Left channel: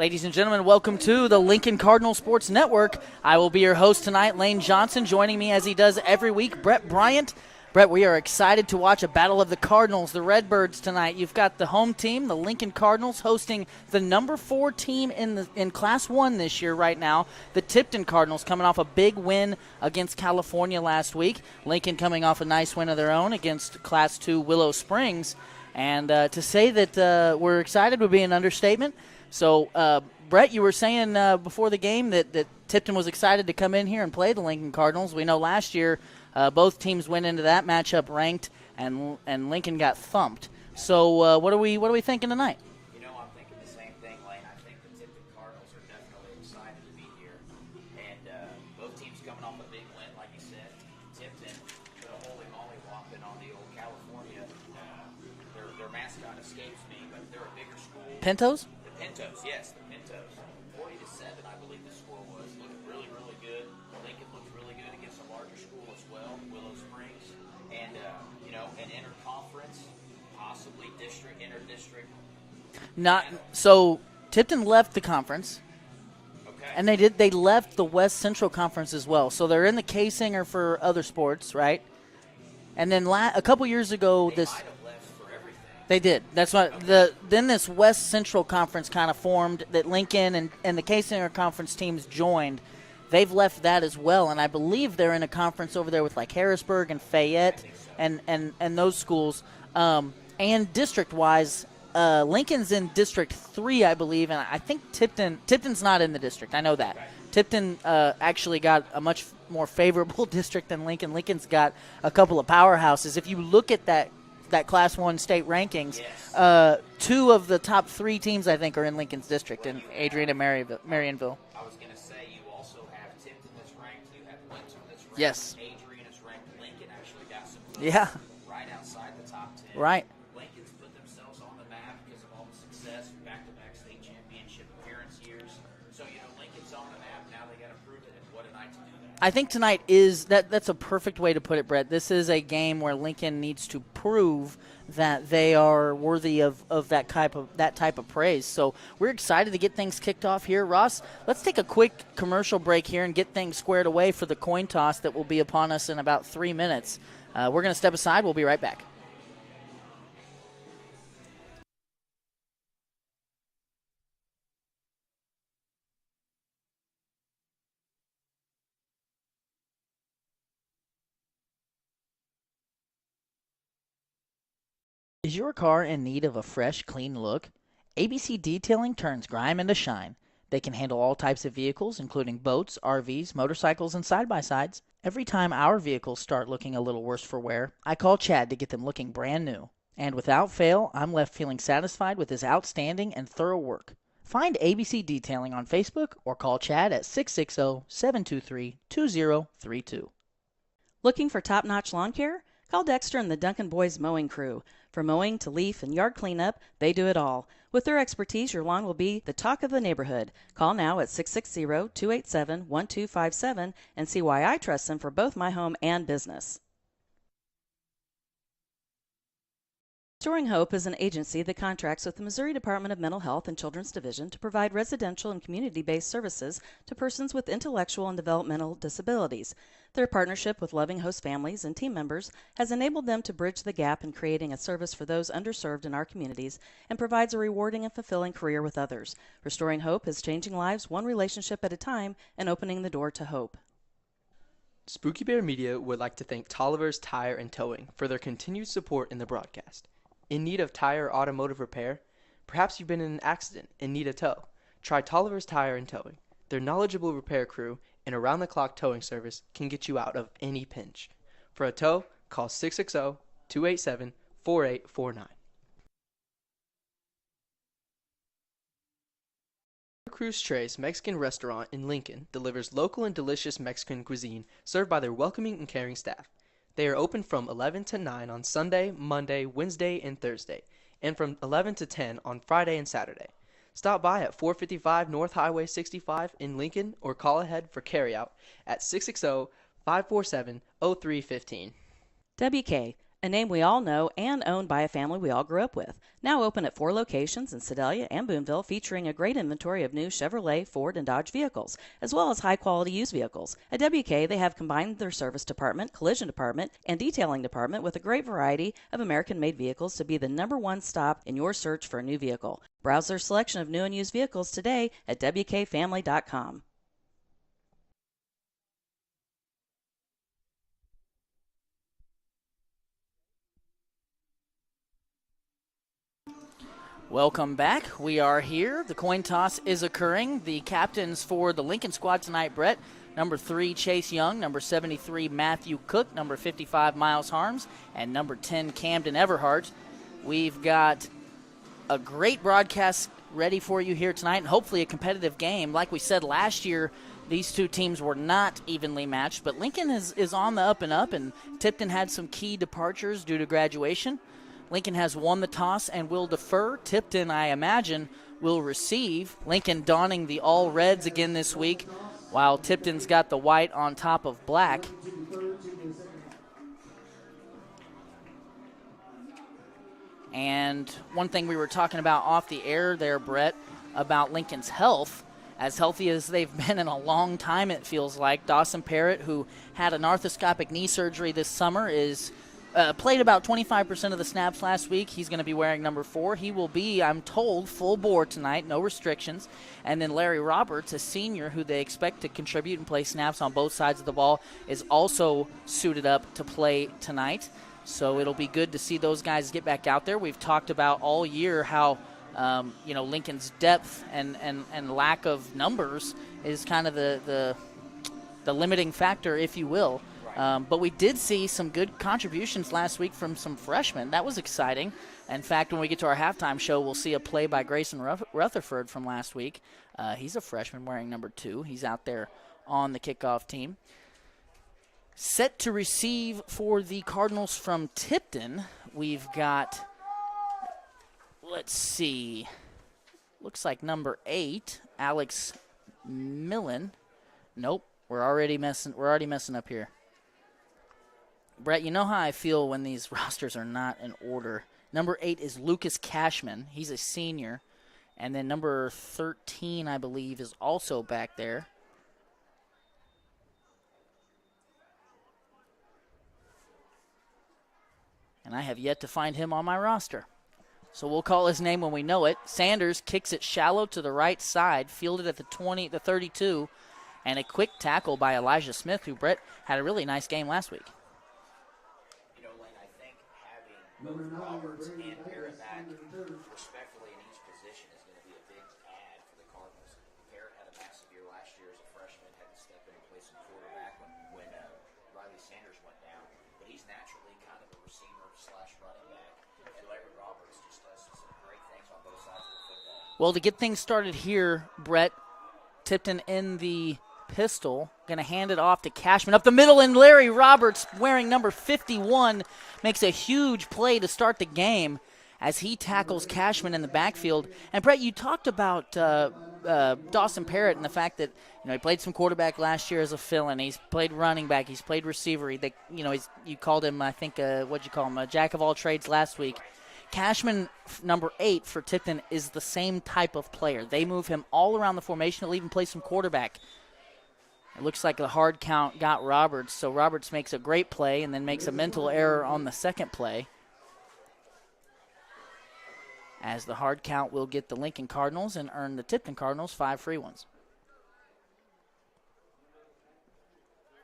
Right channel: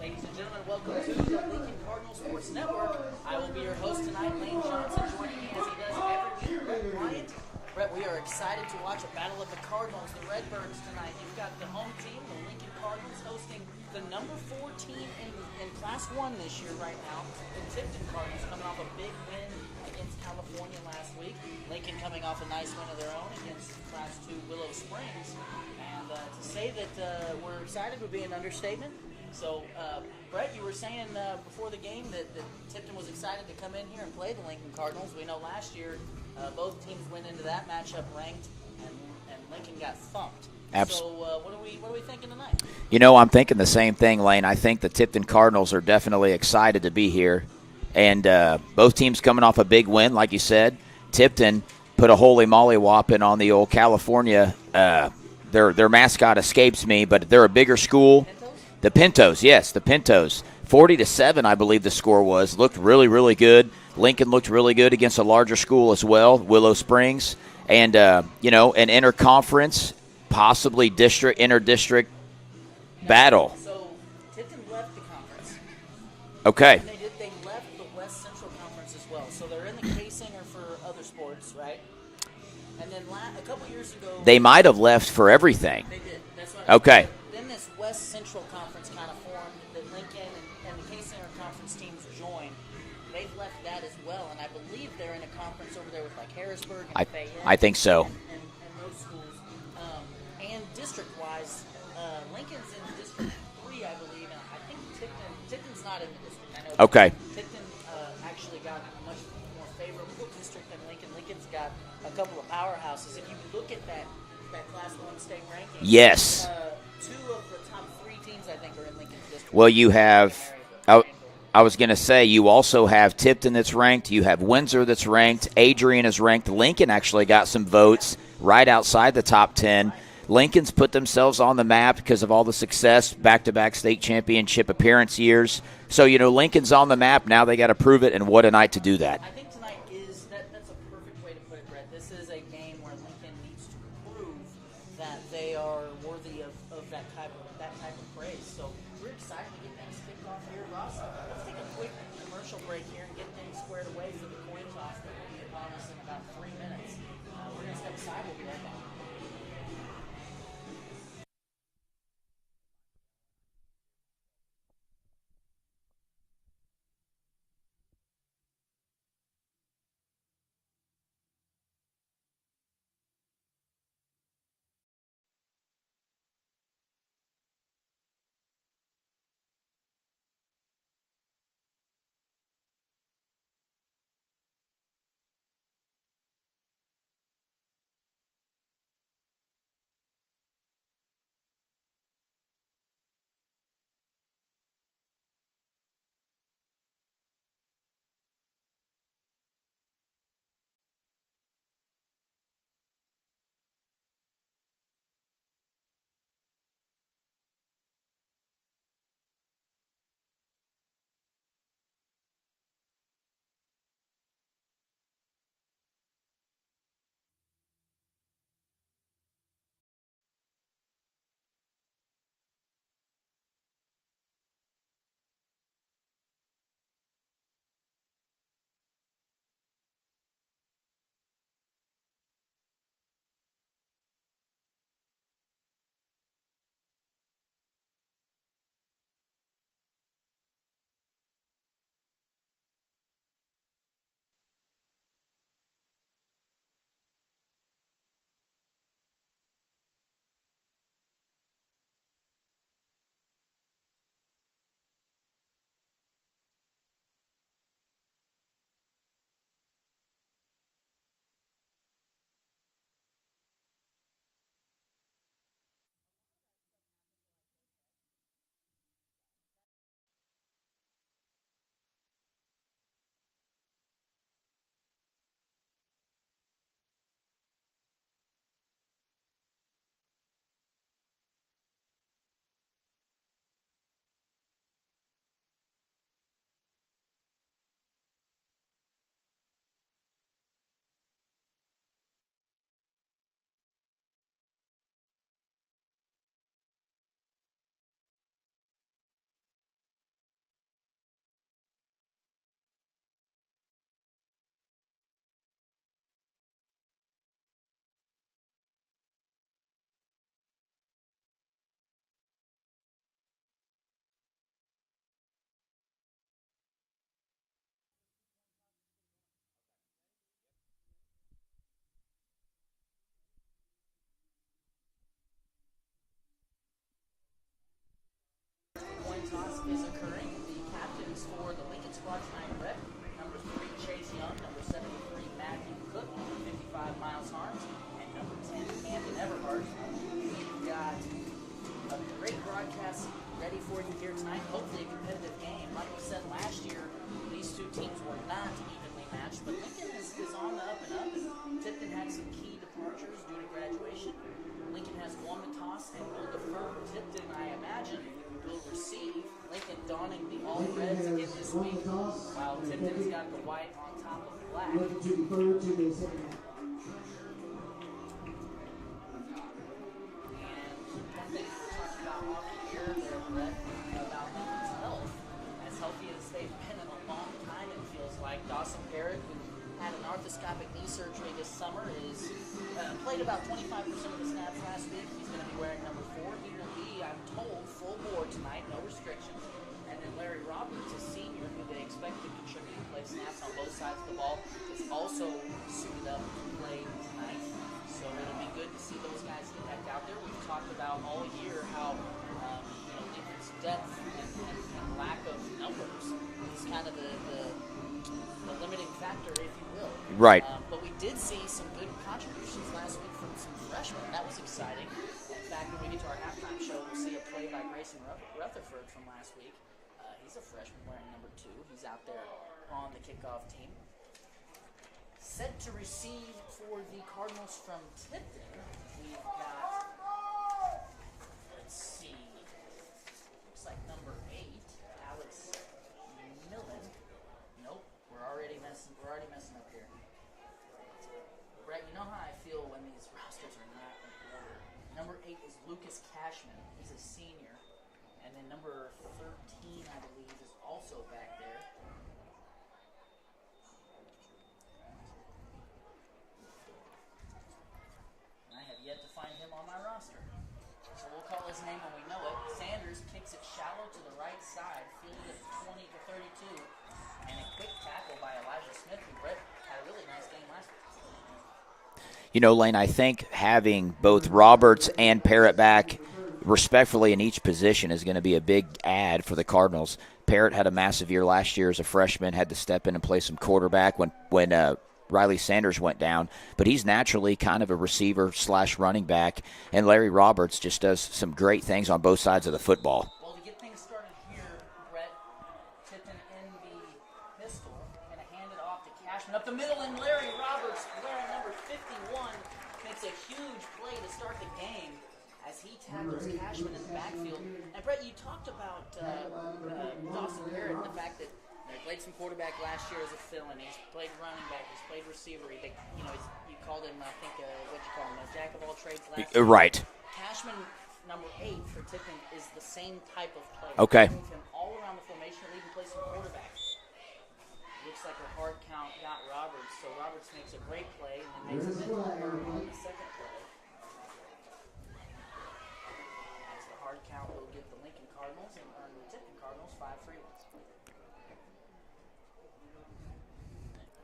Ladies and gentlemen, welcome to the Lincoln Cardinal Sports Network. I will be your host tonight, Lane Johnson. Joining me as he does every week, Brett Bryant. Brett, we are excited to watch a battle of the Cardinals, the Redbirds tonight. You've got the home team, the Lincoln Cardinals, hosting the number 4 team in Class 1 this year right now, the Tipton Cardinals, coming off a big win against California last week. Lincoln coming off a nice win of their own against Class 2 Willow Springs. And to say that we're excited would be an understatement. So, Brett, you were saying before the game that Tipton was excited to come in here and play the Lincoln Cardinals. We know last year both teams went into that matchup ranked, and Lincoln got thumped. So, what are we thinking tonight? You know, I'm thinking the same thing, Lane. I think the Tipton Cardinals are definitely excited to be here, and both teams coming off a big win, like you said. Tipton put a holy moly whopping on the old California. Their mascot escapes me, but they're a bigger school. Pintos? The Pintos, yes, the Pintos. 40-7, I believe the score was. Looked really, really good. Lincoln looked really good against a larger school as well, Willow Springs. And, an interconference, possibly inter-district battle. So Tipton left the conference. Okay. And they left the West Central Conference as well. So they're in the K-Singer for other sports, right? And then a couple years ago, they might have left for everything. They did. That's what. Okay. Then this West Central Conference kind of formed that Lincoln and the K-Singer Conference teams joined. They've left that as well, and I believe they're in a conference over there with like Harrisburg and Fayette. I think so. And those schools. And district-wise, Lincoln's in District 3, I believe, and I think Tipton's not in the district. I know that. Okay. Tipton actually got a much more favorable district than Lincoln. Lincoln's got a couple of powerhouses. If you look at that Class 1 state ranking, yes, 2 of the top 3 teams, I think, are in Lincoln's district. Well, you have Marionville. I was going to say, you also have Tipton that's ranked. You have Windsor that's ranked. Yes. Adrian is ranked. Lincoln actually got some votes right outside the top 10. Right. Lincoln's put themselves on the map because of all the success, back-to-back state championship appearance years. So, Lincoln's on the map. Now they got to prove it, and what a night to do that. I think tonight that's a perfect way to put it, Brett. This is a game where Lincoln needs to prove that they are worthy of that type of praise. So we're excited to get things kicked off here. Ross, let's take a quick commercial break here and get things squared away for the coin toss that will be upon us in about 3 minutes. We're going to step aside. We'll be right back. Is your car in need of a fresh, clean look? ABC Detailing turns grime into shine. They can handle all types of vehicles, including boats, RVs, motorcycles, and side-by-sides. Every time our vehicles start looking a little worse for wear, I call Chad to get them looking brand new. And without fail, I'm left feeling satisfied with his outstanding and thorough work. Find ABC Detailing on Facebook or call Chad at 660-723-2032. Looking for top-notch lawn care? Call Dexter and the Duncan Boys Mowing Crew. From mowing to leaf and yard cleanup, they do it all. With their expertise, your lawn will be the talk of the neighborhood. Call now at 660-287-1257 and see why I trust them for both my home and business. Restoring Hope is an agency that contracts with the Missouri Department of Mental Health and Children's Division to provide residential and community-based services to persons with intellectual and developmental disabilities. Their partnership with loving host families and team members has enabled them to bridge the gap in creating a service for those underserved in our communities and provides a rewarding and fulfilling career with others. Restoring Hope is changing lives one relationship at a time and opening the door to hope. Spooky Bear Media would like to thank Tolliver's Tire and Towing for their continued support in the broadcast. In need of tire or automotive repair? Perhaps you've been in an accident and need a tow. Try Tolliver's Tire and Towing. Their knowledgeable repair crew and around-the-clock towing service can get you out of any pinch. For a tow, call 660-287-4849. Cruz Tres Mexican Restaurant in Lincoln delivers local and delicious Mexican cuisine served by their welcoming and caring staff. They are open from 11 to 9 on Sunday, Monday, Wednesday, and Thursday, and from 11 to 10 on Friday and Saturday. Stop by at 455 North Highway 65 in Lincoln or call ahead for carryout at 660-547-0315. WK, A name we all know and owned by a family we all grew up with. Now open at 4 locations in Sedalia and Boonville, featuring a great inventory of new Chevrolet, Ford, and Dodge vehicles, as well as high-quality used vehicles. At WK, they have combined their service department, collision department, and detailing department with a great variety of American-made vehicles to be the #1 stop in your search for a new vehicle. Browse their selection of new and used vehicles today at WKFamily.com. Welcome back. We are here. The coin toss is occurring. The captains for the Lincoln squad tonight, Brett, number 3, Chase Young, number 73, Matthew Cook, number 55, Miles Harms, and number 10, Camden Everhart. We've got a great broadcast ready for you here tonight, and hopefully a competitive game. Like we said last year, these two teams were not evenly matched, but Lincoln is on the up and up, and Tipton had some key departures due to graduation. Lincoln has won the toss and will defer. Tipton, I imagine, will receive. Lincoln donning the all reds again this week, while Tipton's got the white on top of black. And one thing we were talking about off the air there, Brett, about Lincoln's health, as healthy as they've been in a long time, it feels like. Dawson Parrott, who had an arthroscopic knee surgery this summer, is played about 25% of the snaps last week. He's going to be wearing number 4. He will be, I'm told, full bore tonight, no restrictions. And then Larry Roberts, a senior who they expect to contribute and play snaps on both sides of the ball, is also suited up to play tonight. So it'll be good to see those guys get back out there. We've talked about all year how Lincoln's depth and lack of numbers is kind of the limiting factor, if you will. Right. But we did see some good contributions last week from some freshmen. That was exciting. In fact, when we get to our halftime show, we'll see a play by Grayson Rutherford from last week. He's a freshman wearing number 2. He's out there on the kickoff team. Set to receive for the Cardinals from Tipton, we've got, let's see, looks like number 8, Alex Millen. Nope. We're already messing up here. Brett, you know how I feel when these rosters are not in order. Number 8 is Lucas Cashman. He's a senior. And then number 13, I believe, is also back there. And I have yet to find him on my roster. So we'll call his name when we know it. Sanders kicks it shallow to the right side, fielded at the 32. And a quick tackle by Elijah Smith, who, Brett, had a really nice game last week. You know, Lane, I think having both Roberts and Parrott back respectfully in each position is going to be a big add for the Cardinals. Parrott had a massive year last year as a freshman, had to step in and play some quarterback when Riley Sanders went down. But he's naturally kind of a receiver/running back, and Larry Roberts just does some great things on both sides of the football. Well, to get things started here, Brett, Tipton in the pistol, going to hand it off to Cashman up the middle, and Larry Roberts, wearing number 51, makes a huge play to start the game as he tackles Cashman in the backfield. And Brett, you talked about Dawson Parrott and the fact that he played some quarterback last year as a fill-in. He's played running back. He's played receiver. You called him, I think, what'd you call him, a jack of all trades last week. Right. Cashman, number 8 for Tipton, is the same type of player. Okay. They move him all around the formation. He'll even play some quarterback. It looks like the hard count got Roberts, so Roberts makes a great play and then makes a mental error on the second play. As the hard count will get the Lincoln Cardinals and earn the Tipton Cardinals 5 free ones.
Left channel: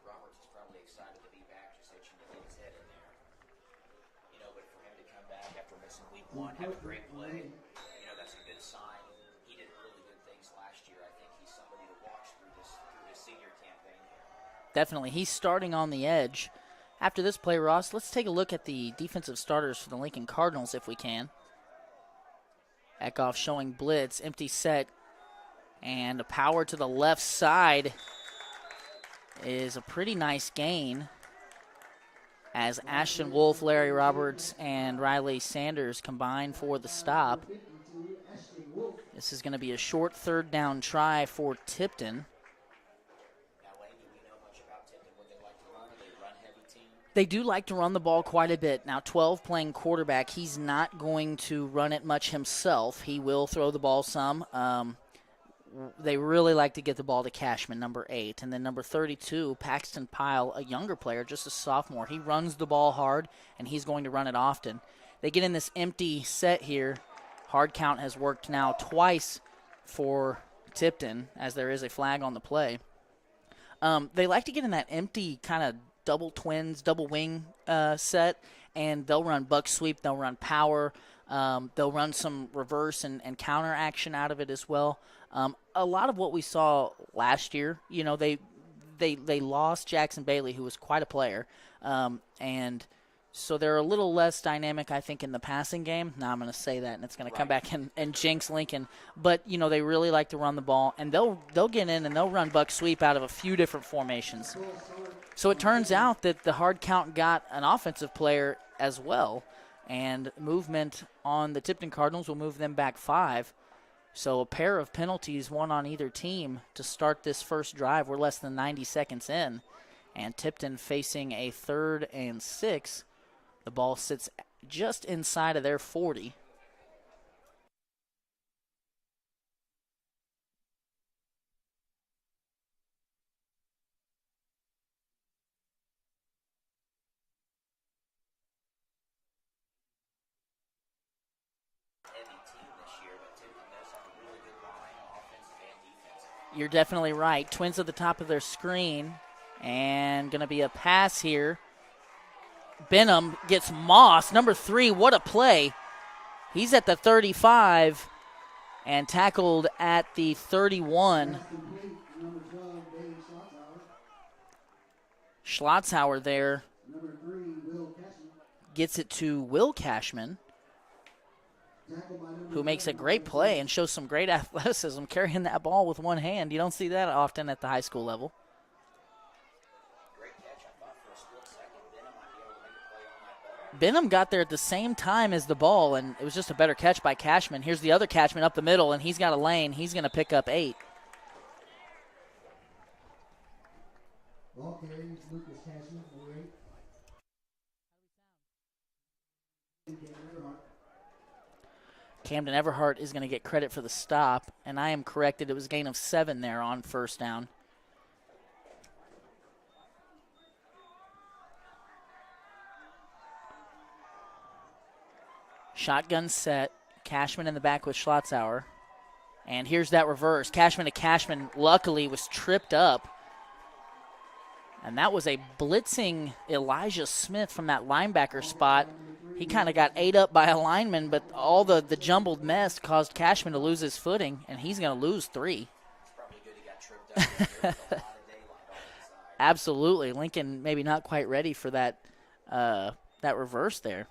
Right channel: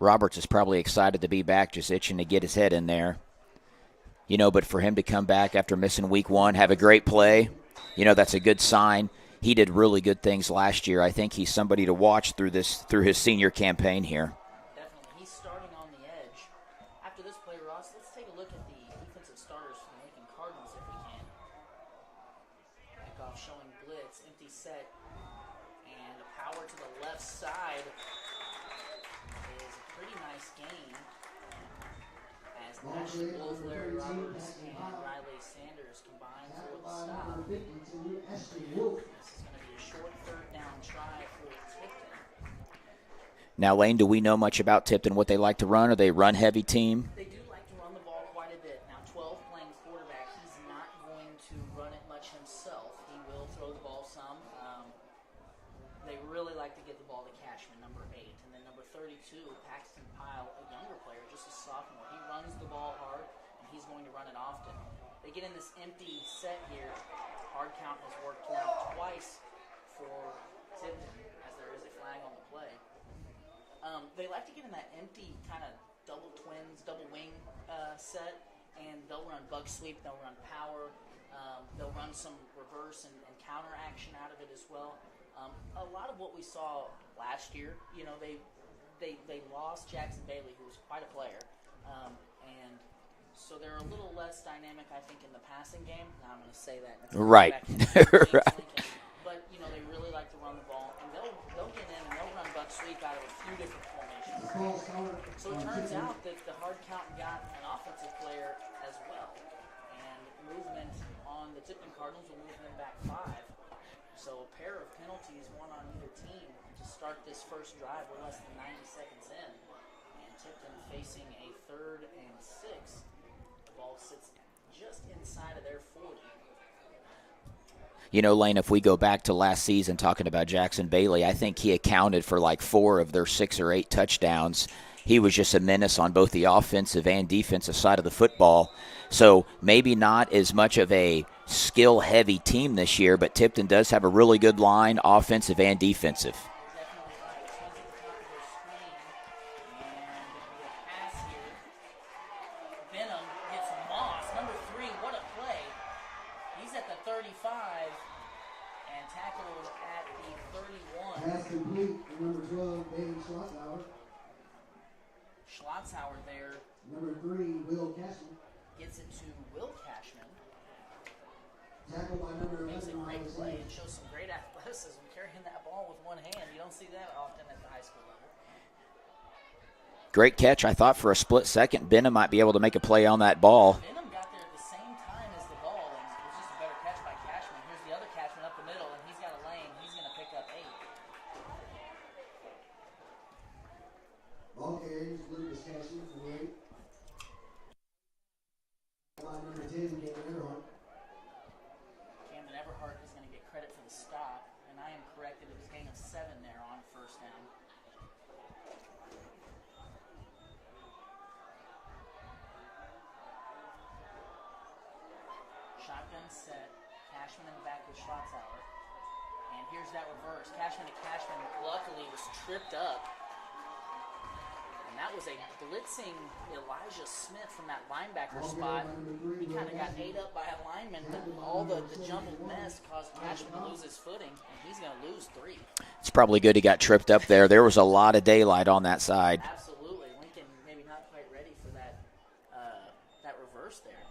Roberts is probably excited to be back, just itching to get his head in there. But for him to come back after missing week 1, have a great play, that's a good sign. He did really good things last year. I think he's somebody to watch through his senior campaign here. Definitely. He's starting on the edge. After this play, Ross, let's take a look at the defensive starters for the Lincoln Cardinals if we can. Kickoff showing blitz, empty set, and a power to the left side is a pretty nice gain as Ashton Wolf, Larry Roberts, and Riley Sanders combine for the stop. This is going to be a short 3rd down try for Tipton. Now, Lane, do we know much about Tipton, what they like to run? Are they a run-heavy team? They do like to run the ball quite a bit. Now, 12 playing quarterback, he's not going to run it much himself. He will throw the ball some. They really like to get the ball to Cashman, number 8. And then number 32, Paxton Pyle, a younger player, just a sophomore. He runs the ball hard, and he's going to run it often. They get in this empty set here. Hard count has worked now twice for Tipton, as there is a flag on the play. They like to get in that empty kind of double twins, double wing set, and they'll run buck sweep, they'll run power, they'll run some reverse and counter action out of it as well. A lot of what we saw last year, you know, they lost Jackson Bailey, who was quite a player, and so they're a little less dynamic, I think, in the passing game. Now I'm going to say that, and it's going to come back and jinx Lincoln. But, you know, they really like to run the ball, and they'll get in and they'll run buck sweep out of a few different formations. So it turns out that the hard count got an offensive player as well, and movement on the Tipton Cardinals will move them back 5. So a pair of penalties, one on either team, to start this first drive. We're less than 90 seconds in, and Tipton facing a 3rd and 6. The ball sits just inside of their 40. You know, Lane, if we go back to last season talking about Jackson Bailey, I think he accounted for like 4 of their 6 or 8 touchdowns. He was just a menace on both the offensive and defensive side of the football. So maybe not as much of a skill-heavy team this year, but Tipton does have a really good line, offensive and defensive. You're definitely right. Twins at the top of their screen, and going to be a pass here. Benham gets Moss, number 3. What a play. He's at the 35 and tackled at the 31. Schlotzhauer there gets it to Will Cashman, who makes a great play and shows some great athleticism carrying that ball with one hand. You don't see that often at the high school level. Great catch. I thought for a split second Benham might be able to make a play on that ball. Benham got there at the same time as the ball, and it was just a better catch by Cashman. Here's the other Cashman up the middle, and he's got a lane. He's going to pick up 8. Ball carries Lucas Cashman for 8. Number 10, Camden Everhart. Camden Everhart is going to get credit for the stop, and I am corrected. It was a gain of 7 there on first down. Shotgun set. Cashman in the back with Schlotzhauer. And here's that reverse. Cashman to Cashman luckily was tripped up. And that was a blitzing Elijah Smith from that linebacker spot. He kind of got ate up by a lineman, but all the jumbled mess caused Cashman to lose his footing, and he's going to lose 3. It's probably good he got tripped up there. There was a lot of daylight on that side. Absolutely. Lincoln maybe not quite ready for that reverse there.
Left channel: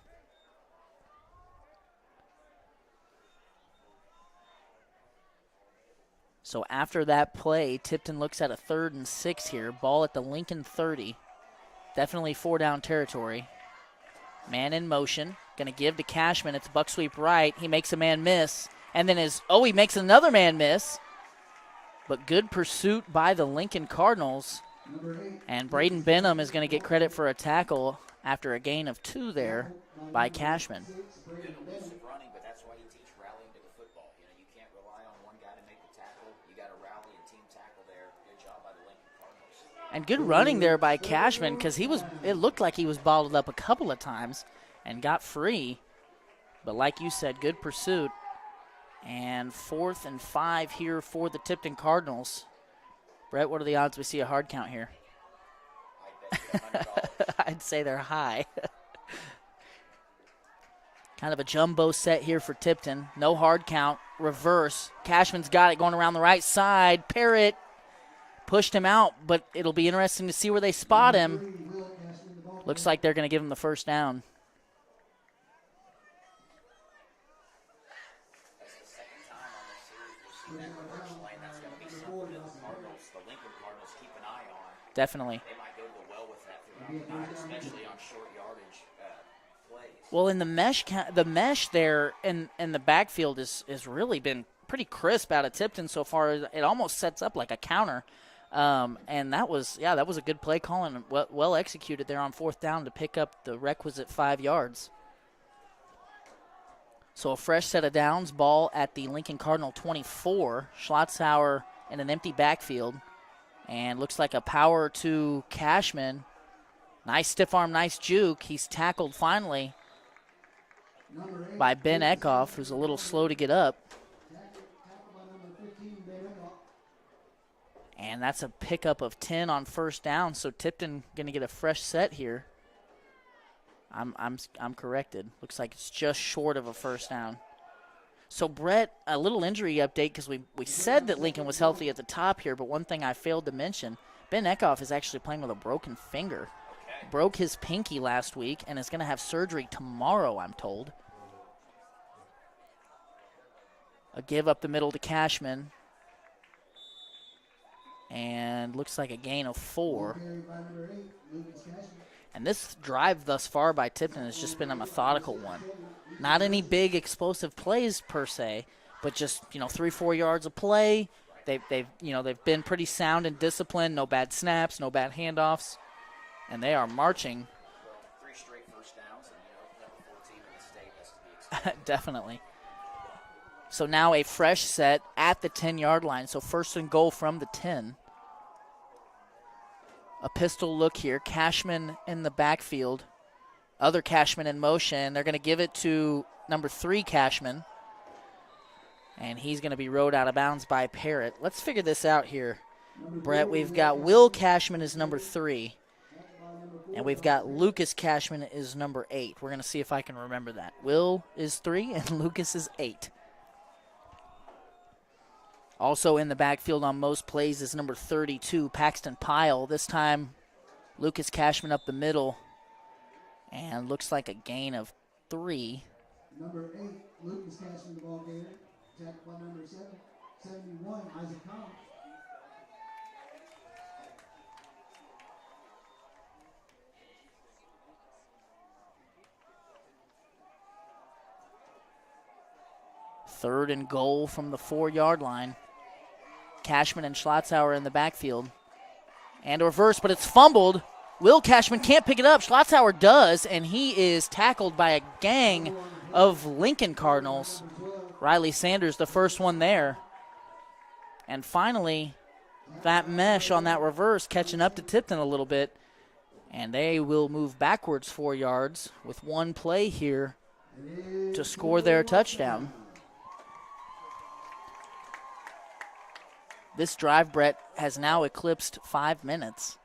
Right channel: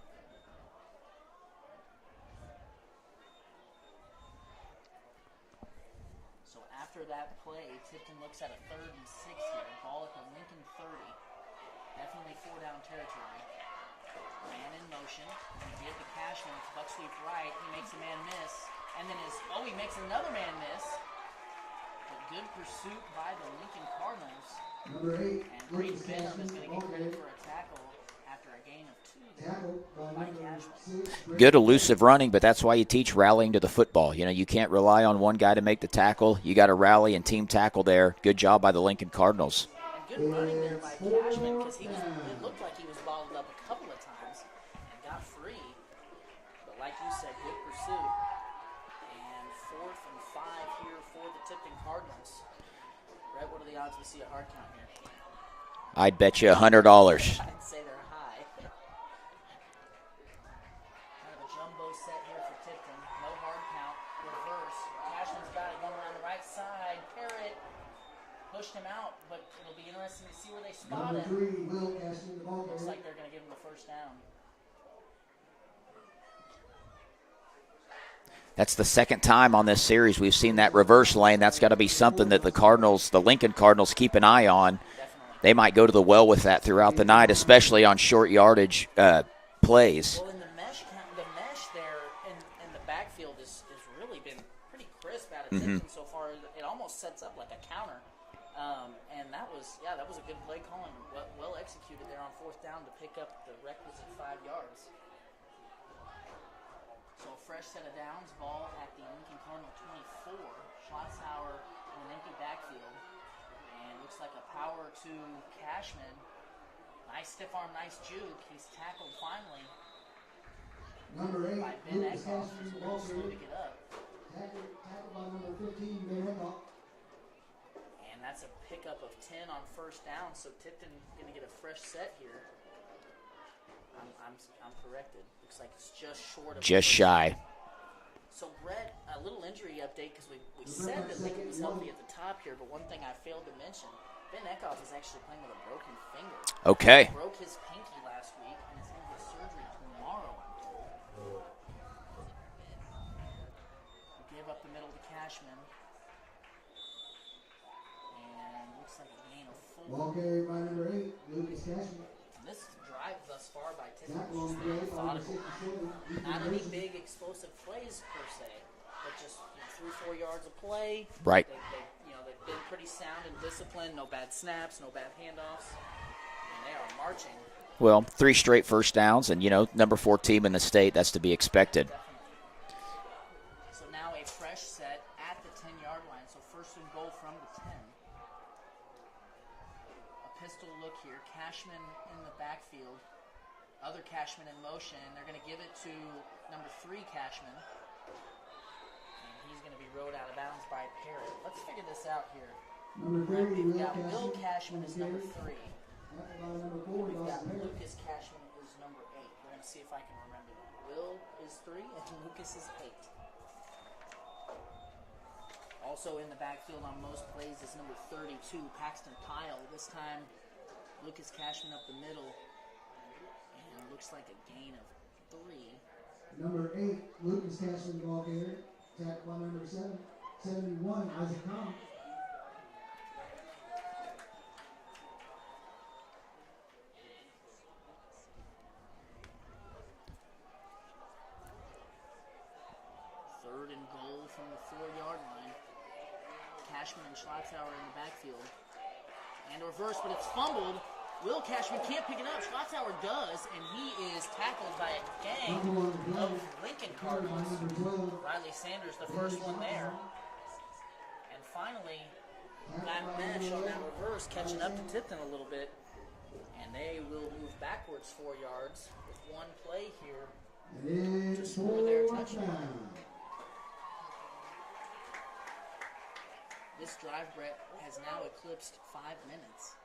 So after that play, Tipton looks at a 3rd and 6 here. Ball at the Lincoln 30. Definitely 4-down territory. Man in motion. Going to give to Cashman. It's buck sweep right. He makes a man miss. And then he makes another man miss. But good pursuit by the Lincoln Cardinals. And Braden Benham is going to get credit for a tackle after a gain of 2 there by Cashman. Good elusive running, but that's why you teach rallying to the football. You know, you can't rely on one guy to make the tackle. You got to rally and team tackle there. Good job by the Lincoln Cardinals. And good running there by Cashman, because it looked like he was bottled up a couple of times and got free. But like you said, good pursuit. And 4th and 5 here for the Tipton Cardinals. Brett, what are the odds we see a hard count here? I'd bet you $100. I'd say they're high. Kind of a jumbo set here for Tipton. No hard count. Reverse. Cashman's got it going around the right side. Parrott pushed him out, but it'll be interesting to see where they spot him. Looks like they're going to give him the first down. That's the second time on this series we've seen that reverse lane. That's got to be something that the Lincoln Cardinals keep an eye on. Definitely. They might go to the well with that throughout the night, especially on short yardage plays. Well, in the mesh there in the backfield has really been pretty crisp out of Tipton so far. It almost sets up like a counter. And that was a good play call and well executed there on 4th down to pick up the requisite 5 yards. So a fresh set of downs, ball at the Lincoln Cardinal 24. Schlotzhauer in an empty backfield. And looks like a power to Cashman. Nice stiff arm, nice juke. He's tackled finally by Ben Eckhoff, who's a little slow to get up. And that's a pickup of 10 on 1st down, so Tipton going to get a fresh set here. I'm corrected. Looks like it's just short of a just first shy. down. So, Brett, a little injury update because we said that Lincoln was healthy at the top here, but one thing I failed to mention, Ben Eckhoff is actually playing with a broken finger. Okay. Broke his pinky last week and is going to have surgery tomorrow, I'm told. A give up the middle to Cashman. And looks like a gain of 4. And this drive thus far by Tipton has just been a methodical one. Not any big explosive plays per se, but just 3-4 yards of play. Right. They've been pretty sound and disciplined. No bad snaps, no bad handoffs, and they are marching. Well, 3 straight first downs, and number 4 team in the state. That's to be expected. Definitely. So now a fresh set at the 10-yard line. So 1st and goal from the 10. A pistol look here. Cashman in the backfield. Other Cashman in motion. They're going to give it to number 3 Cashman. And he's going to be rode out of bounds by Parrott. Let's figure this out here, Brett. We've got Will Cashman is number 3. And we've got Lucas Cashman is number 8. We're going to see if I can remember that. Will is 3 and Lucas is 8. Also in the backfield on most plays is number 32, Paxton Pyle. This time, Lucas Cashman up the middle. And looks like a gain of 3. Number 8, Lucas Cashman, ball carrier. Tackle by number 71, Isaac Collins. Third and goal from the 4-yard line. Cashman and Schlotzhauer in the backfield. And a reverse, but it's fumbled. Will Cashman can't pick it up. Schlotzhauer does, and he is tackled by a gang of Lincoln Cardinals. Riley Sanders, the first one there. And finally, that mesh on that reverse catching up to Tipton a little bit. And they will move backwards 4 yards with one play here to score their touchdown. This drive, Brett, has now eclipsed 5 minutes.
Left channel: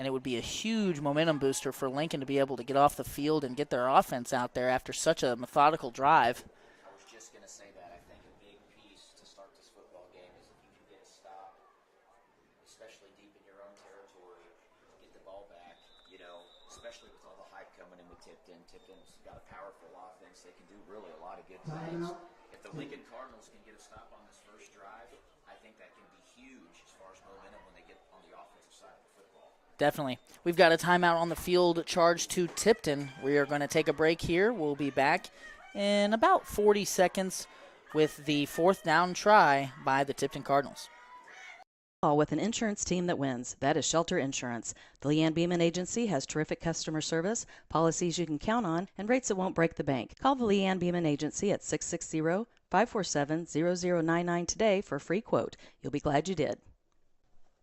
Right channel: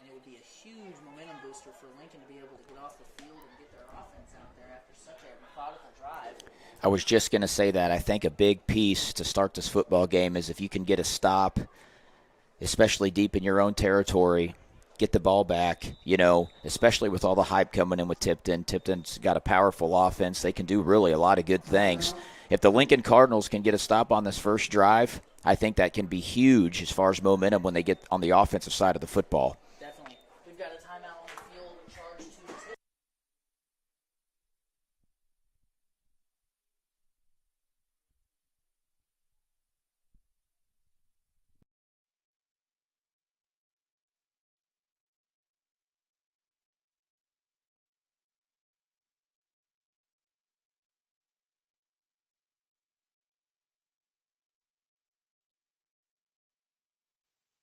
And it would be a huge momentum booster for Lincoln to be able to get off the field and get their offense out there after such a methodical drive. I was just going to say that. I think a big piece to start this football game is if you can get a stop, especially deep in your own territory, get the ball back, especially with all the hype coming in with Tipton. Tipton's got a powerful offense. They can do really a lot of good things. If the Lincoln Cardinals can get a stop on this first drive, I think that can be huge as far as momentum when they get on the offensive side of the football. Definitely. We've got a timeout on the field charged to Tipton. We are going to take a break here. We'll be back in about 40 seconds with the 4th down try by the Tipton Cardinals. With an insurance team that wins. That is Shelter Insurance. The Leanne Beeman Agency has terrific customer service, policies you can count on, and rates that won't break the bank. Call the Leanne Beeman Agency at 660-547-0099 today for a free quote. You'll be glad you did.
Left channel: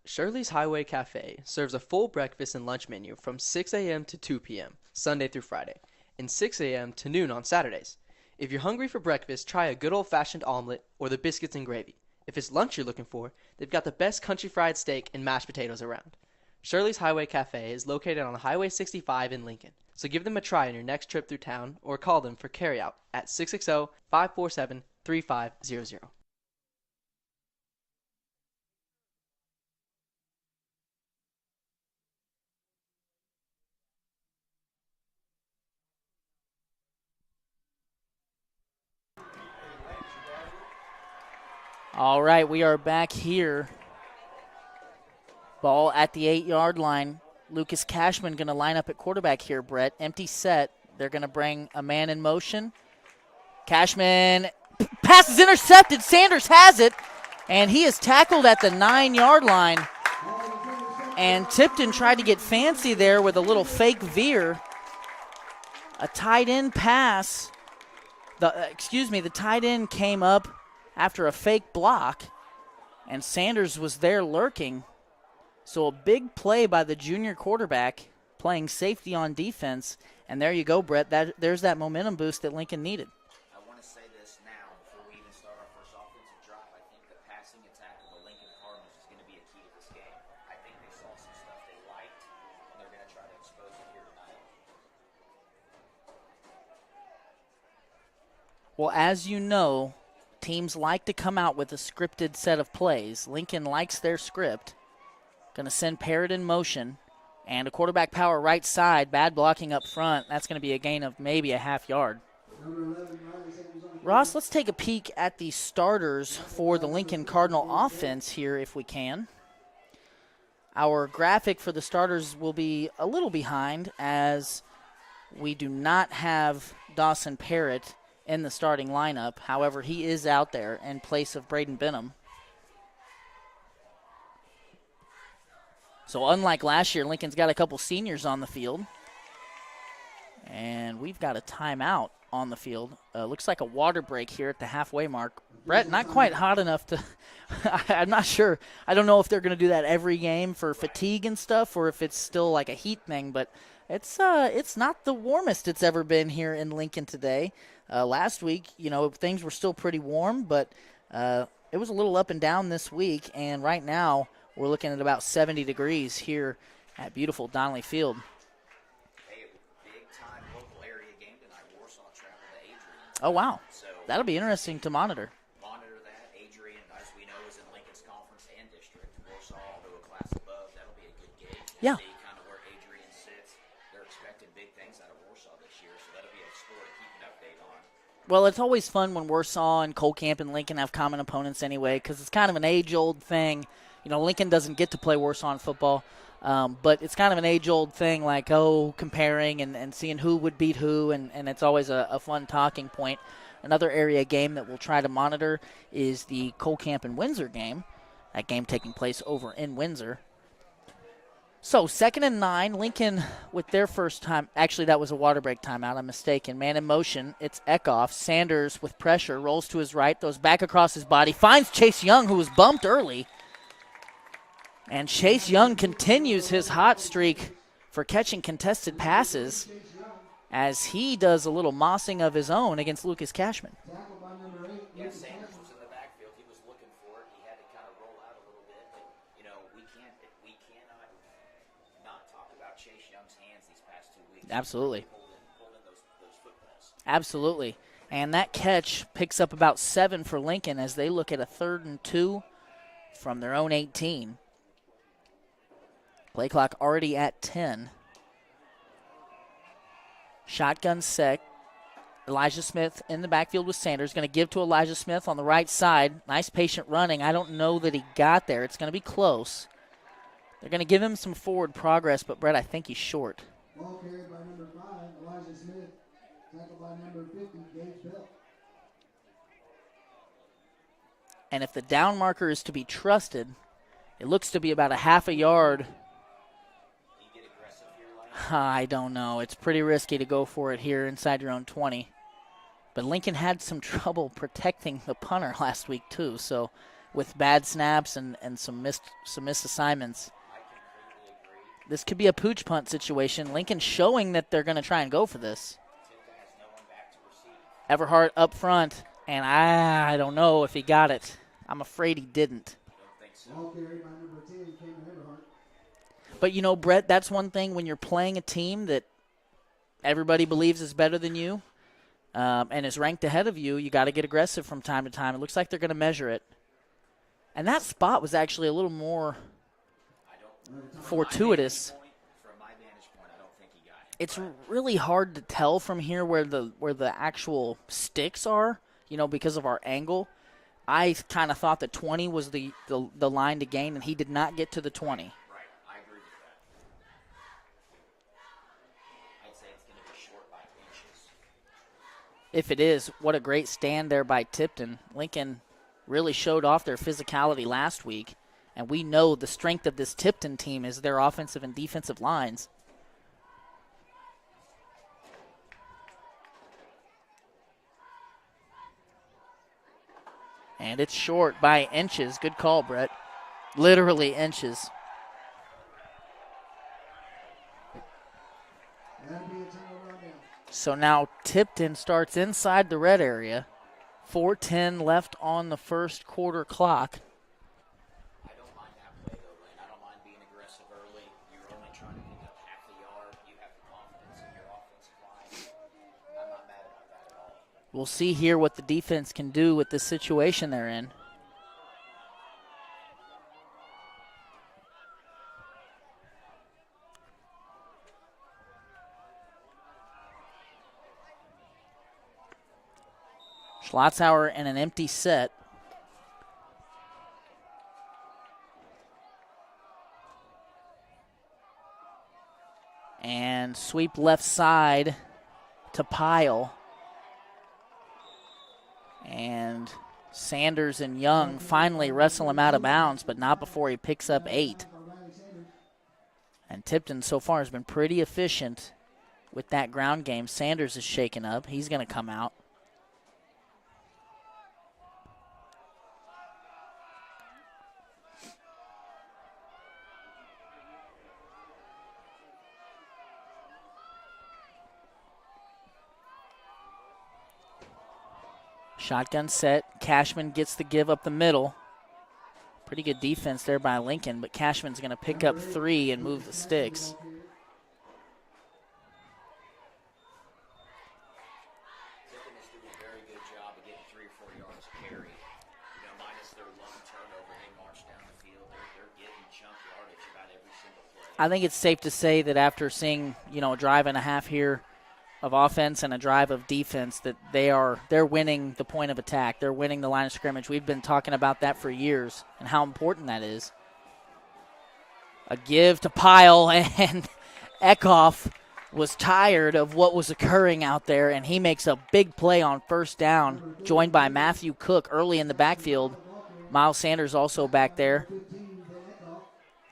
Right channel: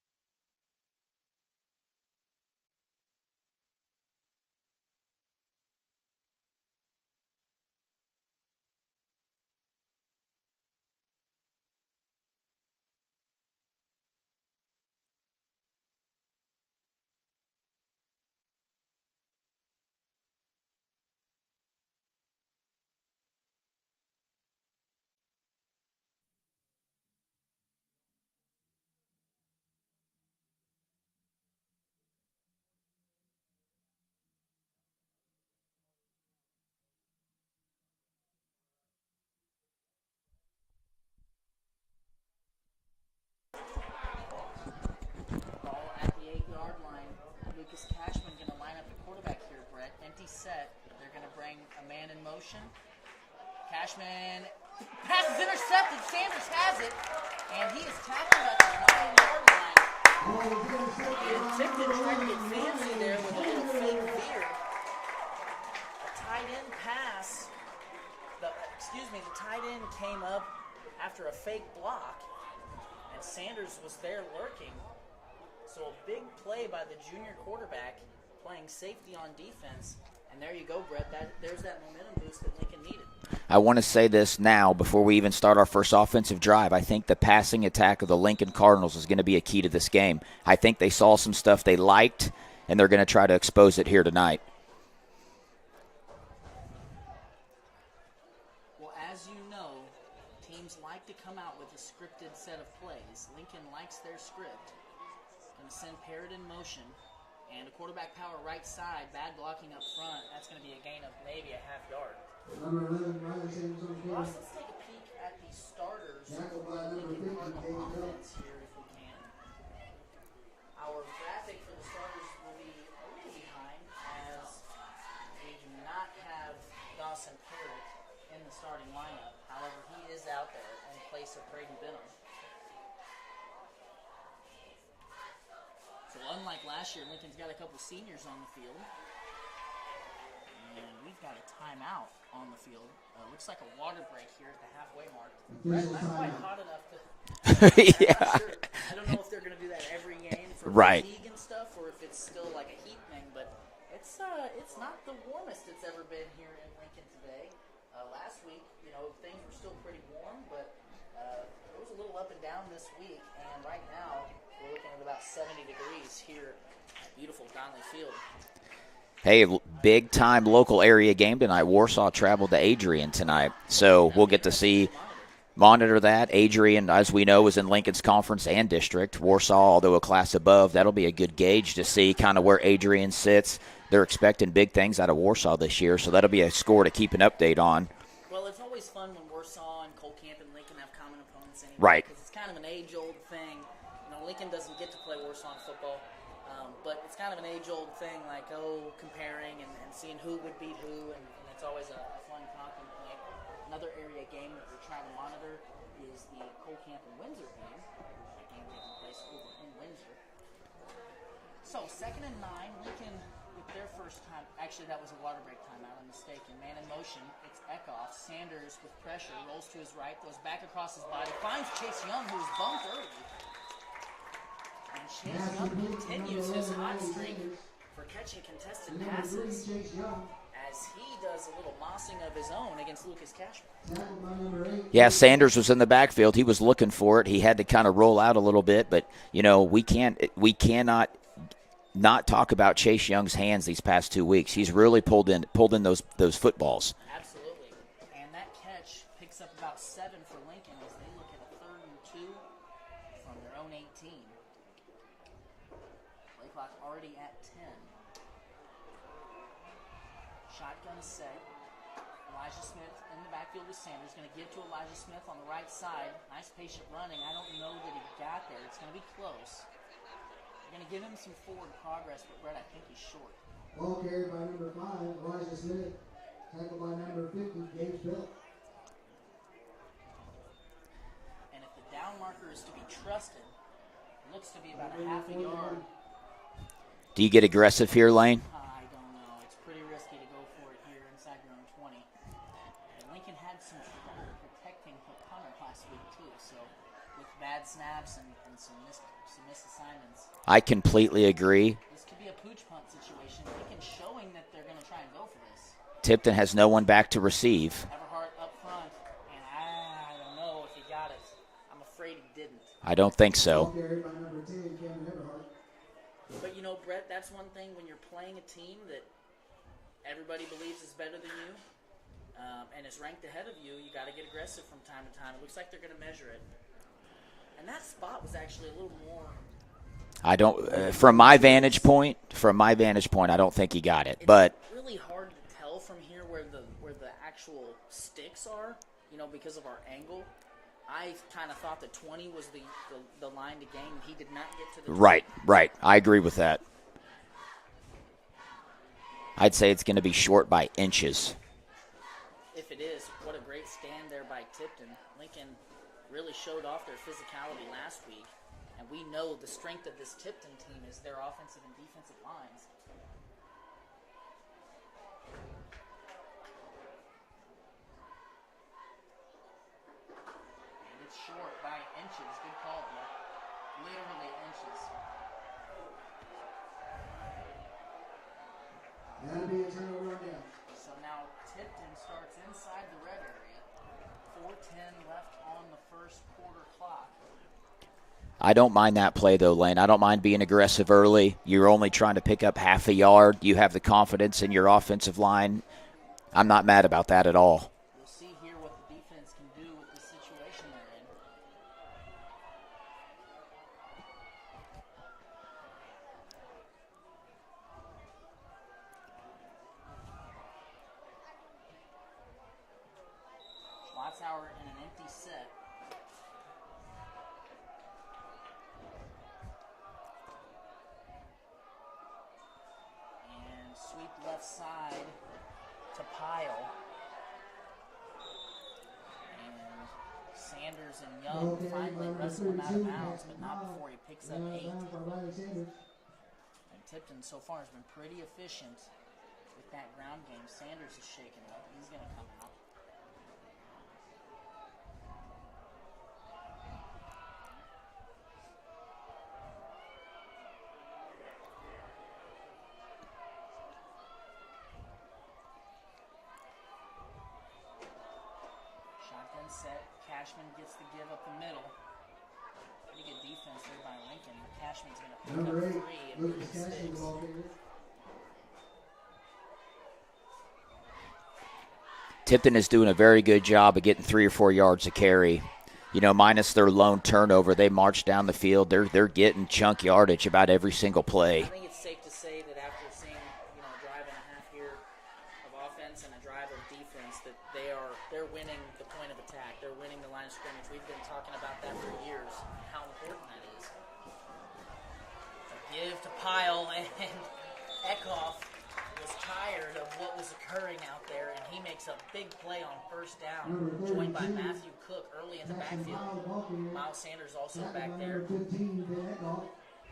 Shirley's Highway Cafe serves a full breakfast and lunch menu from 6 a.m. to 2 p.m., Sunday through Friday, and 6 a.m. to noon on Saturdays. If you're hungry for breakfast, try a good old-fashioned omelet or the biscuits and gravy. If it's lunch you're looking for, they've got the best country fried steak and mashed potatoes around. Shirley's Highway Cafe is located on Highway 65 in Lincoln, so give them a try on your next trip through town or call them for carryout at 660-547-3500. All right, we are back here. Ball at the 8-yard line. Lucas Cashman going to line up at quarterback here, Brett. Empty set. They're going to bring a man in motion. Cashman, pass is intercepted. Sanders has it. And he is tackled at the 9-yard line. And Tipton tried to get fancy there with a little fake veer. A tight end pass. The tight end came up after a fake block, and Sanders was there lurking. So a big play by the junior quarterback playing safety on defense. And there you go, Brett. There's that momentum boost that Lincoln needed. I want to say this now before we even start our first offensive drive. I think the passing attack of the Lincoln Cardinals is going to be a key to this game. I think they saw some stuff they liked, and they're going to try to expose it here tonight. Well, as you know, teams like to come out with a scripted set of plays. Lincoln likes their script. Going to send Parrott in motion. And a quarterback power right side, bad blocking up front. That's going to be a gain of maybe a half yard. Ross, let's take a peek at the starters for the Lincoln Cardinal offense here if we can. Our graphic for the starters will be a little behind as we do not have Dawson Parrott in the starting lineup. However, he is out there in place of Braden Benham. So unlike last year, Lincoln's got a couple seniors on the field. And we've got a timeout on the field. Looks like a water break here at the halfway mark. Brett, not quite hot enough to I'm not sure. I don't know if they're going to do that every game for fatigue and stuff or if it's still like a heat thing. But it's not the warmest it's ever been here in Lincoln today. Last week, things were still pretty warm, but it was a little up and down this week. And right now, we're looking at about 70 degrees here at beautiful Donnelly Field. Hey, big-time local area game tonight. Warsaw traveled to Adrian tonight. Oh, wow. So That'll we'll get to see monitor that. Adrian, as we know, is in Lincoln's conference and district. Warsaw, although a class above, that'll be a good gauge to see kind of where Adrian sits. They're expecting big things out of Warsaw this year, so that'll be a score to keep an update on. Well, it's always fun when Warsaw and Cole Camp and Lincoln have common opponents anyway because it's kind of an age-old thing. Lincoln doesn't get to play Warsaw in football, but it's kind of an age-old thing like, comparing and seeing who would beat who, and it's always a fun talking point. Another area game that we'll try to monitor is the Cole Camp and Windsor game, that game taking place over in Windsor. So 2nd and 9, Lincoln with their first time. Actually, that was a water break timeout. I'm mistaken. Man in motion. It's Eckhoff. Sanders with pressure. Rolls to his right. Throws back across his body. Finds Chase Young, who was bumped early. And Chase Young continues his hot streak for catching contested passes as he does a little mossing of his own against Lucas Cashman. Yeah, Sanders was in the backfield. He was looking for it. He had to kind of roll out a little bit, but, we cannot not talk about Chase Young's hands these past 2 weeks. Absolutely. He's really pulled in those footballs. Absolutely. And that catch picks up about 7 for Lincoln as they look at a 3rd and 2 from their own 18. Play clock already at 10. Shotgun set. Elijah Smith in the backfield with Sanders. Going to give to Elijah Smith on the right side. Nice patient running. I don't know that he got there. It's going to be close. They're going to give him some forward progress, but, Brett, I think he's short. Ball carried by number 5, Elijah Smith. Tackled by number 50, James Bell. And if the down marker is to be trusted, it looks to be about a half a yard. Do you get aggressive here, Lane? I don't know. It's pretty risky to go for it here inside your own 20. But Lincoln had some trouble protecting the punter last week, too, so with bad snaps and some missed assignments. I completely agree. This could be a pooch punt situation. Lincoln showing that they're going to try and go for this. Tipton has no one back to receive. Everhart up front, and I don't know if he got it. I'm afraid he didn't. I don't think so. Ball carried by number 10, Cameron Everhart. But, Brett, that's one thing when you're playing a team that everybody believes is better than you and is ranked ahead of you, you got to get aggressive from time to time. It looks like they're going to measure it. And that spot was actually a little more. I don't. From my vantage point, I don't think he got it. It's really hard to tell from here where the actual sticks are. Because of our angle. I kind of thought that 20 was the line to gain, and he did not get to the 20. Right. I agree with that. I'd say it's going to be short by inches. If it is, what a great stand there by Tipton. Lincoln really showed off their physicality last week. And we know the strength of this Tipton team is their offensive and defensive lines. And it's short by inches. Good call, Brett. Literally inches. So now Tipton starts inside the red area. 4:10 left on the first quarter clock. I don't mind that play, though, Lane. I don't mind being aggressive early. You're only trying to pick up half a yard. You have the confidence in your offensive line. I'm not mad about that at all. We'll see here what the defense can do with this situation they're in. Schlotzauer in an empty set. And sweep left side to Pyle. And Sanders and Young finally wrestle him out of bounds, but not before he picks up 8. And Tipton so far has been pretty efficient with that ground game. Sanders is shaken up. He's going to come out. Shotgun set. Cashman gets the give up the middle. Pretty good defense there by Lincoln, but Cashman's going to pick up 3 and move the sticks. Tipton is doing a very good job of getting 3 or 4 yards a carry. You know, minus their lone turnover, they march down the field. They're getting chunk yardage about every single play. I think it's safe to say that after seeing, a drive and a half here of offense and a drive of defense, that they're winning the point of attack. They're winning the line of scrimmage. We've been talking about that for years and how important that is. A give to Pyle, and Kickoff was tired of what was occurring out there, and he makes a big play on first down, joined by Matthew Cook early in the backfield. Miles Sanders also back there.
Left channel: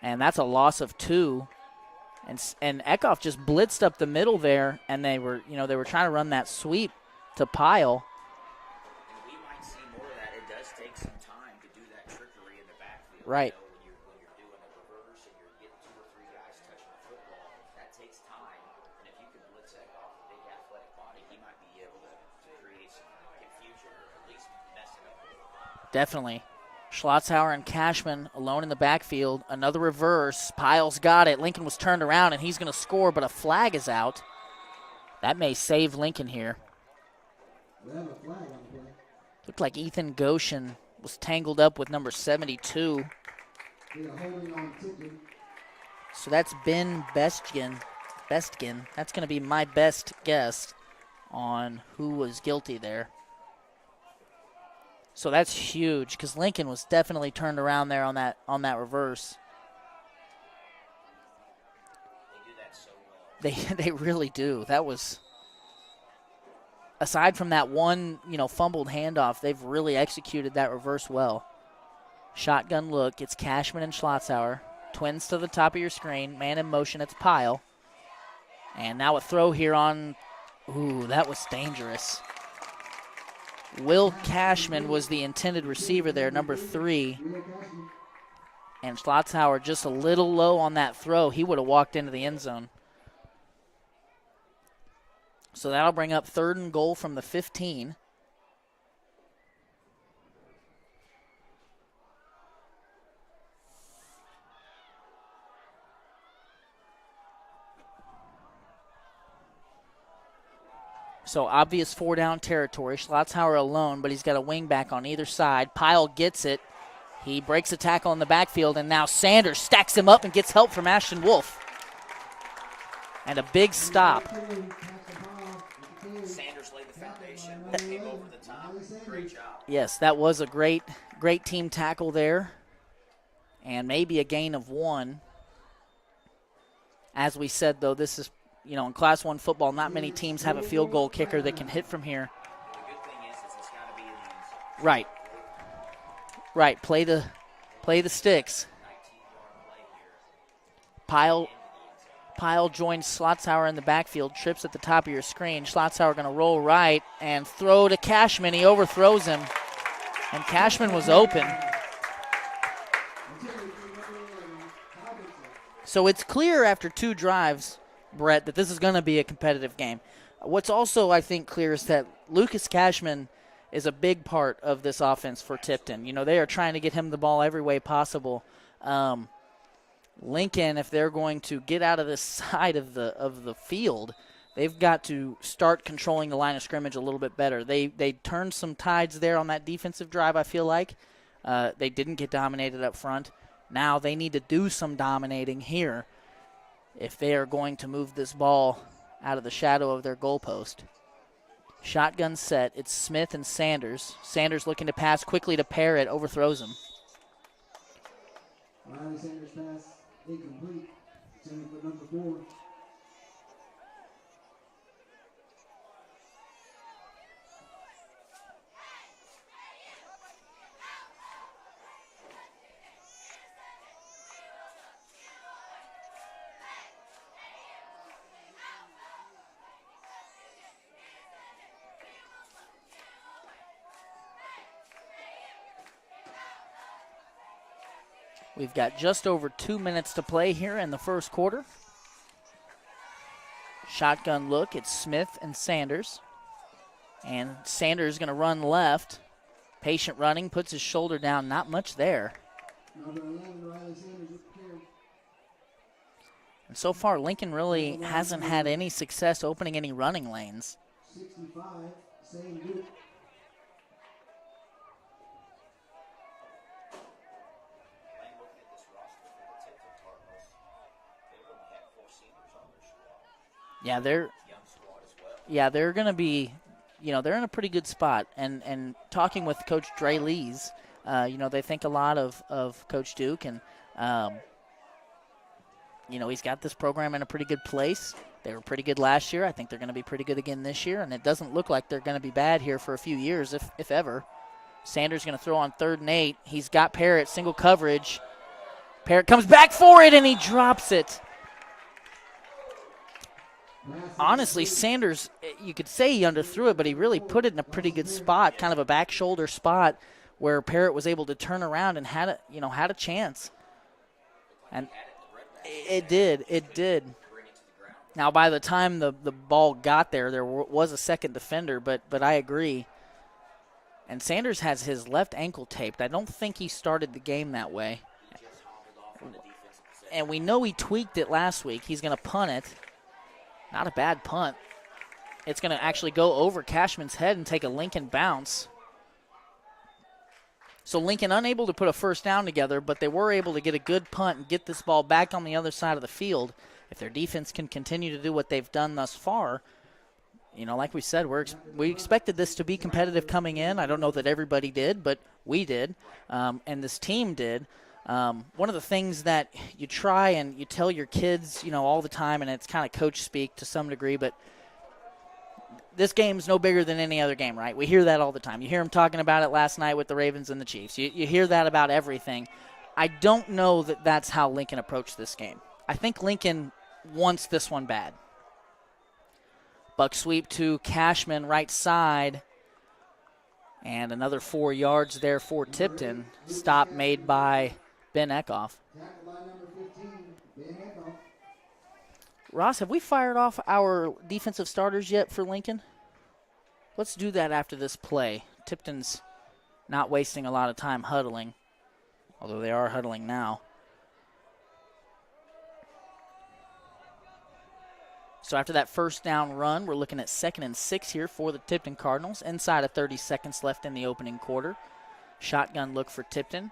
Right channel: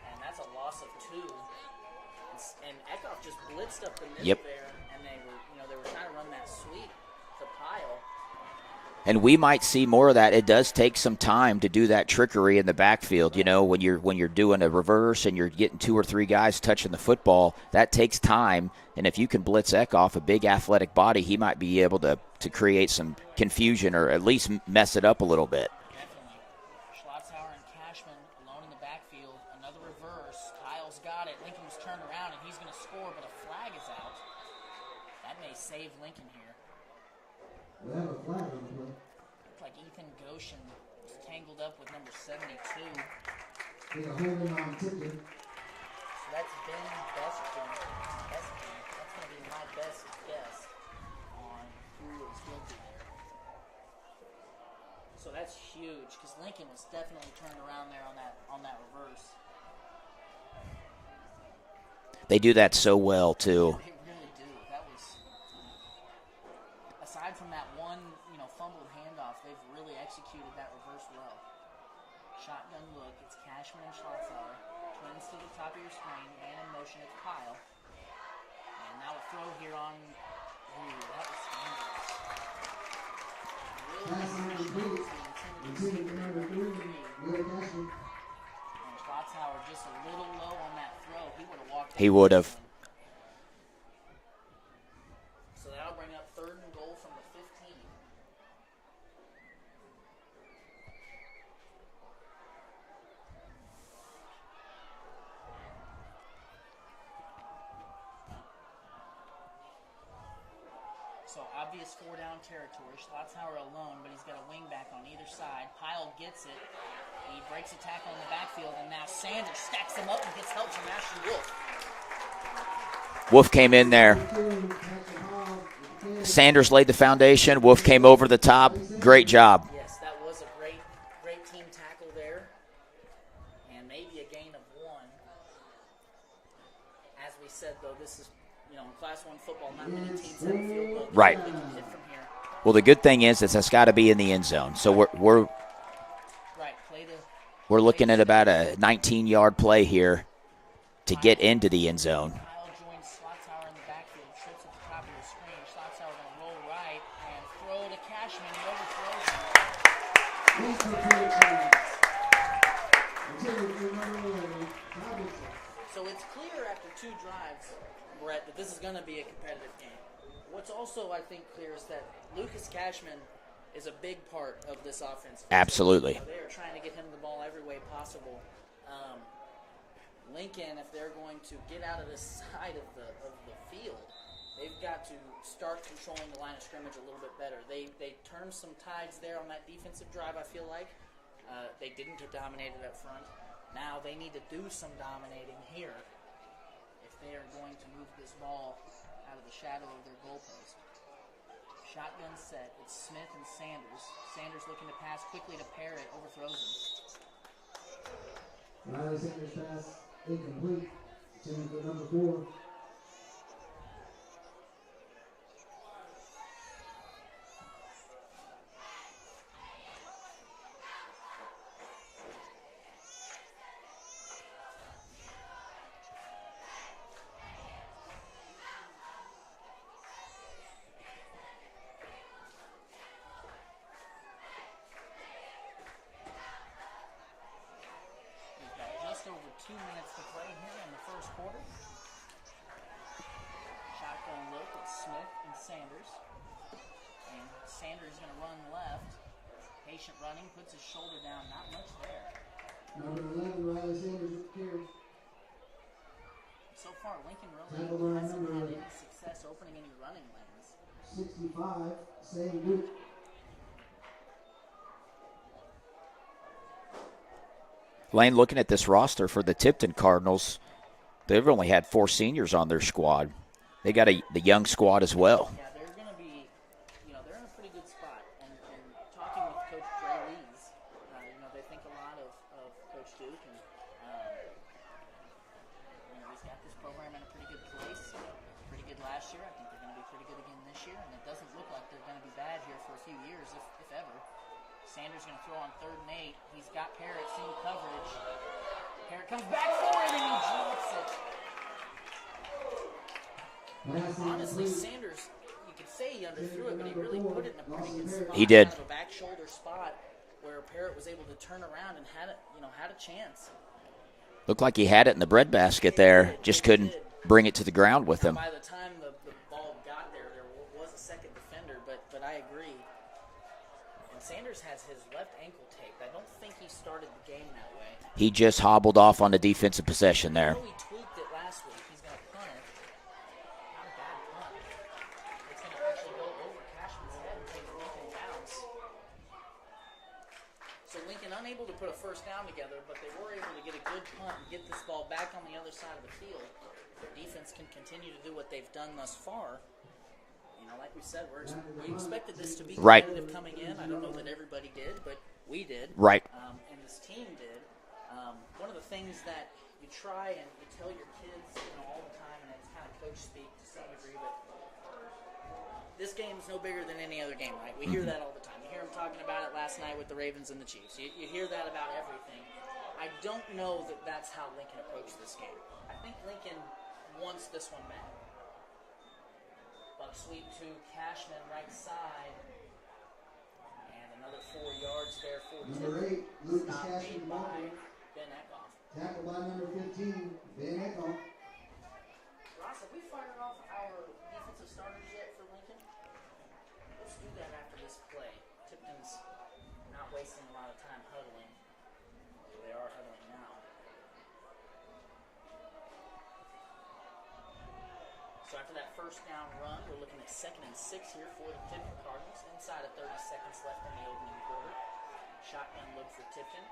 And that's a loss of 2. And Kickoff just blitzed up the middle there, and they were trying to run that sweep to Pyle. And we might see more of that. It does take some time to do that trickery in the backfield. Right. When you're doing a reverse and you're getting 2 or 3 guys touching the football, that takes time. And if you can blitz Kickoff, a big athletic body, he might be able to create some confusion or at least mess it up a little bit. Definitely. Schlotzauer and Cashman alone in the backfield. Another reverse. Pyle's got it. Lincoln was turned around, and he's going to score, but a flag is out. That may save Lincoln here. Looked like Ethan Goshen was tangled up with number 72. So that's Ben Bestgen. That's going to be my best guess on who was guilty there. So that's huge because Lincoln was definitely turned around there on that reverse. They do that so well, too. They really do. That was, aside from that one, fumbled handoff, they've really executed that reverse well. Shotgun look. It's Cashman and Schlotzauer. Twins to the top of your screen. Man in motion. It's Pyle. And now a throw here on. Ooh, that was dangerous. Will Cashman was the intended receiver there, number 3. And Schlotzauer just a little low on that throw. He would have walked into the end zone. So that'll bring up 3rd and goal from the 15. So obvious 4-down territory. Schlotzauer alone, but he's got a wing back on either side. Pyle gets it. He breaks a tackle in the backfield, and now Sanders stacks him up and gets help from Ashton Wolf. And Wolf came in there. Sanders laid the foundation. Wolf came over the top. Great job. Yes, that was a great team tackle there. And maybe a gain of 1. As we said, though, this is, in Class 1 football, not many teams have a field goal kicker that can hit from here. Well, the good thing is that's got to be in the end zone. So right. Right, play the We're looking the at about sticks. a 19-yard play here to get into the end zone. Pyle joins Schlotzauer in the backfield, trips at the top of your screen. Schlotzauer going to roll right and throw to Cashman. He overthrows him, and Cashman was open. So it's clear after 2 drives, Brett, that this is going to be a competitive game. What's also, I think, clear is that Lucas Cashman is a big part of this offense for Absolutely. Tipton. They are trying to get him the ball every way possible. Lincoln, if they're going to get out of this side of the field, they've got to start controlling the line of scrimmage a little bit better. They turned some tides there on that defensive drive, I feel like. They didn't get dominated up front. Now they need to do some dominating here if they are going to move this ball out of the shadow of their goalpost. Shotgun set. It's Smith and Sanders. Sanders looking to pass quickly to Parrott. Overthrows him. Riley Sanders pass incomplete. Send for number 4. We've got just over 2 minutes to play here in the first quarter. Shotgun look. It's Smith and Sanders. And Sanders going to run left. Patient running, puts his shoulder down. Not much there. Number 11, Riley Sanders with the carry. And so far, Lincoln really hasn't had any success opening any running lanes. 65, same Duke. Lane, looking at this roster for the Tipton Cardinals, they've only had 4 seniors on their squad. They got the young squad as well. Yeah, they're going to be, they're in a pretty good spot. And talking with Coach Dre Lees, they think a lot of Coach Duke. And, he's got this program in a pretty good place. They were pretty good last year. I think they're going to be pretty good again this year. And it doesn't look like they're going to be bad here for a few years, if ever. Sanders going to throw on 3rd and 8. He's got Parrott, single coverage. Parrott comes back for it, and he drops it. Honestly, Sanders, you could say he underthrew it, but he really put it in a pretty good spot, He did. kind of a back shoulder spot where Parrott was able to turn around and had a chance. Looked like he had it in the breadbasket It there. did. Just It couldn't did. bring it to the ground with Now, him. by the time the ball got there was a second defender, but I agree. And Sanders has his left ankle taped. I don't think he started the game that way. He just hobbled off on the defensive possession And we there. know he tweaked it last week. He's going to punt it. Not a bad punt. It's going to actually go over Cashman's head and take a Lincoln bounce. So Lincoln unable to put a first down together, but they were able to get a good punt and get this ball back on the other side of the field. If their defense can continue to do what they've done thus far, like we said, we expected this to be competitive coming in. I don't know that everybody did, but we did. Right. And this team did. One of the things that you try and you tell your kids, all the time, and it's kind of coach speak to some degree, but this game's no bigger than any other game, right? We hear that all the time. You hear them talking about it last night with the Ravens and the Chiefs. You hear that about everything. I don't know that that's how Lincoln approached this game. I think Lincoln wants this one bad. Buck sweep to Cashman, right side. And another 4 yards there for Tipton. Stop made by Ben Eckhoff. Tackled by number 15, Ben Eckhoff. Ross, have we fired off our defensive starters yet for Lincoln? Let's do that after this play. Tipton's not wasting a lot of time huddling, although they are huddling now. So after that first down run, we're looking at 2nd and 6 here for the Tipton Cardinals. Inside of 30 seconds left in the opening quarter. Shotgun look for Tipton.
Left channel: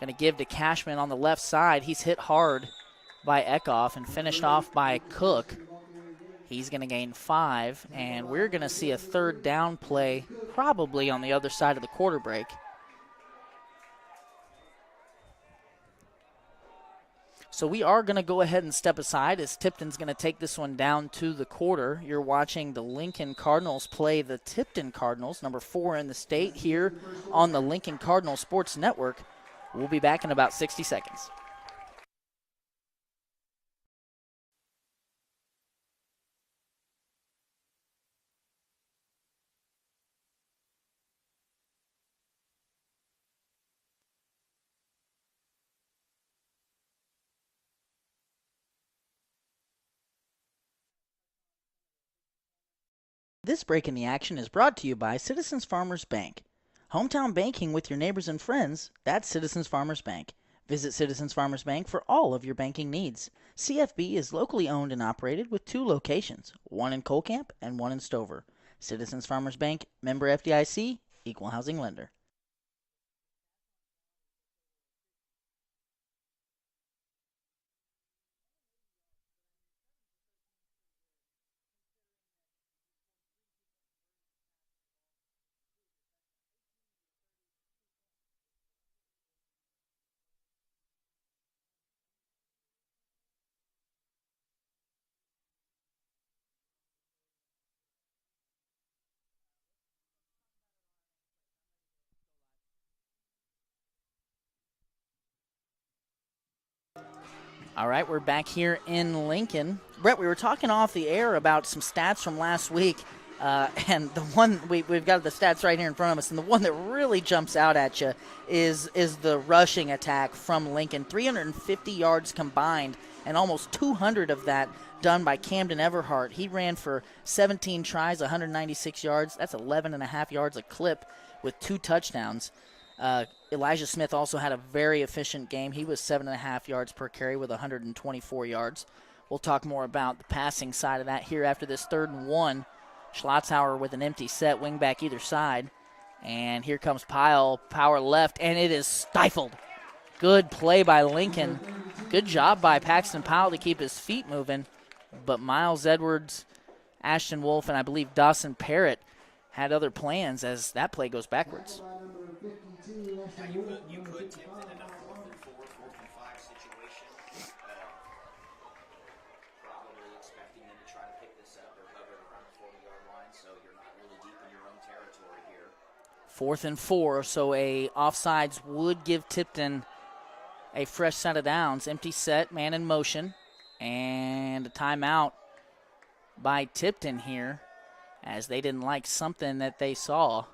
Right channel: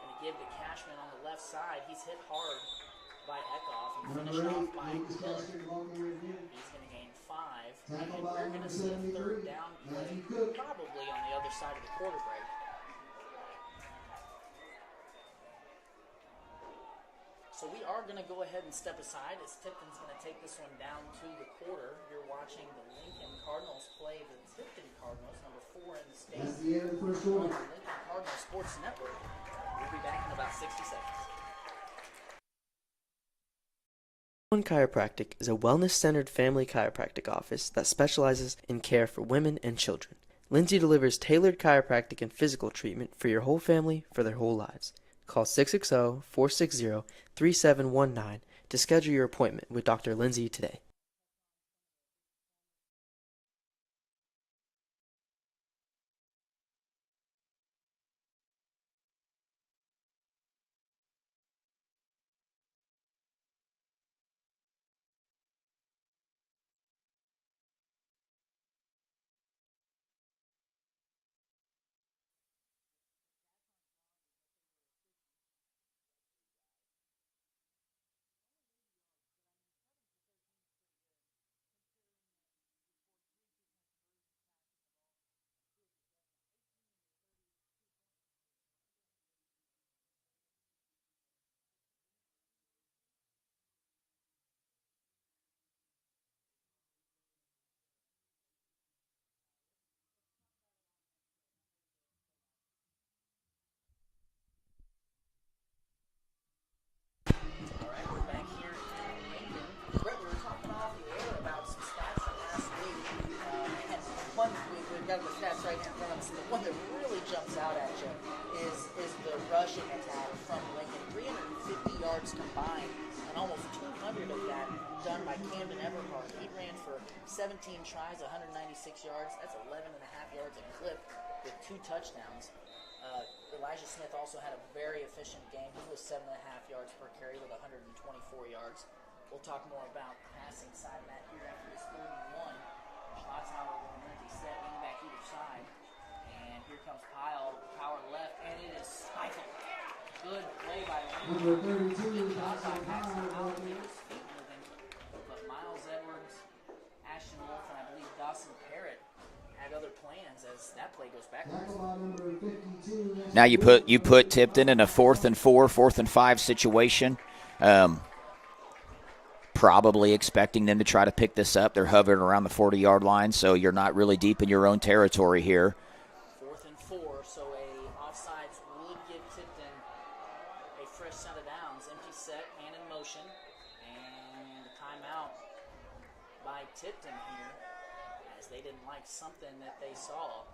Going to give to Cashman on the left side. He's hit hard by Eckhoff and finished off by Cook. He's going to gain 5, and we're going to see a 3rd down play probably on the other side of the quarter break. So we are going to go ahead and step aside as Tipton's going to take this one down to the quarter. You're watching the Lincoln Cardinals play the Tipton Cardinals, number 4 in the state, here on the Lincoln Cardinal Sports Network. We'll be back in about 60 seconds. One Chiropractic is a wellness-centered family chiropractic office that specializes in care for women and children. Lindsay delivers tailored chiropractic and physical treatment for your whole family for their whole lives. Call 660-460-3719 to schedule your appointment with Dr. Lindsay today. This break in the action is brought to you by Citizens Farmers Bank. Hometown banking with your neighbors and friends, that's Citizens Farmers Bank. Visit Citizens Farmers Bank for all of your banking needs. CFB is locally owned and operated with 2 locations, one in Colcamp and one in Stover. Citizens Farmers Bank, member FDIC, equal housing lender. All right, we're back here in Lincoln. Brett, we were talking off the air about some stats from last week, and the one we've got the stats right here in front of us, and the one that really jumps out at you is the rushing attack from Lincoln. 350 yards combined, and almost 200 of that done by Camden Everhart. He ran for 17 tries, 196 yards. That's 11 and a half yards a clip with 2 touchdowns. Elijah Smith also had a very efficient game. He was 7.5 yards per carry with 124 yards. We'll talk more about the passing side of that here after this 3rd and 1. Schlotzhauer with an empty set, wing back either side. And here comes Pyle, power left, and it is stifled. Good play by Lincoln. Good job by Paxton Powell to keep his feet moving. But Miles Edwards, Ashton Wolf, and I believe Dawson Parrott had other plans as that play goes backwards. Now you put Tipton in a 4th and 4, 4th and 5 situation. Probably expecting them to try to pick this up. They're hovering around the 40-yard line, so you're not really deep in your own territory here. 4th and 4, so a offsides would give Tipton a fresh set of downs. Empty set, man in motion, and a timeout by Tipton here, as they didn't like something that they saw.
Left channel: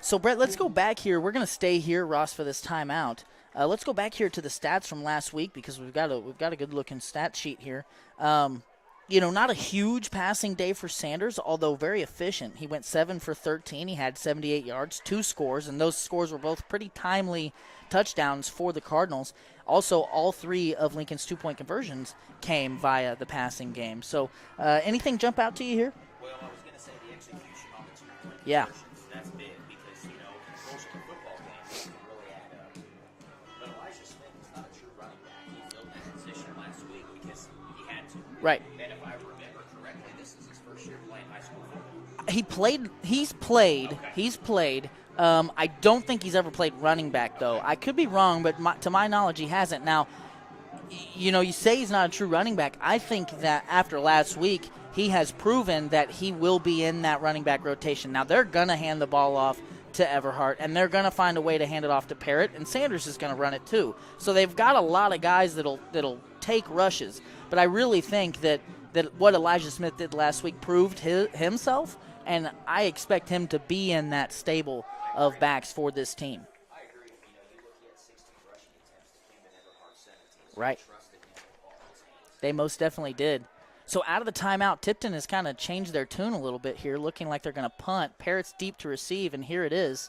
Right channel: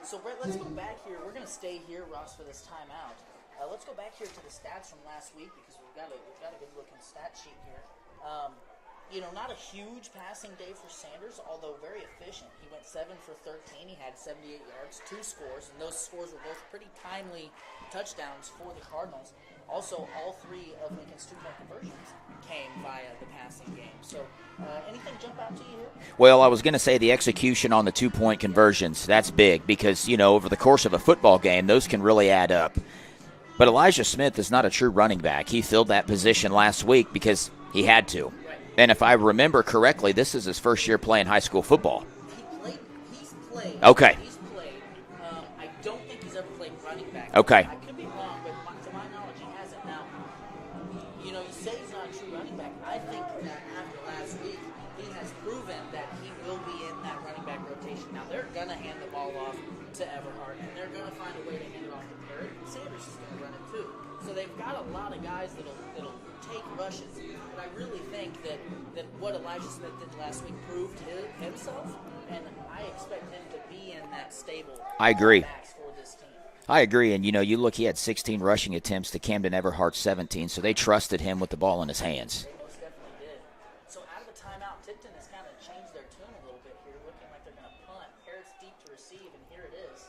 So, Brett, let's go back here. We're going to stay here, Ross, for this timeout. Let's go back here to the stats from last week because we've got a good-looking stat sheet here. Not a huge passing day for Sanders, although very efficient. He went 7 for 13. He had 78 yards, 2 scores, and those scores were both pretty timely touchdowns for the Cardinals. Also, all 3 of Lincoln's 2-point conversions came via the passing game. So anything jump out to you here? Well, I was going to say the execution on the 2-point conversions. Yeah. That's big because, over the course of a football game, those can really add up. But Elijah Smith is not a true running back. He filled that position last week because he had to. Right. And if I remember correctly, this is his first year playing high school football. He's played. Okay. He's played. I don't think he's ever played running back, though. Okay. I could be wrong, but to my knowledge, he hasn't. Now, you say he's not a true running back. I think that after last week, he has proven that he will be in that running back rotation. Now, they're going to hand the ball off to Everhart, and they're going to find a way to hand it off to Parrott, and Sanders is going to run it too. So they've got a lot of guys that'll take rushes. But I really think that what Elijah Smith did last week proved himself, and I expect him to be in that stable of backs for this team. I agree, and you look, he had 16 rushing attempts to Camden Everhart's 17, so They trusted him with the ball in his hands. They most definitely did. So out of the timeout, Tipton has kind of changed their tune a little bit here, looking like they're going to punt. Parrott's deep to receive, and here it is.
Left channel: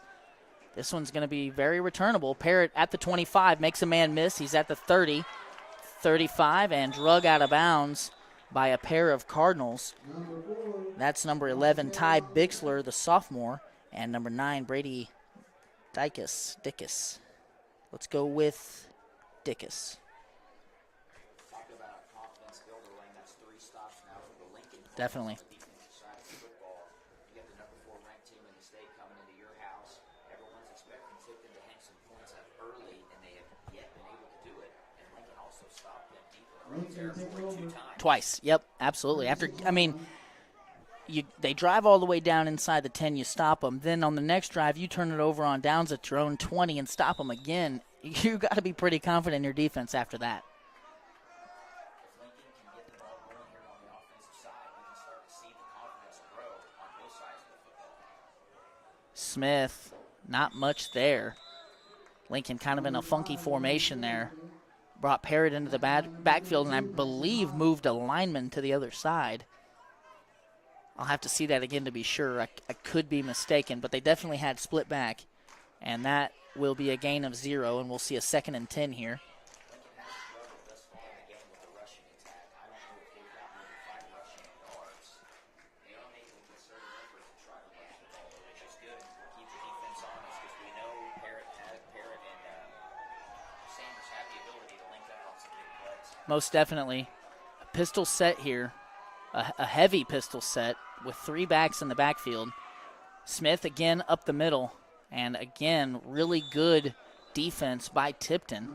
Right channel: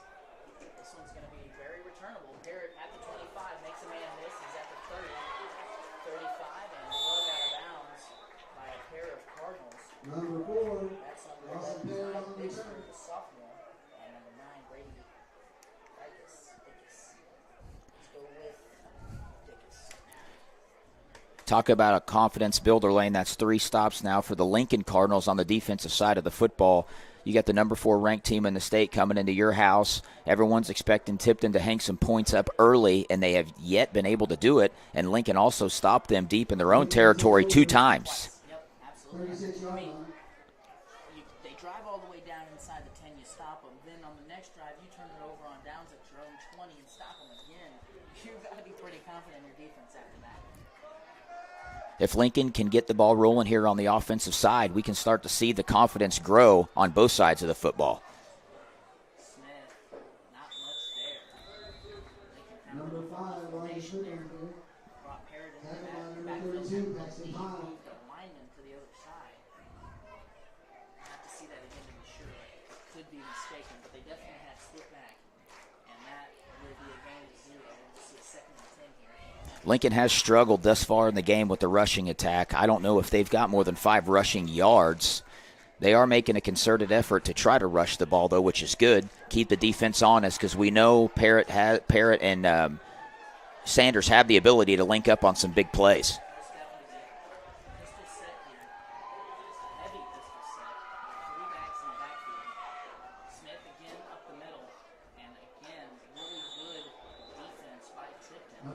This one's going to be very returnable. Parrott at the 25 makes a man miss. He's at the 30, 35, and drug out of bounds by a pair of Cardinals. That's number 11, Ty Bixler, the sophomore, and number 9, Brady Dickus. Let's go with Dickus. Talk about a confidence builder lane. That's 3 stops now for the Lincoln Cardinals on the defensive side of the football. You got the number 4 ranked team in the state coming into your house. Everyone's expecting Tipton to hang some points up early, and they have yet been able to do it. And Lincoln also stopped them deep in their own territory 2 times. Twice. Yep, absolutely. They drive all the way down inside the 10, you stop them. Then on the next drive, you turn it over on downs at your own 20 and stop them again. You got to be pretty confident in your defense after that. If Lincoln can get the ball rolling here on the offensive side, we can start to see the confidence grow on both sides of the football. Smith, not much there. Lincoln kind of in a funky formation there. Brought Parrott into the backfield and I believe moved a lineman to the other side. I'll have to see that again to be sure. I could be mistaken, but they definitely had split back. And that will be a gain of 0, and we'll see a 2nd and 10 here. Lincoln has struggled thus far in the game with the rushing attack. I don't know if they've got more than 5 rushing yards. They are making a concerted effort to try to rush the ball, though, which is good. Keep the defense honest because we know Parrott and Sanders have the ability to link up on some big plays. Most definitely. Pistol set here. A heavy pistol set with 3 backs in the backfield. Smith again up the middle. And again, really good defense by Tipton.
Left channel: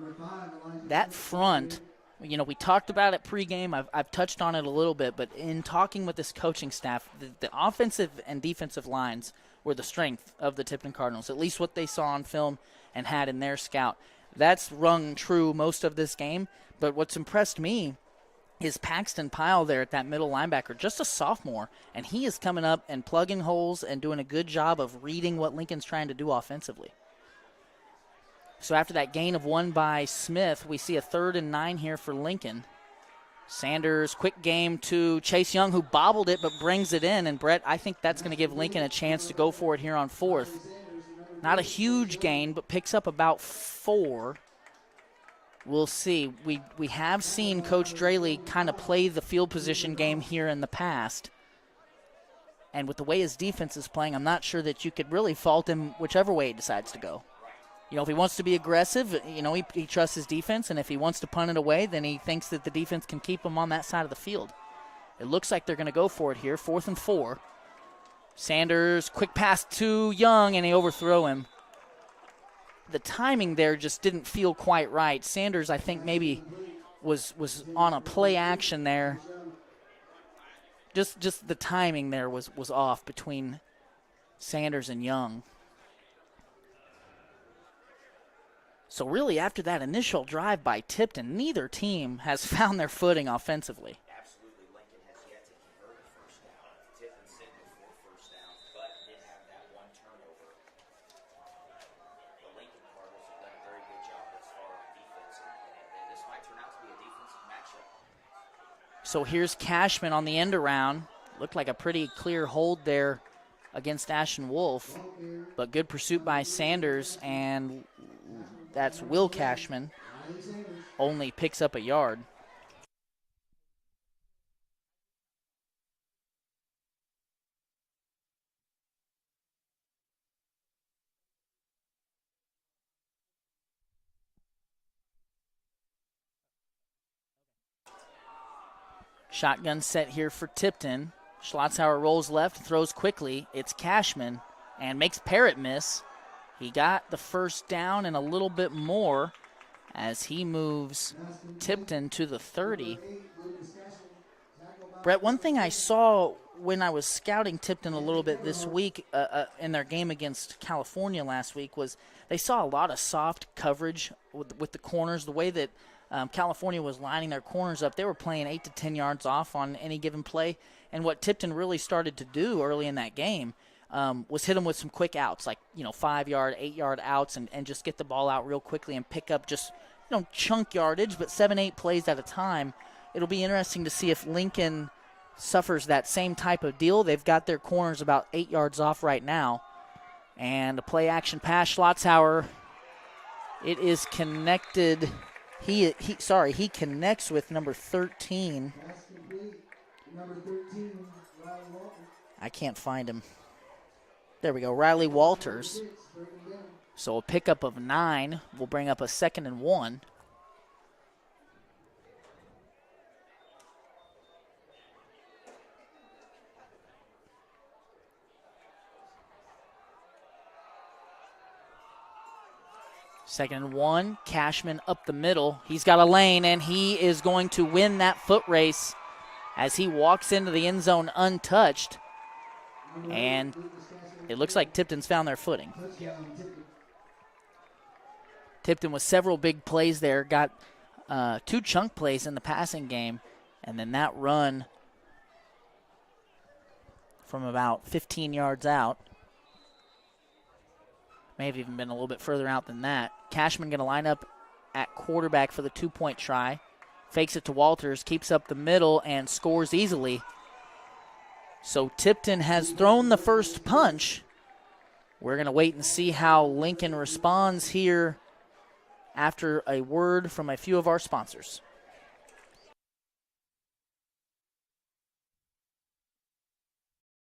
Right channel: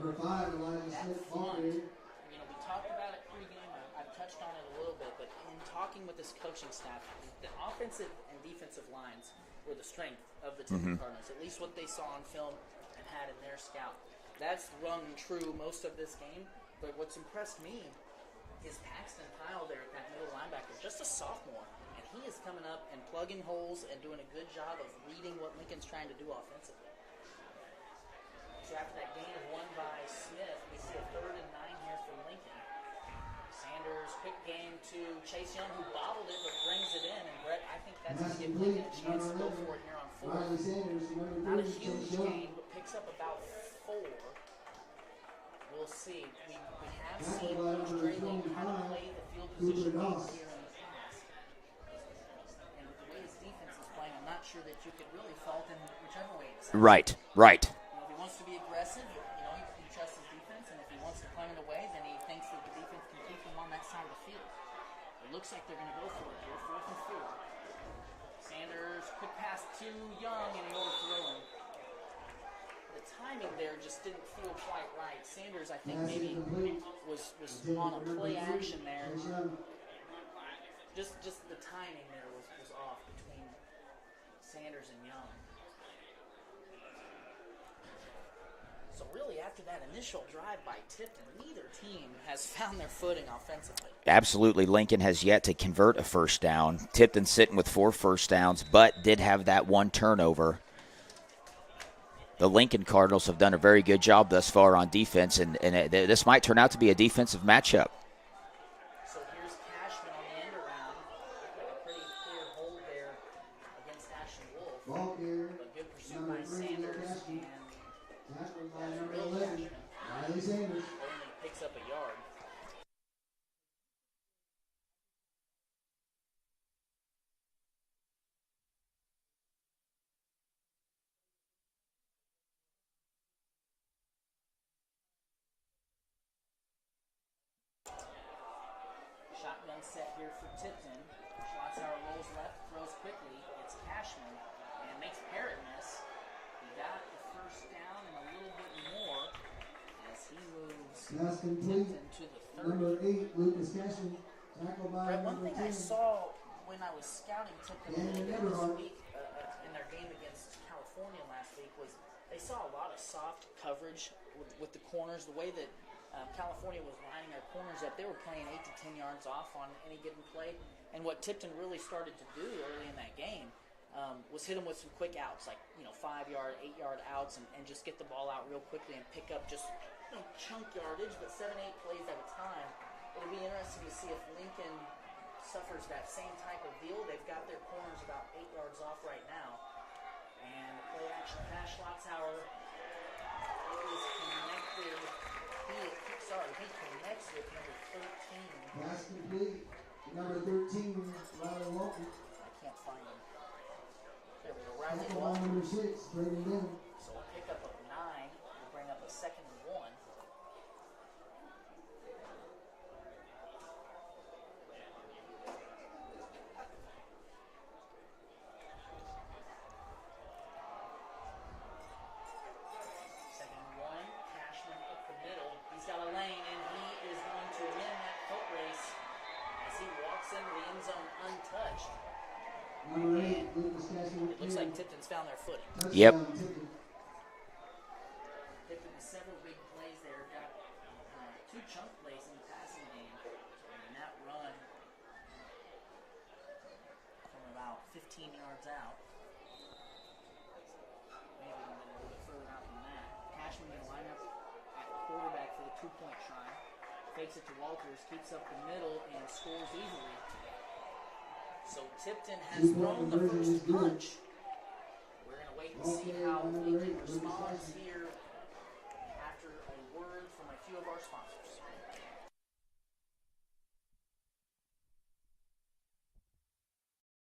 That front, we talked about it pregame. I've touched on it a little bit, but in talking with this coaching staff, the offensive and defensive lines were the strength of the Tipton Cardinals, at least what they saw on film and had in their scout. That's rung true most of this game, but what's impressed me is Paxton Pyle there at that middle linebacker, just a sophomore, and he is coming up and plugging holes and doing a good job of reading what Lincoln's trying to do offensively. So after that gain of 1 by Smith, we see a 3rd and 9 here for Lincoln. Sanders, quick game to Chase Young, who bobbled it but brings it in. And, Brett, I think that's going to give Lincoln a chance to go for it here on 4th. Not a huge gain, but picks up about 4. We'll see. We have seen Coach Draley kind of play the field position game here in the past. And with the way his defense is playing, I'm not sure that you could really fault him whichever way he decides to go. Right. If he wants to be aggressive, he trusts his defense. And if he wants to punt it away, then he thinks that the defense can keep him on that side of the field. It looks like they're going to go for it here, 4th and 4. Sanders, quick pass to Young, and they overthrow him. The timing there just didn't feel quite right. Sanders, I think, maybe was on a play action there. Just the timing there was off between Sanders and Young. So really, after that initial drive by Tipton, neither team has found their footing offensively. Absolutely. Lincoln has yet to convert a first down. Tipton sitting with 4 first downs, but did have that 1 turnover. The Lincoln Cardinals have done a very good job thus far on defense, and this might turn out to be a defensive matchup. So here's Cashman on the end around. Looked like a pretty clear hold there against Ashton Wolf, but good pursuit by Sanders, and that's Will Cashman. Only picks up a yard. Shotgun set here for Tipton. Schlotzhauer rolls left, throws quickly. It's Cashman and makes Parrott miss. He got the first down and a little bit more as he moves Tipton to the 30. Brett, one thing I saw when I was scouting Tipton a little bit this week in their game against California last week was they saw a lot of soft coverage with the corners. The way that California was lining their corners up, they were playing 8 to 10 yards off on any given play. And what Tipton really started to do early in that game was hit them with some quick outs, like 5-yard, 8-yard outs, and just get the ball out real quickly and pick up just chunk yardage, but 7-8 plays at a time. It'll be interesting to see if Lincoln suffers that same type of deal. They've got their corners about 8 yards off right now. And a play action pass, Schlotzhauer. It is connected. He connects with number 13. I can't find him. There we go, Riley Walters. So a pickup of 9 will bring up a 2nd and 1. Second and 1, Cashman up the middle. He's got a lane, and he is going to win that foot race as he walks into the end zone untouched. And it looks like Tipton's found their footing. Yep. Tipton with several big plays there, got 2 chunk plays in the passing game, and then that run from about 15 yards out. May have even been a little bit further out than that. Cashman going to line up at quarterback for the 2-point try. Fakes it to Walters, keeps up the middle, and scores easily. So Tipton has thrown the first punch. We're going to wait and see how Lincoln responds here after a word from a few of our sponsors.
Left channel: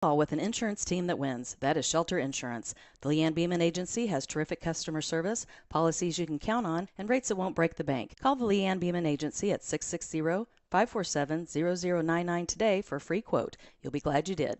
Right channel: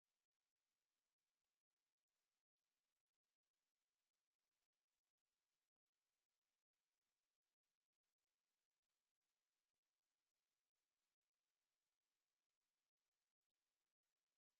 With an insurance team that wins. That is Shelter Insurance. The Leanne Beeman Agency has terrific customer service, policies you can count on, and rates that won't break the bank. Call the Leanne Beeman Agency at 660-547-0099 today for a free quote. You'll be glad you did.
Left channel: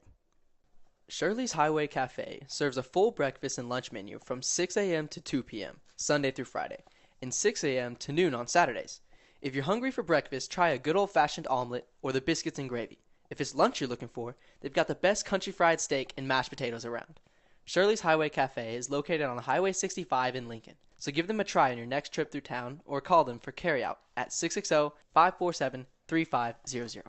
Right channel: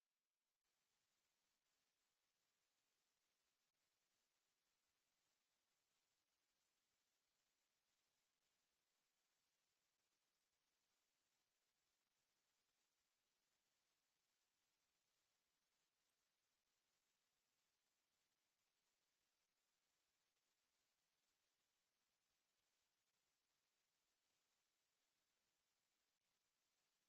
Shirley's Highway Cafe serves a full breakfast and lunch menu from 6 a.m. to 2 p.m., Sunday through Friday, and 6 a.m. to noon on Saturdays. If you're hungry for breakfast, try a good old-fashioned omelet or the biscuits and gravy. If it's lunch you're looking for, they've got the best country fried steak and mashed potatoes around. Shirley's Highway Cafe is located on Highway 65 in Lincoln, so give them a try on your next trip through town or call them for carryout at 660-547-3500.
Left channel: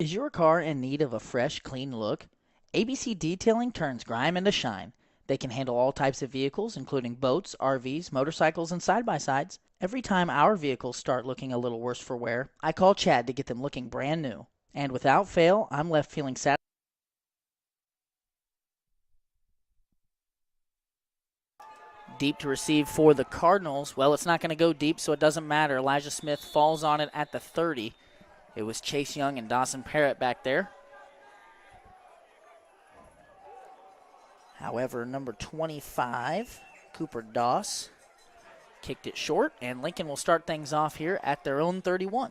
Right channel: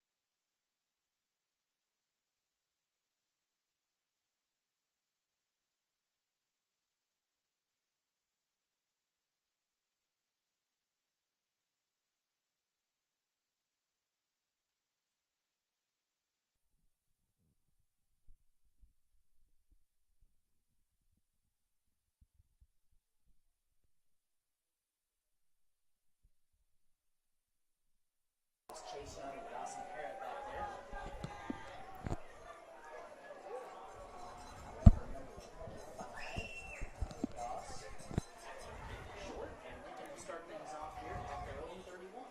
Is your car in need of a fresh, clean look? ABC Detailing turns grime into shine. They can handle all types of vehicles, including boats, RVs, motorcycles, and side-by-sides. Every time our vehicles start looking a little worse for wear, I call Chad to get them looking brand new. And without fail, I'm left feeling satisfied. Deep to receive for the Cardinals. Well, it's not going to go deep, so it doesn't matter. Elijah Smith falls on it at the 30. It was Chase Young and Dawson Parrott back there. However, number 25, Cooper Doss, kicked it short, and Lincoln will start things off here at their own 31.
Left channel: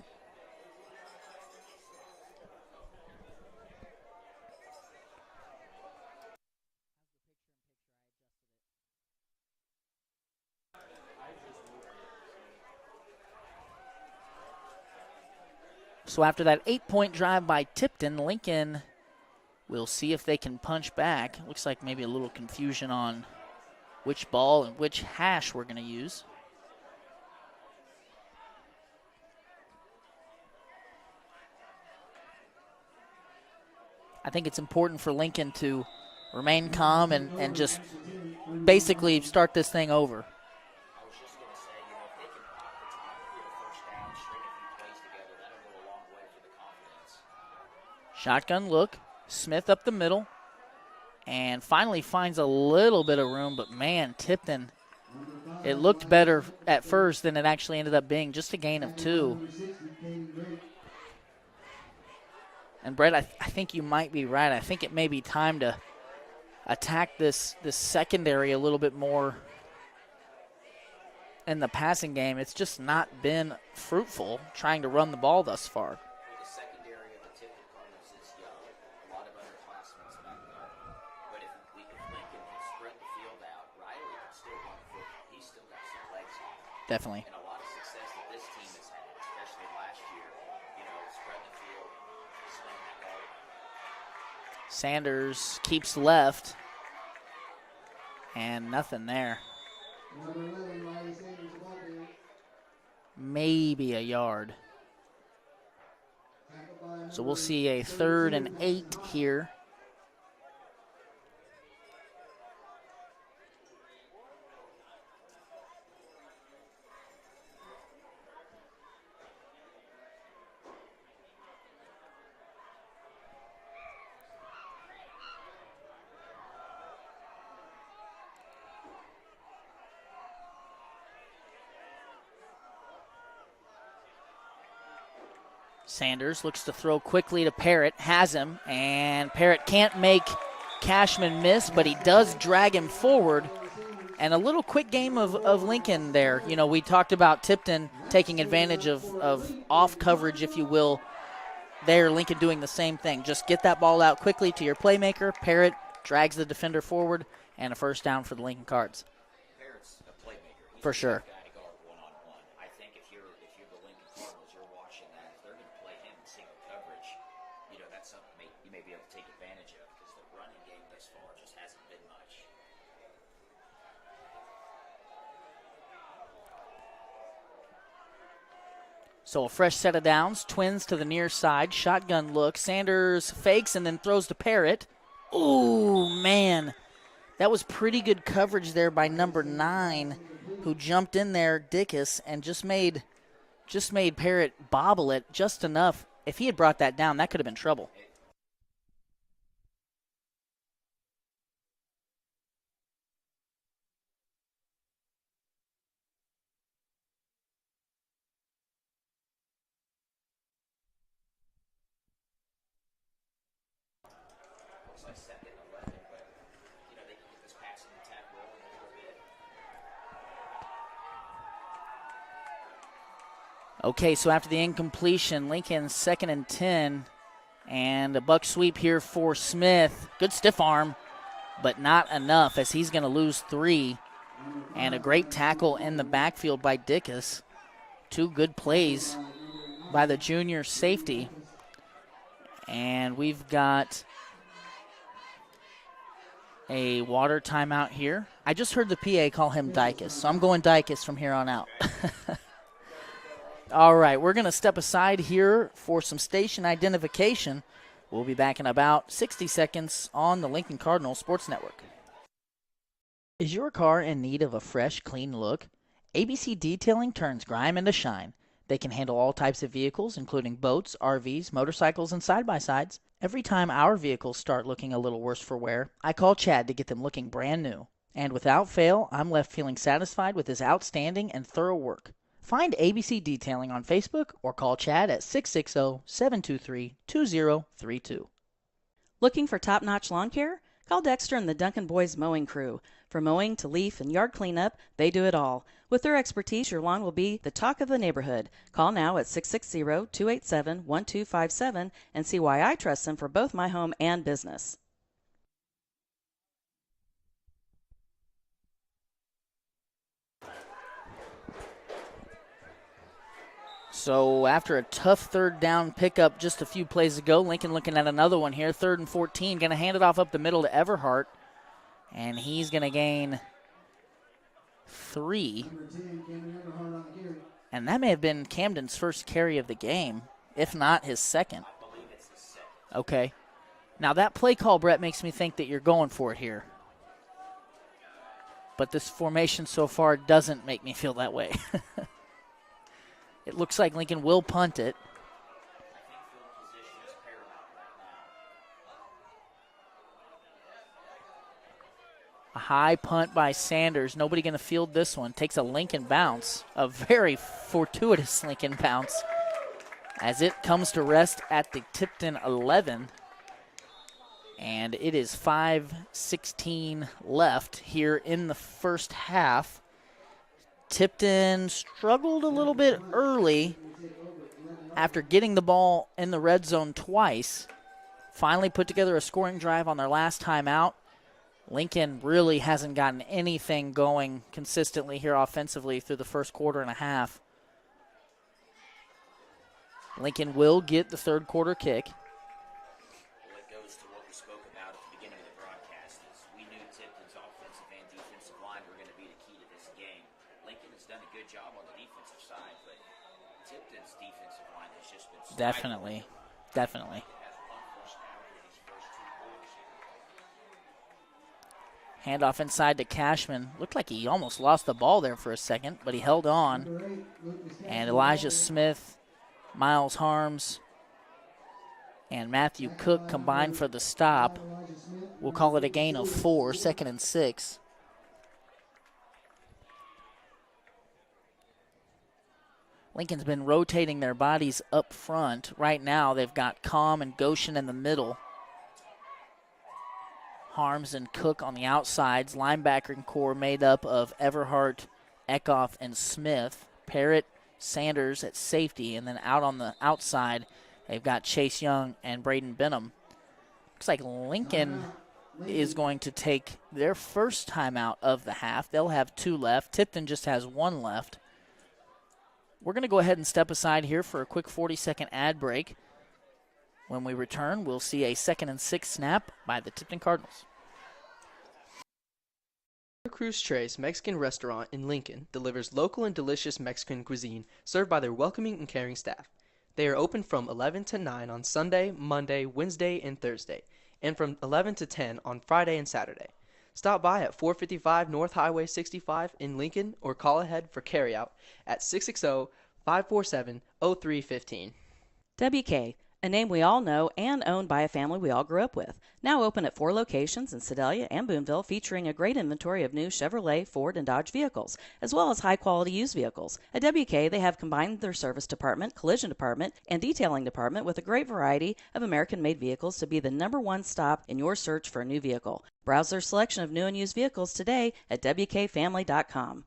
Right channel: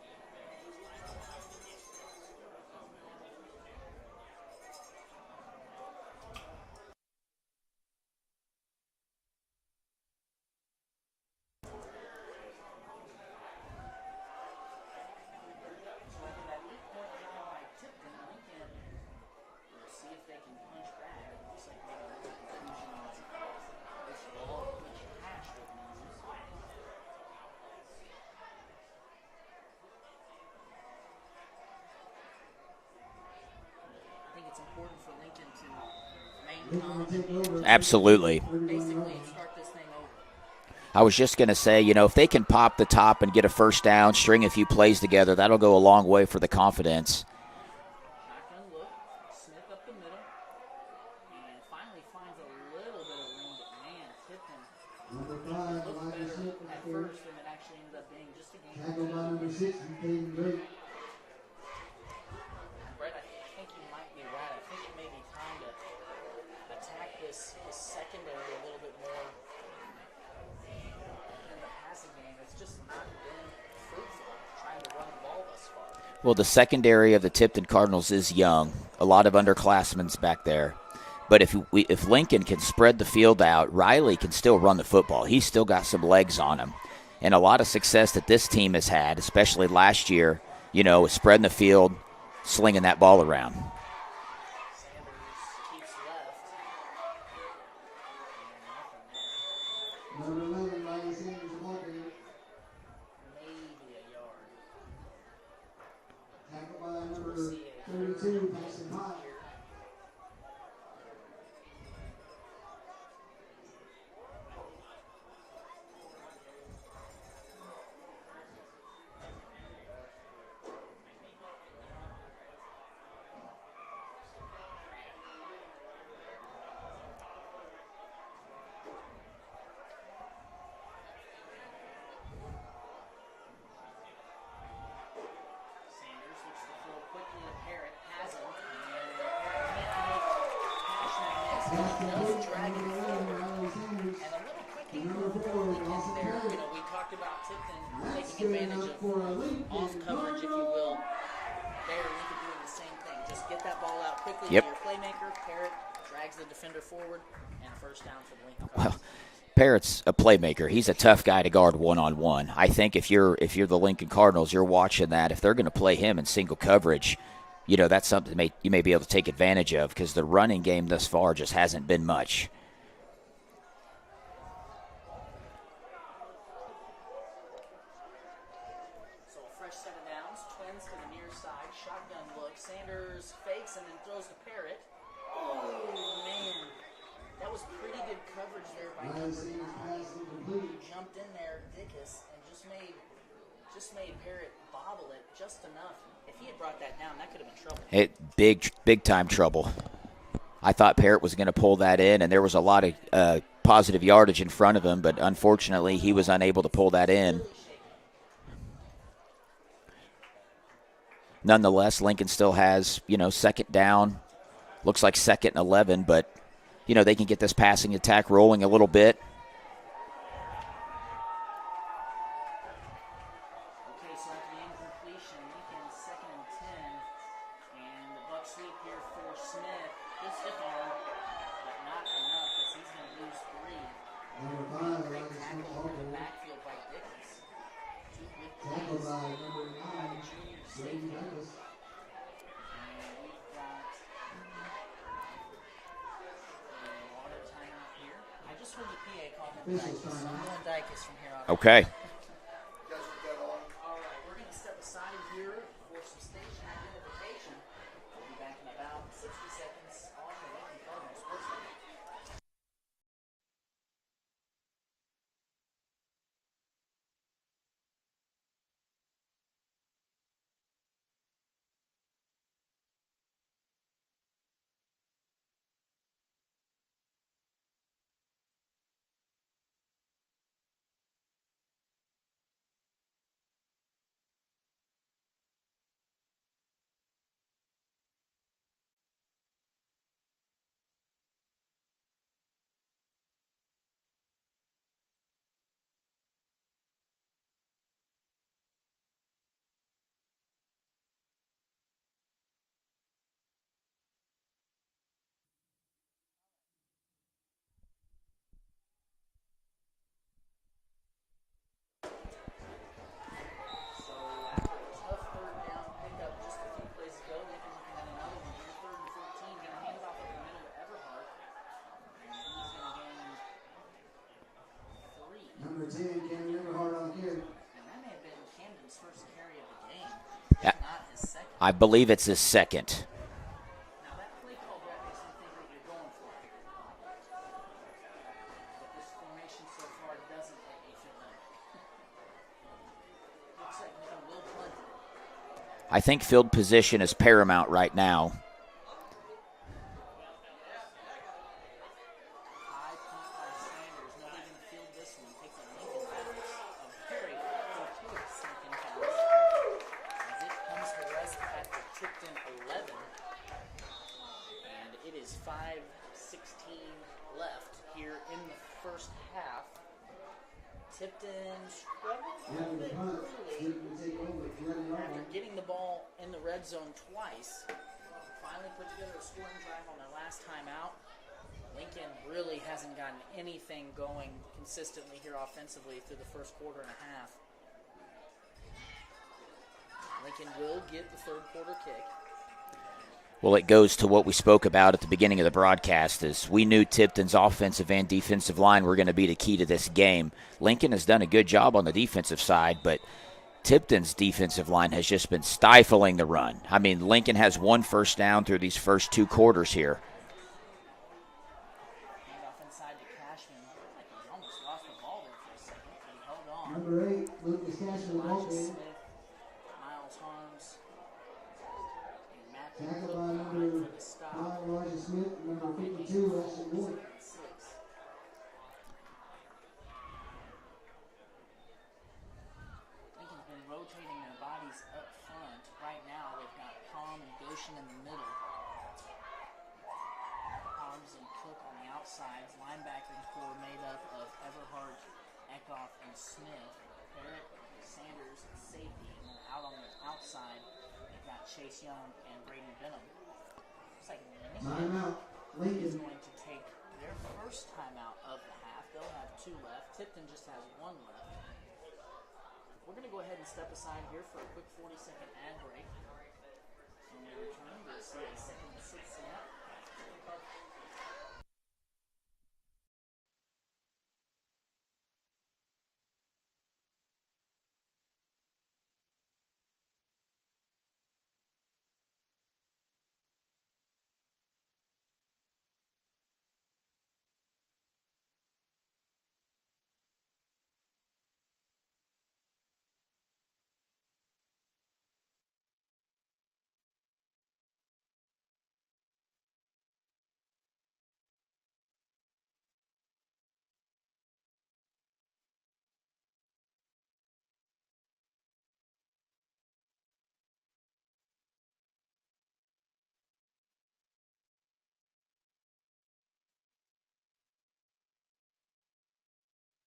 So after that 8-point drive by Tipton, Lincoln will see if they can punch back. Looks like maybe a little confusion on which ball and which hash we're going to use. I think it's important for Lincoln to remain calm and just Absolutely. basically start this thing over. I was just going to say, you know, if they can pop the top and get a first down, string a few plays together, that'll go a long way for the confidence. Shotgun look. Smith up the middle. And finally finds a little bit of room, but man, Tipton, it looked better at first than it actually ended up being, just a gain of 2. And Brett, I think you might be right. I think it may be time to attack this secondary a little bit more in the passing game. It's just not been fruitful trying to run the ball thus far. Well, the secondary of the Tipton Cardinals is young. A lot of underclassmen back there. But if Lincoln can spread the field out, Riley can still run the football. He's still got some legs on him. Definitely. And a lot of success that this team has had, especially last year, you know, spreading the field, slinging that ball around. Sanders keeps left. And nothing there. Maybe a yard. So we'll see a 3rd and 8 here. Sanders looks to throw quickly to Parrott, has him, and Parrott can't make Cashman miss, but he does drag him forward. And a little quick game of Lincoln there. You know, we talked about Tipton taking advantage of off coverage, if you will. There, Lincoln doing the same thing. Just get that ball out quickly to your playmaker. Parrott drags the defender forward, and a first down for the Lincoln Cardinals. Parrott's a playmaker. He's For a sure. tough guy to guard one-on-one. I think if you're the Lincoln Cardinals, you're watching that. If they're going to play him in single coverage, that's something you may be able to take advantage of because the running game thus far just hasn't been much. So a fresh set of downs, twins to the near side, shotgun look. Sanders fakes and then throws to Parrott. Ooh, man. That was pretty good coverage there by number 9, who jumped in there, Dickus, and just made Parrott bobble it just enough. If he had brought that down, that could have been trouble. Big time trouble. I thought Parrott was going to pull that in, and there was a lot of positive yardage in front of him, but unfortunately he was unable to pull that in. Nonetheless, Lincoln still has, second down. Looks like 2nd and 11, but, they can get this passing attack rolling a little bit. Okay, so after the incompletion, Lincoln's 2nd and 10, and a buck sweep here for Smith. Good stiff arm, but not enough as he's going to lose 3. And a great tackle in the backfield by Dickus. 2 good plays by the junior safety. And we've got a water timeout here. I just heard the PA call him Dickus, so I'm going Dickus from here on out. Okay. All right, we're going to step aside here for some station identification. We'll be back in about 60 seconds on the Lincoln Cardinal Sports Network. Is your car in need of a fresh, clean look? ABC Detailing turns grime into shine. They can handle all types of vehicles, including boats, RVs, motorcycles, and side-by-sides. Every time our vehicles start looking a little worse for wear, I call Chad to get them looking brand new. And without fail, I'm left feeling satisfied with his outstanding and thorough work. Find ABC Detailing on Facebook or call Chad at 660-723-2032. Looking for top-notch lawn care? Call Dexter and the Duncan Boys Mowing Crew. From mowing to leaf and yard cleanup, they do it all. With their expertise, your lawn will be the talk of the neighborhood. Call now at 660-287-1257 and see why I trust them for both my home and business. So after a tough 3rd down pickup just a few plays ago, Lincoln looking at another one here, 3rd and 14, going to hand it off up the middle to Everhart, and he's going to gain 3. And that may have been Camden's first carry of the game, if not his second. I believe it's his second. Okay. Now that play call, Brett, makes me think that you're going for it here. But this formation so far doesn't make me feel that way. It looks like Lincoln will punt it. I think field position is paramount right now. A high punt by Sanders. Nobody going to field this one. Takes a Lincoln bounce, a very fortuitous Lincoln bounce, as it comes to rest at the Tipton 11. And it is 5:16 left here in the first half. Tipton struggled a little bit early after getting the ball in the red zone twice. Finally put together a scoring drive on their last time out. Lincoln really hasn't gotten anything going consistently here offensively through the first quarter and a half. Lincoln will get the 3rd quarter kick. Well, it goes to what we spoke about at the beginning of the broadcast is we knew Tipton's offensive and defensive line were going to be the key to this game. Lincoln has done a good job on the defensive side, but Tipton's defensive line has just been stifling the run. I mean, Lincoln has 1 first down through these first 2 quarters here. Handoff inside to Cashman. Looked like he almost lost the ball there for a second, but he held on. And Elijah Smith, Miles Harms, and Matthew Cook combined for the stop. We'll call it a gain of 4, 2nd and 6. Lincoln's been rotating their bodies up front. Right now they've got Calm and Goshen in the middle. Harms and Cook on the outsides. Linebacker core made up of Everhart, Eckhoff, and Smith. Parrott, Sanders at safety, and then out on the outside they've got Chase Young and Braden Benham. Looks like Lincoln is going to take their first timeout of the half. They'll have 2 left. Tipton just has 1 left. We're going to go ahead and step aside here for a quick 40-second ad break. When we return, we'll see a 2nd and 6 snap by the Tipton Cardinals. Cruz Tres Mexican Restaurant in Lincoln delivers local and delicious Mexican cuisine served by their welcoming and caring staff. They are open from 11 to 9 on Sunday, Monday, Wednesday, and Thursday, and from 11 to 10 on Friday and Saturday. Stop by at 455 North Highway 65 in Lincoln or call ahead for carryout at 660-547-0315. WK, a name we all know and owned by a family we all grew up with. Now open at 4 locations in Sedalia and Boonville, featuring a great inventory of new Chevrolet, Ford, and Dodge vehicles, as well as high-quality used vehicles. At WK, they have combined their service department, collision department, and detailing department with a great variety of American-made vehicles to be the #1 stop in your search for a new vehicle. Browse their selection of new and used vehicles today at WKFamily.com.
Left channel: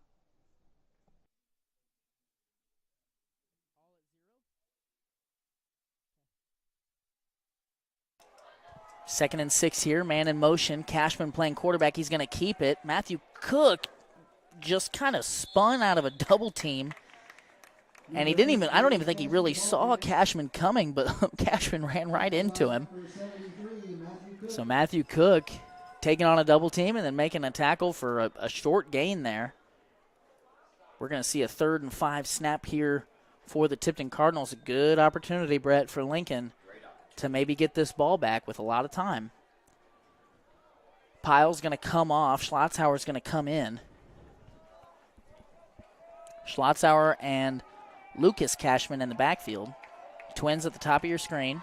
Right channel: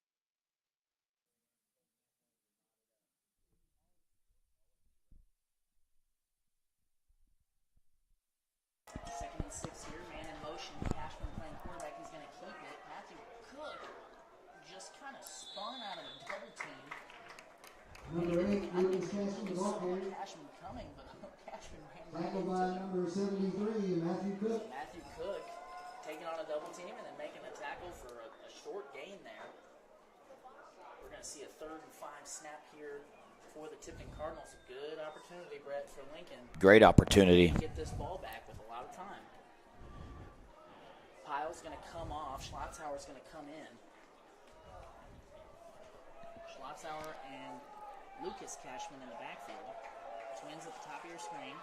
Second and 6 here, man in motion. Cashman playing quarterback. He's going to keep it. Matthew Cook just kind of spun out of a double team. And he didn't even, I don't even think he really saw Cashman coming, but Cashman ran right into him. So Matthew Cook taking on a double team and then making a tackle for a short gain there. We're going to see a 3rd and 5 snap here for the Tipton Cardinals. A good opportunity, Brett, for Lincoln. Great opportunity. To maybe get this ball back with a lot of time. Pyle's going to come off. Schlotzhauer's going to come in. Schlotzhauer and Lucas Cashman in the backfield. Twins at the top of your screen.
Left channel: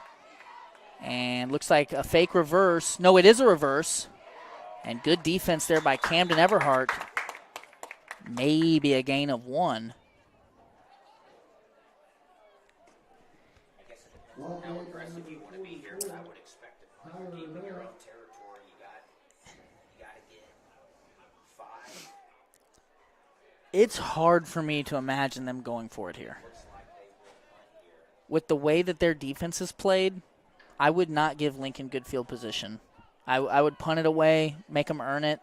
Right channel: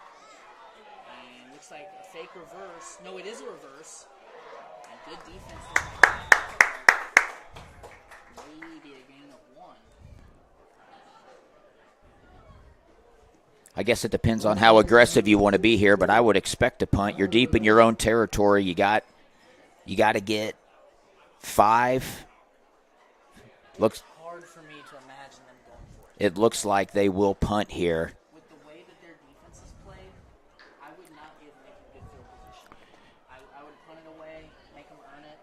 And looks like a fake reverse. No, it is a reverse. And good defense there by Camden Everhart. Maybe a gain of 1. I guess it depends on how aggressive you want to be here, but I would expect a punt. You're deep in your own territory. You got to get 5. It's hard for me to imagine them going for it here. It looks like they will punt here. With the way that their defense is played, I would not give Lincoln good field position. I would punt it away, make them earn it.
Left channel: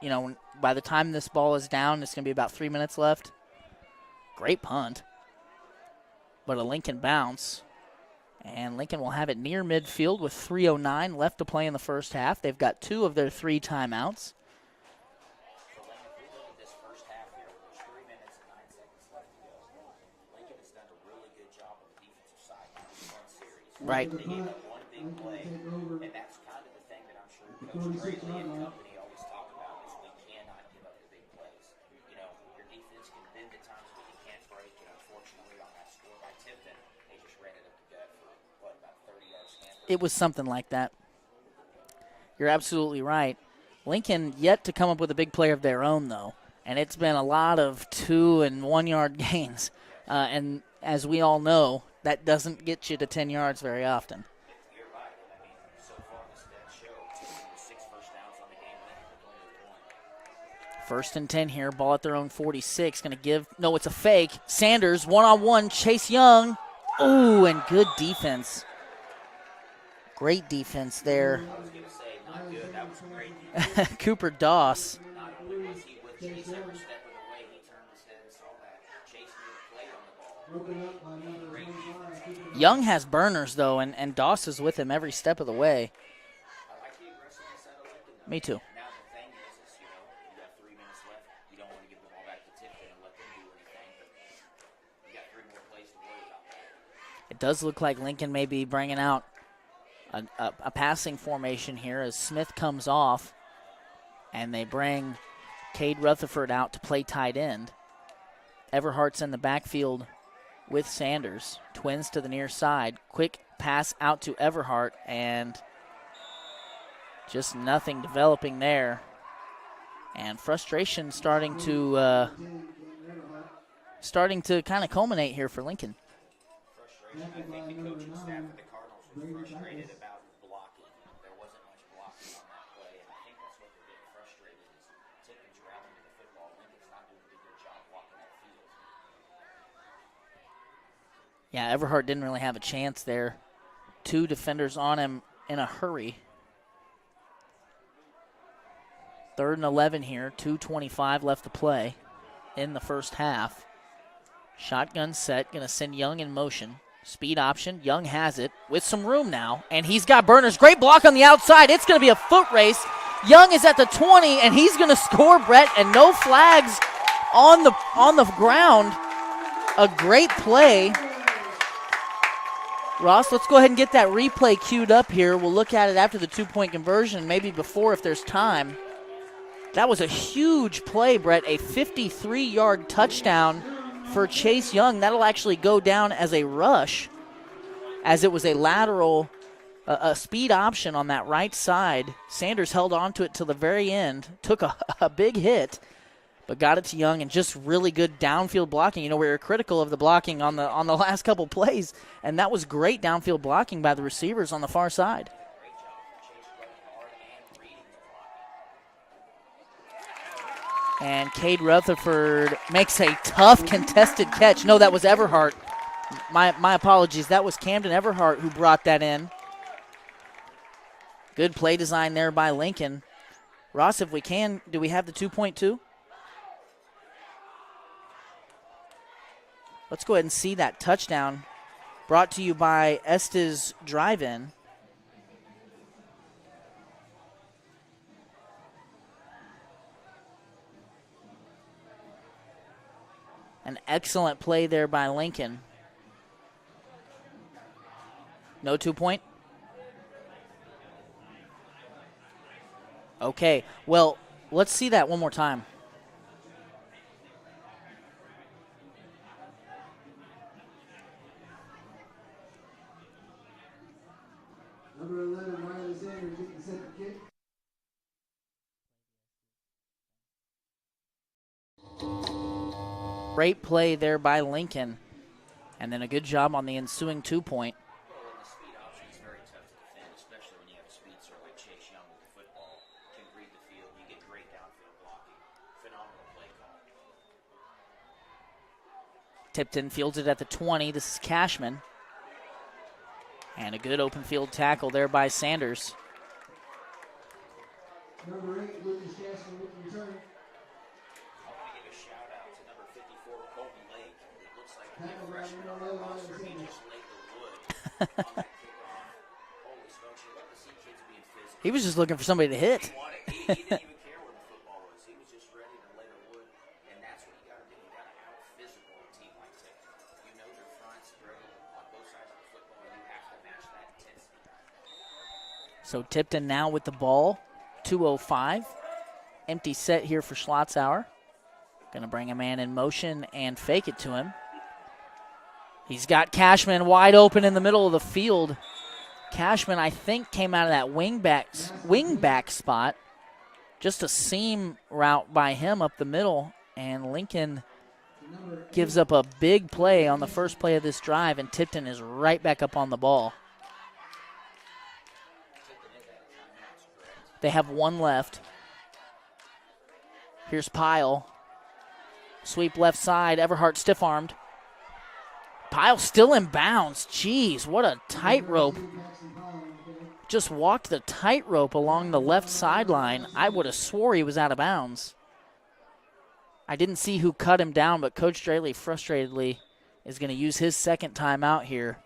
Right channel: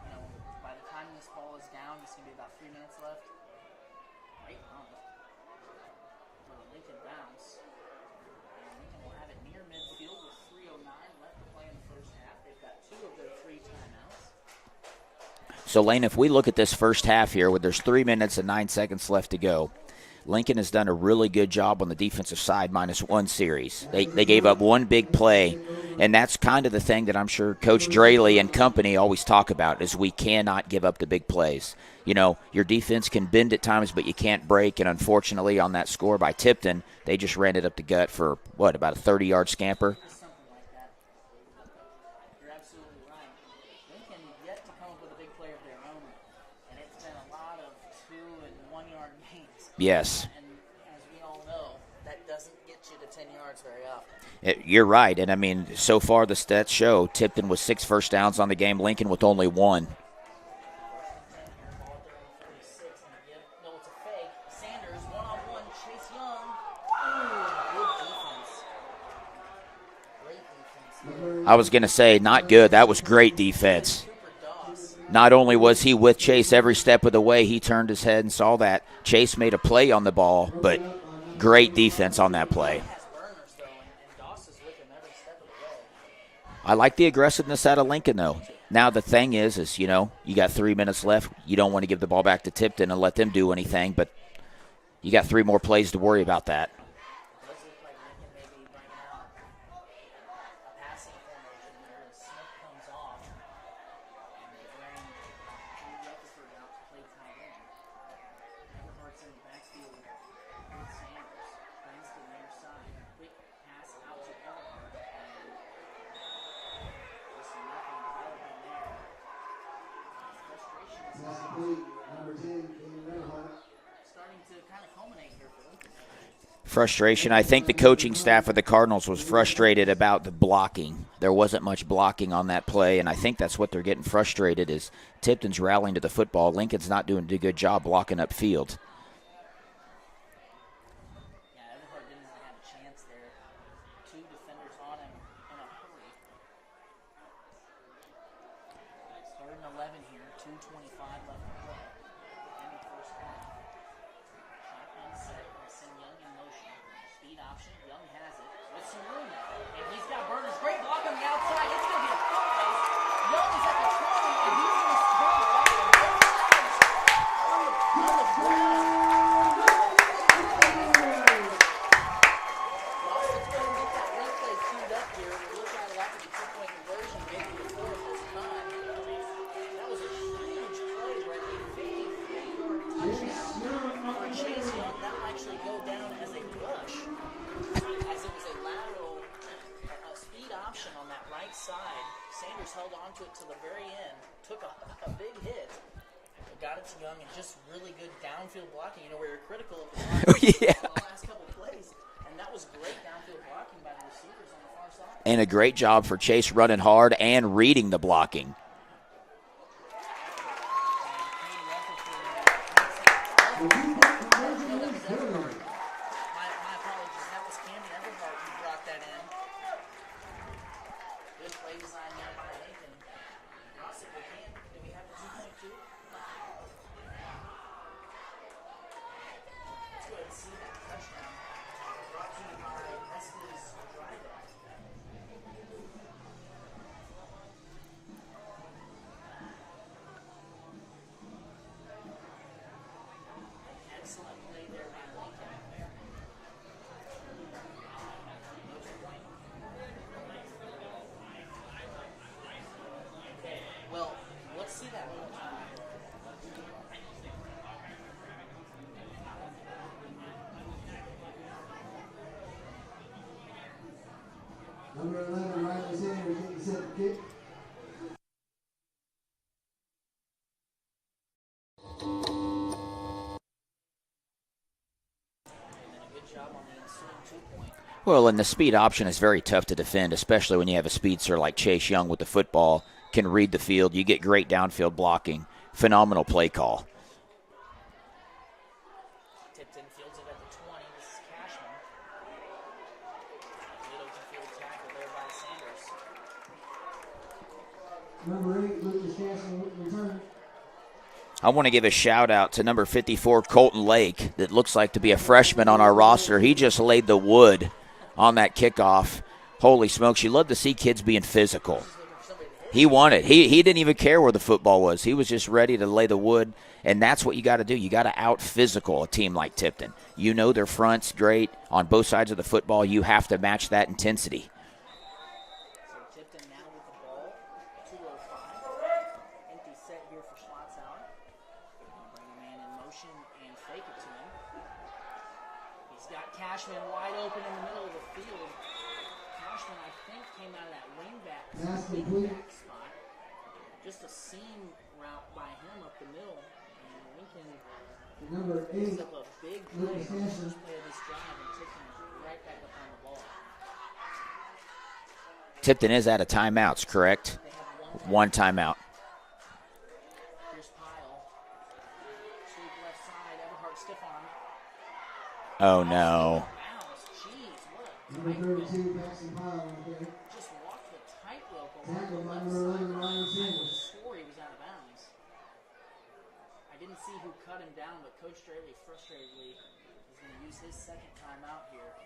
You know, by the time this ball is down, it's going to be about 3 minutes left. Great punt. But a Lincoln bounce. And Lincoln will have it near midfield with 3:09 left to play in the first half. They've got 2 of their 3 timeouts. So, Lane, if we look at this first half here, where there's 3 minutes and 9 seconds left to go, Lincoln has done a really good job on the defensive side, -1 series. Right. They gave up 1 big play, and that's kind of the thing that I'm sure Coach Draley and company always talk about, is we cannot give up the big plays. You know, your defense can bend at times, but you can't break, and unfortunately on that score by Tipton, they just ran it up the gut for, about a 30-yard scamper? It was something like that. You're absolutely right. Lincoln yet to come up with a big play of their own, though. And it's been a lot of 2- and 1-yard gains. Yes. And as we all know, that doesn't get you to 10 yards very often. You're right. And, I mean, so far the stats show Tipton with 6 first downs on the game, Lincoln with only 1. 1st and 10 here. Ball at their own 46. Going to give – no, it's a fake. Sanders, one-on-one. Chase Young. Ooh, and good defense. Great defense there. I was going to say, not good. That was great defense. Cooper Doss. Not only was he with Chase every step of the way, he turned his head and saw that. Chase made a play on the ball, but great defense on that play. Young has burners, though, and Doss is with him every step of the way. I like the aggressiveness out of Lincoln, though. Me too. Now the thing is, you know, you got 3 minutes left. You don't want to give the ball back to Tipton and let them do anything, but you got 3 more plays to worry about that. It does look like Lincoln may be bringing out a passing formation here as Smith comes off, and they bring Cade Rutherford out to play tight end. Everhart's in the backfield with Sanders. Twins to the near side. Quick pass out to Everhart, and just nothing developing there. And frustration starting to kind of culminate here for Lincoln. Frustration. I think the coaching staff of the Cardinals was frustrated about the blocking. There wasn't much blocking on that play, and I think that's what they're getting frustrated is Tipton's rallying to the football. Lincoln's not doing a good job blocking upfield. Yeah, Everhart didn't really have a chance there. 2 defenders on him in a hurry. 3rd and 11 here, 2:25 left to play in the first half. Shotgun set, going to send Young in motion. Speed option, Young has it with some room now, and he's got burners. Great block on the outside. It's going to be a foot race. Young is at the 20, and he's going to score, Brett, and no flags on the ground. A great play. Ross, let's go ahead and get that replay queued up here. We'll look at it after the 2-point conversion, maybe before if there's time. That was a huge play, Brett, a 53-yard touchdown for Chase Young. That'll actually go down as a rush, as it was a lateral, a speed option on that right side. Sanders held on to it till the very end, took a big hit, but got it to Young, and just really good downfield blocking. You know, we were critical of the blocking on the last couple plays, and that was great downfield blocking by the receivers on the far side. And a great job for Chase running hard and reading the blocking. And Cade Rutherford makes a tough contested catch. No, that was Everhart. My apologies. That was Camden Everhart who brought that in. Good play design there by Lincoln. Ross, if we can, do we have the 2.2? Let's go ahead and see that touchdown brought to you by Estes Drive-In. An excellent play there by Lincoln. No 2-point? Okay, well, let's see that one more time. Number 11, Riley Sanders, getting set to kick. Great play there by Lincoln. And then a good job on the ensuing 2-point. Well, and the speed option is very tough to defend, especially when you have a speedster like Chase Young with the football, can read the field. You get great downfield blocking. Phenomenal play call. Tipton fields it at the 20. This is Cashman. And a good open field tackle there by Sanders. Number 8, Lucas Castle, return. I want to give a shout-out to number 54, Colton Lake, that looks like to be a freshman on our roster. He just laid the wood on that kickoff. Holy smokes, you love to see kids being physical. He was just looking for somebody to hit. He wanted. He didn't even care where the football was. He was just ready to lay the wood, and that's what you got to do. You got to out-physical a team like Tipton. You know their front's great. On both sides of the football, you have to match that intensity. So Tipton now with the ball, 2:05. Empty set here for Schlotzauer. Going to bring a man in motion and fake it to him. He's got Cashman wide open in the middle of the field. Cashman, I think, came out of that wingback spot. Just a seam route by him up the middle, and Lincoln gives up a big play on the first play of this drive, and Tipton is right back up on the ball. Tipton is out of timeouts, correct? They have one left. One timeout. Here's Pyle. Sweep left side. Everhart stiff-armed. Oh, Pyle no. still in bounds. Jeez, what a tightrope. Just walked the tightrope along the left sideline. I would have swore he was out of bounds. I didn't see who cut him down, but Coach Straley frustratedly is going to use his second timeout here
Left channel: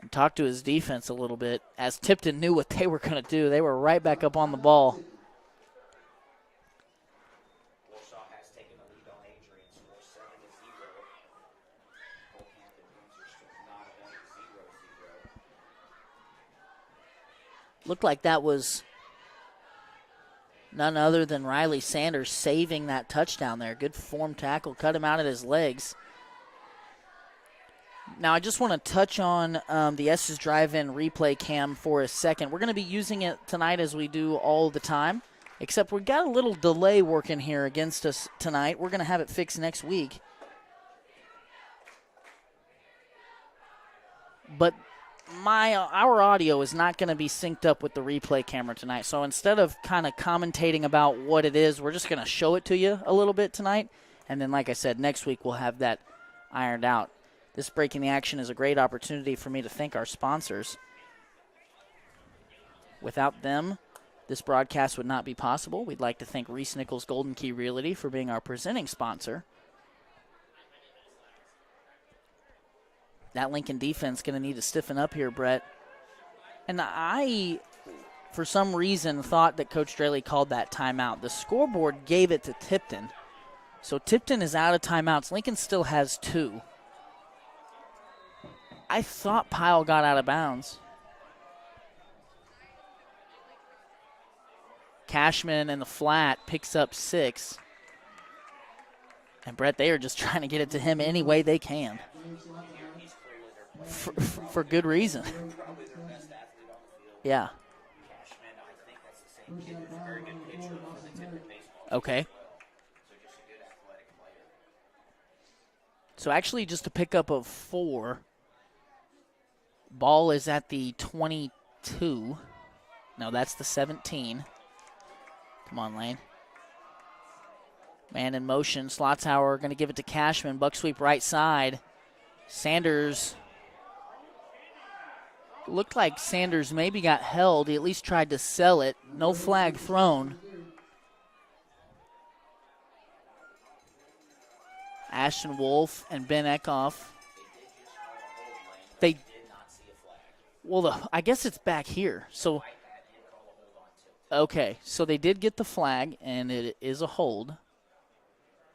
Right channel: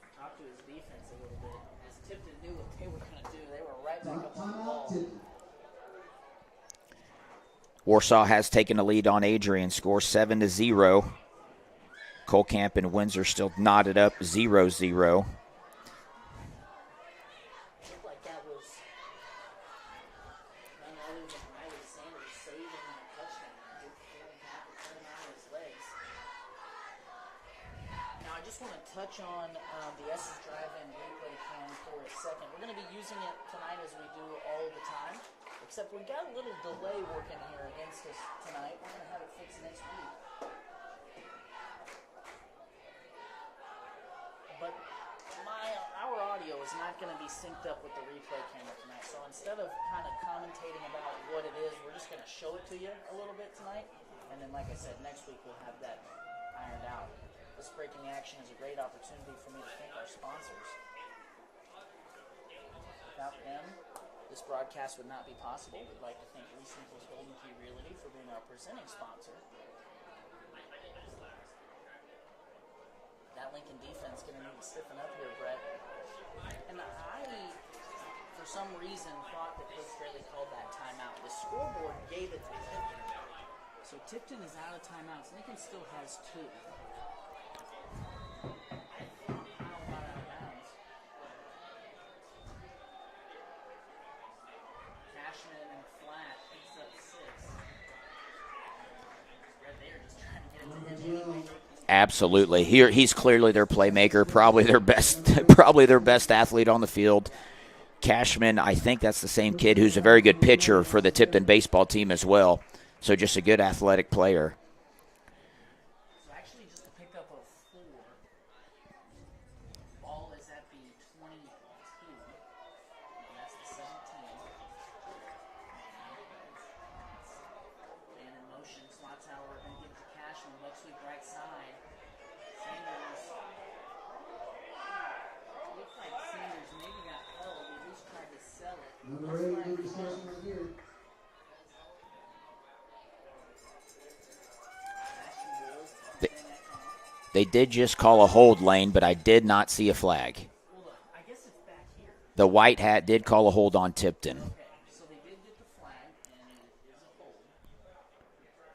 and talk to his defense a little bit, as Tipton knew what they were going to do. They were right back up on the ball. Warsaw has taken a lead on Adrian, score 7-0. Colcamp and Windsor still knotted up 0-0. Looked like that was none other than Riley Sanders saving that touchdown there. Good form tackle, cut him out at his legs. Now I just want to touch on the Estes Drive-In replay cam for a second. We're going to be using it tonight as we do all the time, except we got a little delay working here against us tonight. We're going to have it fixed next week. But our audio is not going to be synced up with the replay camera tonight. So instead of kind of commentating about what it is, we're just going to show it to you a little bit tonight. And then, like I said, next week we'll have that ironed out. This Breaking the Action is a great opportunity for me to thank our sponsors. Without them, This broadcast would not be possible. We'd like to thank Reese Nichols Golden Key Realty for being our presenting sponsor. That Lincoln defense going to need to stiffen up here, Brett. And I, for some reason, thought that Coach Straley called that timeout. The scoreboard gave it to Tipton. So Tipton is out of timeouts. Lincoln still has 2. I thought Pyle got out of bounds. Cashman in the flat picks up 6. And Brett, they are just trying to get it to him any way they can. Absolutely. He's clearly their playmaker, probably their best, reason. probably their best athlete on the field. Yeah. Cashman, I think that's the same kid who's a very good pitcher for the Tipton baseball team as well. So just a good athletic player. So actually just a pickup of 4. Ball is at the 22. No, that's the 17. Come on, Lane. Man in motion. Slotzhauer going to give it to Cashman. Buck sweep right side. Sanders. Looked like Sanders maybe got held. He at least tried to sell it. No flag thrown. Ashton Wolf and Ben Eckhoff. They did just call a hold, Lane, but I did not see a flag. Well, I guess it's back here. The white hat did call a hold on Tipton. Okay, so they did get the flag, and it is a hold.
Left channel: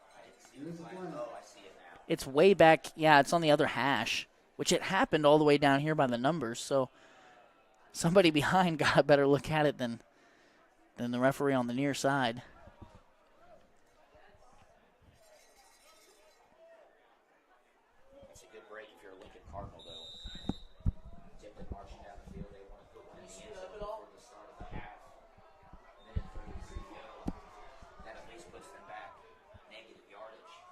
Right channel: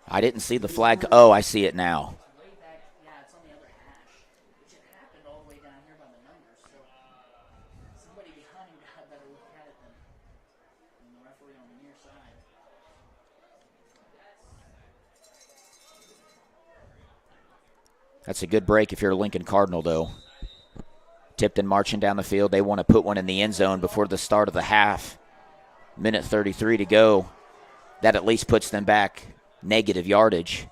I didn't see the flag. Oh, I see it now. It's way back. Yeah, it's on the other hash, which it happened all the way down here by the numbers. So somebody behind got a better look at it than the referee on the near side. That's a good break if you're a Lincoln Cardinal, though. Tipton marching down the field. They want to put one in the end zone before the start of the half. Minute 33 to go. That at least puts them back negative yardage.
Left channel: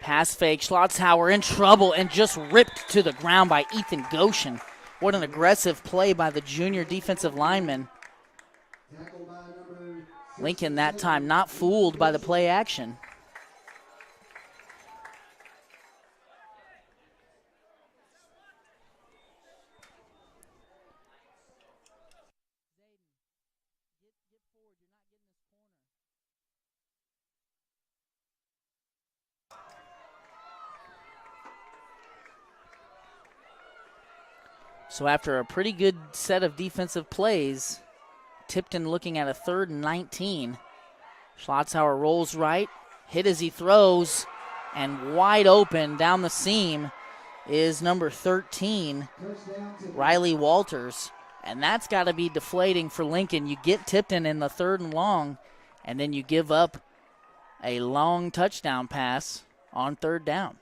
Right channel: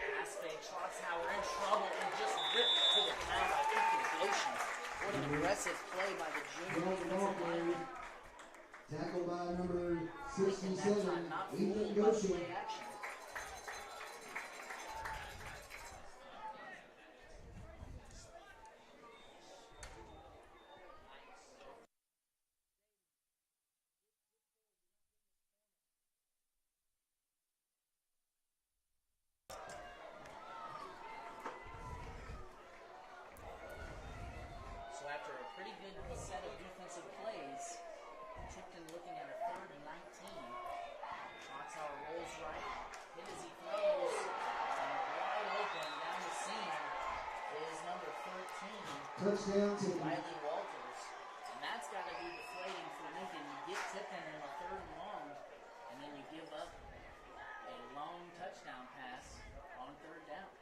Pass fake. Schlotzhauer in trouble and just ripped to the ground by Ethan Goshen. What an aggressive play by the junior defensive lineman. Lincoln that time not fooled by the play action. So after a pretty good set of defensive plays, Tipton looking at a 3rd and 19. Schlotzhauer rolls right, hit as he throws, and wide open down the seam is number 13, Riley Walters. And that's got to be deflating for Lincoln. You get Tipton in the 3rd and long, and then you give up a long touchdown pass on 3rd down.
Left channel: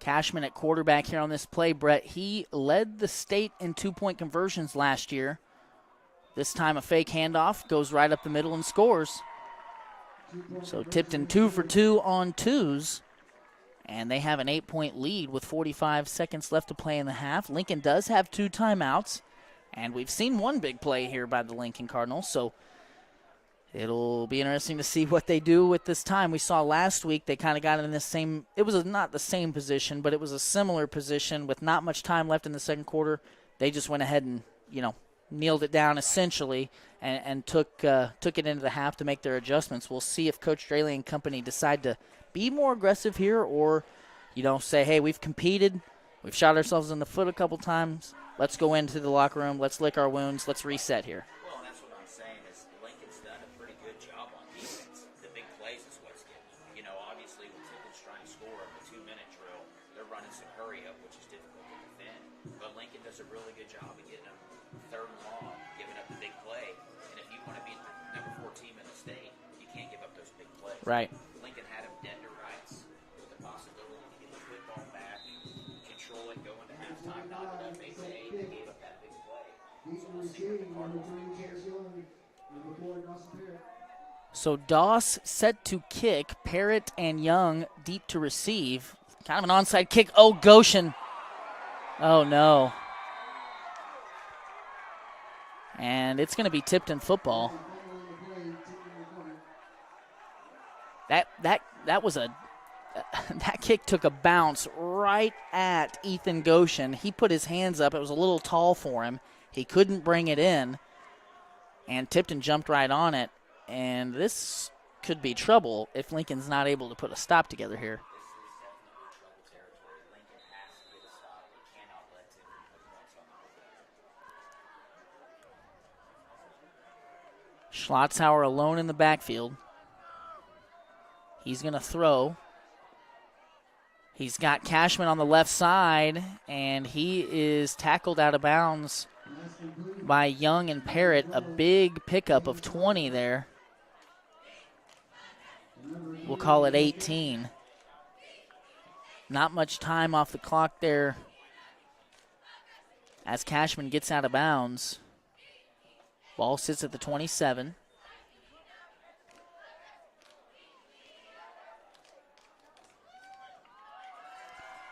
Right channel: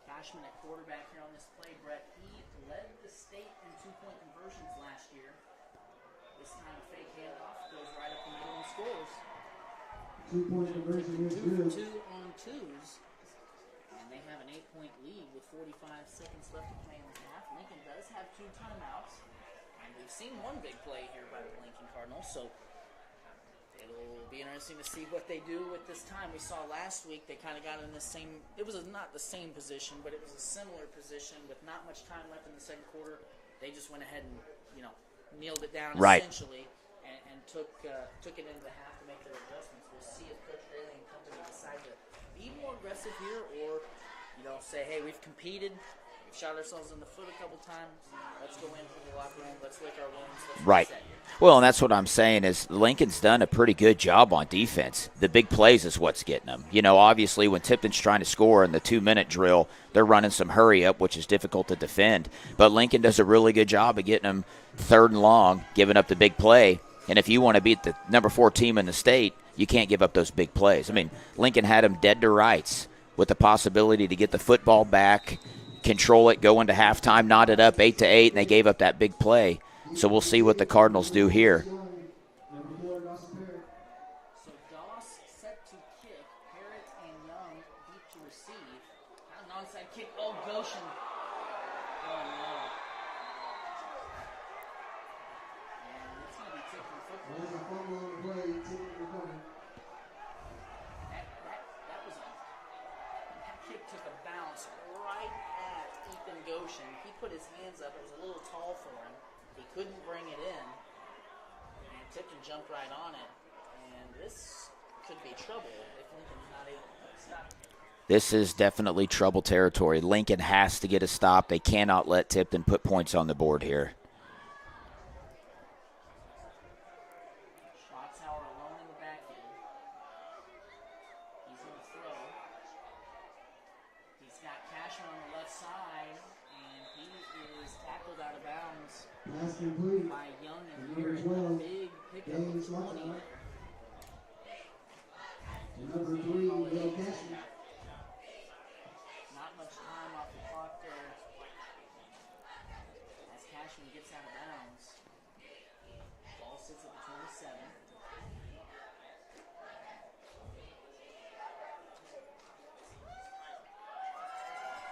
Cashman at quarterback here on this play, Brett. He led the state in 2-point conversions last year. This time a fake handoff, goes right up the middle and scores. So Tipton 2 for 2 on 2s. And they have an 8-point lead with 45 seconds left to play in the half. Lincoln does have 2 timeouts. And we've seen one big play here by the Lincoln Cardinals. So it'll be interesting to see what they do with this time. We saw last week they kind of got in this same, it was not the same position, but it was a similar position with not much time left in the second quarter. They just went ahead and, kneeled it down essentially and took it into the half to make their adjustments. We'll see if Coach Straley and company decide to be more aggressive here or, say, hey, we've competed. We've shot ourselves in the foot a couple times. Let's go into the locker room. Let's lick our wounds. Let's reset here. Well, and that's what I'm saying is Lincoln's done a pretty good job on defense. The big plays is what's getting them. Obviously when Tipton's trying to score in the 2-minute drill, they're running some hurry up, which is difficult to defend. But Lincoln does a really good job of getting them 3rd and long, giving up the big play. And if you want to beat the number 4 team in the state, you can't give up those big plays. Right. I mean, Lincoln had them dead to rights with the possibility to get the football back, control it, go into halftime, knot it up 8-8, and they gave up that big play. So we'll see what the Cardinals do here. So Doss set to kick. Parrott and Young deep to receive. Kind of an onside kick. Oh, Goshen. Oh, no. And it's going to be Tipton football. That was a that kick took a bounce right at Ethan Goshen. He put his hands up. It was a little tall for him. He couldn't bring it in, and Tipton jumped right on it. And this could be trouble if Lincoln's not able to put a stop together here. This is definitely trouble territory. Lincoln has to get a stop. They cannot let Tipton put points on the board here. Schlotzhauer alone in the backfield. He's going to throw. He's got Cashman on the left side, and he is tackled out of bounds by Young and Parrott. A big pickup of 20 there. We'll call it 18. Not much time off the clock there as Cashman gets out of bounds. Ball sits at the 27.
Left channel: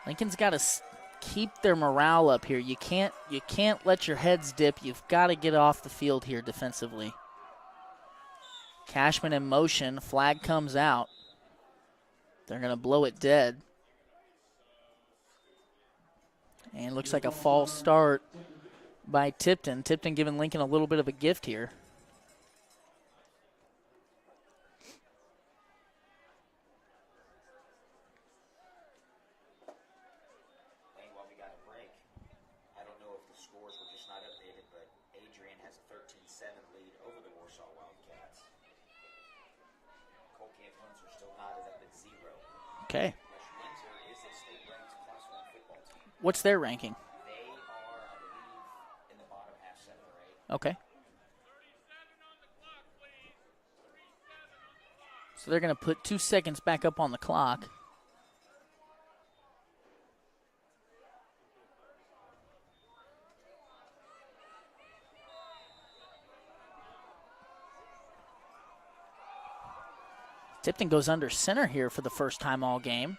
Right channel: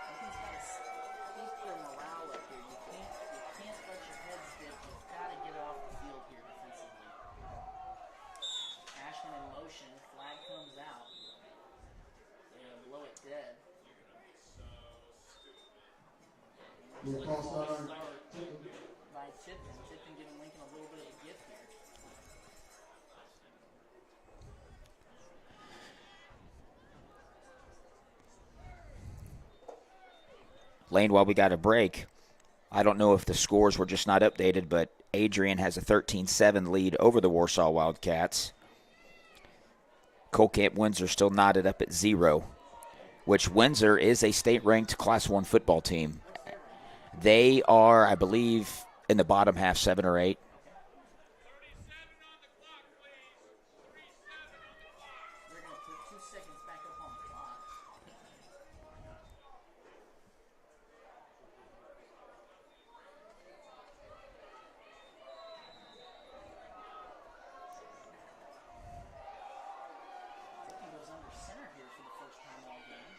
Lincoln's got to keep their morale up here. You can't let your heads dip. You've got to get off the field here defensively. Cashman in motion. Flag comes out. They're going to blow it dead. And looks like a false start by Tipton. Tipton giving Lincoln a little bit of a gift here. Lane, while we got a break, I don't know if the scores were just not updated, but Adrian has a 13-7 lead over the Warsaw Wildcats. Colcamp Windsor still knotted up at 0. Okay. Which Windsor is a state-ranked Class 1 football team. What's their ranking? They are, I believe, in the bottom half, 7 or 8. Okay. So they're going to put 2 seconds back up on the clock. Tipton goes under center here for the first time all game.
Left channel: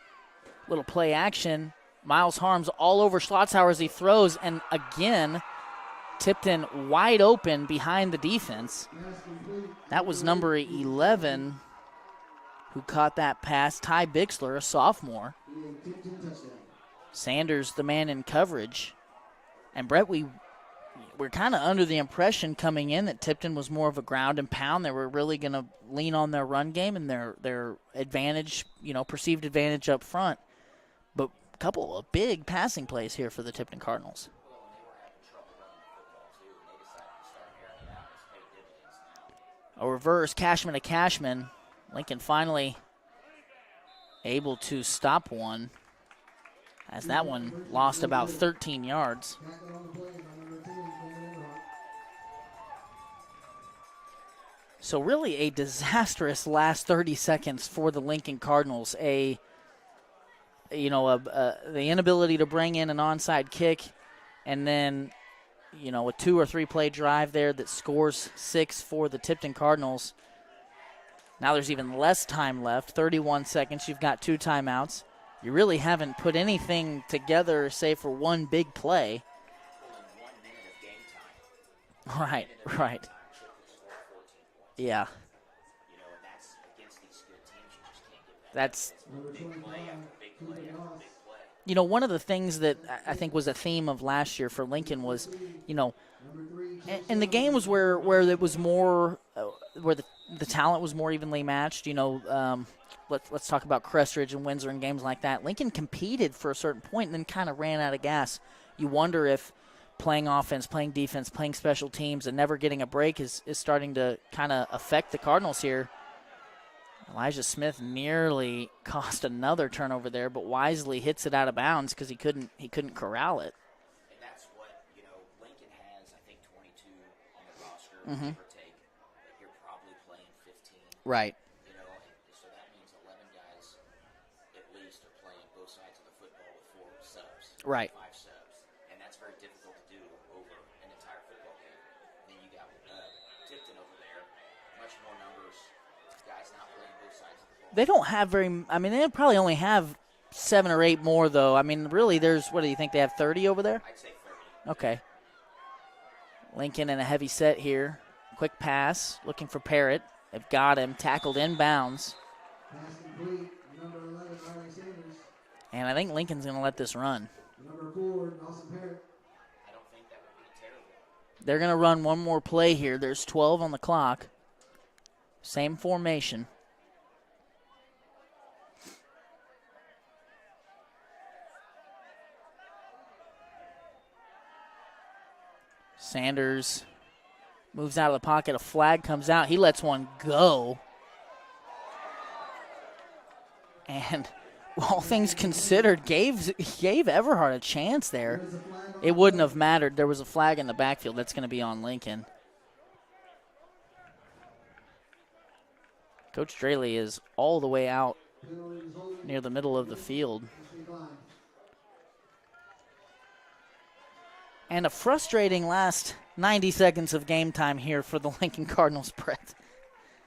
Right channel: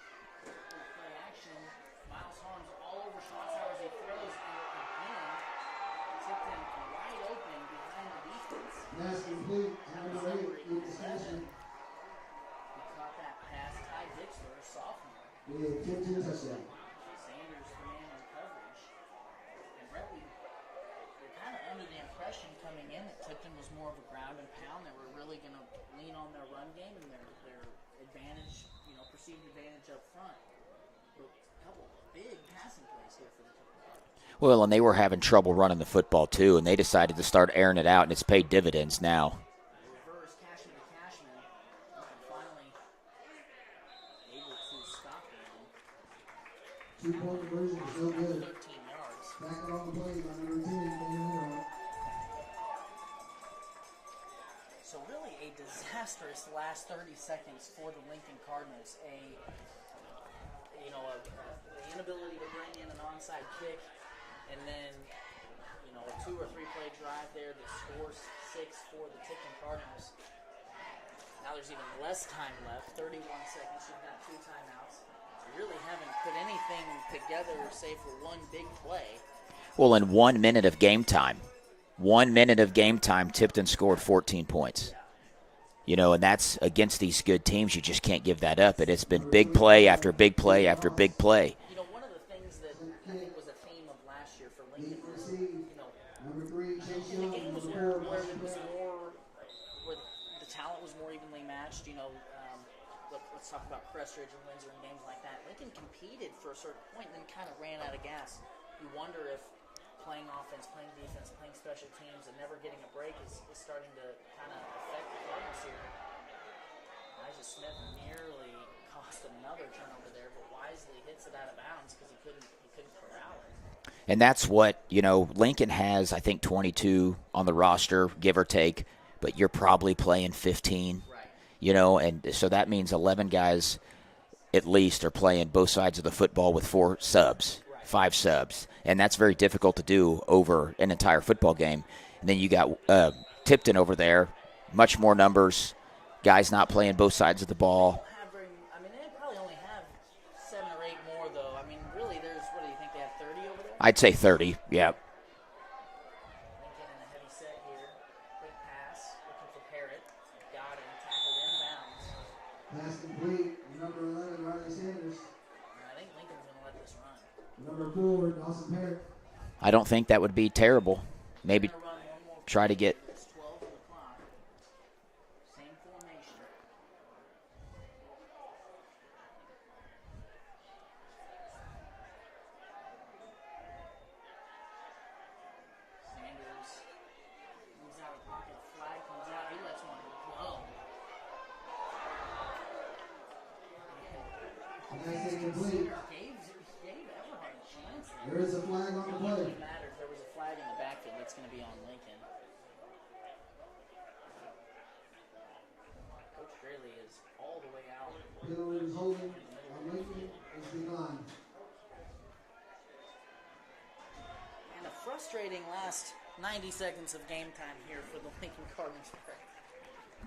Little play action. Miles Harms all over Schlotzhauer as he throws, and again, Tipton wide open behind the defense. That was number 11 who caught that pass, Ty Bixler, a sophomore. Sanders, the man in coverage. And Brett, we're kind of under the impression coming in that Tipton was more of a ground and pound. They were really going to lean on their run game and their advantage, perceived advantage up front. But a couple of big passing plays here for the Tipton Cardinals. Well, and they were having trouble running the football too, and they decided to start airing it out, and it's paid dividends now. A reverse Cashman to Cashman. Lincoln finally able to stop one, as that one lost about 13 yards. So really a disastrous last 30 seconds for the Lincoln Cardinals. The inability to bring in an onside kick, and then, a 2 or 3 play drive there that scores 6 for the Tipton Cardinals. Now there's even less time left, 31 seconds. You've got 2 timeouts. You really haven't put anything together save for one big play. Well, in 1 minute of game time, minute of game time, Tipton scored 14 points. Yeah. And that's against these good teams. You just can't give that up. It's been big play after big play after big play. One of the things that I think was a theme of last year for Lincoln was, and the game was where it was more, where the talent was more evenly matched. Let's talk about Crestridge and Windsor and games like that. Lincoln competed for a certain point and then kind of ran out of gas. You wonder if playing offense, playing defense, playing special teams, and never getting a break is starting to kind of affect the Cardinals here. Elijah Smith nearly cost another turnover there, but wisely hits it out of bounds because he couldn't corral it. And that's what, Lincoln has, I think, 22 on the roster, give or take, but you're probably playing 15. Right. And so that means 11 guys at least are playing both sides of the football with 4 subs, right. 5 subs. And that's very difficult to do over an entire football game. And then you got Tipton over there, much more numbers, guys not playing both sides of the ball. They don't have they probably only have 7 or 8 more, though. Really, what do you think, they have 30 over there? I'd say 30, okay. Yeah. Lincoln in a heavy set here. Quick pass, looking for Parrott. They've got him, tackled inbounds. Pass complete. Number 11, Ronnie Sanders. And I think Lincoln's going to let this run. Number 4, Dawson Parrott. I don't think that would be terrible. They're going to run one more play here. get- There's 12 on the clock. Same formation. Sanders moves out of the pocket. A flag comes out. He lets one go. And all things considered, gave Everhart a chance there. It wouldn't have mattered. There was a flag in the backfield. That's going to be on Lincoln. Coach Straley is all the way out near the middle of the field. And a frustrating last 90 seconds of game time here for the Lincoln Cardinals, Brett.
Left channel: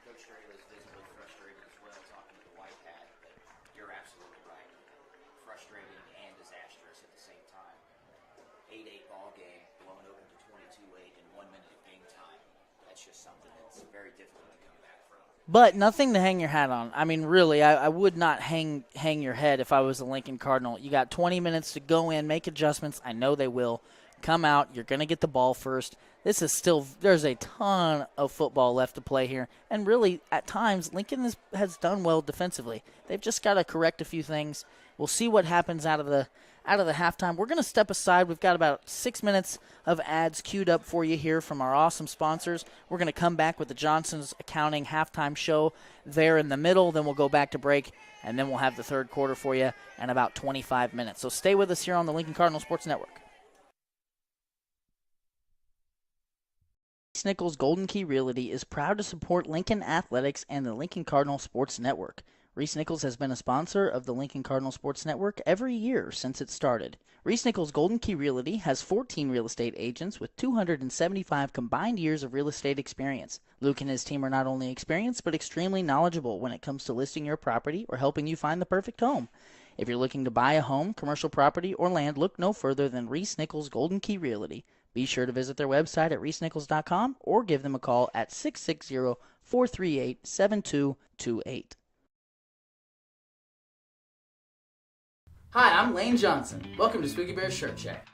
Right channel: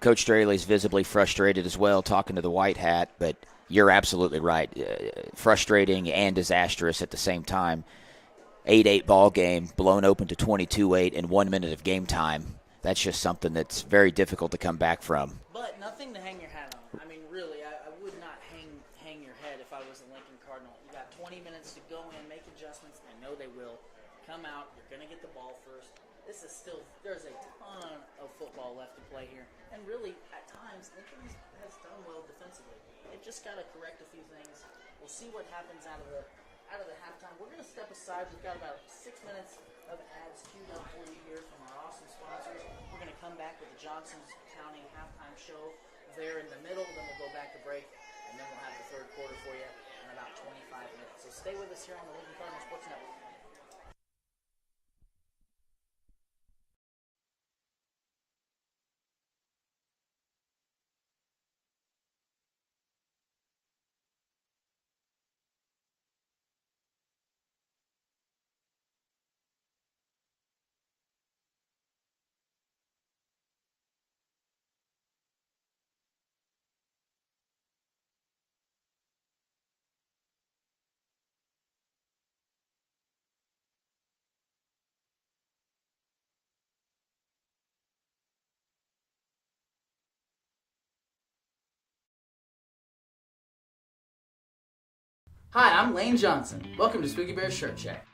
Coach Straley's visibly frustrated as well, talking to the white hat, but you're absolutely right. Frustrating and disastrous at the same time. 8-8 ball game, blown open to 22-8 in 1 minute of game time. That's just something that's very difficult to come back from. But nothing to hang your hat on. I mean, really, I would not hang your head if I was a Lincoln Cardinal. You got 20 minutes to go in, make adjustments. I know they will. Come out. You're going to get the ball first. This is still – there's a ton of football left to play here. And really, at times, Lincoln has done well defensively. They've just got to correct a few things. We'll see what happens out of the halftime. We're going to step aside. We've got about 6 minutes of ads queued up for you here from our awesome sponsors. We're going to come back with the Johnson's Accounting halftime show there in the middle. Then we'll go back to break, and then we'll have the third quarter for you in about 25 minutes. So stay with us here on the Lincoln Cardinal Sports Network. Reese Nichols Golden Key Realty is proud to support Lincoln Athletics and the Lincoln Cardinal Sports Network. Reese Nichols has been a sponsor of the Lincoln Cardinal Sports Network every year since it started. Reese Nichols Golden Key Realty has 14 real estate agents with 275 combined years of real estate experience. Luke and his team are not only experienced but extremely knowledgeable when it comes to listing your property or helping you find the perfect home. If you're looking to buy a home, commercial property, or land, look no further than Reese Nichols Golden Key Realty. Be sure to visit their website at reesenichols.com or give them a call at 660-438-7228. Hi, I'm Lane Johnson. Welcome to Spooky Bear Shirt Shack.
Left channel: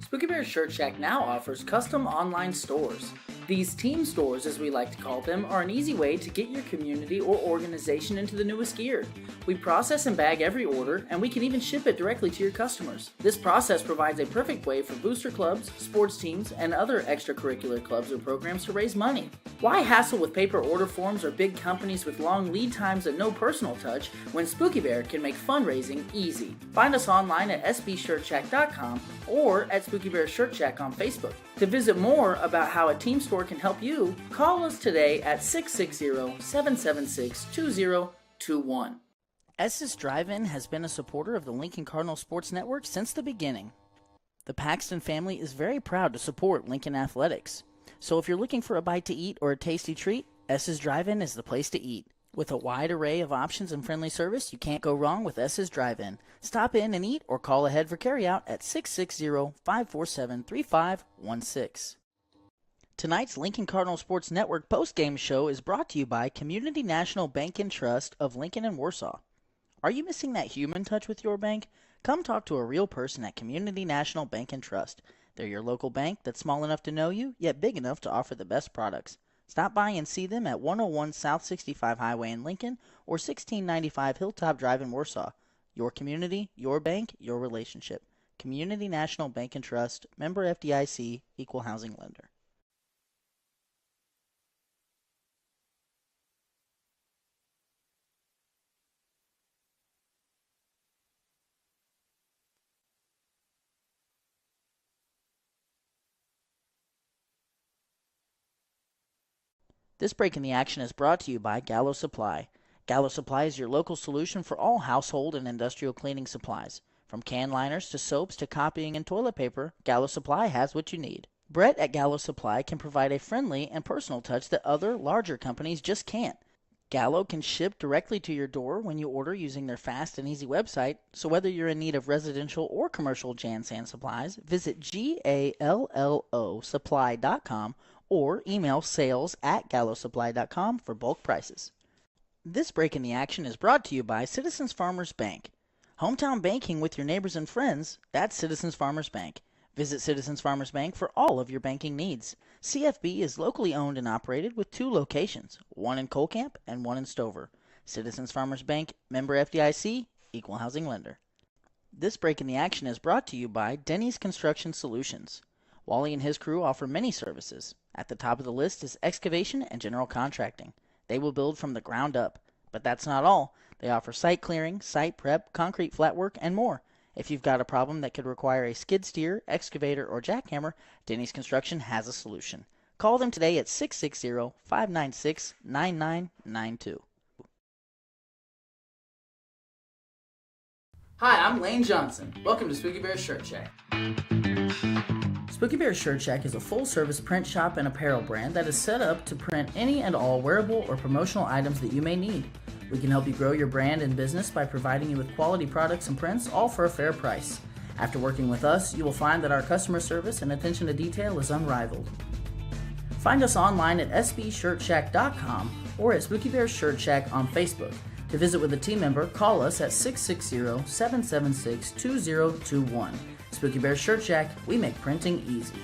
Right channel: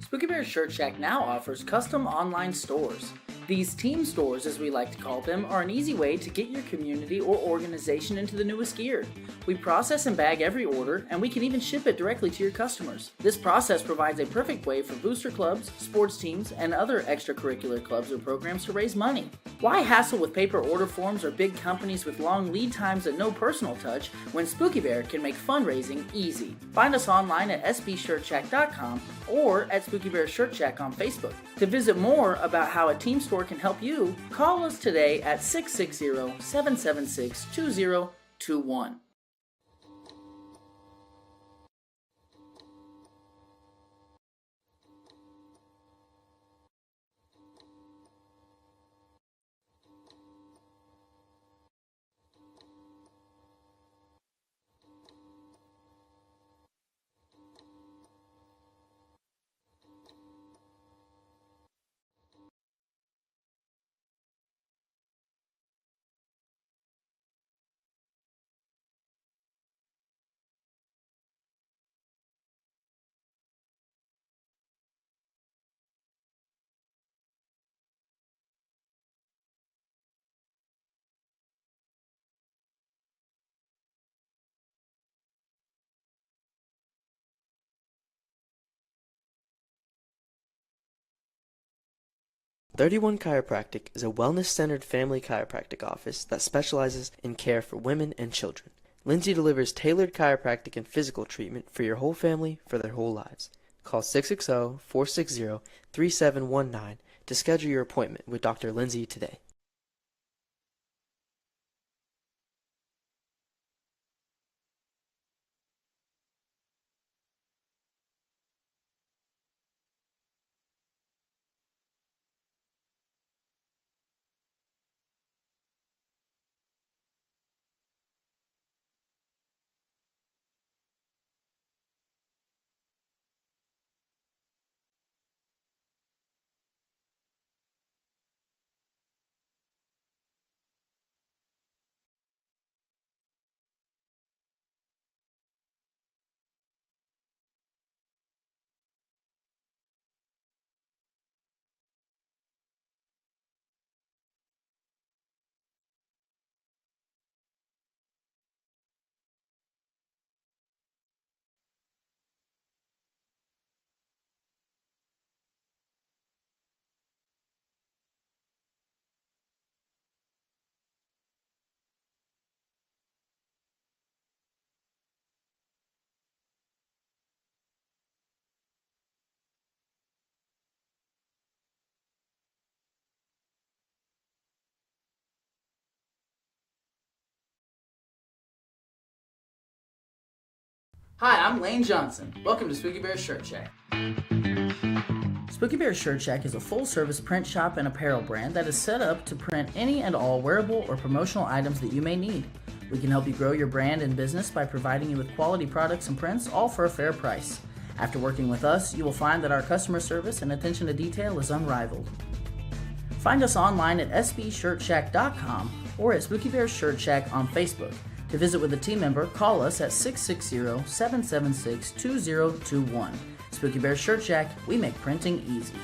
Spooky Bear Shirt Shack now offers custom online stores. These team stores, as we like to call them, are an easy way to get your community or organization into the newest gear. We process and bag every order, and we can even ship it directly to your customers. This process provides a perfect way for booster clubs, sports teams, and other extracurricular clubs or programs to raise money. Why hassle with paper order forms or big companies with long lead times and no personal touch when Spooky Bear can make fundraising easy? Find us online at sbshirtshack.com or at Spooky Bear Shirt Shack on Facebook. To visit more about how a team store can help you, call us today at 660-776-2021. S's Drive-In has been a supporter of the Lincoln Cardinal Sports Network since the beginning. The Paxton family is very proud to support Lincoln Athletics. So if you're looking for a bite to eat or a tasty treat, S's Drive-In is the place to eat. With a wide array of options and friendly service, you can't go wrong with S's Drive-In. Stop in and eat or call ahead for carryout at 660-547-3516. Tonight's Lincoln Cardinal Sports Network postgame show is brought to you by Community National Bank and Trust of Lincoln and Warsaw. Are you missing that human touch with your bank? Come talk to a real person at Community National Bank and Trust. They're your local bank that's small enough to know you, yet big enough to offer the best products. Stop by and see them at 101 South 65 Highway in Lincoln or 1695 Hilltop Drive in Warsaw. Your community, your bank, your relationship. Community National Bank and Trust, member FDIC, equal housing lender. 31 Chiropractic is a wellness-centered family chiropractic office that specializes in care for women and children. Lindsay delivers tailored chiropractic and physical treatment for your whole family for their whole lives. Call 660-460-3719 to schedule your appointment with Dr. Lindsay today. This break in the action is brought to you by Gallo Supply. Gallo Supply is your local solution for all household and industrial cleaning supplies. From can liners to soaps to copying and toilet paper, Gallo Supply has what you need. Brett at Gallo Supply can provide a friendly and personal touch that other, larger companies just can't. Gallo can ship directly to your door when you order using their fast and easy website, so whether you're in need of residential or commercial Jan-San supplies, visit GALLOsupply.com or email sales@gallosupply.com for bulk prices. This break in the action is brought to you by Citizens Farmers Bank. Hometown banking with your neighbors and friends, that's Citizens Farmers Bank. Visit Citizens Farmers Bank for all of your banking needs. CFB is locally owned and operated with 2 locations, one in Colcamp and one in Stover. Citizens Farmers Bank, member FDIC, equal housing lender. This break in the action is brought to you by Denny's Construction Solutions. Wally and his crew offer many services. At the top of the list is excavation and general contracting. They will build from the ground up. But that's not all. They offer site clearing, site prep, concrete flat work, and more. If you've got a problem that could require a skid steer, excavator, or jackhammer, Denny's Construction has a solution. Call them today at 660-596-9992. Hi, I'm Lane Johnson. Welcome to Spooky Bear's Shirt Shack. Spooky Bear's Shirt Shack is a full-service print shop and apparel brand that is set up to print any and all wearable or promotional items that you may need. We can help you grow your brand and business by providing you with quality products and prints, all for a fair price. After working with us, you will find that our customer service and attention to detail is unrivaled. Find us online at sbshirtshack.com or at Spooky Bear's Shirt Shack on Facebook. To visit with a team member, call us at 660-776-2021. Spooky Bear Shirt Shack, we make printing easy.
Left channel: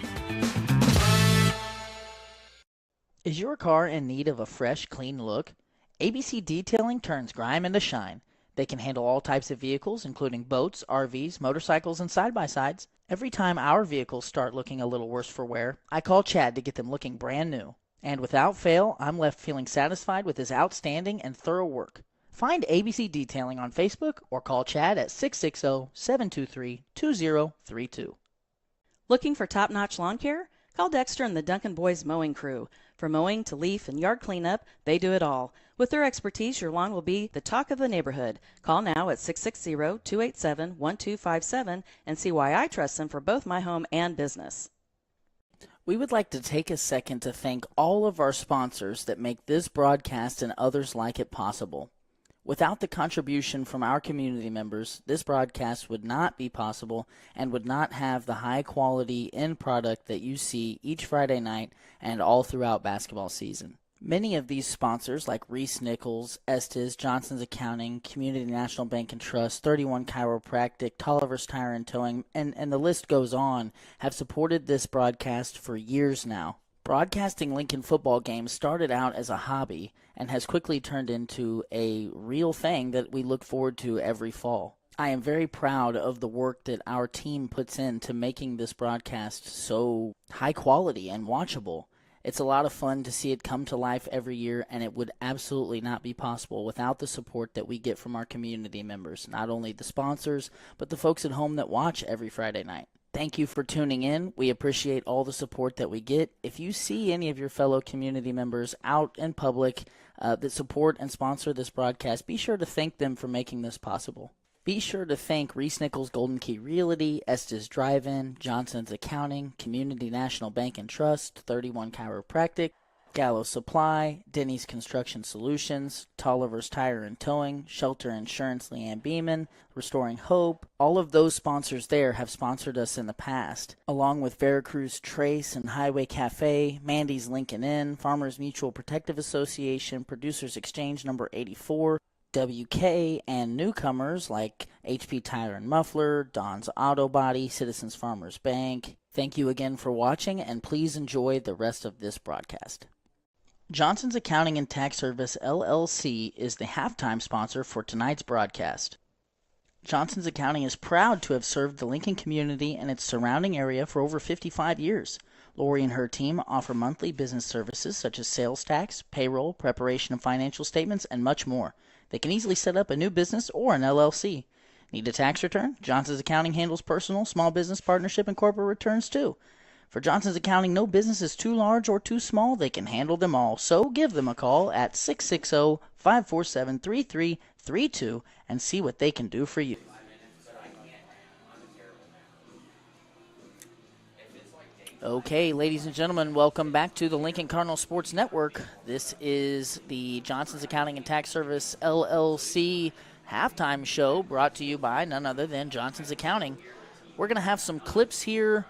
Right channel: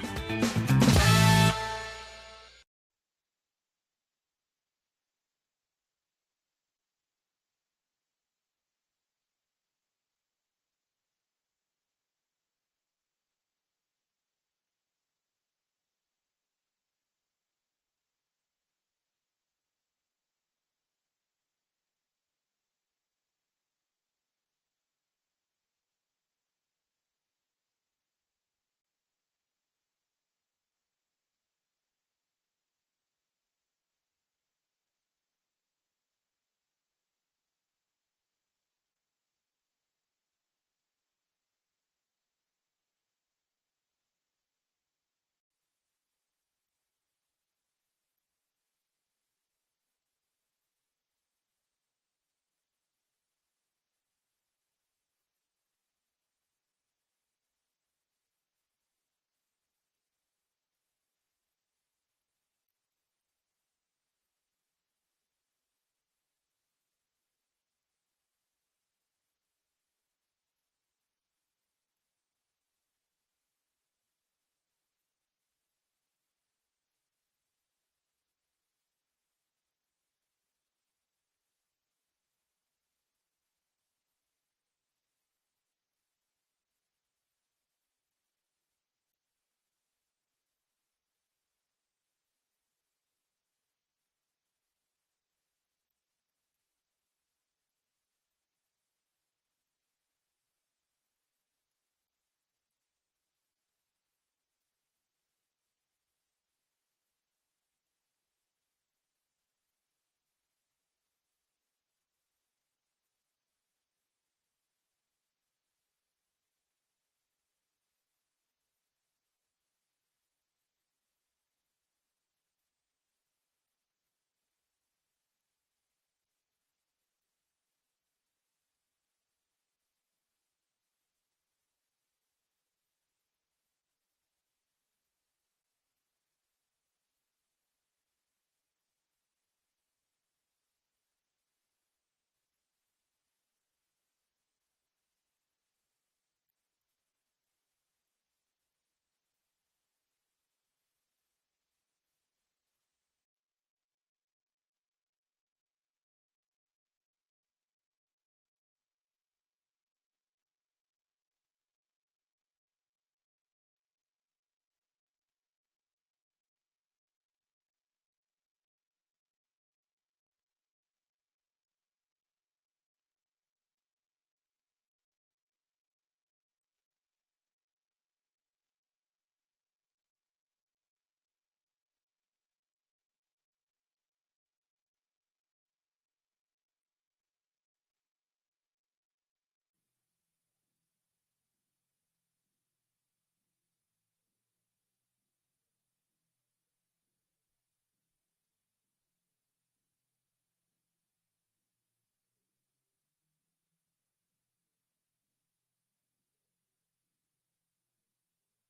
Is your car in need of a fresh, clean look? ABC Detailing turns grime into shine. They can handle all types of vehicles, including boats, RVs, motorcycles, and side-by-sides. Every time our vehicles start looking a little worse for wear, I call Chad to get them looking brand new. And without fail, I'm left feeling satisfied with his outstanding and thorough work. Find ABC Detailing on Facebook or call Chad at 660-723-2032. Looking for top-notch lawn care? Call Dexter and the Duncan Boys Mowing Crew. From mowing to leaf and yard cleanup, they do it all. With their expertise, your lawn will be the talk of the neighborhood. Call now at 660-287-1257 and see why I trust them for both my home and business. We would like to take a second to thank all of our sponsors that make this broadcast and others like it possible. Without the contribution from our community members, this broadcast would not be possible and would not have the high quality end product that you see each Friday night and all throughout basketball season. Many of these sponsors, like Reese Nichols, Estes, Johnson's Accounting, Community National Bank and Trust, 31 Chiropractic, Tolliver's Tire and Towing, and the list goes on, have supported this broadcast for years now. Broadcasting Lincoln football games started out as a hobby and has quickly turned into a real thing that we look forward to every fall. I am very proud of the work that our team puts into making this broadcast so high quality and watchable. It's a lot of fun to see it come to life every year, and it would absolutely not be possible without the support that we get from our community members, not only the sponsors, but the folks at home that watch every Friday night. Thank you for tuning in. We appreciate all the support that we get. If you see any of your fellow community members out in public that support and sponsor this broadcast, be sure to thank them for making this possible. Be sure to thank Reese Nichols Golden Key Realty, Estes Drive-In, Johnson's Accounting, Community National Bank and Trust, 31 Chiropractic, Gallo Supply, Denny's Construction Solutions, Tolliver's Tire and Towing, Shelter Insurance Leanne Beeman, Restoring Hope. All of those sponsors there have sponsored us in the past, along with Veracruz Trace and Highway Cafe, Mandy's Lincoln Inn, Farmers Mutual Protective Association, Producers Exchange number 84, WK, and newcomers like HP Tire and Muffler, Don's Auto Body, Citizens Farmers Bank. Thank you again for watching, and please enjoy the rest of this broadcast. Johnson's Accounting and Tax Service, LLC, is the halftime sponsor for tonight's broadcast. Johnson's Accounting is proud to have served the Lincoln community and its surrounding area for over 55 years. Lori and her team offer monthly business services such as sales tax, payroll, preparation of financial statements, and much more. They can easily set up a new business or an LLC. Need a tax return? Johnson's Accounting handles personal, small business, partnership, and corporate returns too. For Johnson's Accounting, no business is too large or too small. They can handle them all. So give them a call at 660-547-3332 and see what they can do for you. Okay, ladies and gentlemen, welcome back to the Lincoln Cardinal Sports Network. This is the Johnson's Accounting and Tax Service, LLC halftime show brought to you by none other than Johnson's Accounting. We're going to have some clips here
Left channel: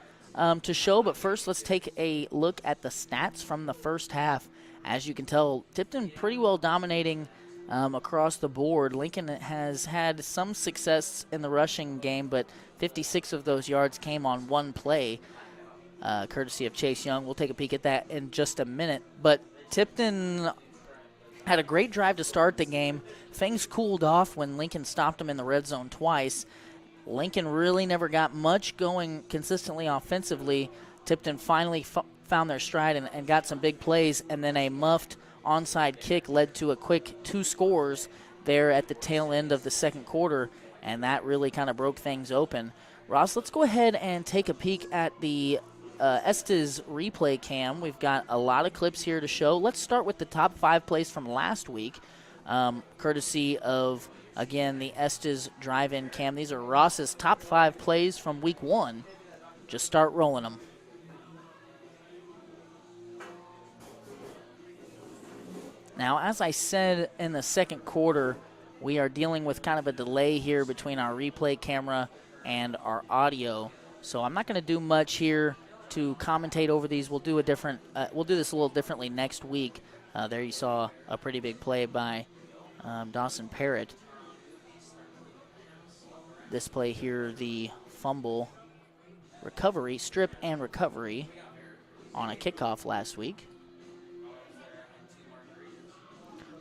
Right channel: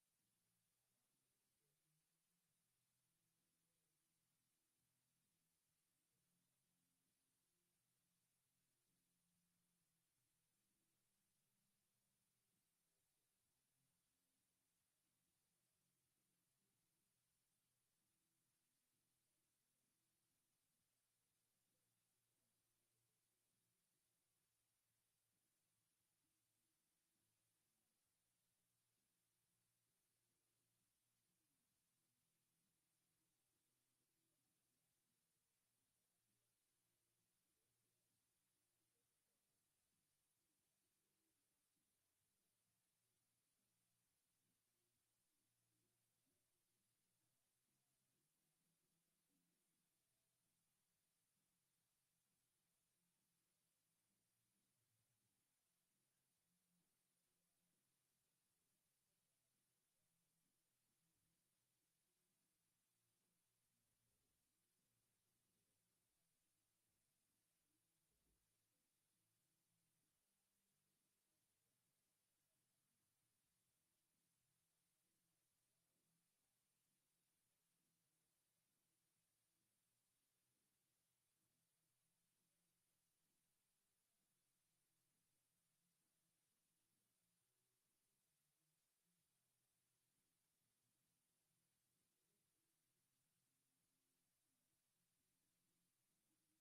to show, but first let's take a look at the stats from the first half. As you can tell, Tipton pretty well dominating across the board. Lincoln has had some success in the rushing game, but 56 of those yards came on one play, courtesy of Chase Young. We'll take a peek at that in just a minute. But Tipton had a great drive to start the game. Things cooled off when Lincoln stopped them in the red zone twice. Lincoln really never got much going consistently offensively. Tipton finally found their stride and got some big plays, and then a muffed onside kick led to a quick 2 scores there at the tail end of the second quarter, and that really kind of broke things open. Ross, let's go ahead and take a peek at the Estes replay cam. We've got a lot of clips here to show. Let's start with the top 5 plays from last week, courtesy of, again, the Estes drive-in cam. These are Ross's top 5 plays from week 1. Just start rolling them. Now, as I said in the second quarter, we are dealing with kind of a delay here between our replay camera and our audio. So I'm not going to do much here to commentate over these. We'll do a different. We'll do this a little differently next week. There you saw a pretty big play by Dawson Parrott. This play here, the fumble recovery, strip and recovery on a kickoff last week.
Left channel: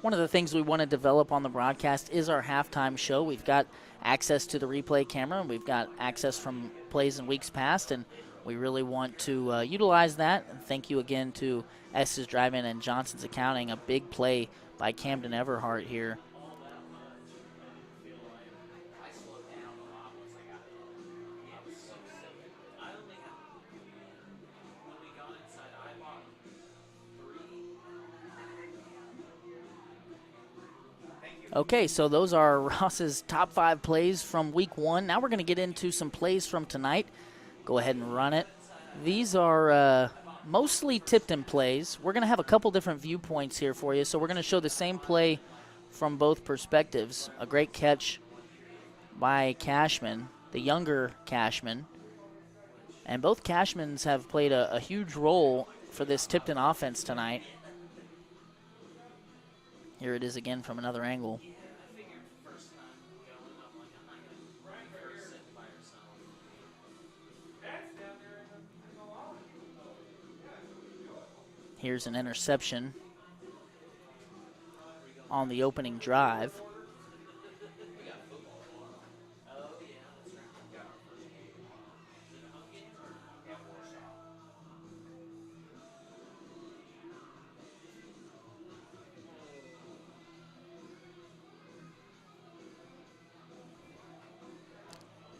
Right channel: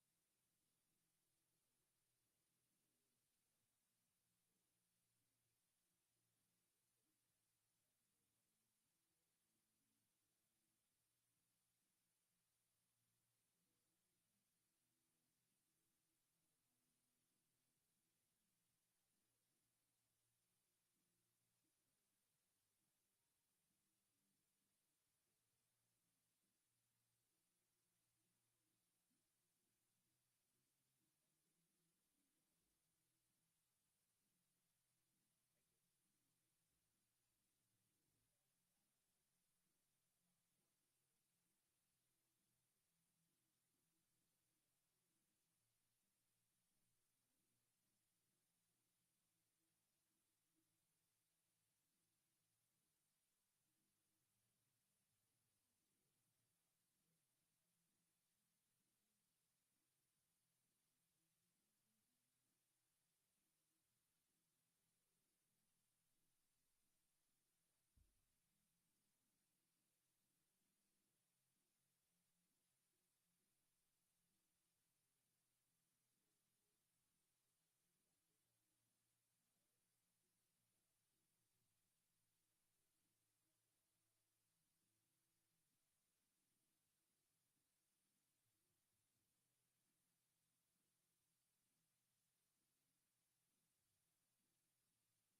One of the things we want to develop on the broadcast is our halftime show. We've got access to the replay camera, and we've got access from plays in weeks past, and we really want to utilize that. And thank you again to Estes Drive-In and Johnson's Accounting. A big play by Camden Everhart here. Okay, so those are Ross's top 5 plays from week 1. Now we're going to get into some plays from tonight. Go ahead and run it. These are mostly Tipton plays. We're going to have a couple different viewpoints here for you, so we're going to show the same play from both perspectives. A great catch by Cashman, the younger Cashman. And both Cashmans have played a huge role for this Tipton offense tonight. Here it is again from another angle. Here's an interception on the opening drive.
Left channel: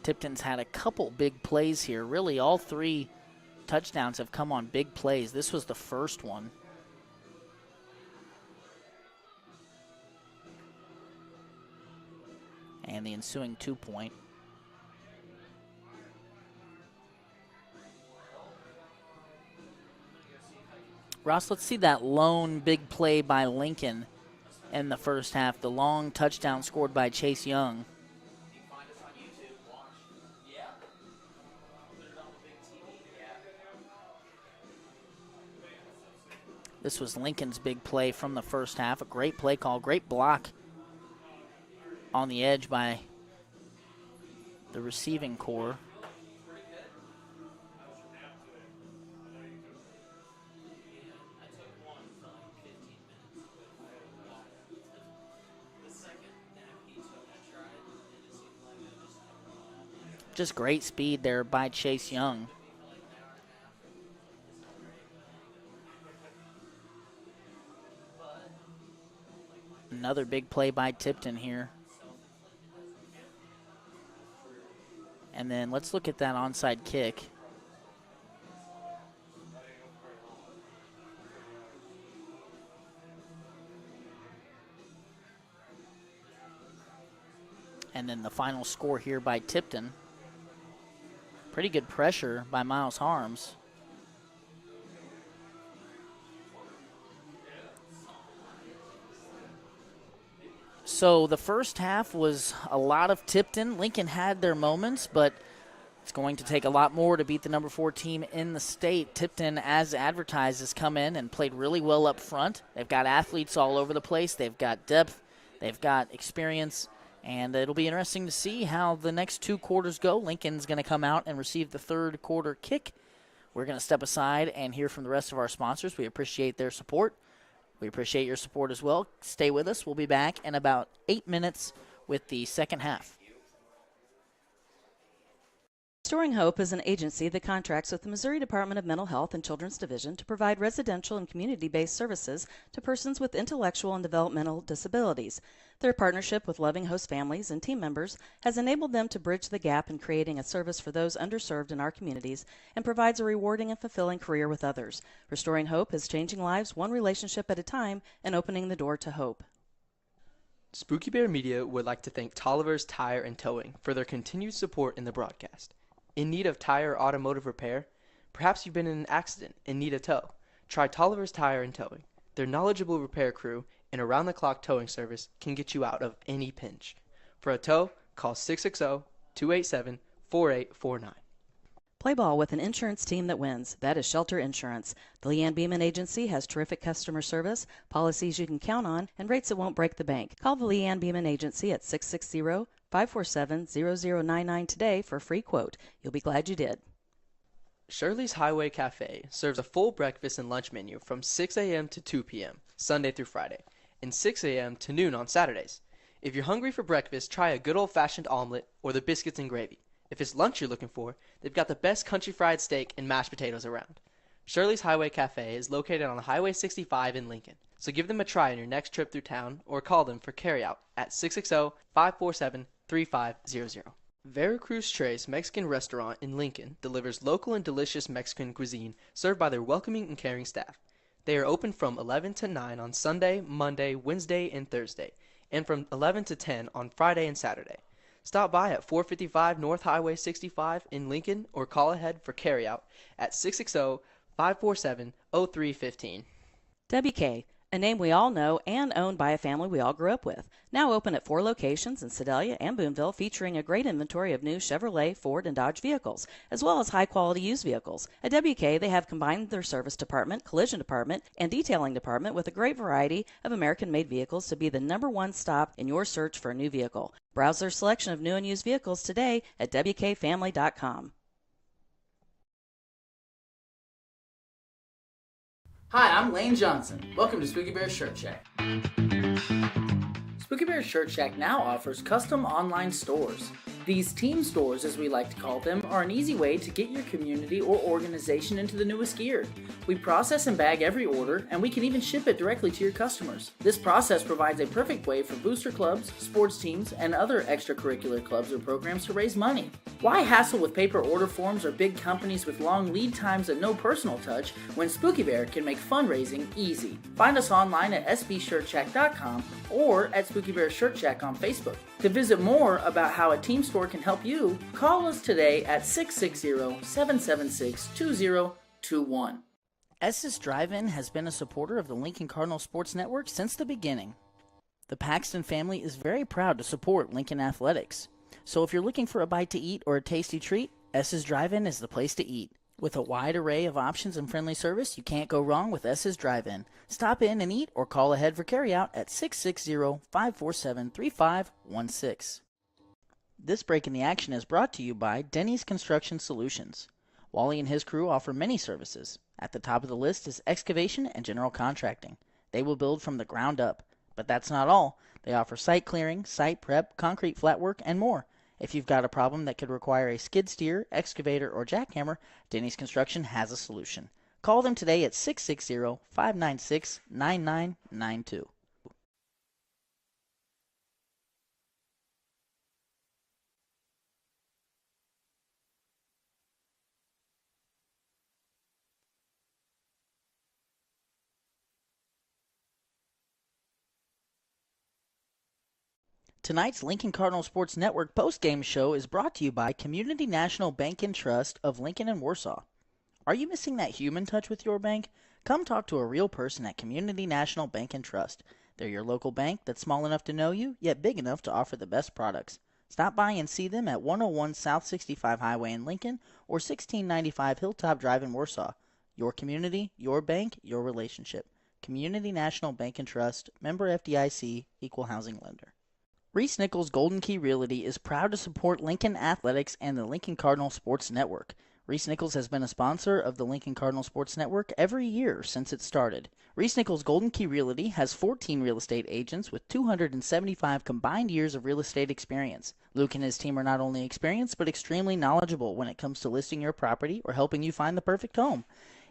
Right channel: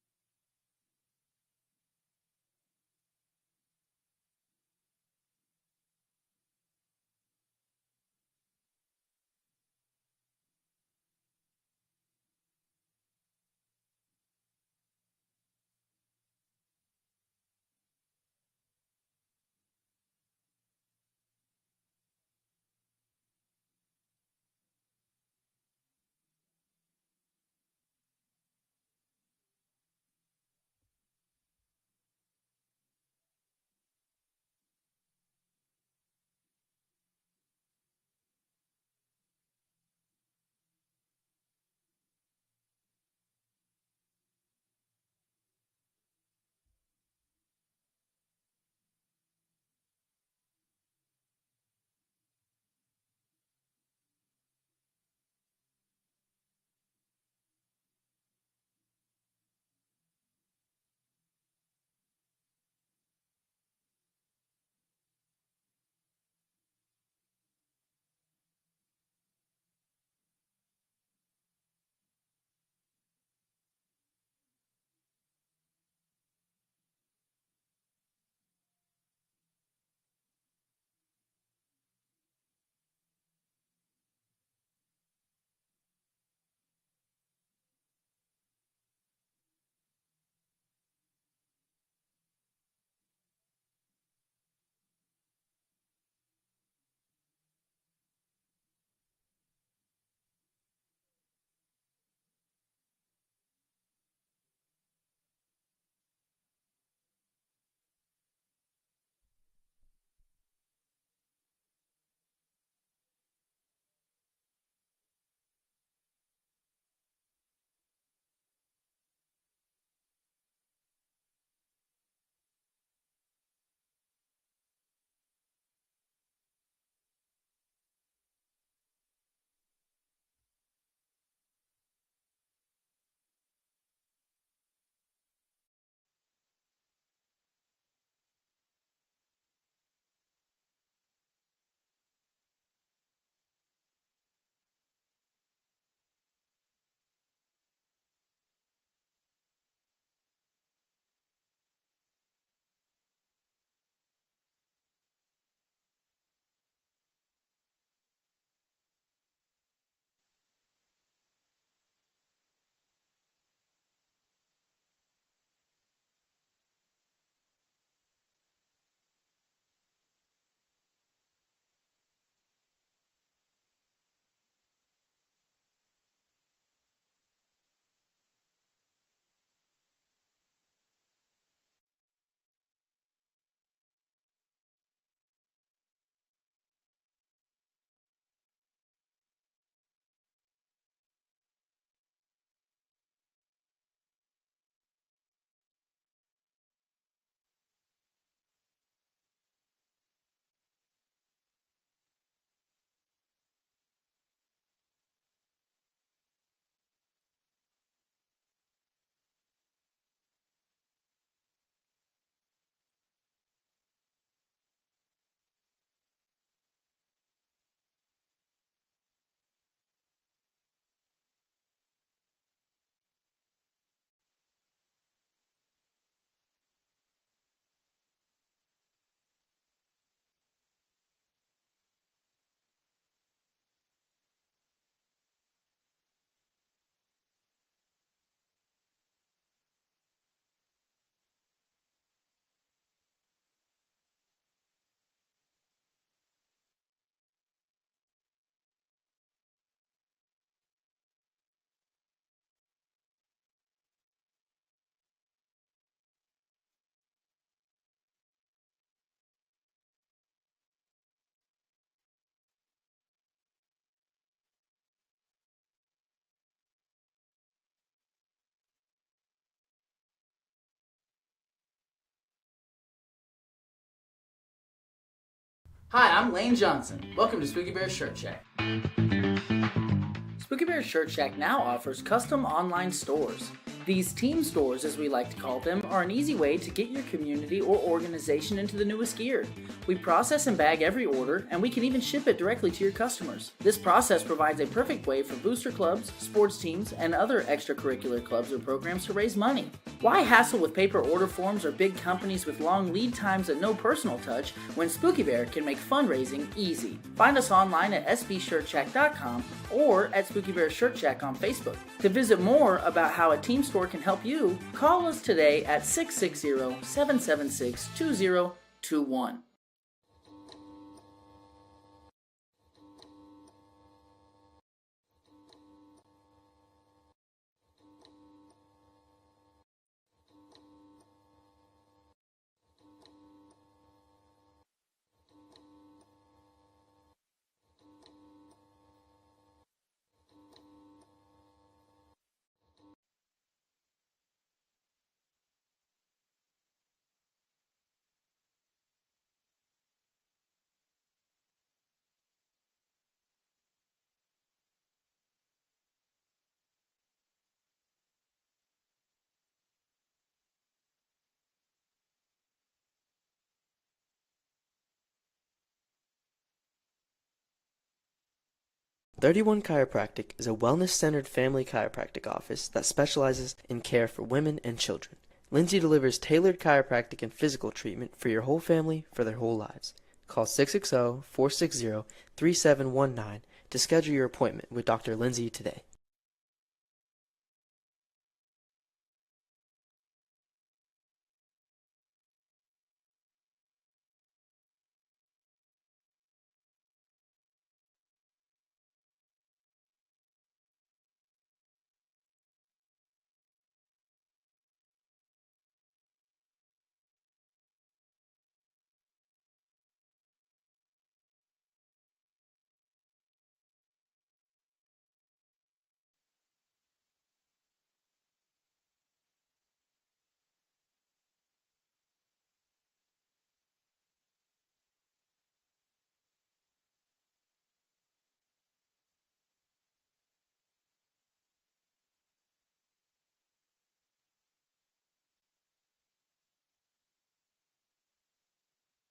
Tipton's had a couple big plays here. Really, all 3 touchdowns have come on big plays. This was the first one. And the ensuing 2-point. Ross, let's see that lone big play by Lincoln in the first half. The long touchdown scored by Chase Young. This was Lincoln's big play from the first half. A great play call, great block on the edge by the receiving core. Just great speed there by Chase Young. Another big play by Tipton here. And then let's look at that onside kick. And then the final score here by Tipton. Pretty good pressure by Miles Harms. So the first half was a lot of Tipton. Lincoln had their moments, but it's going to take a lot more to beat the number 4 team in the state. Tipton, as advertised, has come in and played really well up front. They've got athletes all over the place. They've got depth. They've got experience, and it'll be interesting to see how the next two quarters go. Lincoln's going to come out and receive the third quarter kick. We're going to step aside and hear from the rest of our sponsors. We appreciate their support. We appreciate your support as well. Stay with us. We'll be back in about 8 minutes with the second half. Restoring Hope is an agency that contracts with the Missouri Department of Mental Health and Children's Division to provide residential and community-based services to persons with intellectual and developmental disabilities. Their partnership with loving host families and team members has enabled them to bridge the gap in creating a service for those underserved in our communities and provides a rewarding and fulfilling career with others. Restoring Hope is changing lives one relationship at a time and opening the door to hope. Spooky Bear Media would like to thank Tolliver's Tire and Towing for their continued support in the broadcast. In need of tire or automotive repair? Perhaps you've been in an accident and need a tow. Try Tolliver's Tire and Towing. Their knowledgeable repair crew and around-the-clock towing service can get you out of any pinch. For a tow, call 660-287-4849. Play ball with an insurance team that wins. That is Shelter Insurance. The Leanne Beeman Agency has terrific customer service, policies you can count on, and rates that won't break the bank. Call the Leanne Beeman Agency at 660-547-0099 today for a free quote. You'll be glad you did. Shirley's Highway Cafe serves a full breakfast and lunch menu from 6 a.m. to 2 p.m., Sunday through Friday, and 6 a.m. to noon on Saturdays. If you're hungry for breakfast, try a good old-fashioned omelet or the biscuits and gravy. If it's lunch you're looking for, they've got the best country fried steak and mashed potatoes around. Shirley's Highway Cafe is located on Highway 65 in Lincoln, so give them a try on your next trip through town or call them for carryout at 660-547-3500. Veracruz Tres Mexican Restaurant in Lincoln delivers local and delicious Mexican cuisine served by their welcoming and caring staff. They are open from 11 to 9 on Sunday, Monday, Wednesday, and Thursday, and from 11 to 10 on Friday and Saturday. Stop by at 455 North Highway 65 in Lincoln or call ahead for carryout at 660-547-0315. WK, a name we all know and owned by a family we all grew up with. Now open at 4 locations in Sedalia and Boonville, featuring a great inventory of new Chevrolet, Ford, and Dodge vehicles, as well as high-quality used vehicles. At WK, they have combined their service department, collision department, and detailing department with a great variety of American-made vehicles to be the #1 stop in your search for a new vehicle. Browse their selection of new and used vehicles today at WKFamily.com. Hi, I'm Lane Johnson. Welcome to Spooky Bear Shirt Shack. Spooky Bear Shirt Shack now offers custom online stores. These team stores, as we like to call them, are an easy way to get your community or organization into the newest gear. We process and bag every order, and we can even ship it directly to your customers. This process provides a perfect way for booster clubs, sports teams, and other extracurricular clubs or programs to raise money. Why hassle with paper order forms or big companies with long lead times and no personal touch when Spooky Bear can make fundraising easy? Find us online at sbshirtshack.com or at Spooky Bear Shirt Shack on Facebook. To visit more about how a team store can help you, call us today at 660-776-2021. S's Drive-In has been a supporter of the Lincoln Cardinal Sports Network since the beginning. The Paxton family is very proud to support Lincoln Athletics. So if you're looking for a bite to eat or a tasty treat, S's Drive-In is the place to eat. With a wide array of options and friendly service, you can't go wrong with S's Drive-In. Stop in and eat or call ahead for carryout at 660-547-3516. This break in the action is brought to you by Denny's Construction Solutions. Wally and his crew offer many services. At the top of the list is excavation and general contracting. They will build from the ground up. But that's not all. They offer site clearing, site prep, concrete flat work, and more. If you've got a problem that could require a skid steer, excavator, or jackhammer, Denny's Construction has a solution. Call them today at 660-596-9992. 31 Chiropractic is a wellness-centered family chiropractic office that specializes in care for women and children. Lindsay delivers tailored chiropractic and physical treatment for your whole family for their whole lives. Call 660-460-3719 to schedule your appointment with Dr. Lindsay today. Tonight's Lincoln Cardinal Sports Network postgame show is brought to you by Community National Bank and Trust of Lincoln and Warsaw. Are you missing that human touch with your bank? Come talk to a real person at Community National Bank and Trust. They're your local bank that's small enough to know you, yet big enough to offer the best products. Stop by and see them at 101 South 65 Highway in Lincoln or 1695 Hilltop Drive in Warsaw. Your community, your bank, your relationship. Community National Bank and Trust, member FDIC, equal housing lender. Reese Nichols Golden Key Realty is proud to support Lincoln Athletics and the Lincoln Cardinal Sports Network. Reese Nichols has been a sponsor of the Lincoln Cardinal Sports Network every year since it started. Reese Nichols Golden Key Realty has 14 real estate agents with 275 combined years of real estate experience. Luke and his team are not only experienced but extremely knowledgeable when it comes to listing your property or helping you find the perfect home.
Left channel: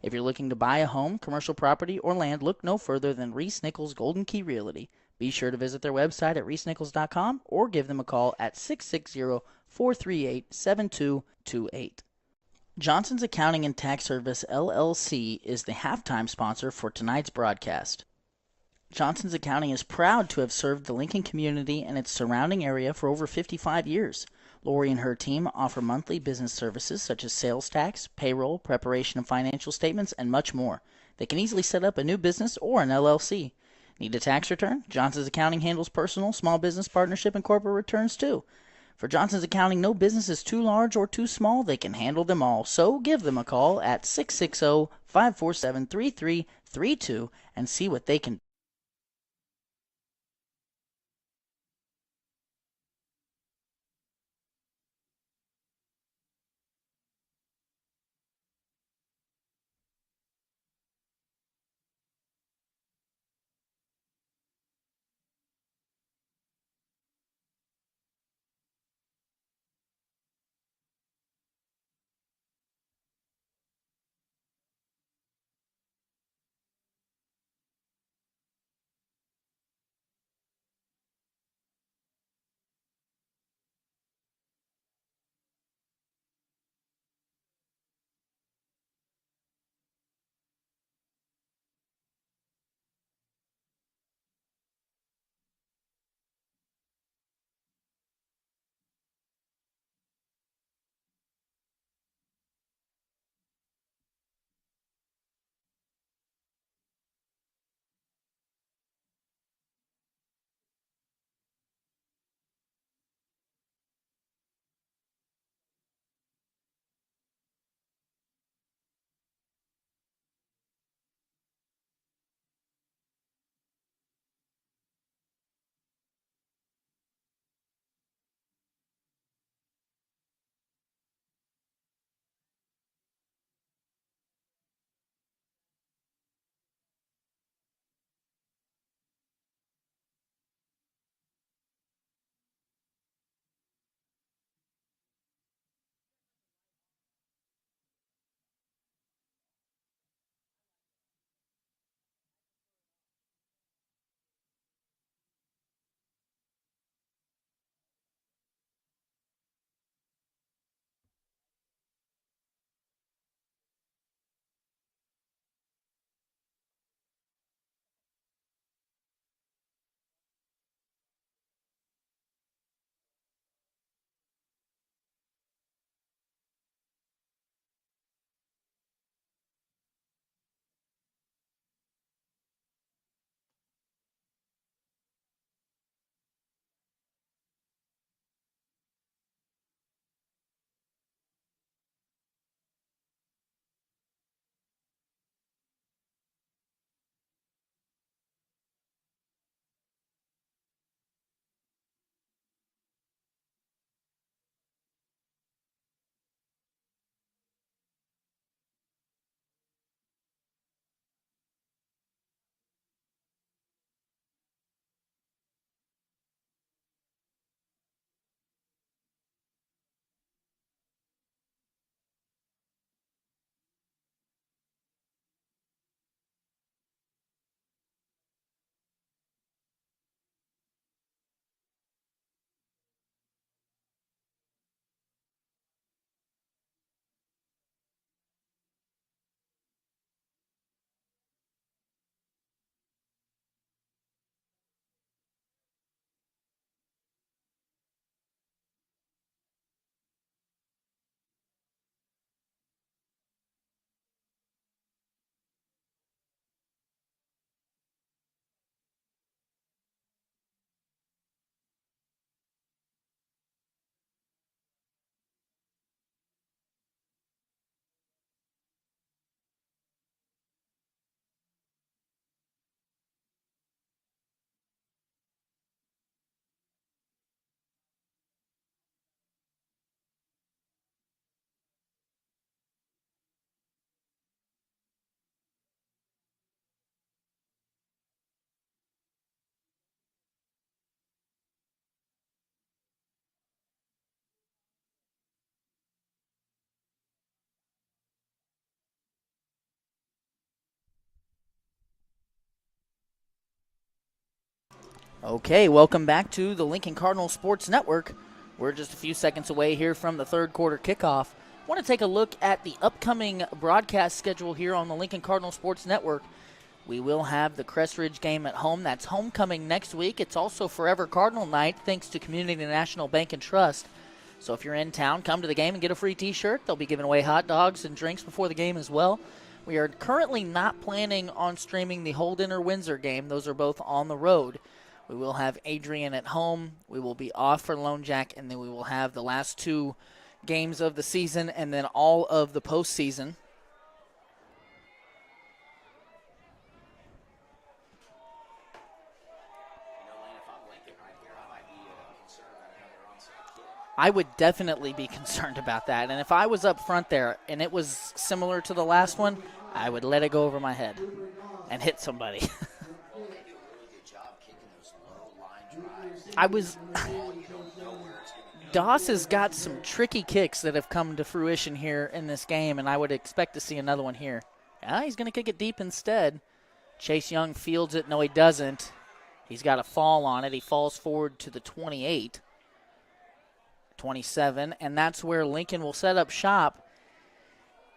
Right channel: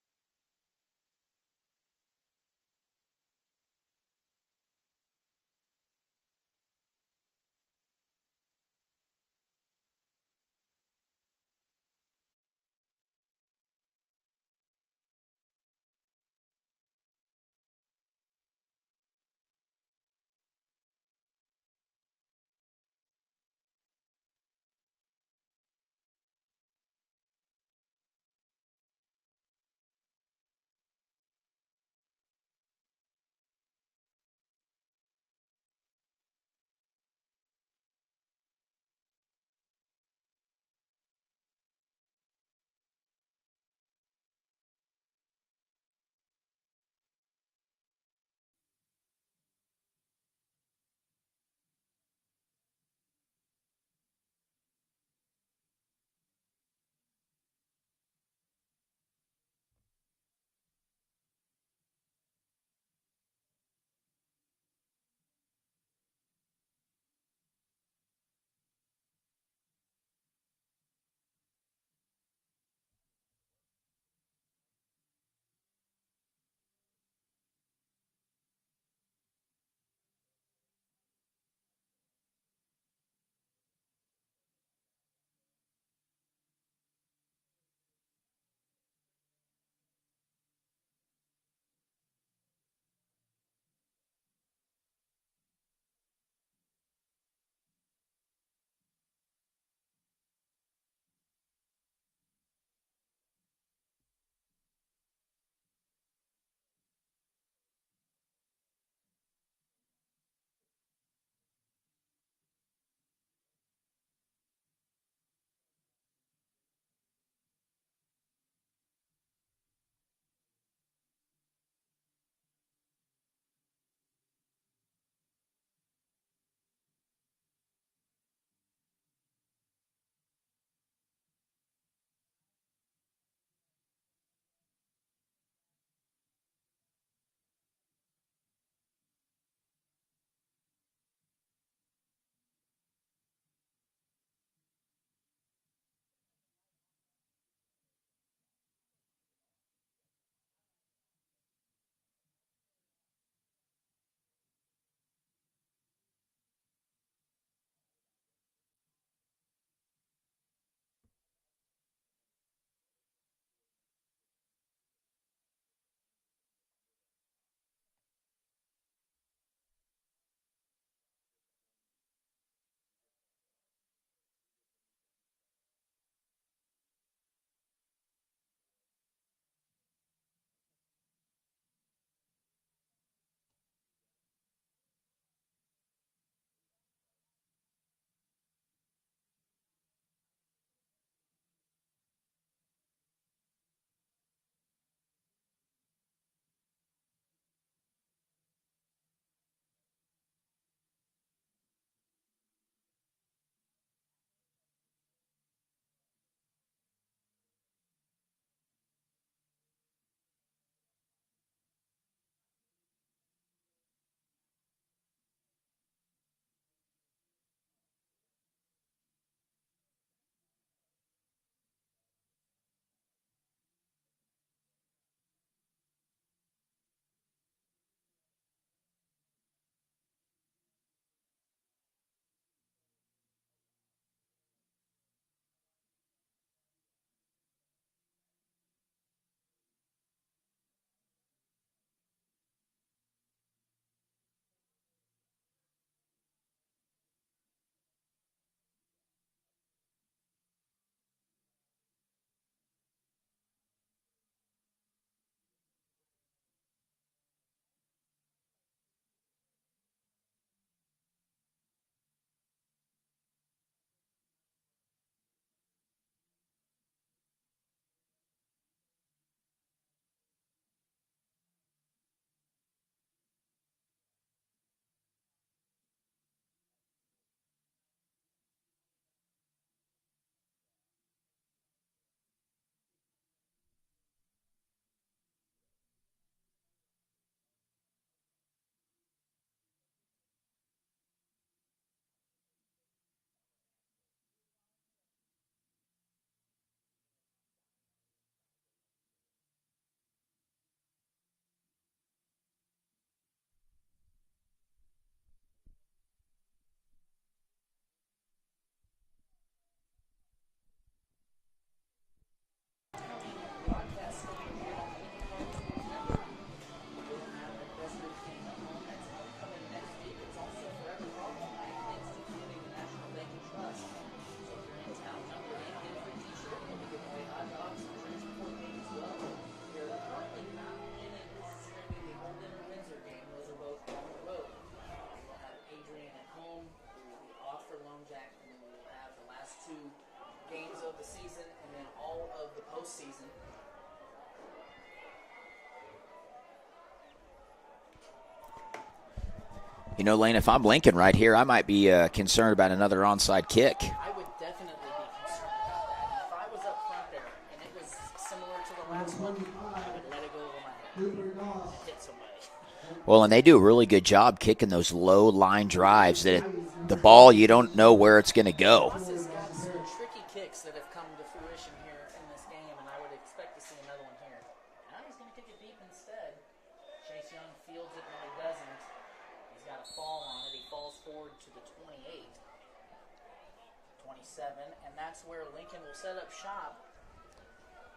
If you're looking to buy a home, commercial property, or land, look no further than Reese Nichols Golden Key Realty. Be sure to visit their website at reesenichols.com or give them a call at 660-438-7228. Johnson's Accounting and Tax Service, LLC, is the halftime sponsor for tonight's broadcast. Johnson's Accounting is proud to have served the Lincoln community and its surrounding area for over 55 years. Lori and her team offer monthly business services such as sales tax, payroll, preparation of financial statements, and much more. They can easily set up a new business or an LLC. Need a tax return? Johnson's Accounting handles personal, small business, partnership, and corporate returns too. For Johnson's Accounting, no business is too large or too small. They can handle them all. So give them a call at 660-547-3332 and see what they can do. Okay, welcome back to the Lincoln Cardinal Sports Network. We're just a few seconds away here from the third quarter kickoff. I want to take a look at the upcoming broadcast schedule here on the Lincoln Cardinal Sports Network. We will have the Crest Ridge game at home. That's homecoming next week. It's also Forever Cardinal Night thanks to Community National Bank and Trust. So if you're in town, come to the game and get a free t-shirt. They'll be giving away hot dogs and drinks before the game as well. We are currently not planning on streaming the Holden or Windsor game. Those are both on the road. We will have Adrian at home. We will be off for Lone Jack, and then we will have the last 2 games of the season and then all of the postseason. You know, Lane, if I'm Lincoln right here, I might be concerned about another onside kick. I would definitely be concerned about that. And if I was up front there and it was similar to the last one, I would let it go over my head and hit somebody. Well, and they do a really good job kicking those low line drives. The the ball, you don't know where it's going to go. Doss has got some tricky kicks that have come to fruition here in this game, and I would expect to see another one here. He's going to kick it deep instead. Chase Young fields it. No, he doesn't. He's got a fall on it. He falls forward to the 28, 27, and that's where Lincoln will set up shop.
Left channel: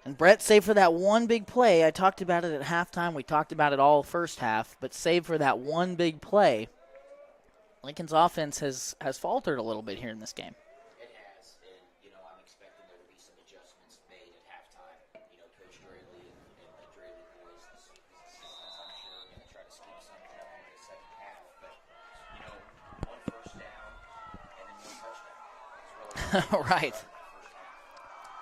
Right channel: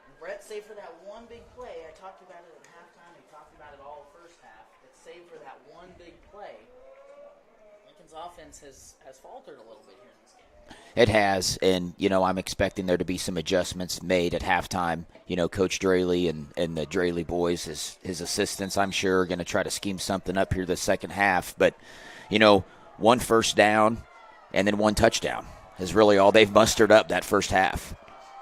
And Brett, save for that one big play. I talked about it at halftime. We talked about it all first half, but save for that one big play, Lincoln's offense has faltered a little bit here in this game. It has, and, you know, I'm expecting there to be some adjustments made at halftime. You know, Coach Draley and the Draley boys, his assistants, I'm sure, are going to try to scheme something up here the second half. But, you know, 1 first down and then 1 touchdown is really all they've mustered Right. up that first half.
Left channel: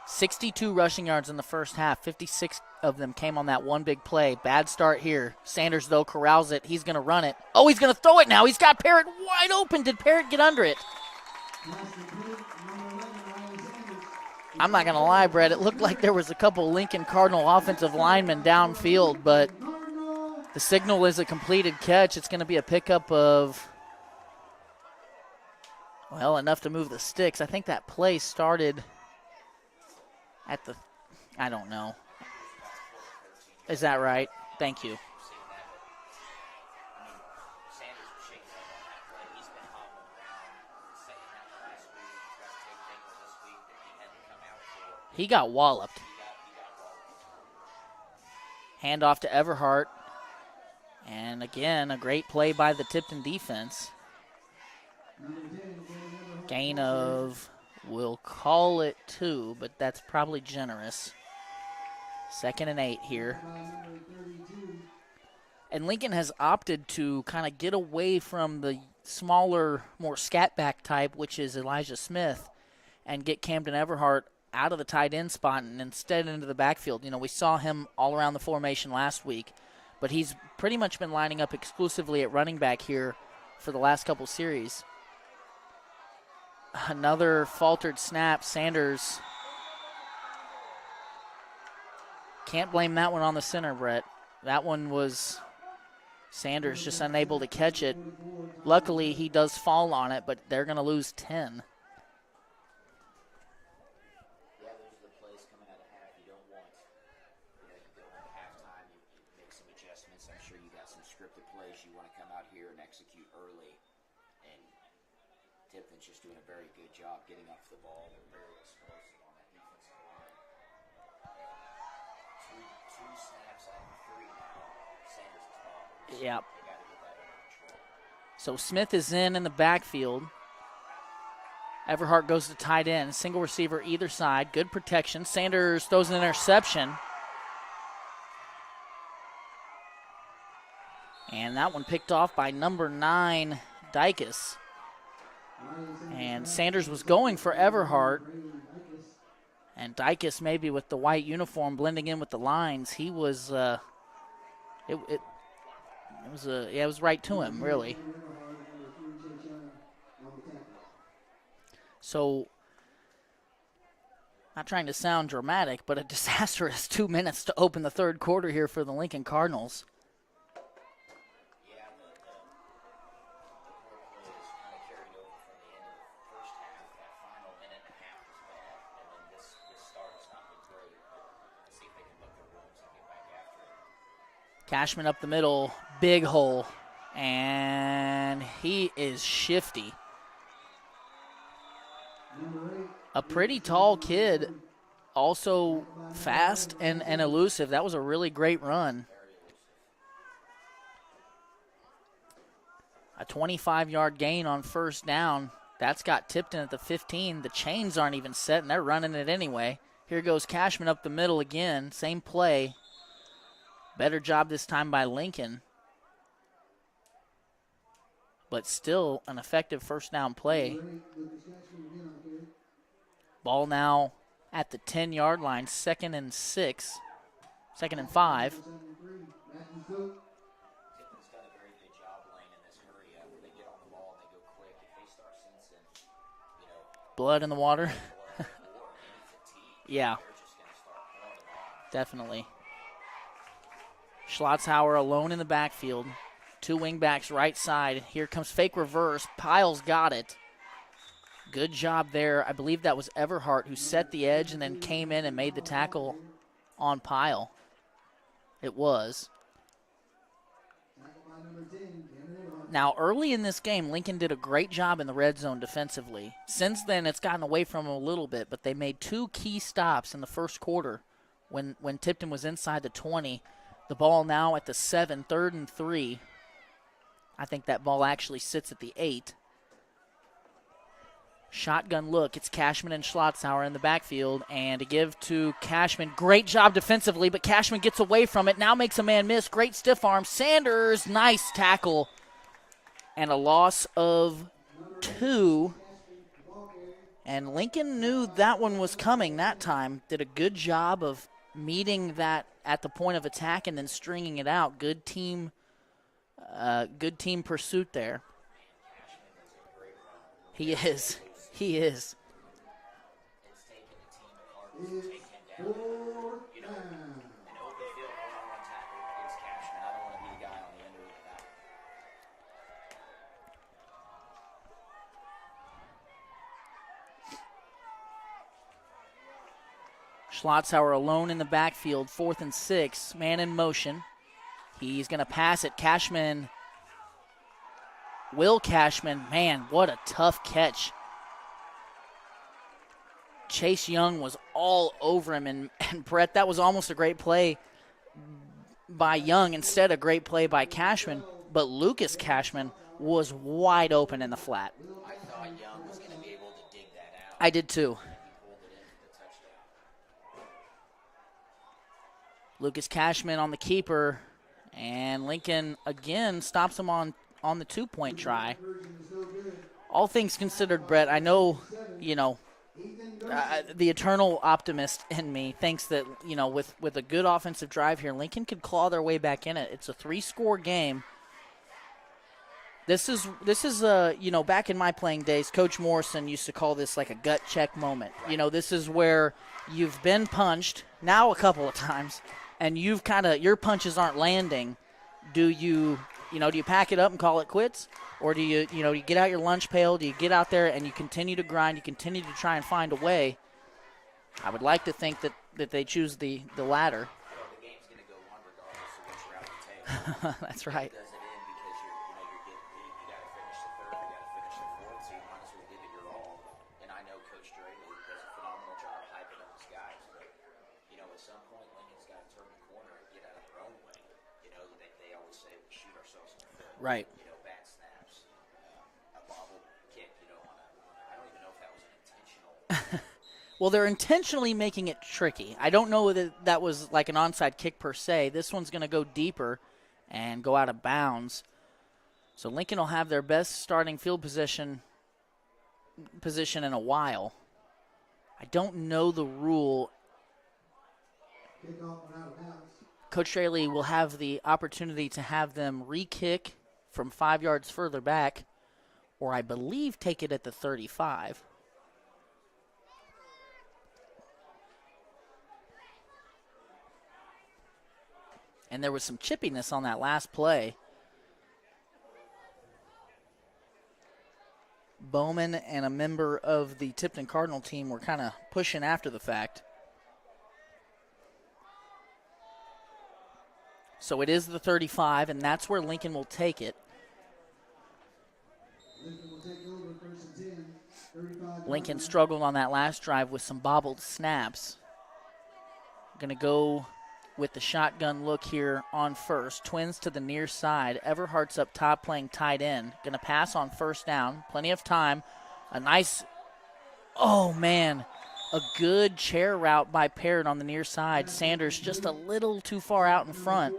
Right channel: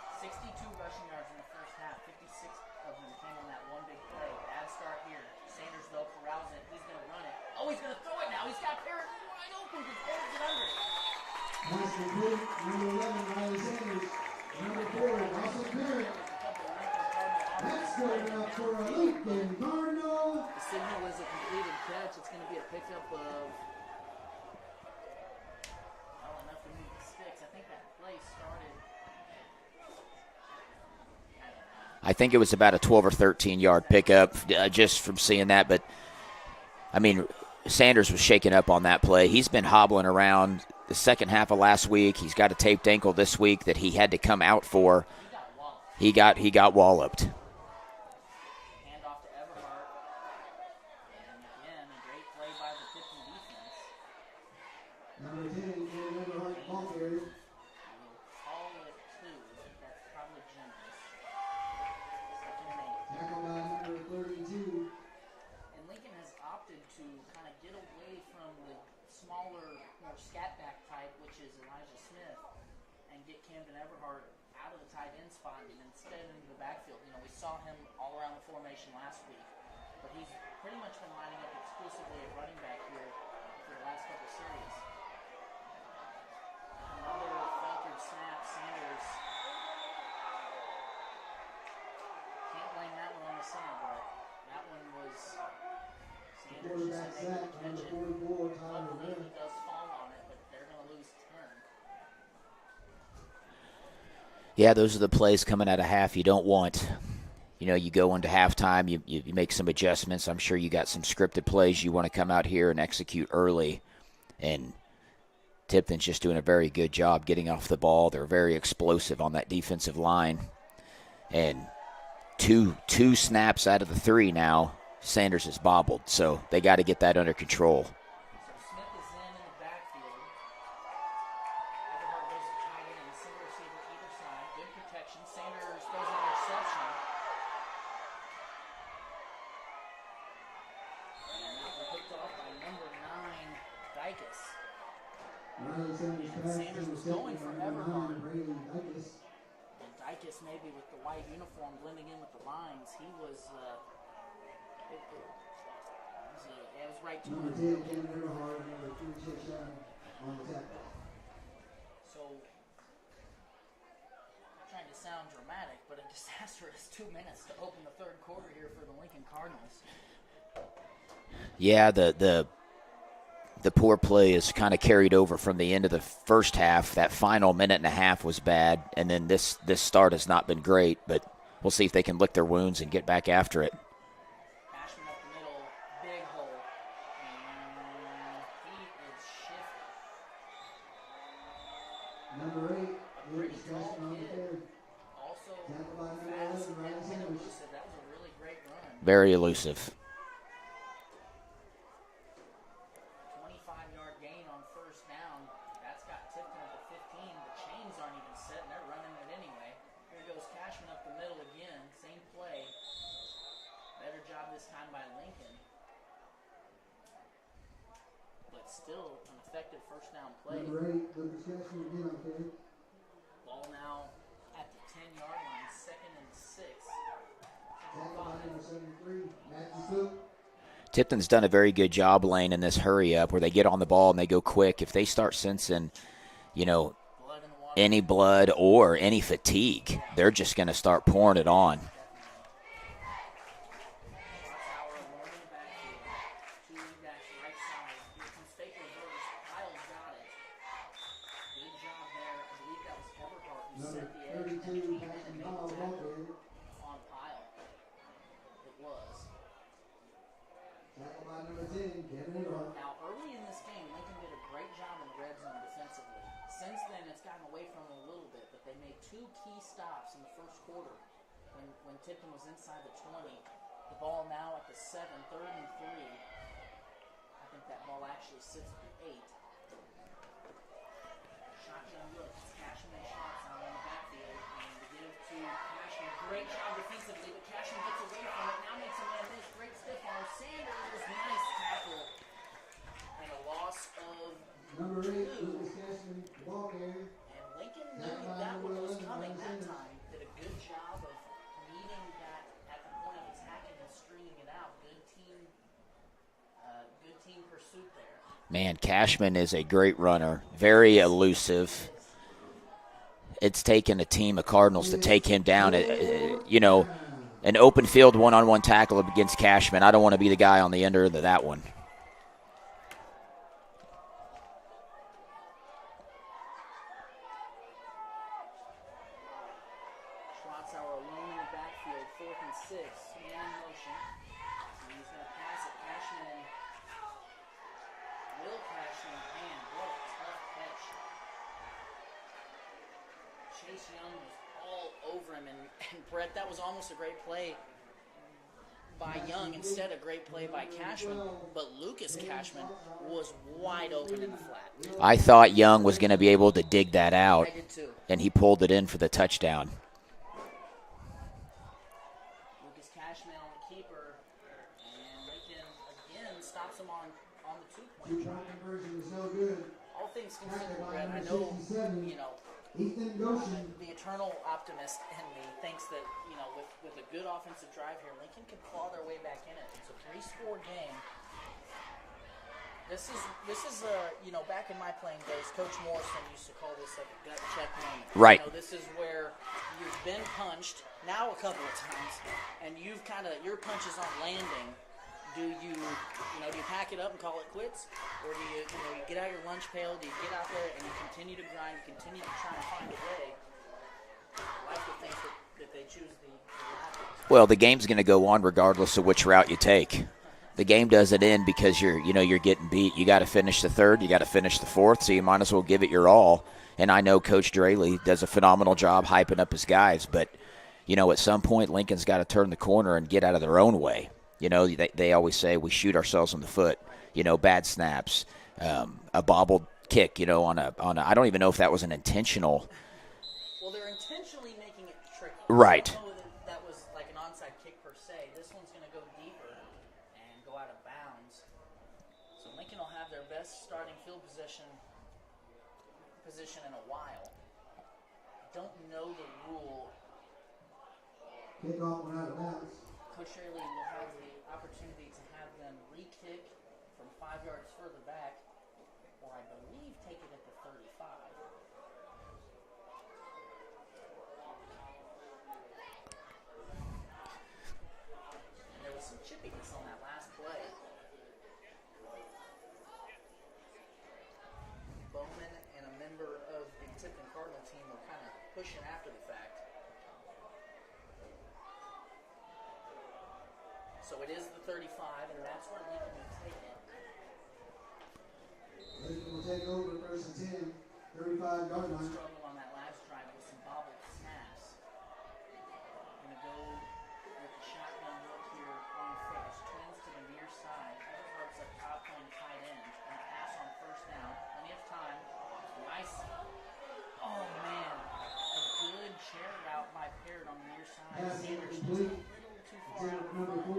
62 rushing yards in the first half. 56 of them came on that one big play. Bad start here. Sanders, though, corrals it. He's going to run it. Oh, he's going to throw it now. He's got Parrott wide open. Did Parrott get under it? I'm not going to lie, Brett. It looked like there was a couple Lincoln Cardinal offensive linemen downfield, but the signal is a completed catch. It's going to be a pickup of, well, enough to move the sticks. I think that play started at the, I don't know. I think it was about a 12 or 13-yard pickup just from seeing that. But, I mean, Sanders was shaken up on that play. He's been hobbling around the second half of last week. He's got a taped ankle this week that he had to come out for. He got walloped. He got walloped. Handoff to Everhart. And, again, a great play by the Tipton defense. Gain of, we'll call it 2, but that's probably generous. 2nd and 8 here. And Lincoln has opted to kind of get away from the smaller, more scat back type, which is Elijah Smith, and get Camden Everhart out of the tight end spot and instead into the backfield. You know, we saw him all around the formation last week, but he's pretty much been lining up exclusively at running back here for the last couple series. Another faltered snap. Sanders. Can't blame that one on the center, Brett. That one was Sanders just unable to catch it. Luckily, he does fall on it, but they're going to lose 10. Yeah, those are the plays coming out of half you don't want. You know, you go into halftime, you make some adjustments. I'm sure you got some scripted plays you want to come out here and execute early. And Tipton's just doing a very good job getting off the ball. They're very explosive on that defensive line. And two snaps out of the 3 now, Sanders is bobbled. So They got to get that under control. So Smith is in the backfield. Everhart goes to tight end. Single receiver either side. Good protection. Sanders throws an interception. And that one picked off by number 9, Dykus. And Sanders was going for Everhart. And Dykus, maybe with the white uniform blending in with the lines, he was, it was right to him, really. So, not trying to sound dramatic, but a disastrous 2 minutes to open the third quarter here for the Lincoln Cardinals. Yeah, the poor play is kind of carried over from the end of the first half. That final minute and a half was bad, and then this start has not been great, but we'll see if they can lick their wounds and get back after it. Cashman up the middle, big hole. And he is shifty. Number 8. A pretty tall kid, also fast and elusive. That was a really great run. Very elusive. A 25-yard gain on first down. That's got Tipton at the 15. The chains aren't even set, and they're running it anyway. Here goes Cashman up the middle again. Same play. Better job this time by Lincoln. But still an effective first down play. Ball now at the 10-yard line, 2nd and 6, 2nd and 5. Tipton's done a very good job, Lane, in this hurry up where they get on the ball and they go quick. If they start sensing, Blood in the water. any blood or any fatigue, Yeah. they're just going to start pouring it on. Definitely. Schlotzhauer alone in the backfield. 2 wingbacks right side. Here comes fake reverse. Piles got it. Good job there. I believe that was Everhart who set the edge and then came in and made the tackle on Pile. It was. Now, early in this game, Lincoln did a great job in the red zone defensively. Since then, it's gotten away from them a little bit, but they made 2 key stops in the first quarter when Tipton was inside the 20. The ball now at the 7, 3rd and 3. I think that ball actually sits at the 8. Shotgun look. It's Cashman and Schlotzhauer in the backfield. And to give to Cashman. Great job defensively, but Cashman gets away from it. Now makes a man miss. Great stiff arm. Sanders, nice tackle. And a loss of 2. And Lincoln knew that one was coming that time. Did a good job of meeting that at the point of attack and then stringing it out. Good team pursuit there. Man, Cashman is a great runner. Very elusive. He is. It's taken a team of Cardinals to take him down. An open field one-on-one tackle against Cashman. I don't want to be the guy on the end of that one. Schlotzhauer alone in the backfield, 4th and 6, man in motion. He's going to pass it. Will Cashman, man, what a tough catch. Chase Young was all over him, and Brett, that was almost a great play by Young instead of a great play by Cashman, but Lucas Cashman was wide open in the flat. I thought Young was going to be able to dig that out. I did too. And he pulled it in for the touchdown. Lucas Cashman on the keeper, and Lincoln again stops him on the 2-point try. All things considered, Brett, I know, the eternal optimist in me thinks that, with a good offensive drive here, Lincoln could claw their way back in it. It's a 3-score game. This is back in my playing days, Coach Morrison used to call this like a gut check moment. Right. This is where you've been punched now a couple of times, and you've your punches aren't landing. Do you pack it up and call it quits? Or do you get out your lunch pail? Do you get out there and you continue to grind? You continue to try and find a way? I would like to think that they choose the latter. Well, the game's going to go on regardless of which route you take. The game doesn't end because you're getting beat. You got to finish the 3rd. You got to finish the 4th, so you might as well give it your all. And I know Coach Draley does a phenomenal job hyping up his guys, but, at some point Lincoln's got to turn the corner and get out of their own way. They always say we shoot ourselves in the foot. Right. Bad snaps, a bobbled kick. On a. I don't even know if that was an intentional. Well, they're intentionally making it tricky. Right. I don't know that was like an onside kick per se. This one's going to go deeper and go out of bounds. So Lincoln will have their best starting field position in a while. I don't know the rule. Kickoff went out of bounds. Coach Straley will have the opportunity to have them re-kick from 5 yards further back, or I believe take it at the 35. And there was some chippiness on that last play. Bowman and a member of the Tipton Cardinal team were kind of pushing after the fact. So it is the 35, and that's where Lincoln will take it. take over, 1st and 10, 35. Lincoln struggled on that last drive with some bobbled snaps. Going to go with the shotgun look here on first. Twins to the near side. Everhart's up top playing tight end. Going to pass on 1st down. Plenty of time. A nice, oh man, a good chair route by Parrott on the near side. Sanders just a little too far out in front.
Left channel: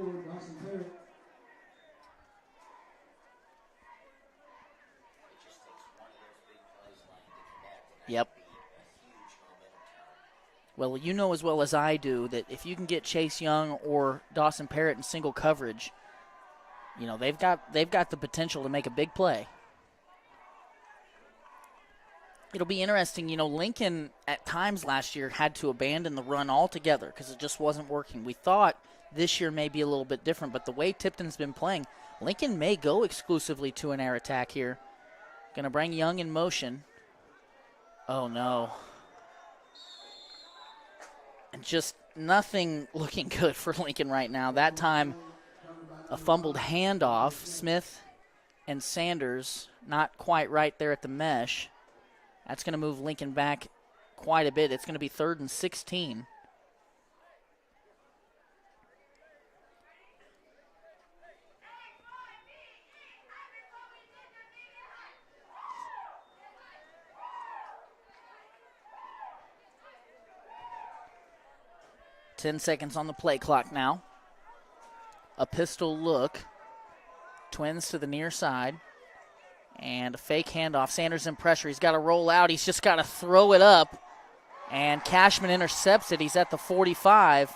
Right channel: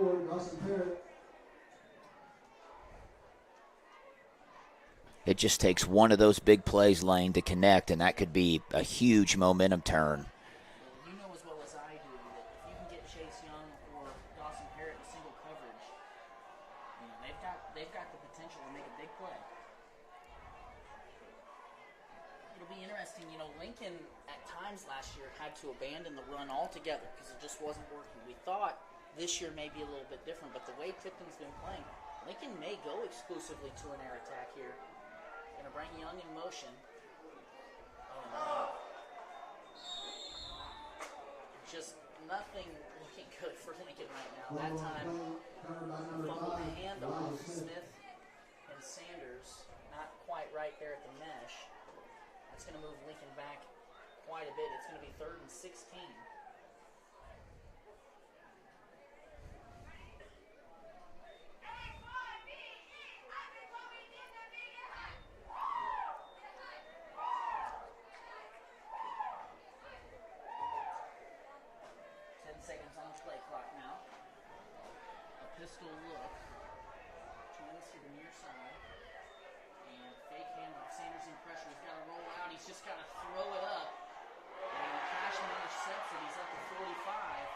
It just takes one of those big plays, Lane, to connect, and that could be a huge momentum turn. Well, you know as well as I do that if you can get Chase Young or Dawson Parrott in single coverage, you know, they've got the potential to make a big play. It'll be interesting. You know, Lincoln at times last year had to abandon the run altogether because it just wasn't working. We thought this year may be a little bit different, but the way Tipton's been playing, Lincoln may go exclusively to an air attack here. Going to bring Young in motion. Oh, no. And just nothing looking good for Lincoln right now. That time, a fumbled handoff. Smith and Sanders not quite right there at the mesh. That's going to move Lincoln back quite a bit. It's going to be 3rd and 16. Ten seconds on the play clock now. A pistol look. Twins to the near side. And a fake handoff. Sanders in pressure. He's got to roll out. He's just got to throw it up. And Cashman intercepts it. He's at the 45.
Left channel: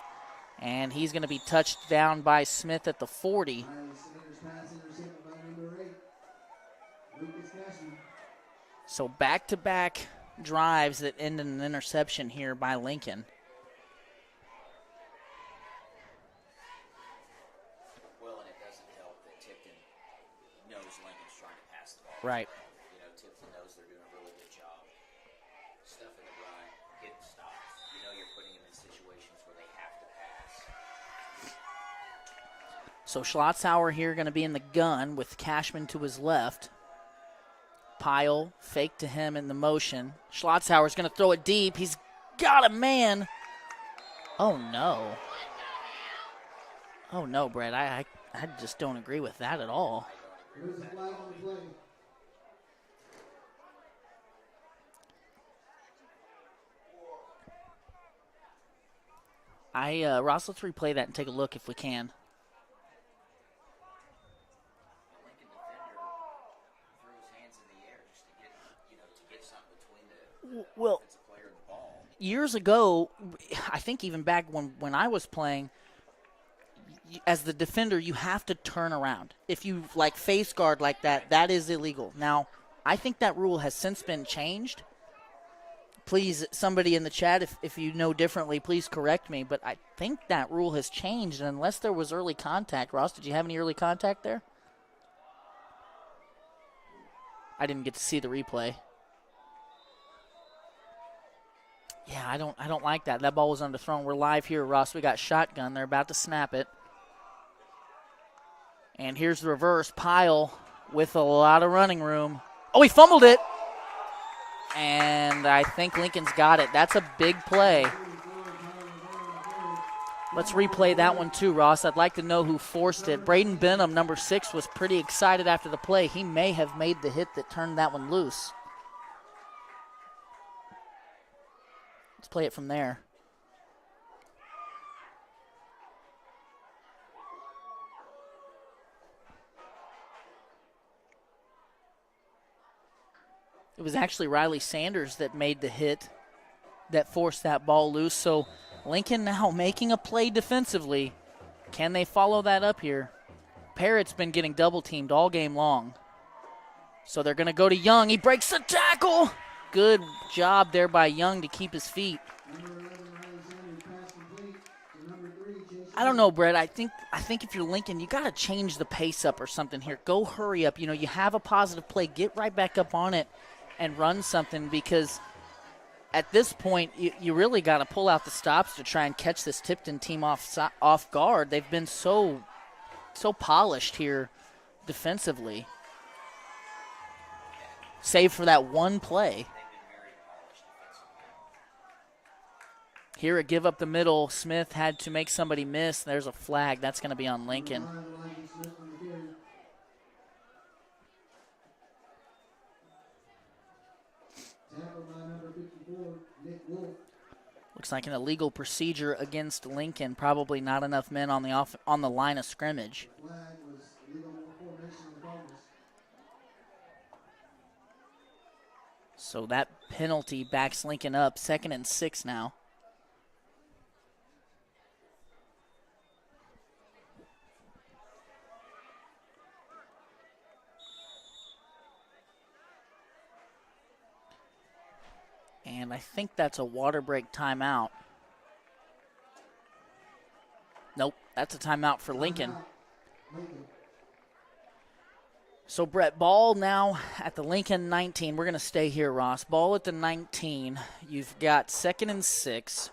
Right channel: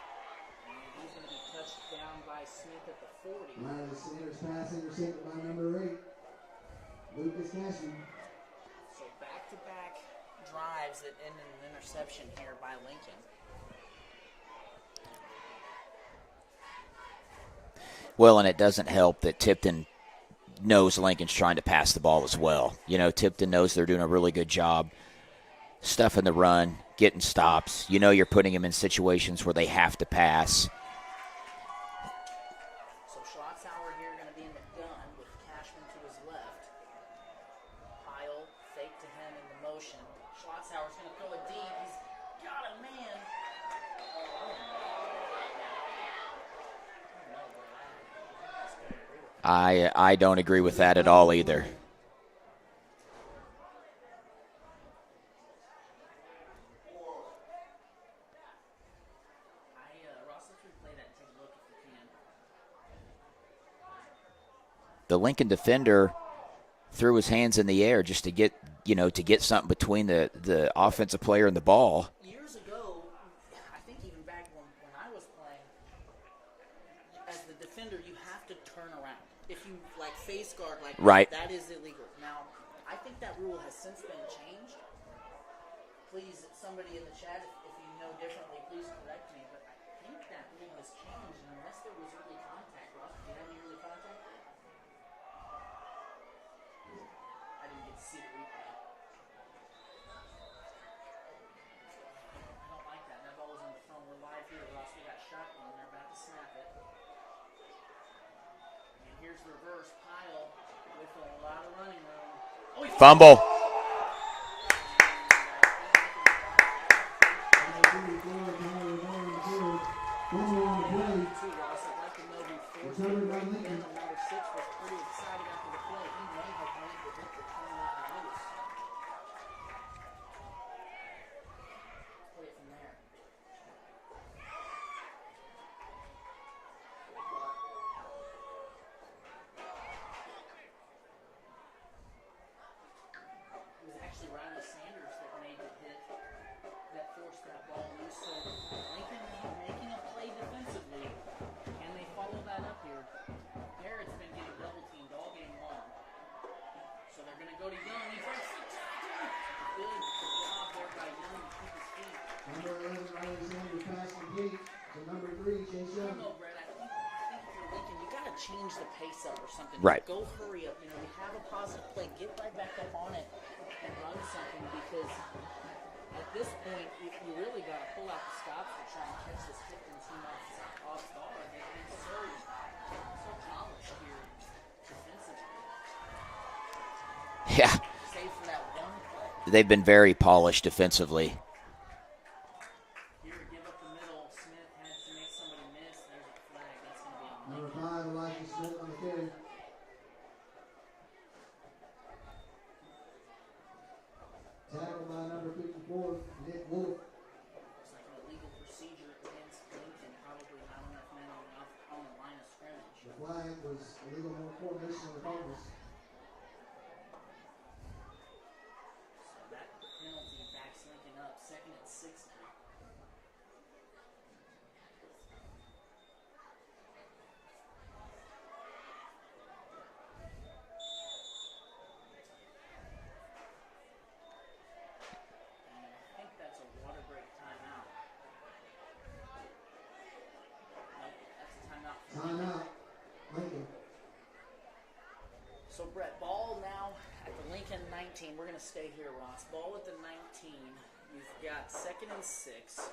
And he's going to be touched down by Smith at the 40. So back-to-back drives that end in an interception here by Lincoln. Well, and it doesn't help that Tipton knows Lincoln's trying to pass the ball as well. You know, Tipton knows they're doing a really good job stuffing the run, getting stops. You know you're putting them in situations where they have to pass. So Schlotzhauer here going to be in the gun with Cashman to his left. Pyle fake to him in the motion. Schlotzhauer's going to throw it deep. He's got a man. Oh, no. Oh, no, Brett. I just don't agree with that at all. I don't agree with that at all either. Ross, let's replay that and take a look if we can. The Lincoln defender threw his hands in the air just to get, something between the offensive player and the ball. Years ago, I think even back when I was playing, as the defender, you have to turn around. If you face guard like that, that is illegal. Now, I think that rule has since been changed. Please, somebody in the chat, if you know differently, please correct me. But I think that rule has changed, and unless there was early contact. Ross, did you have any early contact there? I didn't get to see the replay. Yeah, I don't like that. That ball was underthrown. We're live here, Ross. We got shotgun. They're about to snap it. And here's the reverse. Pyle with a lot of running room. Oh, he fumbled it. And I think Lincoln's got it. That's a big play. Let's replay that one too, Ross. I'd like to know who forced it. Braden Benham, number 6, was pretty excited after the play. He may have made the hit that turned that one loose. Let's play it from there. It was actually Riley Sanders that made the hit that forced that ball loose. So Lincoln now making a play defensively. Can they follow that up here? Parrott's been getting double-teamed all game long. So they're going to go to Young. He breaks the tackle. Good job there by Young to keep his feet. I don't know, Brett. I think if you're Lincoln, you got to change the pace up or something. Here. Go hurry up. You have a positive play. Get right back up on it and run something, because at this point, you really got to pull out the stops to try and catch this Tipton team off guard. They've been so polished here defensively. Yeah, save for that one play. They've been very polished defensively. Here, a give up the middle. Smith had to make somebody miss. There's a flag. That's going to be on Lincoln. Looks like an illegal procedure against Lincoln. Probably not enough men on the line of scrimmage. So that penalty backs Lincoln up. 2nd and 6 now. And I think that's a water break timeout. Nope, that's a timeout for Lincoln. So, Brett, ball now at the Lincoln 19. We're going to stay here, Ross. Ball at the 19. You've got 2nd and 6.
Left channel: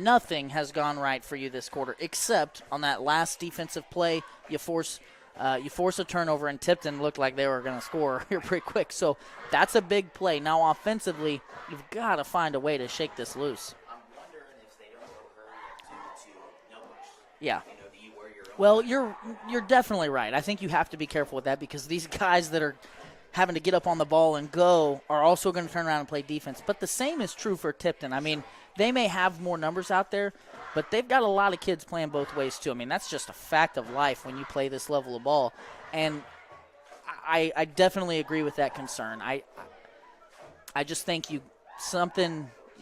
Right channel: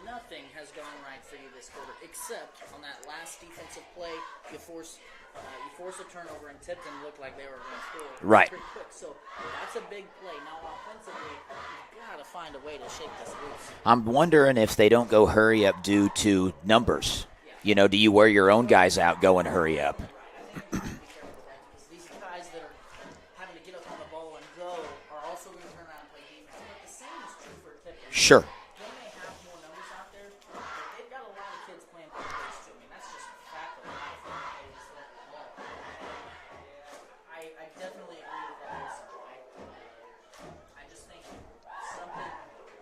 Nothing has gone right for you this quarter, except on that last defensive play, you force a turnover, and Tipton looked like they were going to score pretty quick. So that's a big play. Now, offensively, you've got to find a way to shake this loose. I'm wondering if they don't go hurry up due to numbers. Yeah. You know, do you wear your own guys out going hurry You're up? definitely right. I think you have to be careful with that because these guys that are having to get up on the ball and go are also going to turn around and play defense. But the same is true for Tipton. I mean, they may have more numbers out there, but they've got a lot of kids playing both ways too. I mean, that's just a fact of life when you play this level of ball. And I definitely agree with that concern. I just think you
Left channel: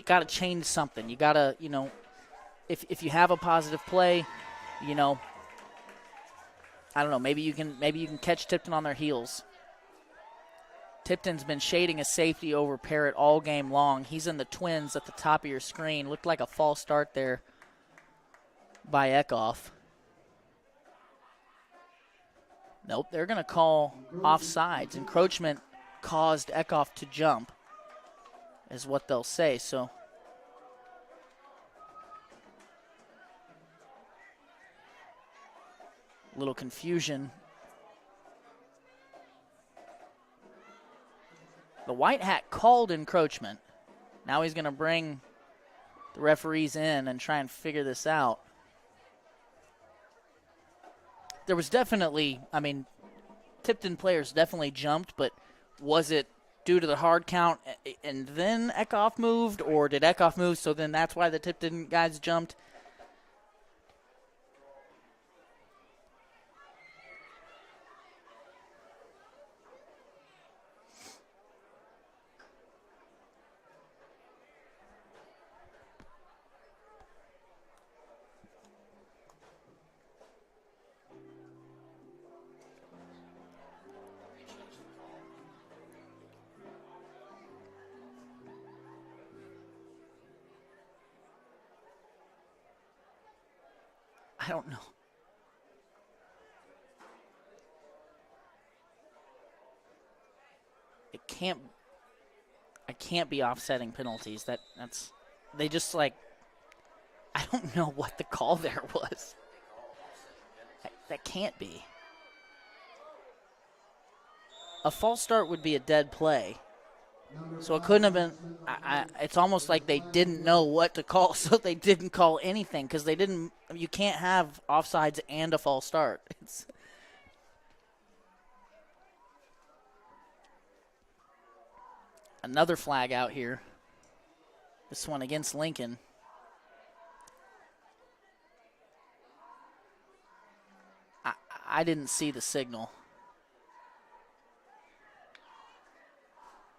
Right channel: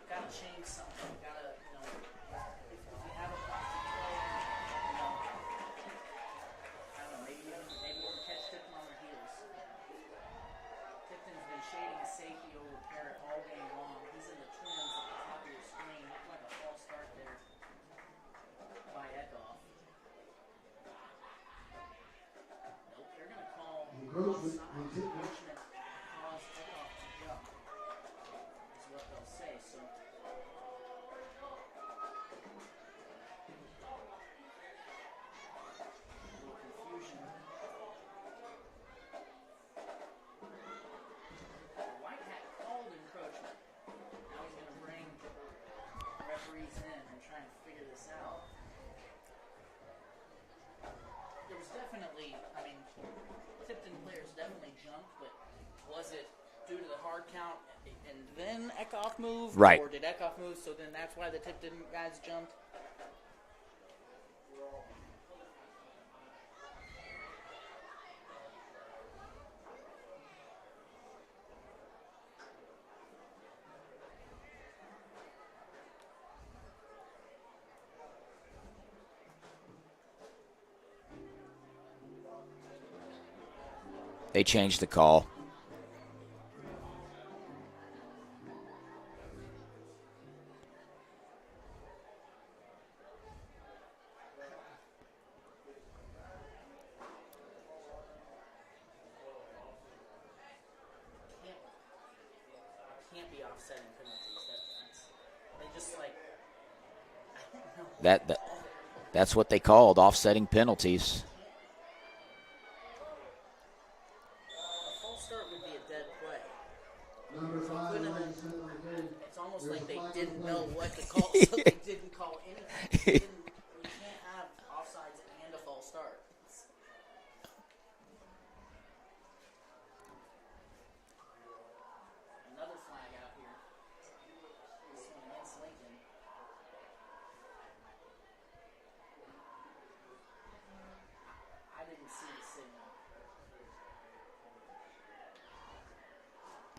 got to change something. You got to, if you have a positive play, I don't know, maybe you can catch Tipton on their heels. Tipton's been shading a safety over Parrott all game long. He's in the twins at the top of your screen. Looked like a false start there by Kickoff. Nope, they're going to call offsides. Encroachment caused Kickoff to jump is what they'll say. So a little confusion. The white hat called encroachment. Now he's going to bring the referees in and try and figure this out. There was definitely, Tipton players definitely jumped, but was it due to the hard count and then Kickoff moved? Right. Or did Kickoff move, so then that's why the Tipton guys jumped? They changed the call. I don't know. I can't be offsetting penalties. They just I don't know what the call there was. That's what they called, offsetting penalties. That can't be. A false start would be a dead play. So it couldn't have been. It's almost like they didn't know what to call, so they didn't call anything because they didn't. You can't have offsides and a false start. Another flag out here. This one against Lincoln. I didn't see the signal.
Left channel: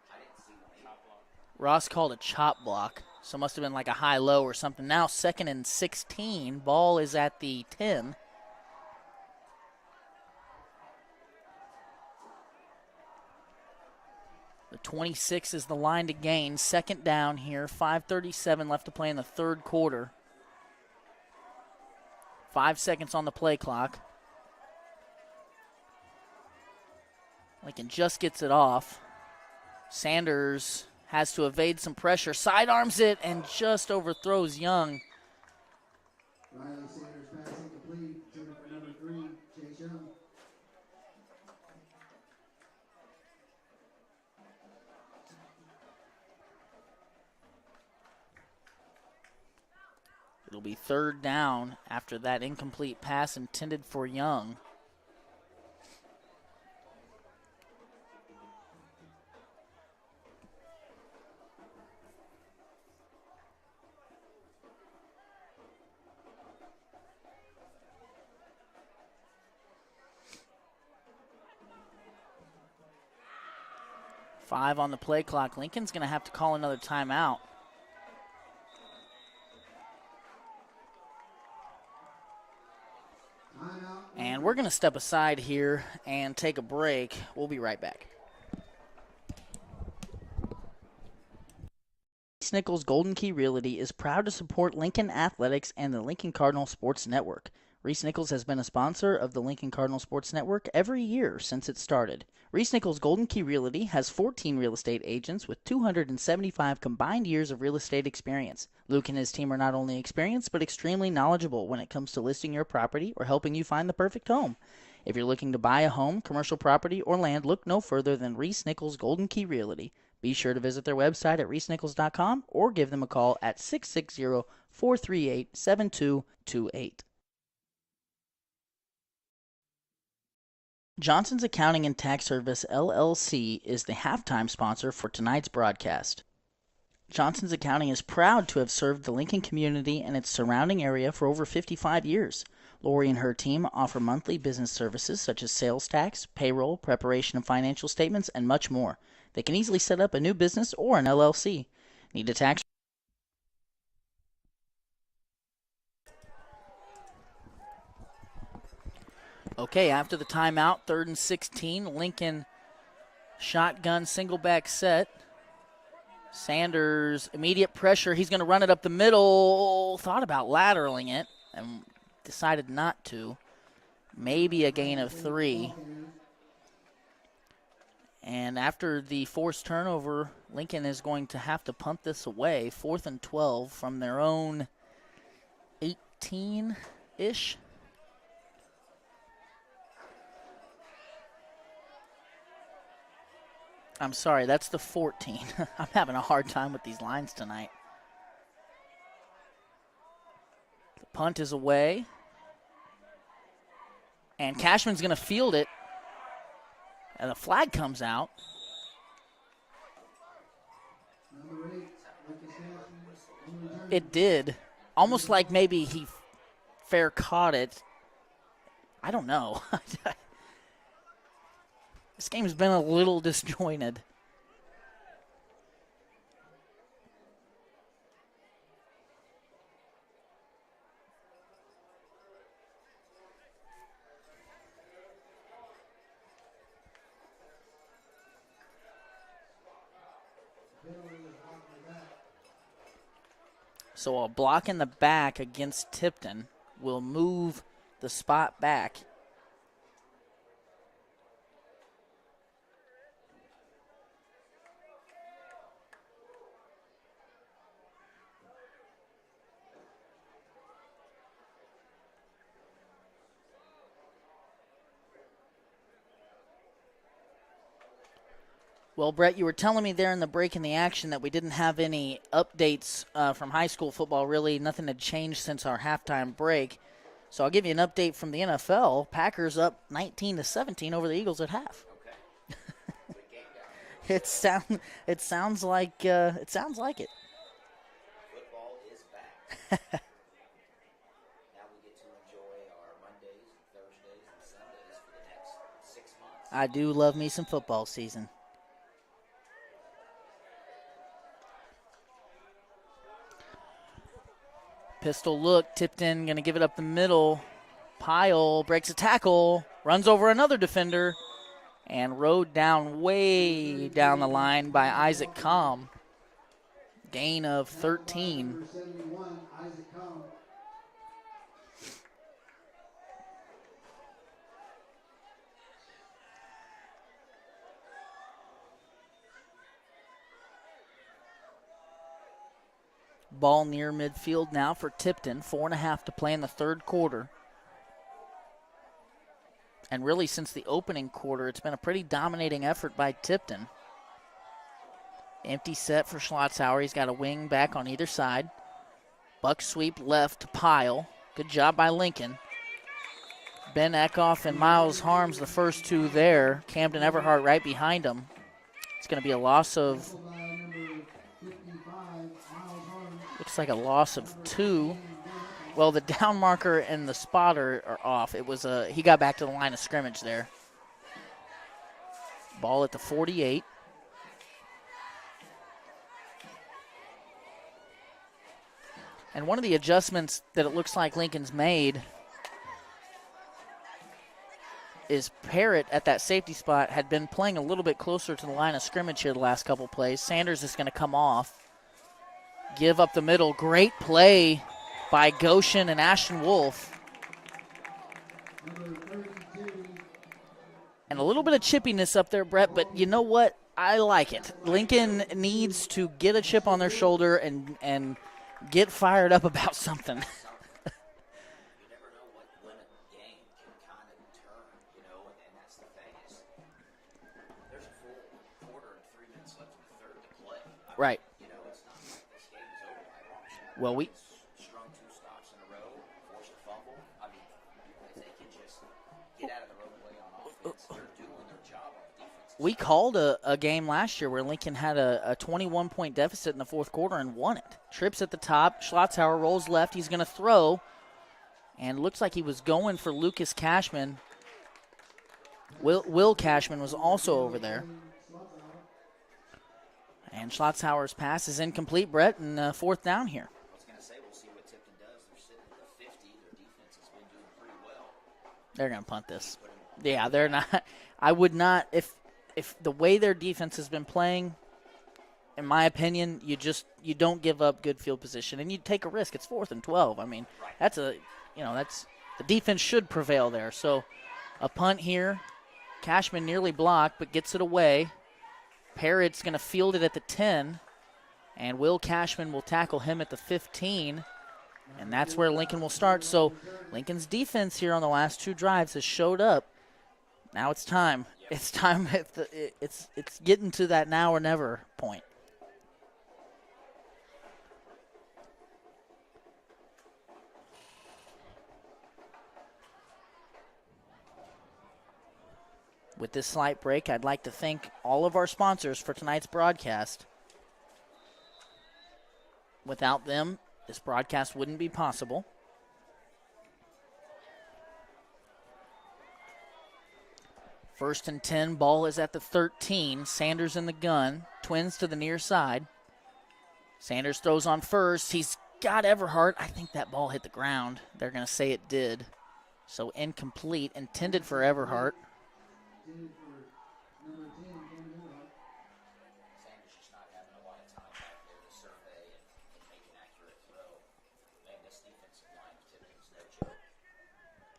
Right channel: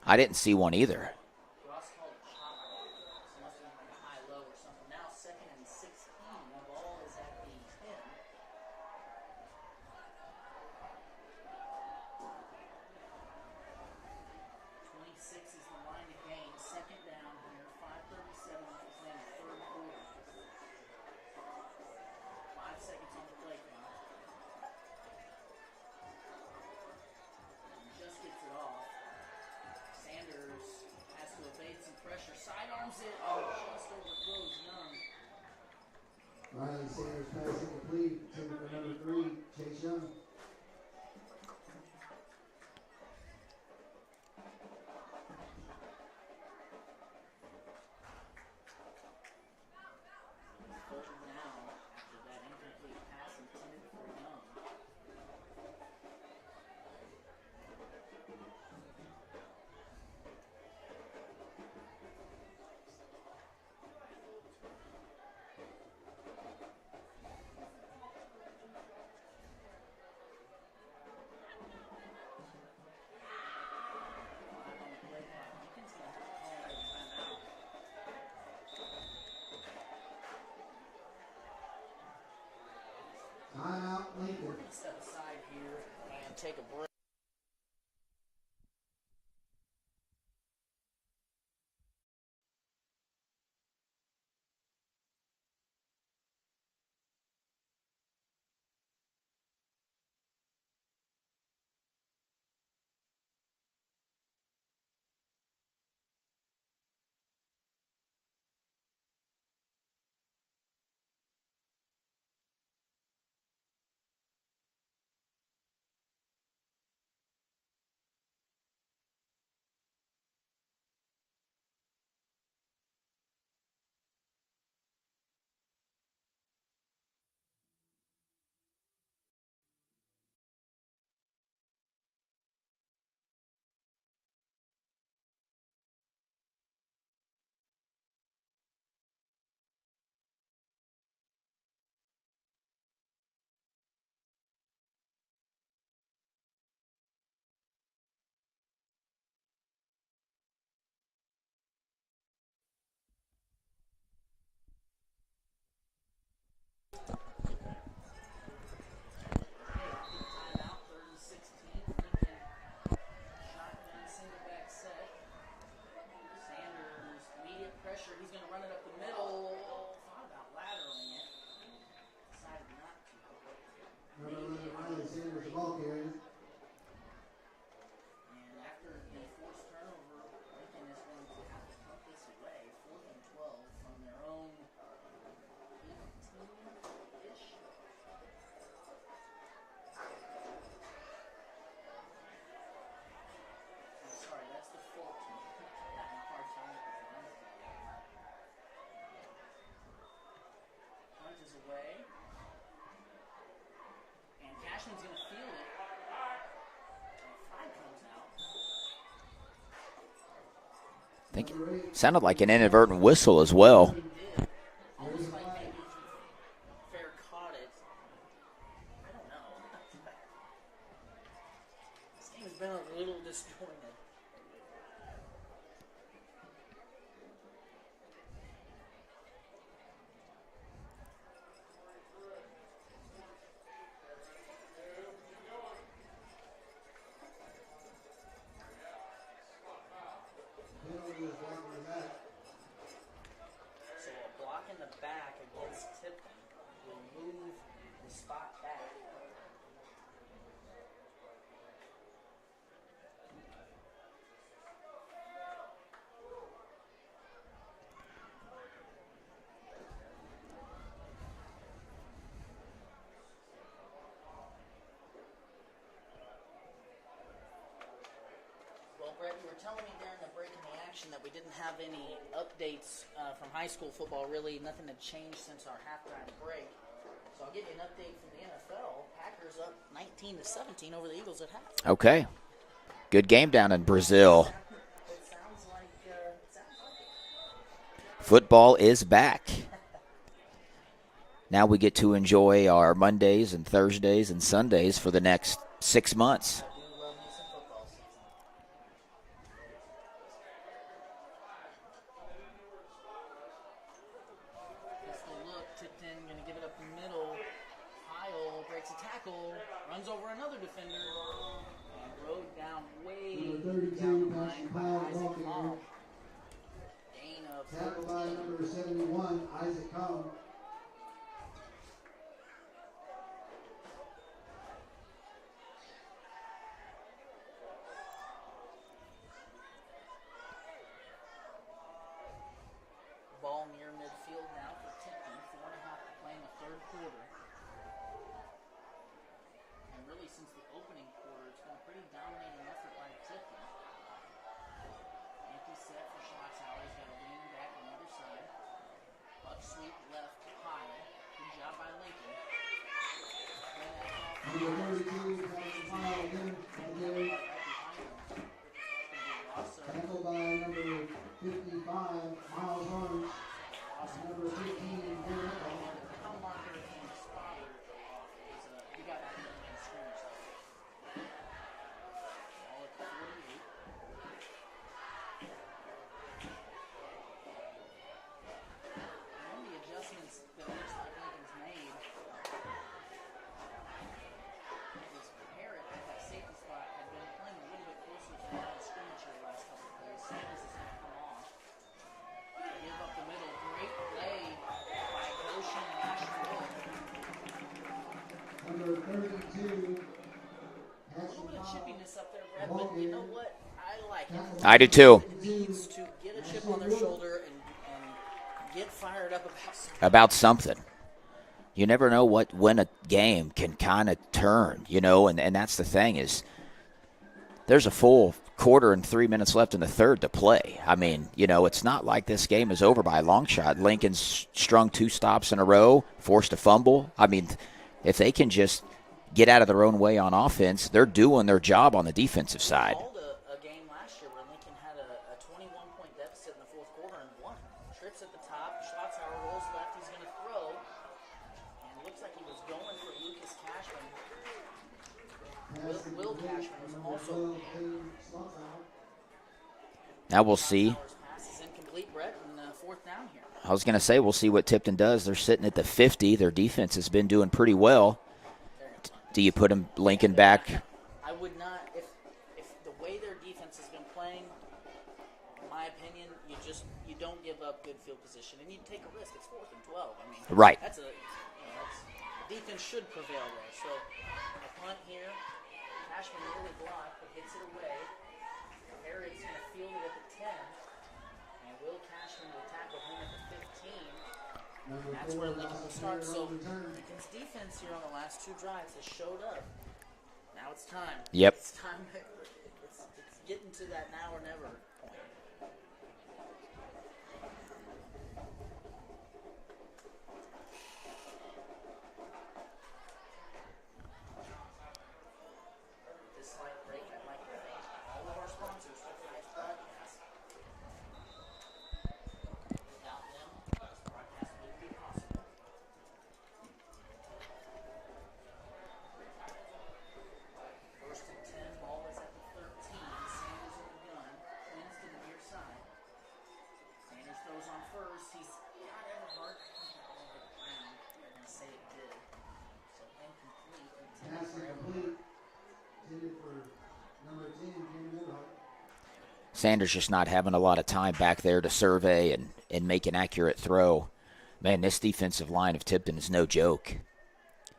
I didn't see one either. Ross called a chop block, so it must have been like a high-low or something. Now 2nd and 16. Ball is at the 10. The 26 is the line to gain. 2nd down here. 5:37 left to play in the 3rd quarter. 5 seconds on the play clock. Lincoln just gets it off. Sanders has to evade some pressure, sidearms it, and just overthrows Young. Riley Sanders pass incomplete. Taken for number 3, Chase Young. It'll be third down after that incomplete pass intended for Young. Five on the play clock. Lincoln's going to have to call another timeout. And we're going to step aside here and take a break. We'll be right back. Reese Nichols Golden Key Realty is proud to support Lincoln Athletics and the Lincoln Cardinal Sports Network. Reese Nichols has been a sponsor of the Lincoln Cardinal Sports Network every year since it started. Reese Nichols Golden Key Realty has 14 real estate agents with 275 combined years of real estate experience. Luke and his team are not only experienced but extremely knowledgeable when it comes to listing your property or helping you find the perfect home. If you're looking to buy a home, commercial property, or land, look no further than Reese Nichols Golden Key Realty. Be sure to visit their website at reesenichols.com or give them a call at 660-438-7228. Johnson's Accounting and Tax Service, LLC, is the halftime sponsor for tonight's broadcast. Johnson's Accounting is proud to have served the Lincoln community and its surrounding area for over 55 years. Lori and her team offer monthly business services such as sales tax, payroll, preparation of financial statements, and much more. They can easily set up a new business or an LLC. Need a tax? Okay, after the timeout, 3rd and 16, Lincoln shotgun single back set. Sanders, immediate pressure. He's going to run it up the middle. Thought about lateraling it and decided not to. Maybe a gain of 3. And after the forced turnover, Lincoln is going to have to punt this away. 4th and 12 from their own 18-ish. I'm sorry, that's the 14. I'm having a hard time with these lines tonight. The punt is away. And Cashman's going to field it. And the flag comes out. I think it sounded like an inadvertent whistle as well. It did. Almost like maybe he fair caught it. I don't know. This game's been a little disjointed. So a block in the back against Tipton will move the spot back. Well, Brett, you were telling me there in the break in the action that we didn't have any updates from high school football. Really, nothing had changed since our halftime break. So I'll give you an update from the NFL. Packers up 19-17 over the Eagles at half. Okay. Good game down in Brazil. It sounds like it. Football is back. Now we get to enjoy our Mondays and Thursdays and Sundays for the next 6 months. I do love me some football season. Pistol look, Tipton going to give it up the middle. Pyle breaks a tackle, runs over another defender, and rode down way down the line by Isaac Combe. Gain of 13. Ball near midfield now for Tipton. 4.5 to play in the third quarter. And really, since the opening quarter, it's been a pretty dominating effort by Tipton. Empty set for Schlotzhauer. He's got a wing back on either side. Buck sweep left to Pyle. Good job by Lincoln. Ben Eckhoff and Miles Harms, the first two there. Camden Everhart right behind them. It's going to be a loss of, looks like a loss of 2. Well, the down marker and the spotter are off. It was he got back to the line of scrimmage there. Ball at the 48. And one of the adjustments that it looks like Lincoln's made is Parrott at that safety spot had been playing a little bit closer to the line of scrimmage here the last couple plays. Sanders is going to come off. Give up the middle. Great play by Goshen and Ashton Wolf. And a little bit of chippiness up there, Brett, but you know what? I like it. I do too. Lincoln needs to get a chip on their shoulder and get fired up about something. You never know when a game can kind of turn, and that's the thing is there's a full quarter and 3 minutes left in the third to play. I mean, it's not like this game is over by a long shot. No, Lincoln's strung 2 stops in a row, forced a fumble. I mean, if they can just get out of their own way on offense, they're doing their job on the defensive side. We called a game last year where Lincoln had a 21-point deficit in the fourth quarter and won it. Trips at the top. Schlotzhauer rolls left. He's going to throw. And looks like he was going for Lucas Cashman. Will Cashman was also over there. Now we'll see. Schlotzhauer's pass is incomplete, Brett, and fourth down here. I was going to say, we'll see what Tipton does. They're sitting at the 50. Their defense has been doing pretty well. They're going to punt this. Do you put Lincoln back? back? I would not. If the way their defense has been playing, in my opinion, you don't give up good field position, and you take a risk. It's 4th and 12. I mean, right. That's the defense should prevail there. So a punt here. Cashman nearly blocked, but gets it away. Parrott's going to field it at the 10, and Will Cashman will tackle him at the 15. And that's where Lincoln will start. So Lincoln's defense here on the last 2 drives has showed up. Now it's time. Yep. It's time. It's getting to that now or never point. With this slight break, I'd like to thank all of our sponsors for tonight's broadcast. Without them, this broadcast wouldn't be possible. First and 10, ball is at the 13. Sanders in the gun, twins to the near side. Sanders throws on first. He's got Everhart. I think that ball hit the ground. They're going to say it did. So incomplete, intended for Everhart. Sanders just not having a lot of time back there to survey and make an accurate throw. Man, this defensive line of Tipton is no joke.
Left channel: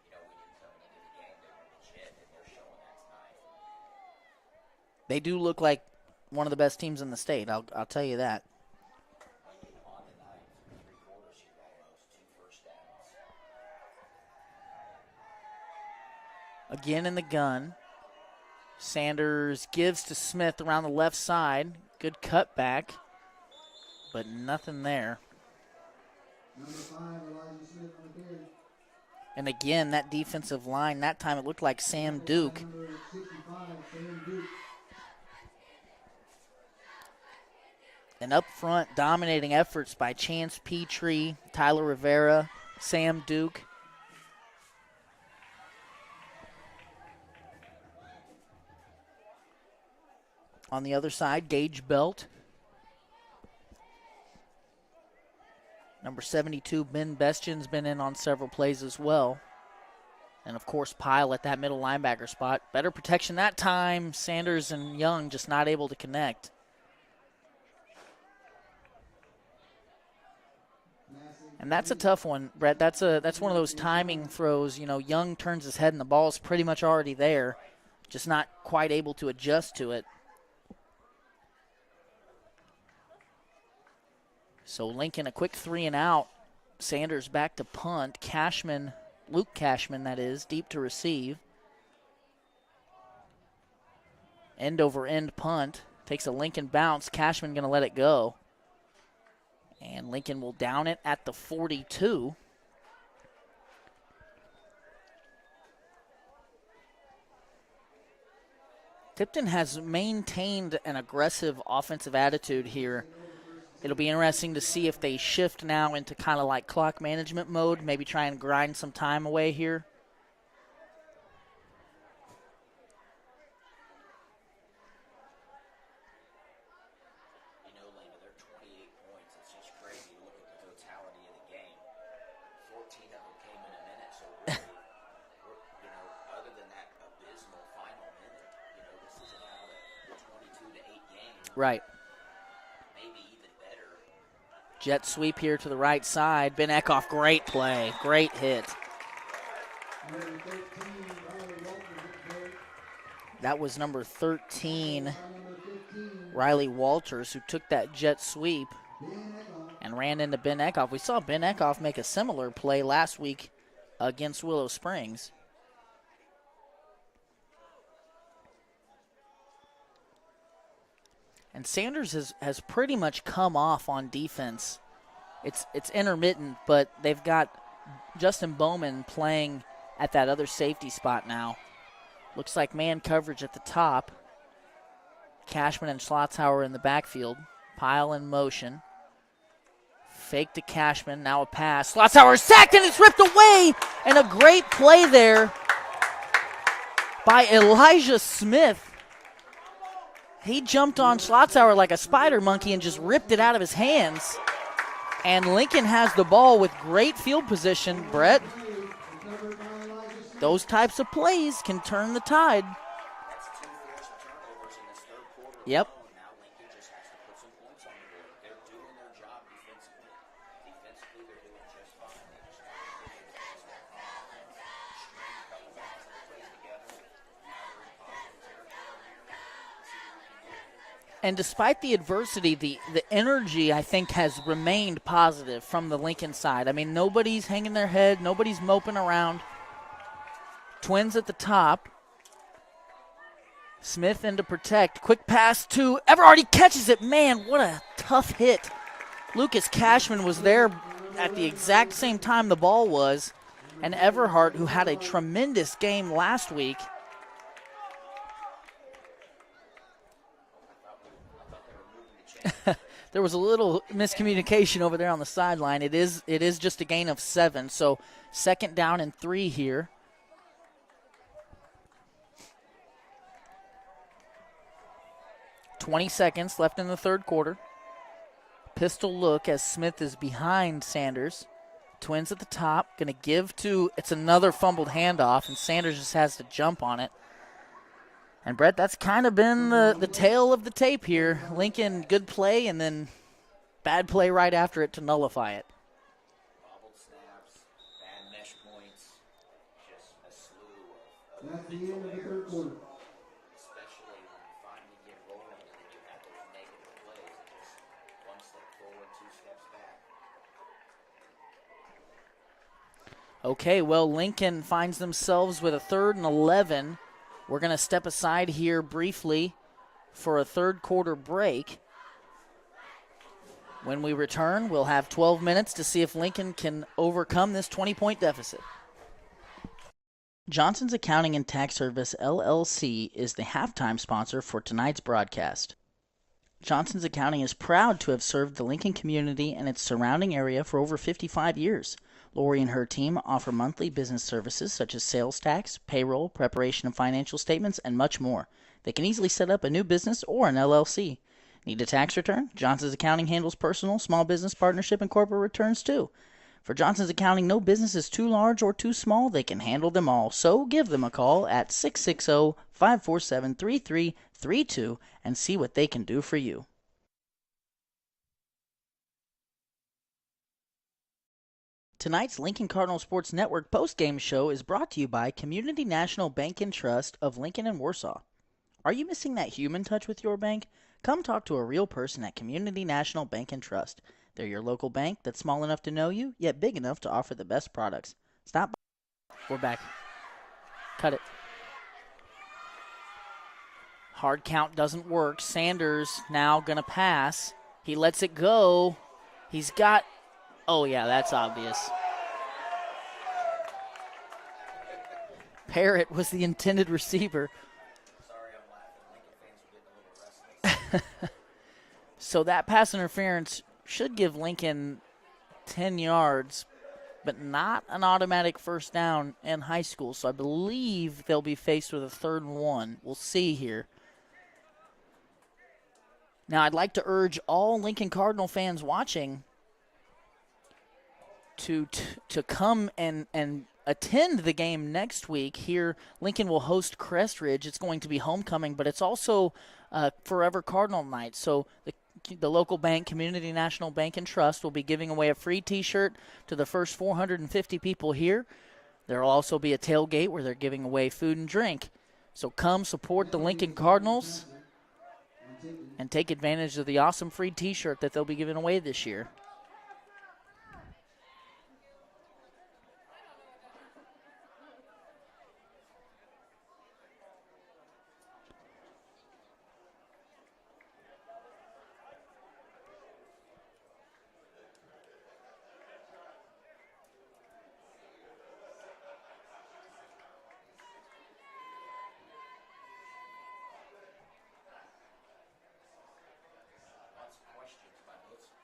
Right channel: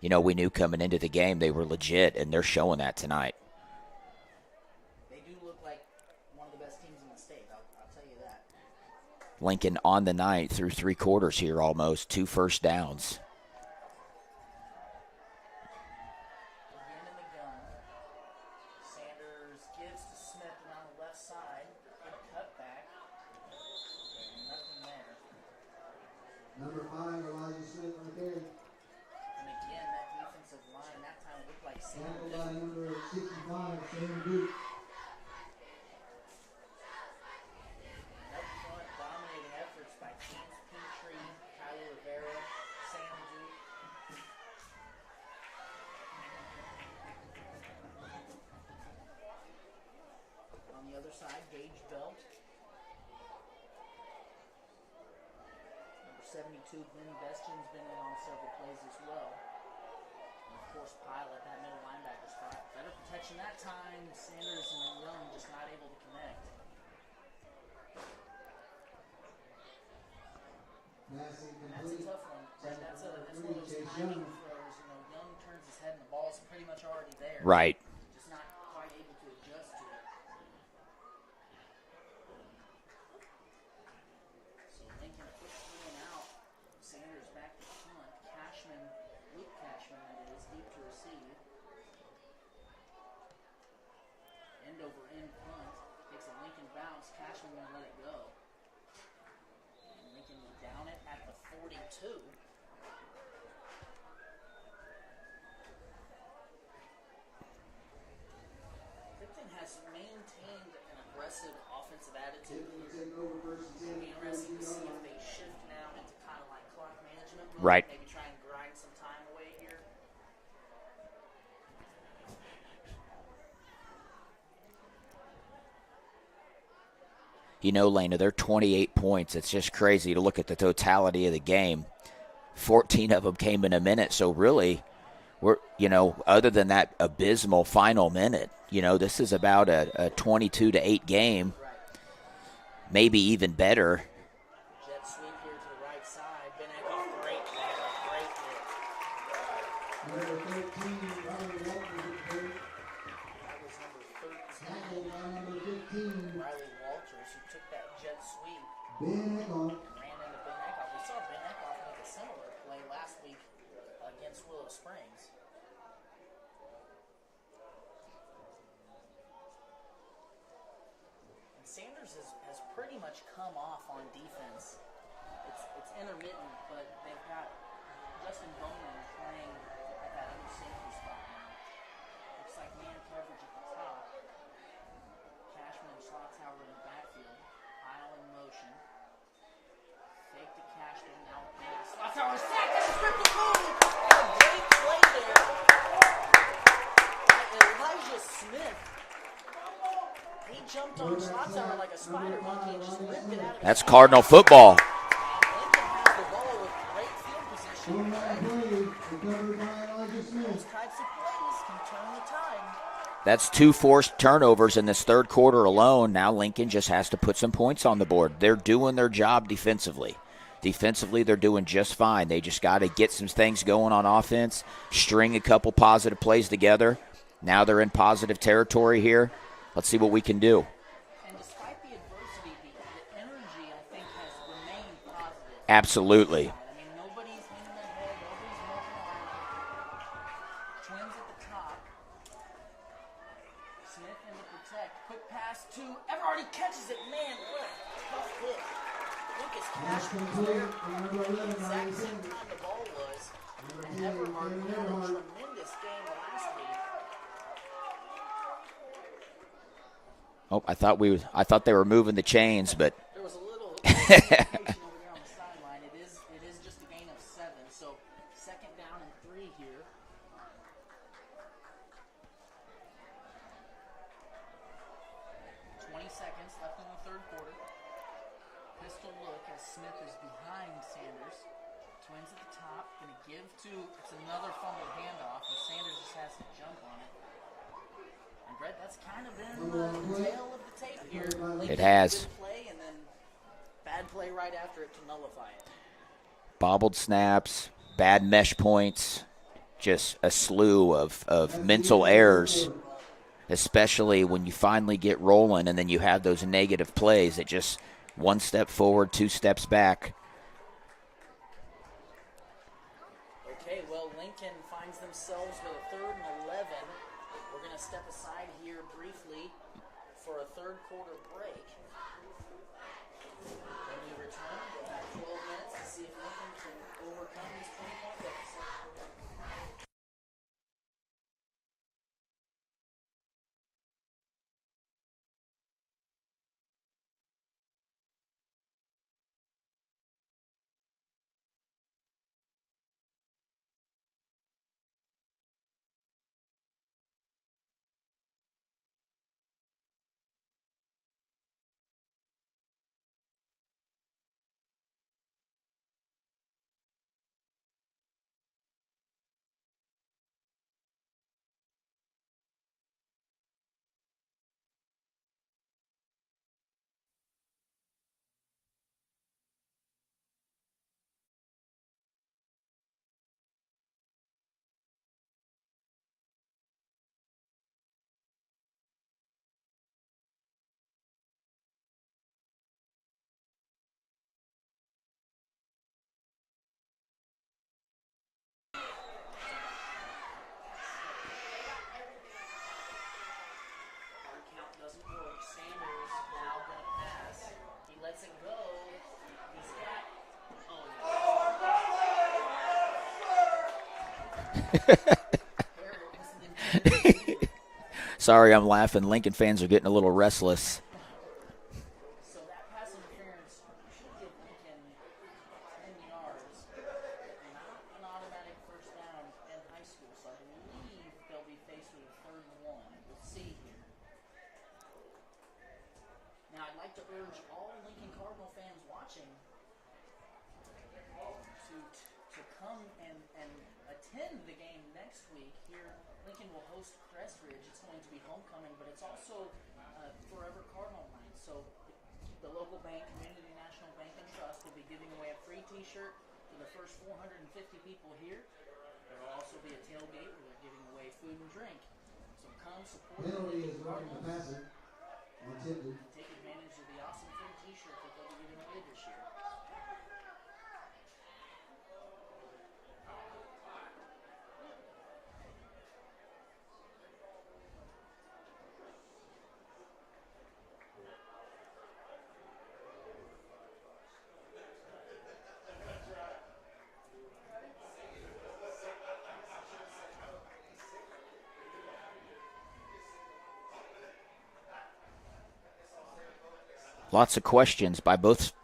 We knew coming into the game they were legit, and they're showing that tonight. They do look like one of the best teams in the state, I'll tell you that. Lincoln on the night through 3 quarters here almost, 2 first downs. Again in the gun. Sanders gives to Smith around the left side. Good cutback, but nothing there. Number 5, Elijah Smith right there. And again, that defensive line, that time it looked like Sam Duke. Number 65, Sam Duke. And up front, dominating efforts by Chance Petrie, Tyler Rivera, Sam Duke. On the other side, Gage Belt. Number 72, Ben Bestian's been in on several plays as well. And, of course, Pyle at that middle linebacker spot. Better protection that time. Sanders and Young just not able to connect. And that's a tough one, Brett. That's one of those timing throws. Young turns his head and the ball's pretty much already there. Right. Just not quite able to adjust to it. So Lincoln, a quick 3 and out. Sanders back to punt. Cashman, Luke Cashman, that is, deep to receive. End over end punt. Takes a Lincoln bounce. Cashman going to let it go. And Lincoln will down it at the 42. Tipton has maintained an aggressive offensive attitude here. It'll be interesting to see if they shift now into kind of like clock management mode, Right. maybe try and grind some time away here. You know, Lena, they're 28 points. It's just crazy to look at the totality of the game. 14 of them came in a minute, so really, we're, other than that abysmal final minute, this is about a 22-8 game. Right. Maybe even better. Jet sweep here to the right side. Ben Eckhoff, great play, great hit. That was number 13, Riley Walters, who took that jet sweep and ran into Ben Eckhoff. We saw Ben Eckhoff make a similar play last week against Willow Springs. And Sanders has pretty much come off on defense. It's intermittent, but they've got Justin Bowman playing at that other safety spot now. Looks like man coverage at the top. Cashman and Schlotzhauer in the backfield. Pile in motion. Fake to Cashman, now a pass. Schlotzhauer sacked and it's ripped away! And a great play there by Elijah Smith. He jumped on Schlotzhauer like a spider monkey and just ripped it out of his hands. That's Cardinal football. And Lincoln has the ball with great field position, Brett. Those types of plays can turn the tide. That's 2 forced turnovers in this third quarter Yep. alone. Now Lincoln just has to put some points on the board. They're doing their job defensively. Defensively, they're doing just fine. They just got to get some things going on offense, string a couple positive plays together. Now they're in positive territory here. Let's see what we can do. And despite the adversity, the energy, I think, has remained positive from the Absolutely. Lincoln side. I mean, nobody's hanging their head. Nobody's moping around. Twins at the top. Smith in to protect. Quick pass to Everhart. He catches it. Man, what a tough hit. Lucas Cashman was there at the exact same time the ball was. And Everhart, who had a tremendous game last week. Oh, I thought they were moving the chains, but There was a little miscommunication over there on the sideline. It is just a gain of 7. So 2nd down and 3 here. .20 seconds left in the third quarter. Pistol look as Smith is behind Sanders. Twins at the top, going to give to, it's another fumbled handoff, and Sanders just has to jump on it. And, Brett, that's kind of been the tail of the tape here. Lincoln, good play, and then bad play right after it to nullify it. bobbled snaps, bad mesh points, just a slew of mental errors, especially when you finally get rolling and then you have those negative plays. It just one step forward, 2 steps back. Okay, well, Lincoln finds themselves with a 3rd and 11. We're going to step aside here briefly for a third quarter break. When we return, we'll have 12 minutes to see if Lincoln can overcome this 20-point deficit. Johnson's Accounting and Tax Service, LLC, is the halftime sponsor for tonight's broadcast. Johnson's Accounting is proud to have served the Lincoln community and its surrounding area for over 55 years. Lori and her team offer monthly business services such as sales tax, payroll, preparation of financial statements, and much more. They can easily set up a new business or an LLC. Need a tax return? Johnson's Accounting handles personal, small business, partnership, and corporate returns too. For Johnson's Accounting, no business is too large or too small. They can handle them all. So give them a call at 660-547-3332 and see what they can do for you. Tonight's Lincoln Cardinal Sports Network postgame show is brought to you by Community National Bank and Trust of Lincoln and Warsaw. Are you missing that human touch with your bank? Come talk to a real person at Community National Bank and Trust. They're your local bank that's small enough to know you, yet big enough to offer the best products. Stop. We're back. Cut it. Hard count doesn't work. Sanders now going to pass. He lets it go. He's got – oh, yeah, that's obvious. Parrott was the intended receiver. Sorry, I'm laughing. Lincoln fans are getting a little restless. So that pass interference should give Lincoln 10 yards, but not an automatic first down in high school. So I believe they'll be faced with a 3rd and 1. We'll see here. Now, I'd like to urge all Lincoln Cardinal fans watching to come and attend the game next week. Here, Lincoln will host Crest Ridge. It's going to be homecoming, but it's also Forever Cardinal night. So the local bank, Community National Bank and Trust, will be giving away a free T-shirt to the first 450 people here. There will also be a tailgate where they're giving away food and drink. So come support the Lincoln Cardinals and take advantage of the awesome free T-shirt that they'll be giving away this year. Lots of questions by both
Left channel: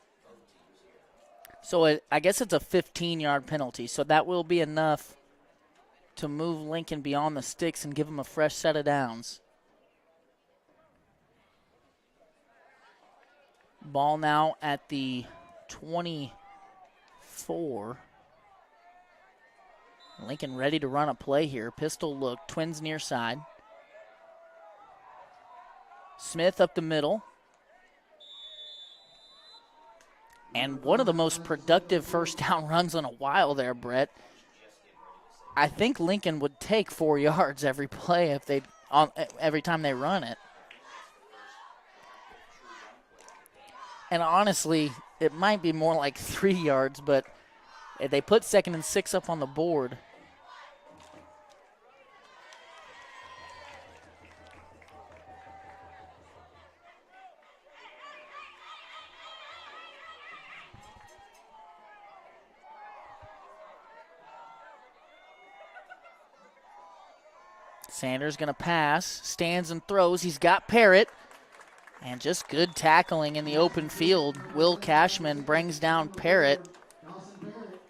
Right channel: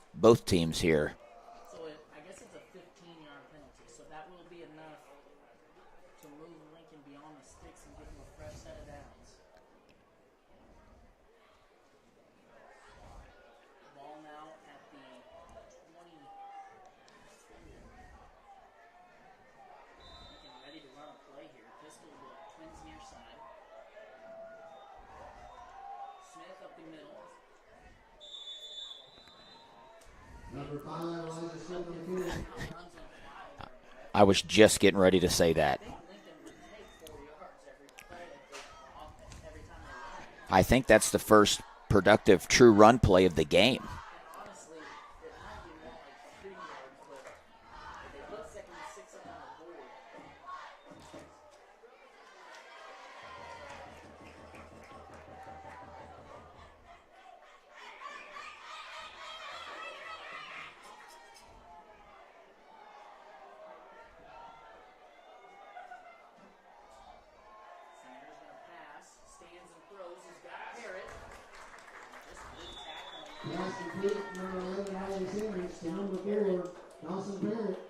teams here. So I guess it's a 15-yard penalty, so that will be enough to move Lincoln beyond the sticks and give them a fresh set of downs. Ball now at the 24. Lincoln ready to run a play here. Pistol look, Twins near side. Smith up the middle. And one of the most productive first down runs in a while there, Brett. I was just getting ready to say that. I think Lincoln would take 4 yards every play if every time they run it. I think that's the first productive true run play of the game. And honestly, it might be more like 3 yards, but they put 2nd and 6 up on the board. Sanders going to pass, stands and throws. He's got Parrott. And just good tackling in the open field. Will Cashman brings down Parrott.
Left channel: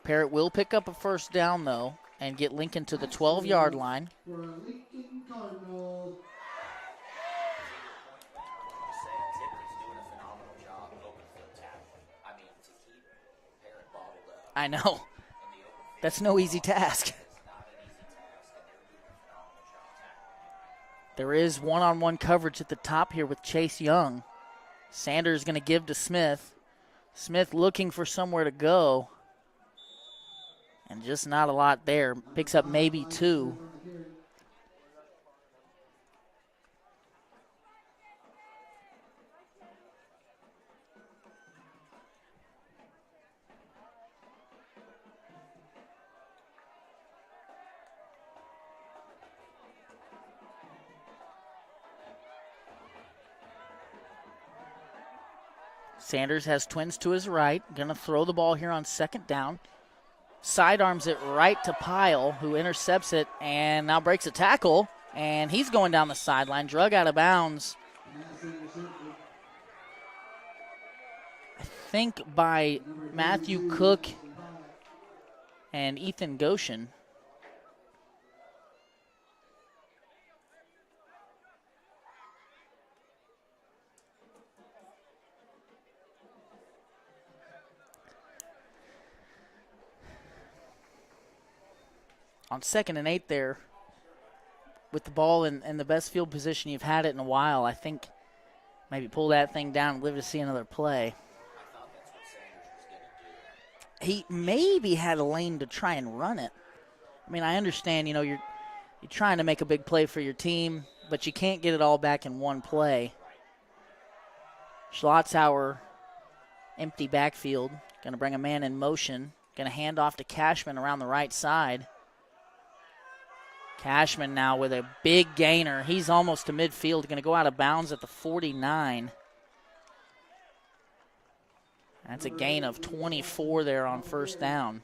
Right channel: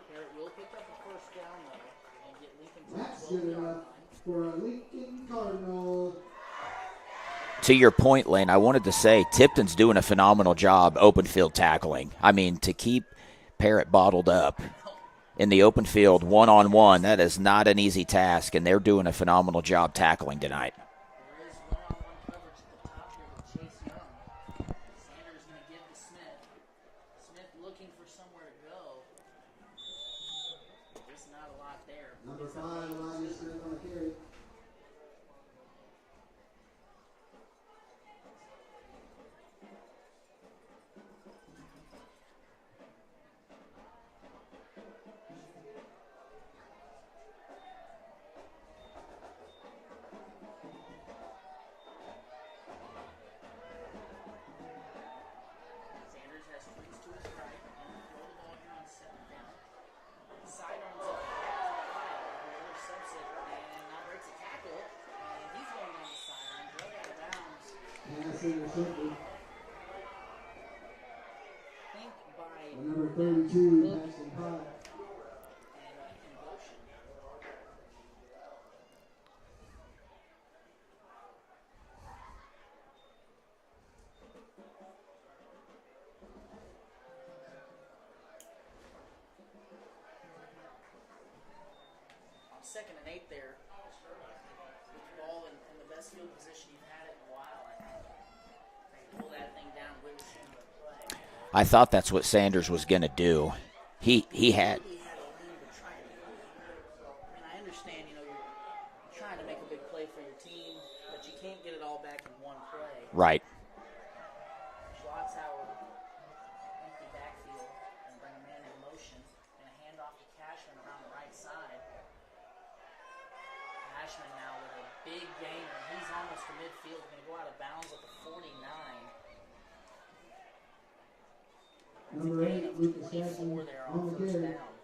Parrott will pick up a first down, though, and get Lincoln to the 12-yard line. To your point, Lane, I wanted to say Tipton's doing a phenomenal job open field tackling. I mean, to keep Parrott bottled up. I know. In the open field, no one-on-one, that is not an easy task, and they're doing a phenomenal job tackling tonight. There is one-on-one coverage at the top here with Chase Young. Sanders going to give to Smith. Smith looking for somewhere to go. And just not a lot there. Picks up maybe 2. Sanders has Twins to his right. Going to throw the ball here on 2nd down. Sidearms it right to Pyle, who intercepts it and now breaks a tackle. And he's going down the sideline, drug out of bounds. I think by Matthew Cook and Ethan Goshen. On 2nd and 8 there, with the ball in the best field position you've had it in a while, I think maybe pull that thing down and live to see another play. I thought that's what Sanders was going to do. He maybe had a lane to try and run it. I mean, I understand, you're trying to make a big play for your team, but you can't get it all back in one play. Right. Schlotzauer, empty backfield, going to bring a man in motion, going to hand off to Cashman around the right side. Cashman now with a big gainer. He's almost to midfield, going to go out of bounds at the 49. That's a gain of 24 there on first down.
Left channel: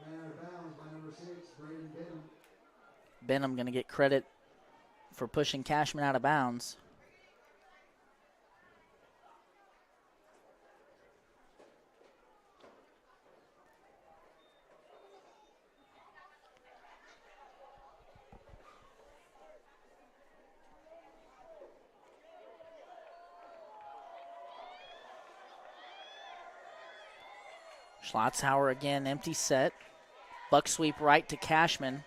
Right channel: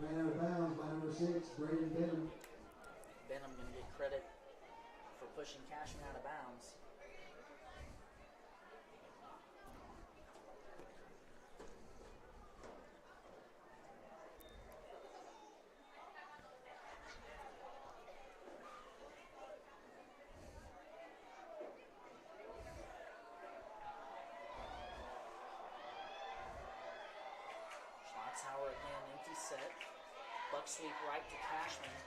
Ran out of bounds by number 6, Braden Benham. Benham going to get credit for pushing Cashman out of bounds. Schlotzhauer again, empty set. Buck sweep right to Cashman.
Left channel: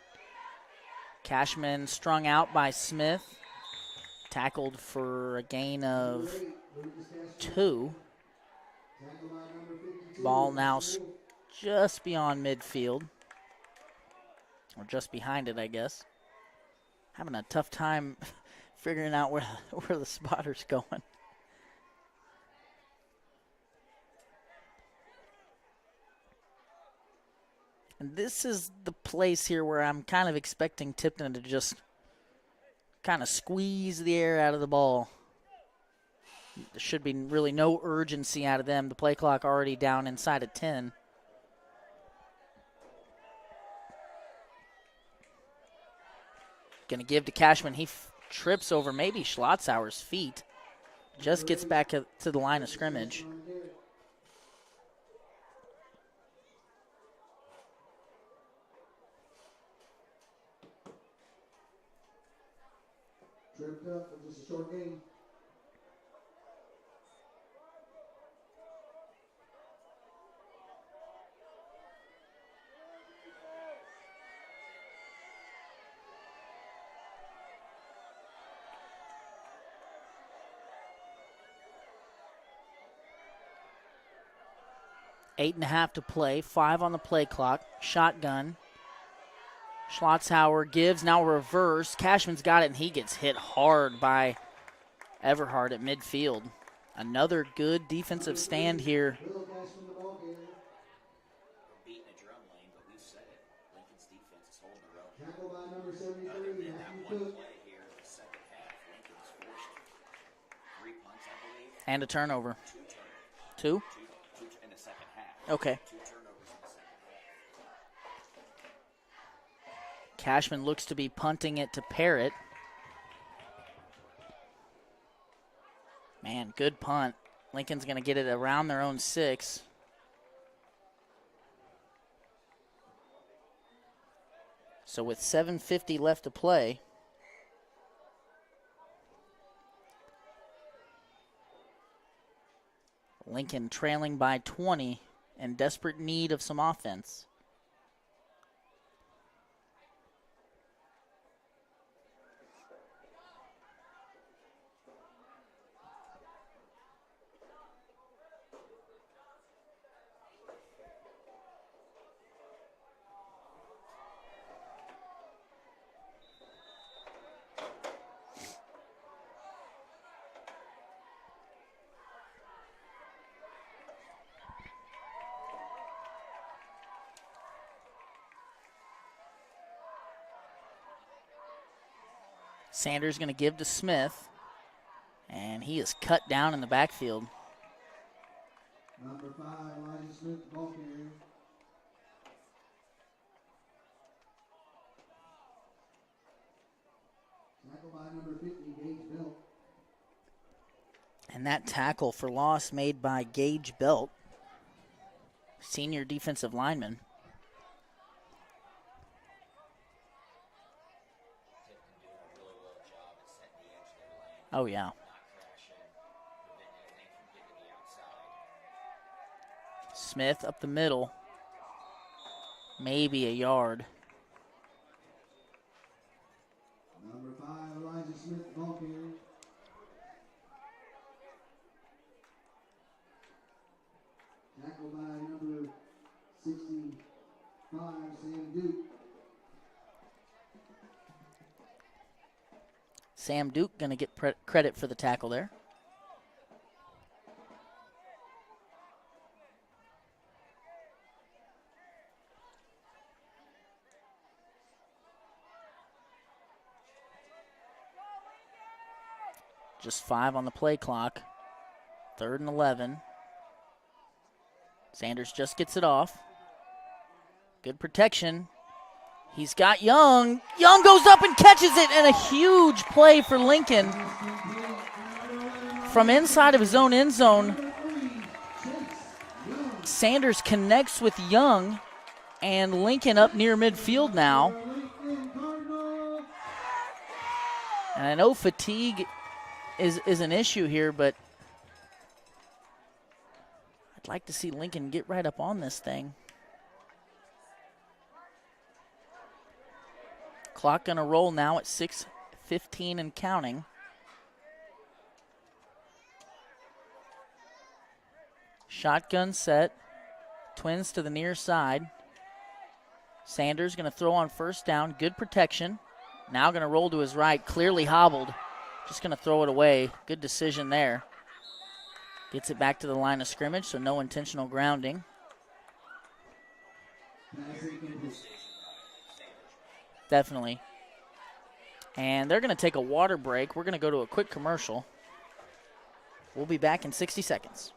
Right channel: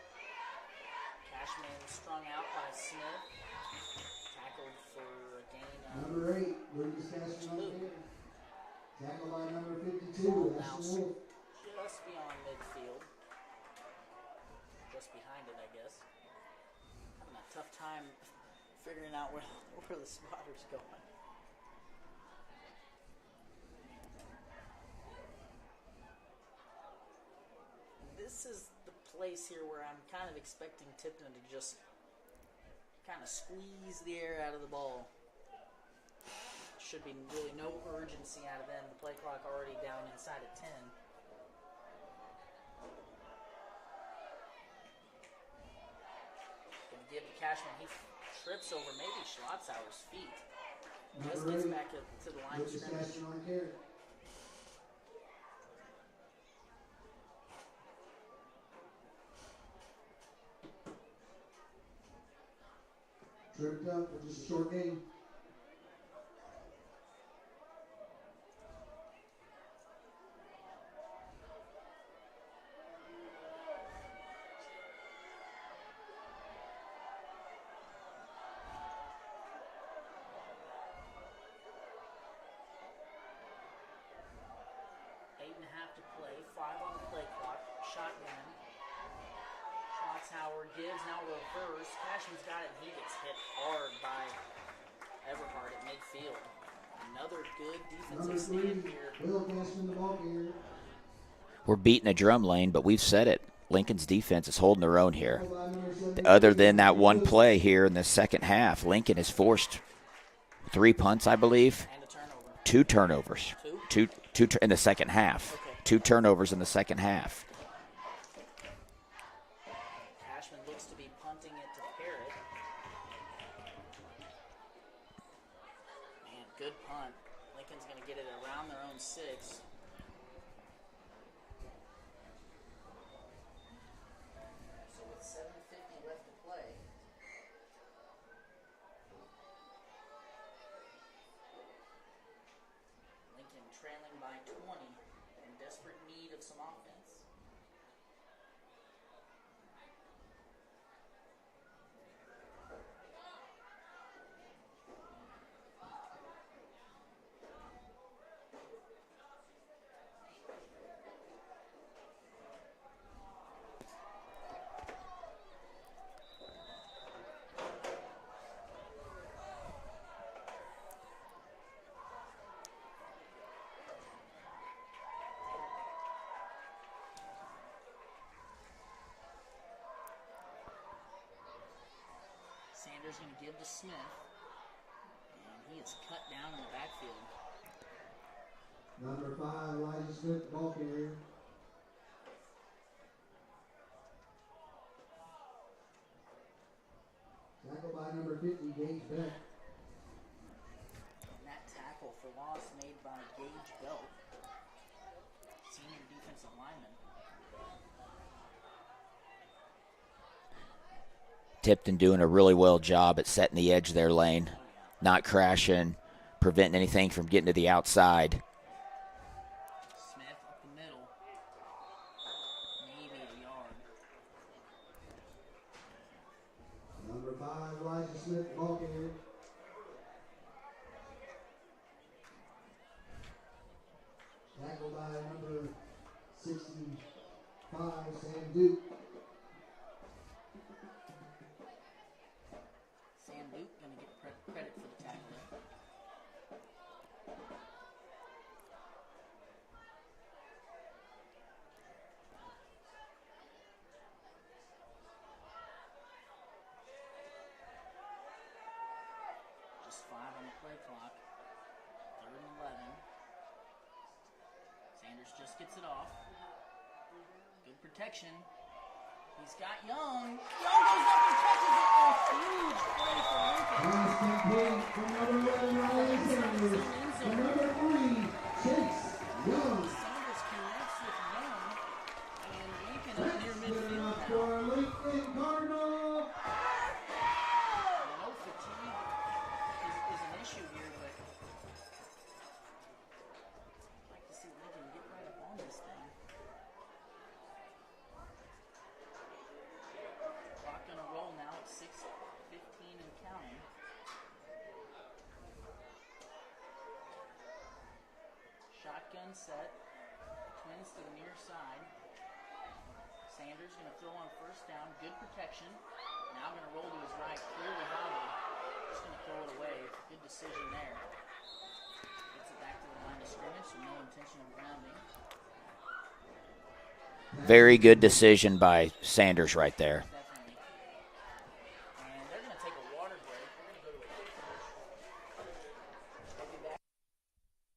Cashman strung out by Smith. Tackled for a gain of 2. Ball now just beyond midfield. Or just behind it, I guess. Having a tough time figuring out where the spotter's going. And this is the place here where I'm kind of expecting Tipton to just kind of squeeze the air out of the ball. There should be really no urgency out of them. The play clock already down inside of 10. Going to give to Cashman. He trips over maybe Schlotzhauer's feet. Just gets back to the line of scrimmage. Tripped up for just a short game. Eight and a half to play, 5 on the play clock. Shotgun. Schlotzhauer gives, now reverse. Cashman's got it, and he gets hit hard by Everhart at midfield. Another good defensive stand here. We're beating a drum lane, but we've said it. Lincoln's defense is holding their own here. Other than that one play here in the second half, Lincoln has forced 3 punts, I believe. And a turnover. 2 turnovers. Two in the second half. Okay. 2 turnovers in the second half. Cashman looks to be punting it to Parrott. Man, good punt. Lincoln's going to get it around their own 6. So with 7:50 left to play, Lincoln trailing by 20 in desperate need of some offense. Sanders going to give to Smith, and he is cut down in the backfield. Number 5, Elijah Smith, ball carrier. Tackle by number 50, Gage Belt. And that tackle for loss made by Gage Belt, senior defensive lineman. Tipton doing a really well job at setting the edge there, Lane. Oh, yeah. Not crashing, preventing anything from getting to the outside. Smith up the middle. Maybe a yard. Number 5, Elijah Smith, ball carrier. Tackle by number 65, Sam Duke. Sam Duke going to get credit for the tackle there. Just 5 on the play clock. 3rd and 11. Sanders just gets it off. Good protection. He's got Young. Young goes up and catches it, and a huge play for Lincoln. From inside of his own end zone, Sanders connects with Young, and Lincoln up near midfield now. And I know fatigue is an issue here, but I'd like to see Lincoln get right up on this thing. Clock gonna roll now at 6:15 and counting. Shotgun set. Twins to the near side. Sanders gonna throw on 1st down. Good protection. Now gonna roll to his right. Clearly hobbled. Just gonna throw it away. Good decision there. Gets it back to the line of scrimmage, so no intentional grounding. Very good decision by Sanders right there. Definitely. And they're going to take a water break. We're going to go to a quick commercial. We'll be back in 60 seconds.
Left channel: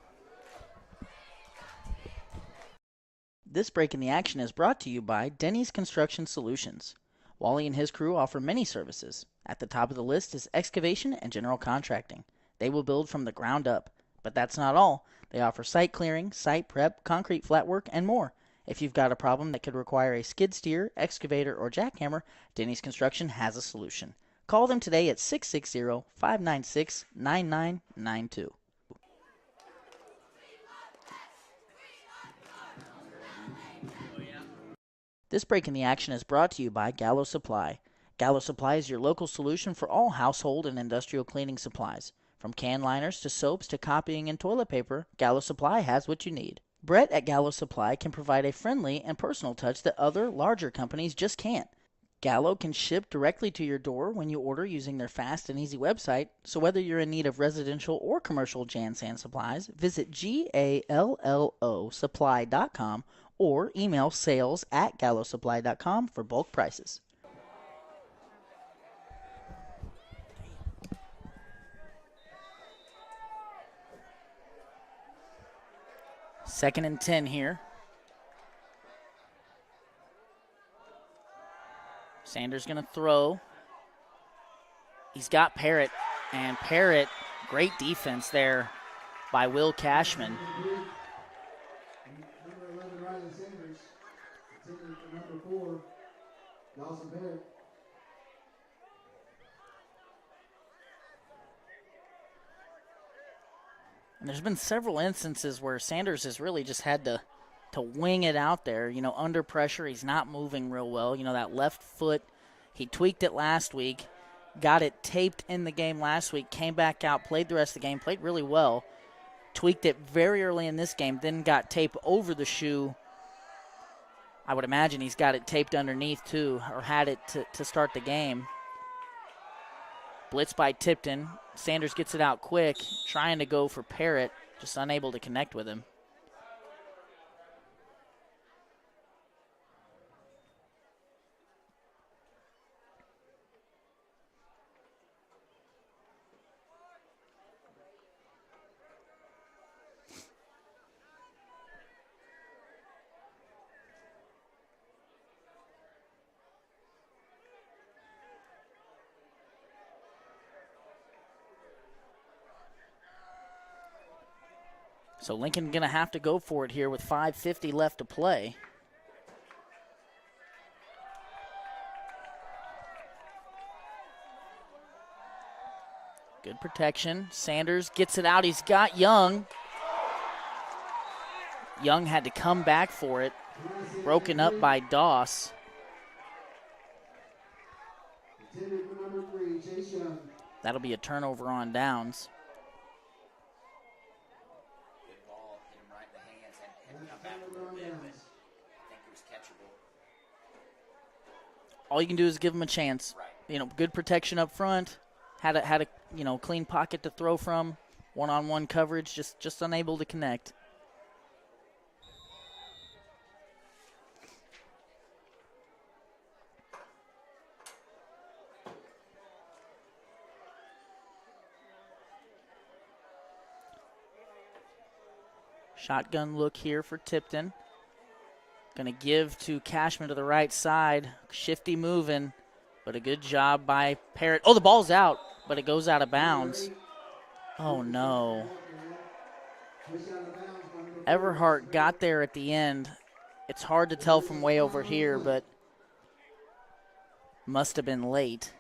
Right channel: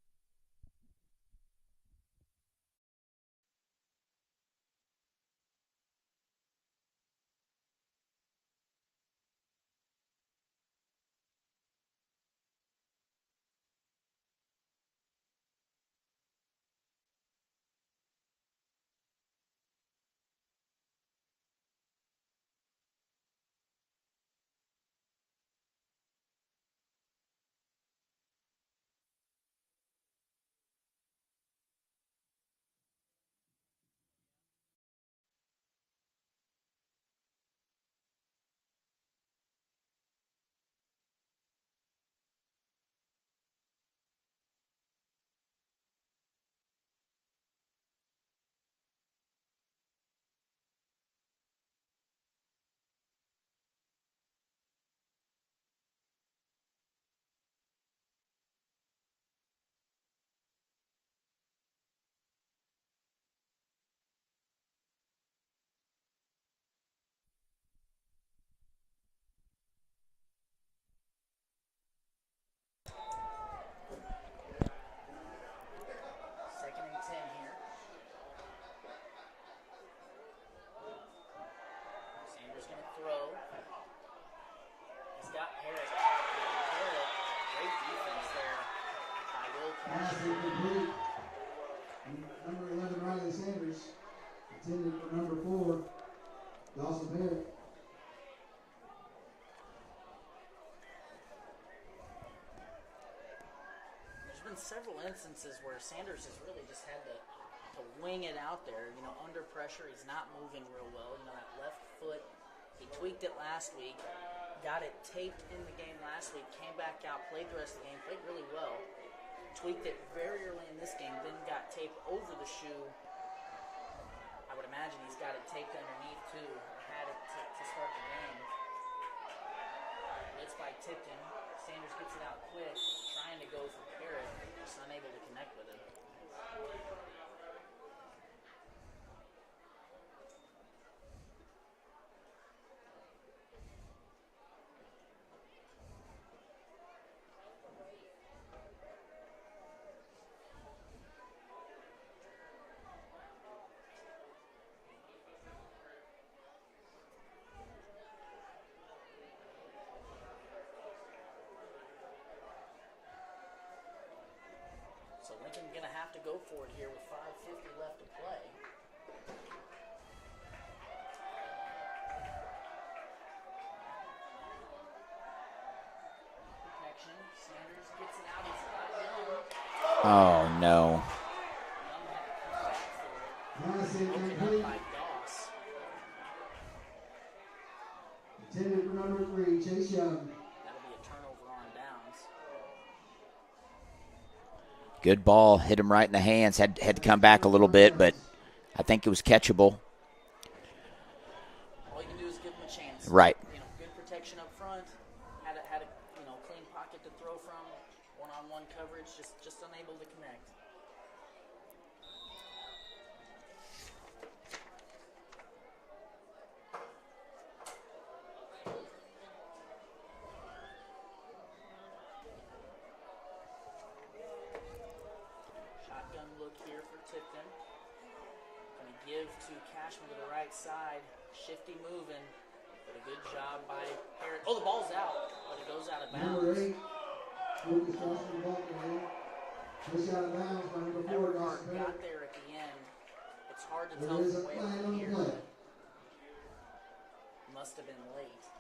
This break in the action is brought to you by Denny's Construction Solutions. Wally and his crew offer many services. At the top of the list is excavation and general contracting. They will build from the ground up. But that's not all. They offer site clearing, site prep, concrete flat work, and more. If you've got a problem that could require a skid steer, excavator, or jackhammer, Denny's Construction has a solution. Call them today at 660-596-9992. This break in the action is brought to you by Gallo Supply. Gallo Supply is your local solution for all household and industrial cleaning supplies. From can liners to soaps to copying and toilet paper, Gallo Supply has what you need. Brett at Gallo Supply can provide a friendly and personal touch that other, larger companies just can't. Gallo can ship directly to your door when you order using their fast and easy website, so whether you're in need of residential or commercial Jan Sand supplies, visit GALLOsupply.com or email sales@gallosupply.com for bulk prices. Second and 10 here. Sanders going to throw. He's got Parrott, and Parrott, great defense there by Will Cashman. Number 11, Riley Sanders. Intended for number 4, Dawson Barrett. And there's been several instances where Sanders has really just had to wing it out there. You know, under pressure, he's not moving real well. You know, that left foot, he tweaked it last week, got it taped in the game last week, came back out, played the rest of the game, played really well. Tweaked it very early in this game, then got tape over the shoe. I would imagine he's got it taped underneath too, or had it to start the game. Blitz by Tipton. Sanders gets it out quick, trying to go for Parrott, just unable to connect with him. So Lincoln going to have to go for it here with 5:50 left to play. Good protection. Sanders gets it out. He's got Young. Oh, no. Young had to come back for it. Broken up by Doss. Intended for number 3, Chase Young. That'll be a turnover on downs. Good ball, hit him right in the hands. Had to come back a little bit, but I think it was catchable. All you can do is give him a chance. Right. You know, good protection up front. Had a clean pocket to throw from. One-on-one coverage, just unable to connect. Shotgun look here for Tipton. Going to give to Cashman to the right side. Shifty moving, but a good job by Parrott. Oh, the ball's out, but it goes out of bounds. Oh, no. Everhart got there at the end. It's hard to tell from way over here, but must have been late.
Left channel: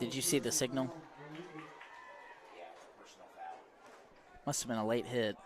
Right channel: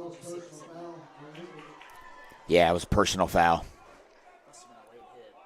Did you see the signal? Yeah, it was a personal foul. Must have been a late hit.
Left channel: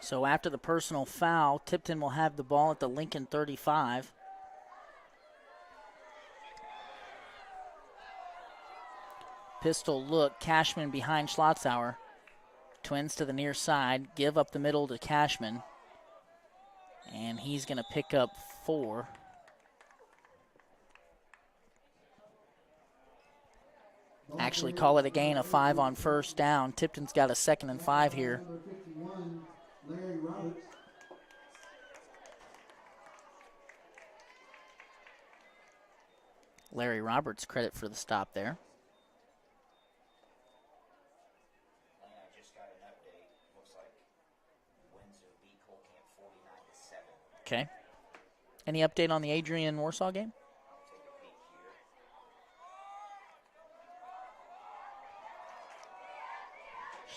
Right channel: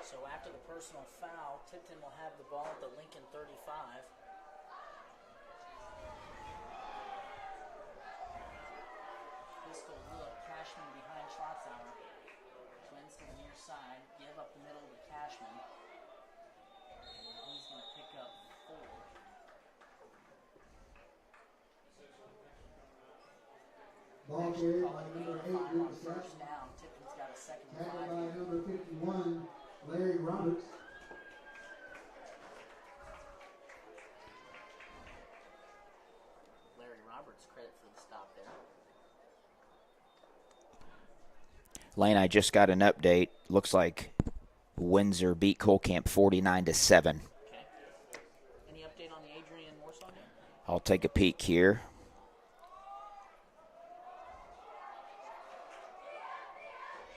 So after the personal foul, Tipton will have the ball at the Lincoln 35. Pistol look, Cashman behind Schlotzauer. Twins to the near side, give up the middle to Cashman. And he's going to pick up 4. Actually call it a gain of 5 on first down. Tipton's got a 2nd and 5 here. Larry Roberts. Larry Roberts credit for the stop there. Lane, I just got an update. Looks like Windsor beat Colcamp 49-7. Okay. Any update on the Adrian Warsaw game? I'll take a peek here.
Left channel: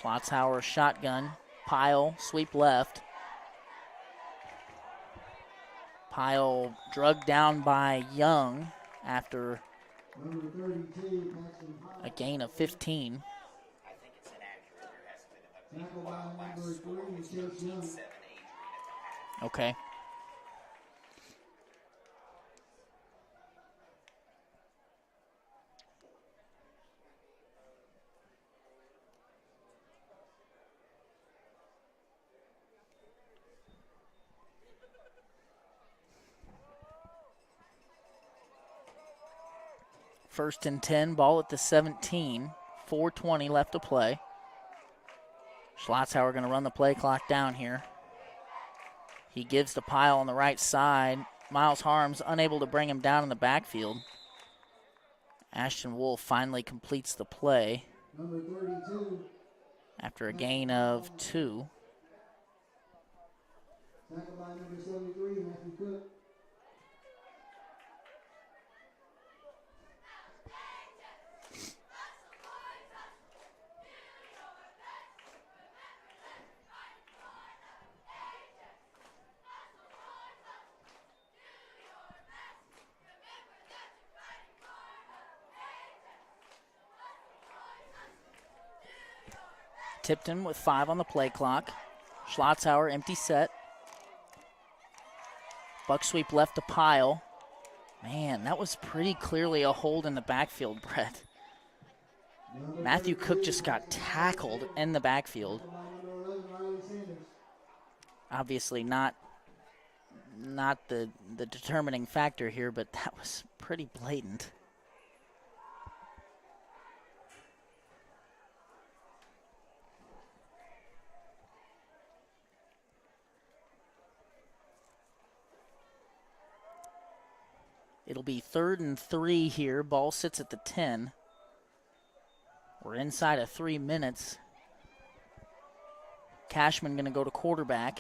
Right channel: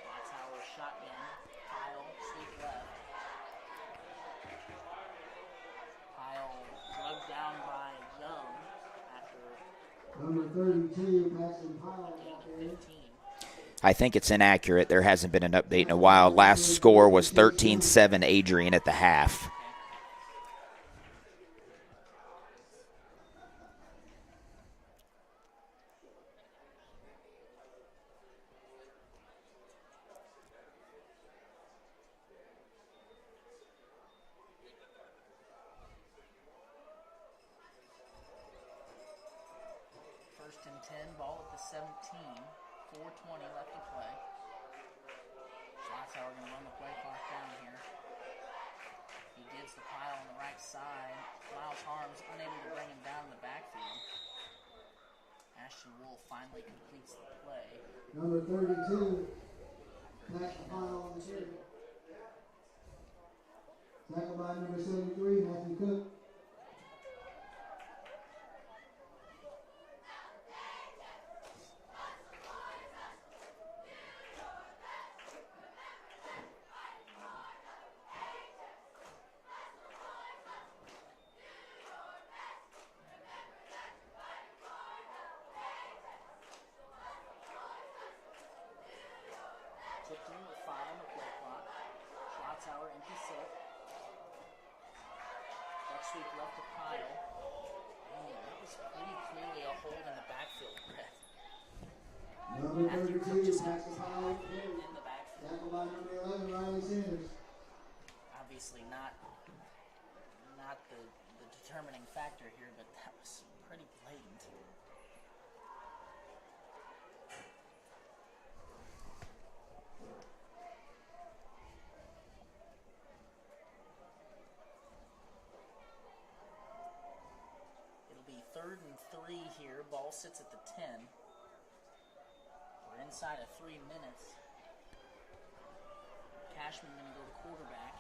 Schlotzauer shotgun. Pyle, sweep left. Pyle drugged down by Young after a gain of 15. I think it's inaccurate. There hasn't been an update in a while. Last score was 13-7 Adrian at the half. Okay. First and 10, ball at the 17. 4:20 left to play. Schlotzauer going to run the play clock down here. He gives the Pyle on the right side. Miles Harms unable to bring him down in the backfield. Ashton Wolf finally completes the play Number 32. after a gain of 2. Tackled by number 73, Matthew Cook. Tipton with 5 on the play clock. Schlotzauer empty set. Buck sweep left to Pyle. Man, that was pretty clearly a hold in the backfield, Brett. Matthew Cook just got tackled in the backfield. Obviously not the determining factor here, but that was pretty blatant. It'll be 3rd and 3 here. Ball sits at the 10. We're inside of 3 minutes. Cashman going to go to quarterback.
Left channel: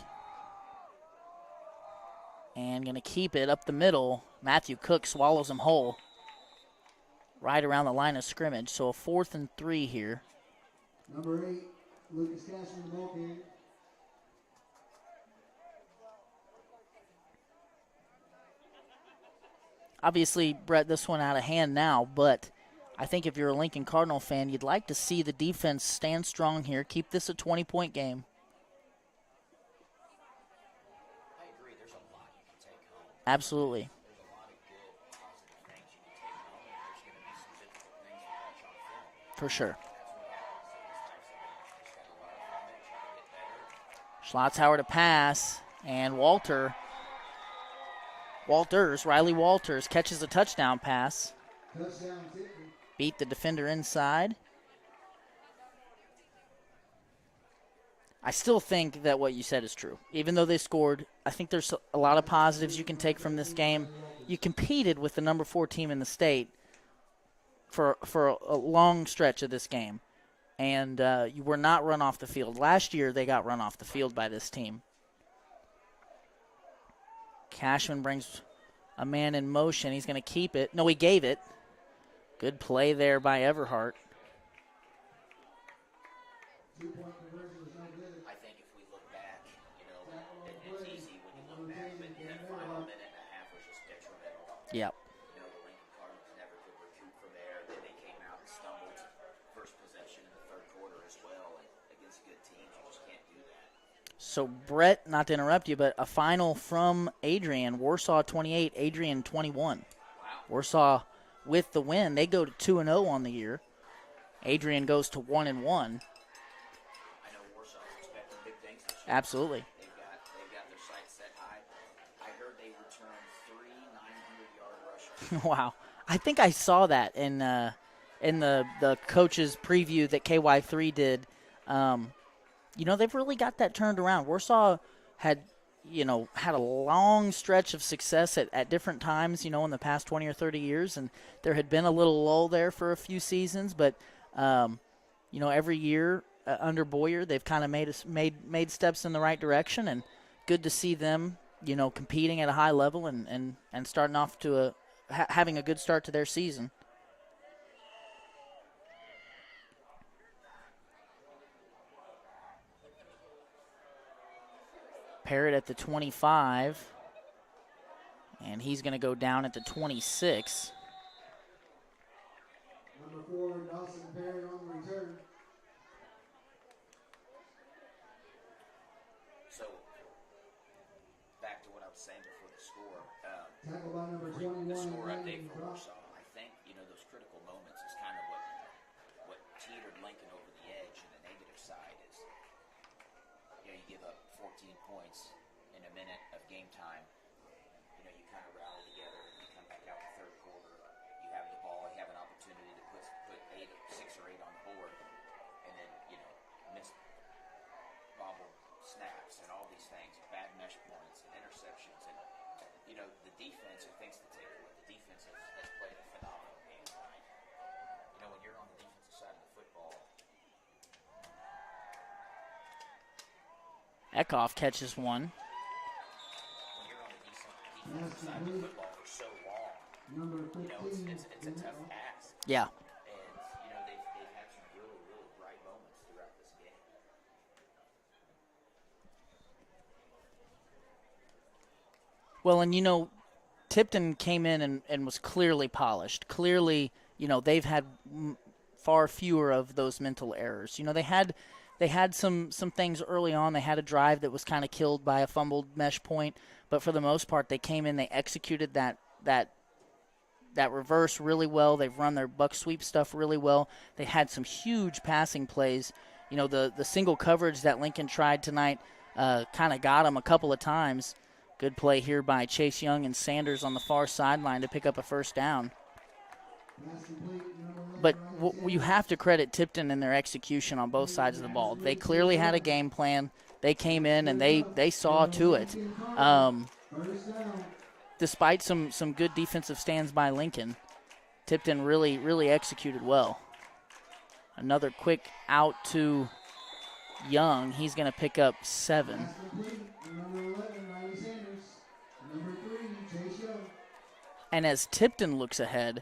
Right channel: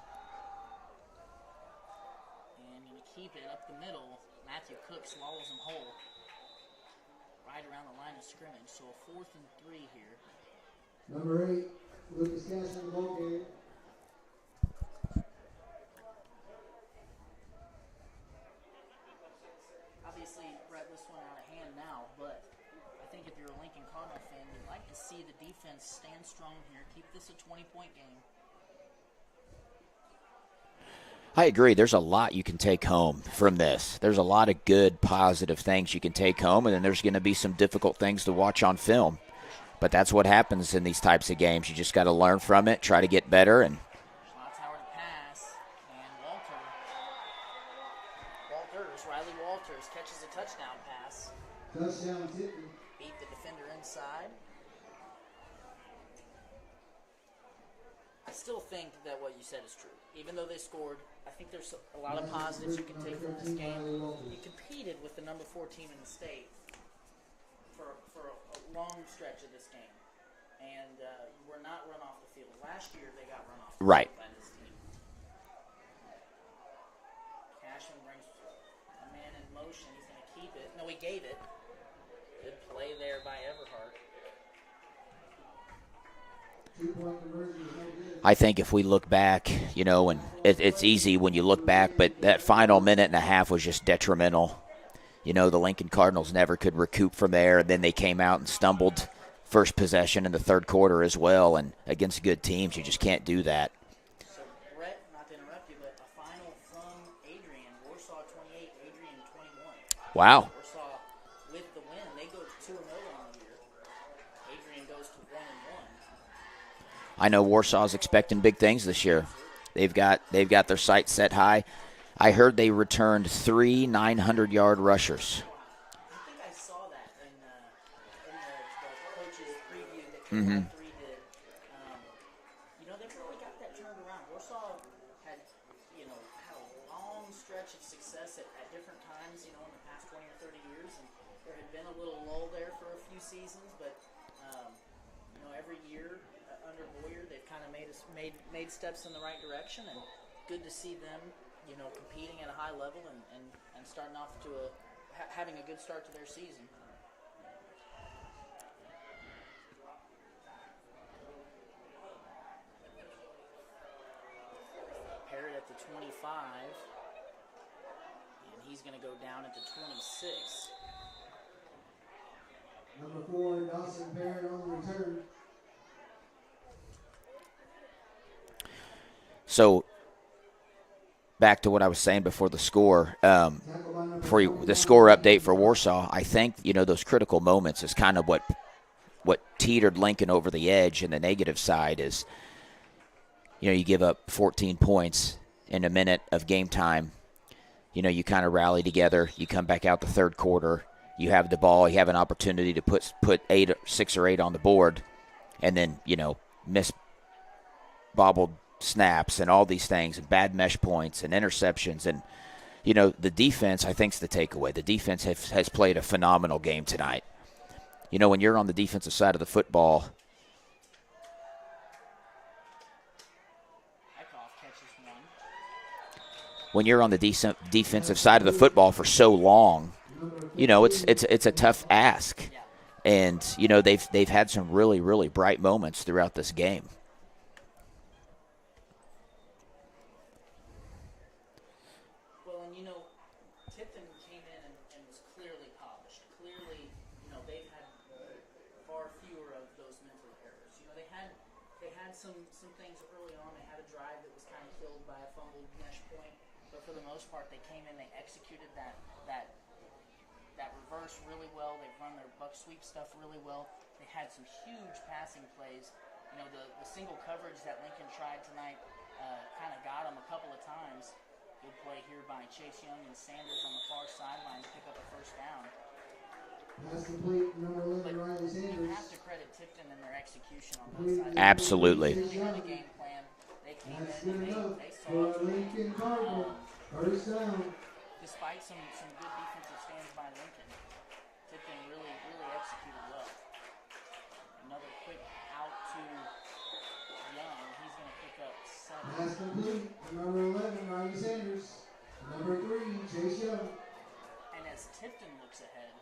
And going to keep it up the middle. Matthew Cook swallows him whole. Right around the line of scrimmage. So a 4th and 3 here. Number 8, Lucas Cashman, the ball game. obviously, Brett, this one out of hand now, but I think if you're a Lincoln Cardinal fan, you'd like to see the defense stand strong here, keep this a 20-point game. I agree. There's a lot you can take home Absolutely. from this. There's a lot of good, positive things you can take home, and then there's going to be some difficult things to watch on film. For sure. But that's what happens in these types of games. You just got to learn from it, try to get better. And Schlotzhauer to pass, and Riley Walters catches a touchdown pass. Touchdown, Tipton. Beat the defender inside. I still think that what you said is true. Even though they scored, I think there's a lot of positives you can take from this game. You competed with the number 4 team in the state for a long stretch of this game, and you were not run off the field. Last year, they got run off the field by this team. Cashman brings a man in motion. He's going to keep it. No, he gave it. Good play there by Everhart. I think if we look back, and it's easy when you look back, but that final minute and a half was just detrimental. Yeah. The Lincoln Cardinals never could recoup from there, and then they came out and stumbled first possession in the third quarter as well, and against good teams, you just can't do that. So, Brett, not to interrupt you, but a final from Adrian. Warsaw 28, Adrian 21. Wow. Warsaw with the win. They go to 2-0 on the year. Adrian goes to 1-1. I know Warsaw's expecting big things this year. Absolutely. They've got their sights set high. I heard they returned 3 900-yard rushers. Wow. I think I saw that in the coach's preview that KY3 did. They've really got that turned around. Warsaw had a long stretch of success at different times, in the past 20 or 30 years, and there had been a little lull there for a few seasons, but every year under Boyer, they've kind of made steps in the right direction, and good to see them, competing at a high level and starting off to having a good start to their season. Parrott at the 25, and he's going to go down at the 26. Number 4, Dawson Parrott on the return. So, back to what I was saying before the score, the score update for Warsaw, I think, those critical moments is kind of what teetered Lincoln over the edge, and the negative side is, you give up 14 points in a minute of game time. You kind of rally together. You come back out the third quarter. You have the ball. You have an opportunity to put 6 or 8 on the board, and then, miss bobbled snaps and all these things, and bad mesh points and interceptions. And, the defense, I think, is the takeaway. The defense has played a phenomenal game tonight. When you're on the defensive side of the football, Eckhoff catches one. When you're on the defensive side of the football for so long, it's a tough ask. Yeah. And they've had some really, really bright moments throughout this game. Well, and Tipton came in and was clearly polished. Clearly, they've had far fewer of those mental errors. They had some things early on. They had a drive that was kind of killed by a fumbled mesh point, but for the most part, they came in, they executed that reverse really well. They've run their buck sweep stuff really well. They had some huge passing plays. The single coverage that Lincoln tried tonight kind of got them a couple of times. Good play here by Chase Young and Sanders on the far sideline to pick up a first down. But you have to credit Tipton and their execution on both sides of the ball. Absolutely. They clearly had a game plan. They came in and they saw to it. Despite some good defensive stands by Lincoln, Tipton really, really executed well. Another quick out to Young. He's going to pick up 7. Number 11, Riley Sanders. Number 3, Chase Young. And as Tipton looks ahead,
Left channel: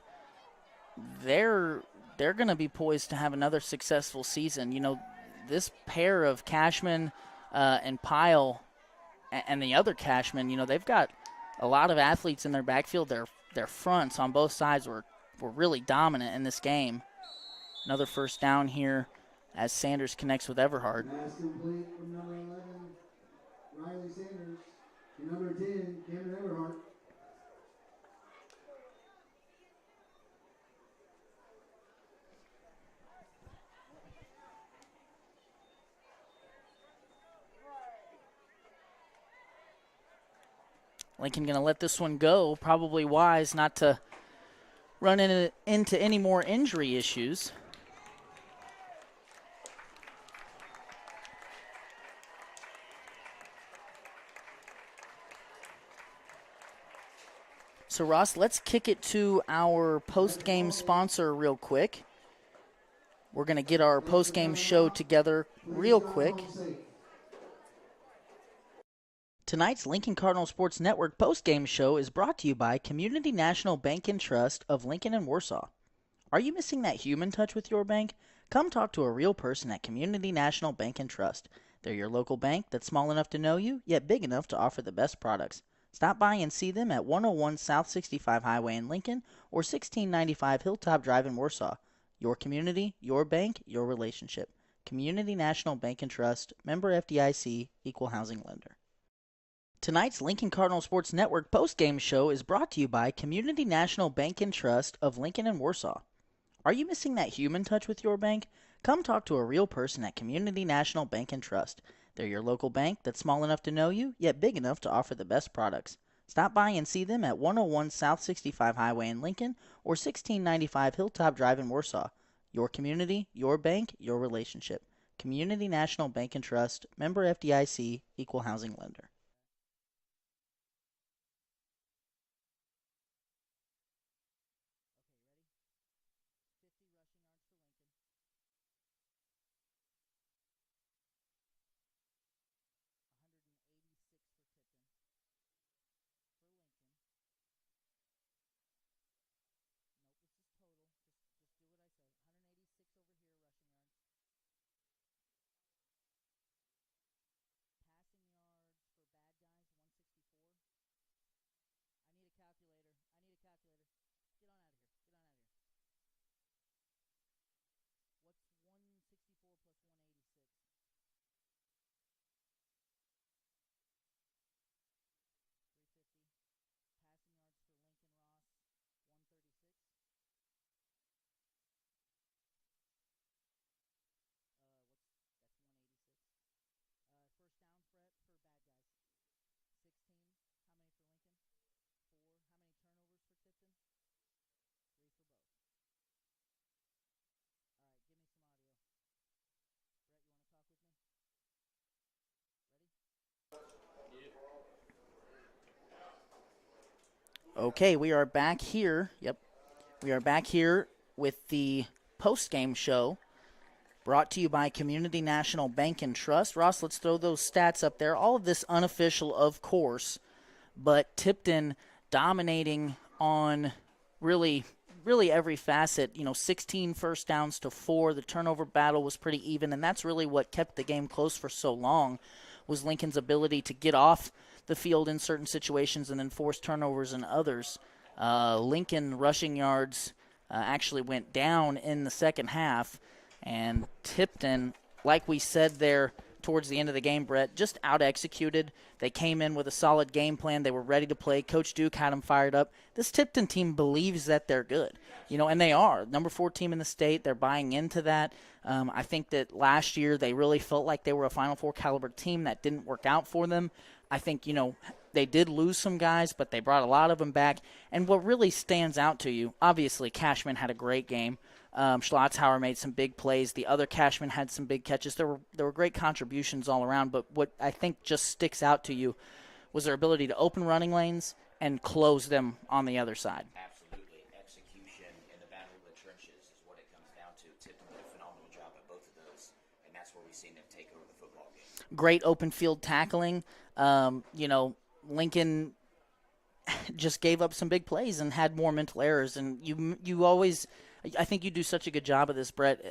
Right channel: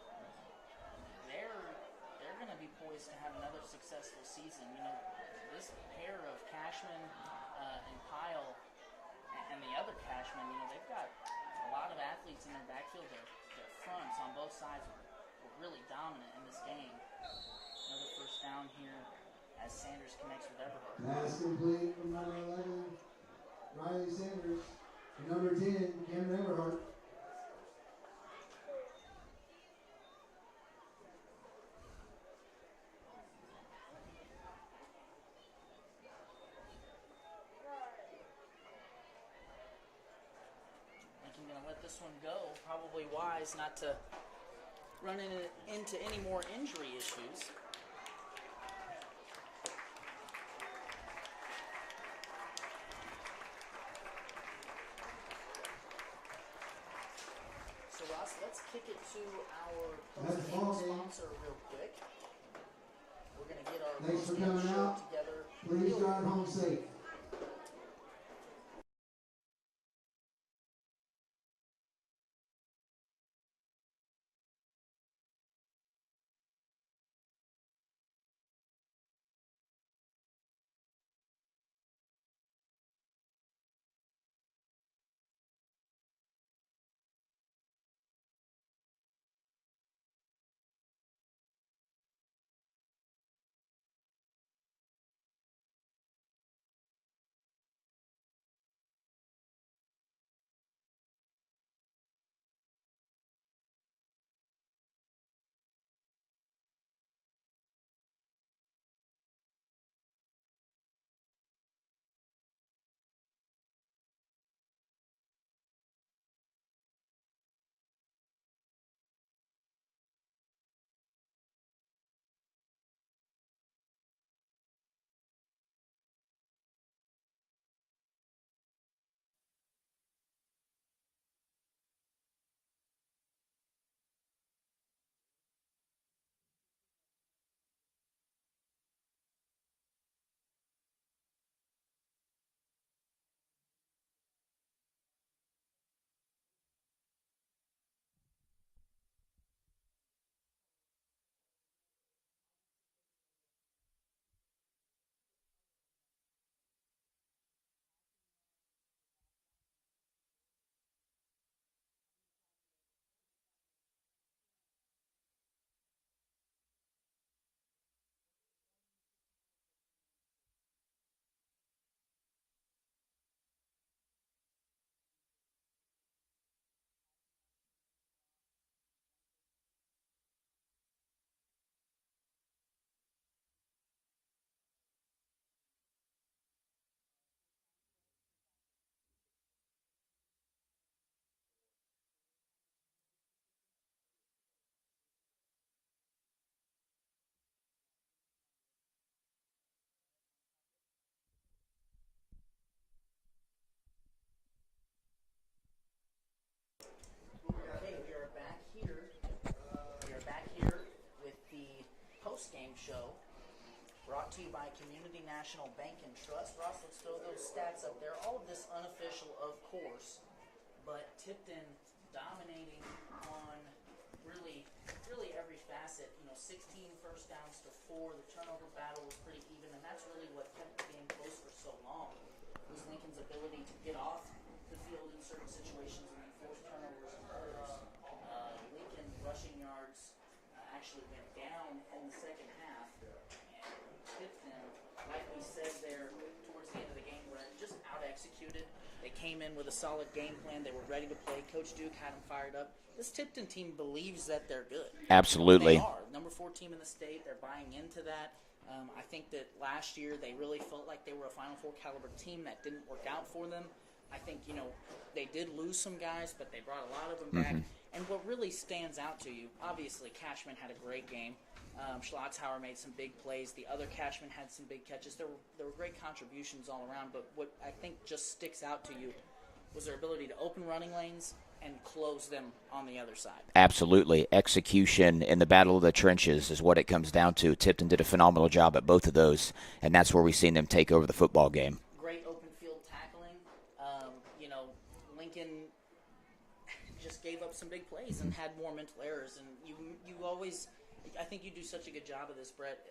they're going to be poised to have another successful season. This pair of Cashman and Pyle and the other Cashman, they've got a lot of athletes in their backfield. their fronts on both sides were really dominant in this game. Another first down here as Sanders connects with Everhard. Pass complete from number 11, Riley Sanders. And number 10, Cameron Everhart. Lincoln going to let this one go. Probably wise not to run into any more injury issues. So, Ross, let's kick it to our post-game sponsor real quick. We're going to get our post-game show together real quick. Tonight's Lincoln Cardinal Sports Network post-game show is brought to you by Community National Bank and Trust of Lincoln and Warsaw. Are you missing that human touch with your bank? Come talk to a real person at Community National Bank and Trust. They're your local bank that's small enough to know you, yet big enough to offer the best products. Stop by and see them at 101 South 65 Highway in Lincoln or 1695 Hilltop Drive in Warsaw. Your community, your bank, your relationship. Community National Bank and Trust, member FDIC, equal housing lender. Tonight's Lincoln Cardinal Sports Network post-game show is brought to you by Community National Bank and Trust of Lincoln and Warsaw. Are you missing that human touch with your bank? Come talk to a real person at Community National Bank and Trust. They're your local bank that's small enough to know you, yet big enough to offer the best products. Stop by and see them at 101 South 65 Highway in Lincoln or 1695 Hilltop Drive in Warsaw. Your community, your bank, your relationship. Community National Bank and Trust, member FDIC, equal housing lender. Okay, we are back here. We are back here with the post-game show brought to you by Community National Bank and Trust. Ross, let's throw those stats up there. All of this unofficial, of course, but Tipton dominating on really every facet. 16 first downs to 4. The turnover battle was pretty even, and that's really what kept the game close for so long, was Lincoln's ability to get off the field in certain situations and then force turnovers in others. Lincoln rushing yards actually went down in the second half, and Tipton, like we said there towards the end of the game, Brett, just out-executed. They came in with a solid game plan. They were ready to play. Coach Duke had them fired up. This Tipton team believes that they're good. Absolutely. And they are. Number 4 team in the state. They're buying into that. I think that last year they really felt like they were a Final Four caliber team. That didn't work out for them. I think, they did lose some guys, but they brought a lot of them back. And what really stands out to you, obviously Cashman had a great game. Schlotzhauer made some big plays. The other Cashman had some big catches. There were great contributions all around, but what I think just sticks out to you was their ability to open running lanes and close them on the other side. Absolutely. Execution in the battle of the trenches is what it comes down to. Tipton did a phenomenal job at both of those, and that's where we've seen them take over the football game. Great open field tackling. Lincoln just gave up some big plays and had more mental errors. And you always, I think you do such a good job of this, Brett,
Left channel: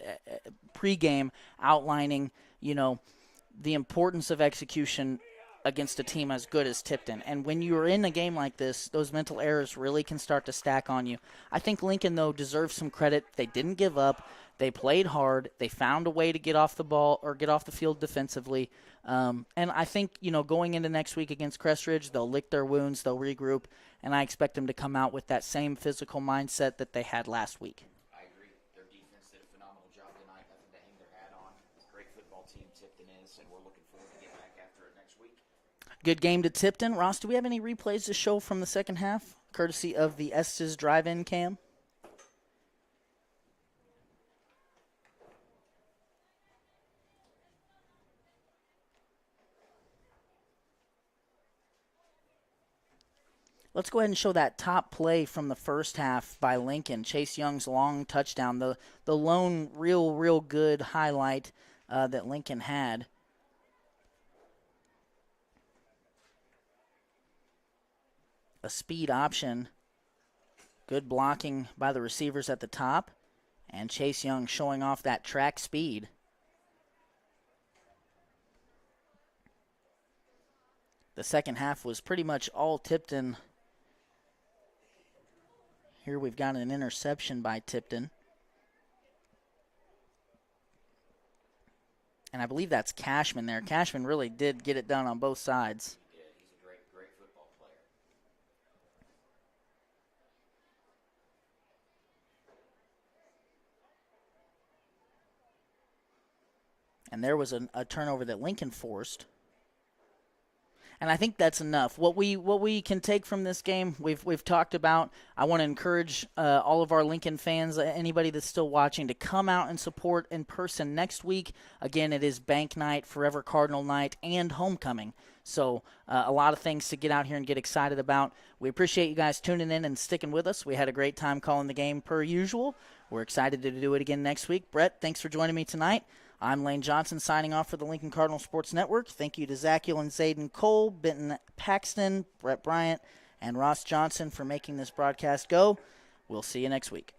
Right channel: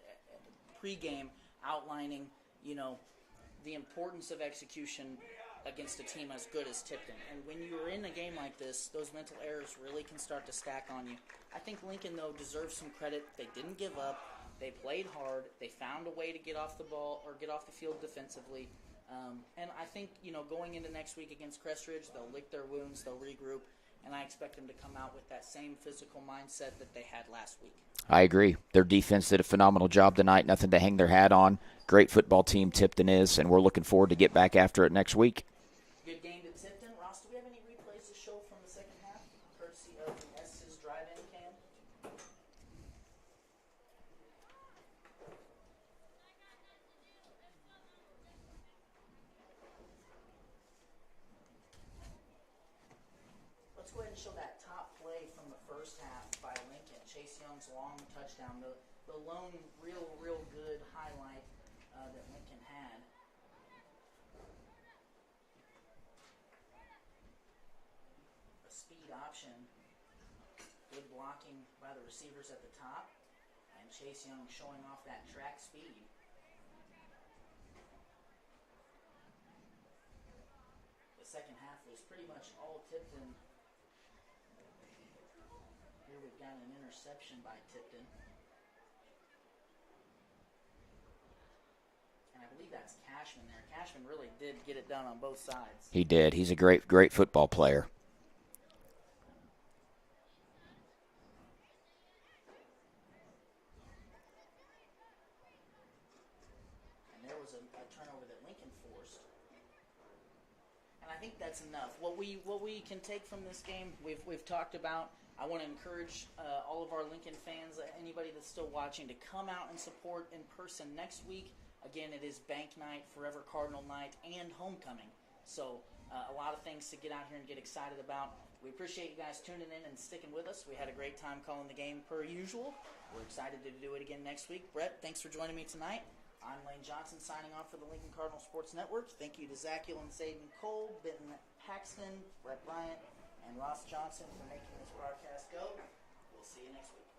pregame outlining, the importance of execution against a team as good as Tipton. And when you're in a game like this, those mental errors really can start to stack on you. I think Lincoln, though, deserves some credit. They didn't give up. They played hard. They found a way to get off the ball or get off the field defensively. And I think, going into next week against Crestridge, they'll lick their wounds, they'll regroup, and I expect them to come out with that same physical mindset that they had last week. I agree. Their defense did a phenomenal job tonight. Nothing to hang their hat on. Great football team Tipton is, and we're looking forward to get back after it next week. Good game to Tipton. Ross, do we have any replays to show from the second half, courtesy of the Estes drive-in cam? Let's go ahead and show that top play from the first half by Lincoln. Chase Young's long touchdown, the lone real good highlight that Lincoln had. A speed option. Good blocking by the receivers at the top. And Chase Young showing off that track speed. The second half was pretty much all Tipton. Here we've got an interception by Tipton. And I believe that's Cashman there. Cashman really did get it done on both sides. He did. He's a great football player. And there was a turnover that Lincoln forced. And I think that's enough. What we can take from this game, we've talked about. I want to encourage all of our Lincoln fans, anybody that's still watching, to come out and support in person next week. Again, it is Bank Night, Forever Cardinal Night, and Homecoming. So a lot of things to get out here and get excited about. We appreciate you guys tuning in and sticking with us. We had a great time calling the game per usual. We're excited to do it again next week. Brett, thanks for joining me tonight. I'm Lane Johnson signing off for the Lincoln Cardinal Sports Network. Thank you to Zachiel and Zayden Cole, Benton Paxton, Brett Bryant, and Ross Johnson for making this broadcast go. We'll see you next week.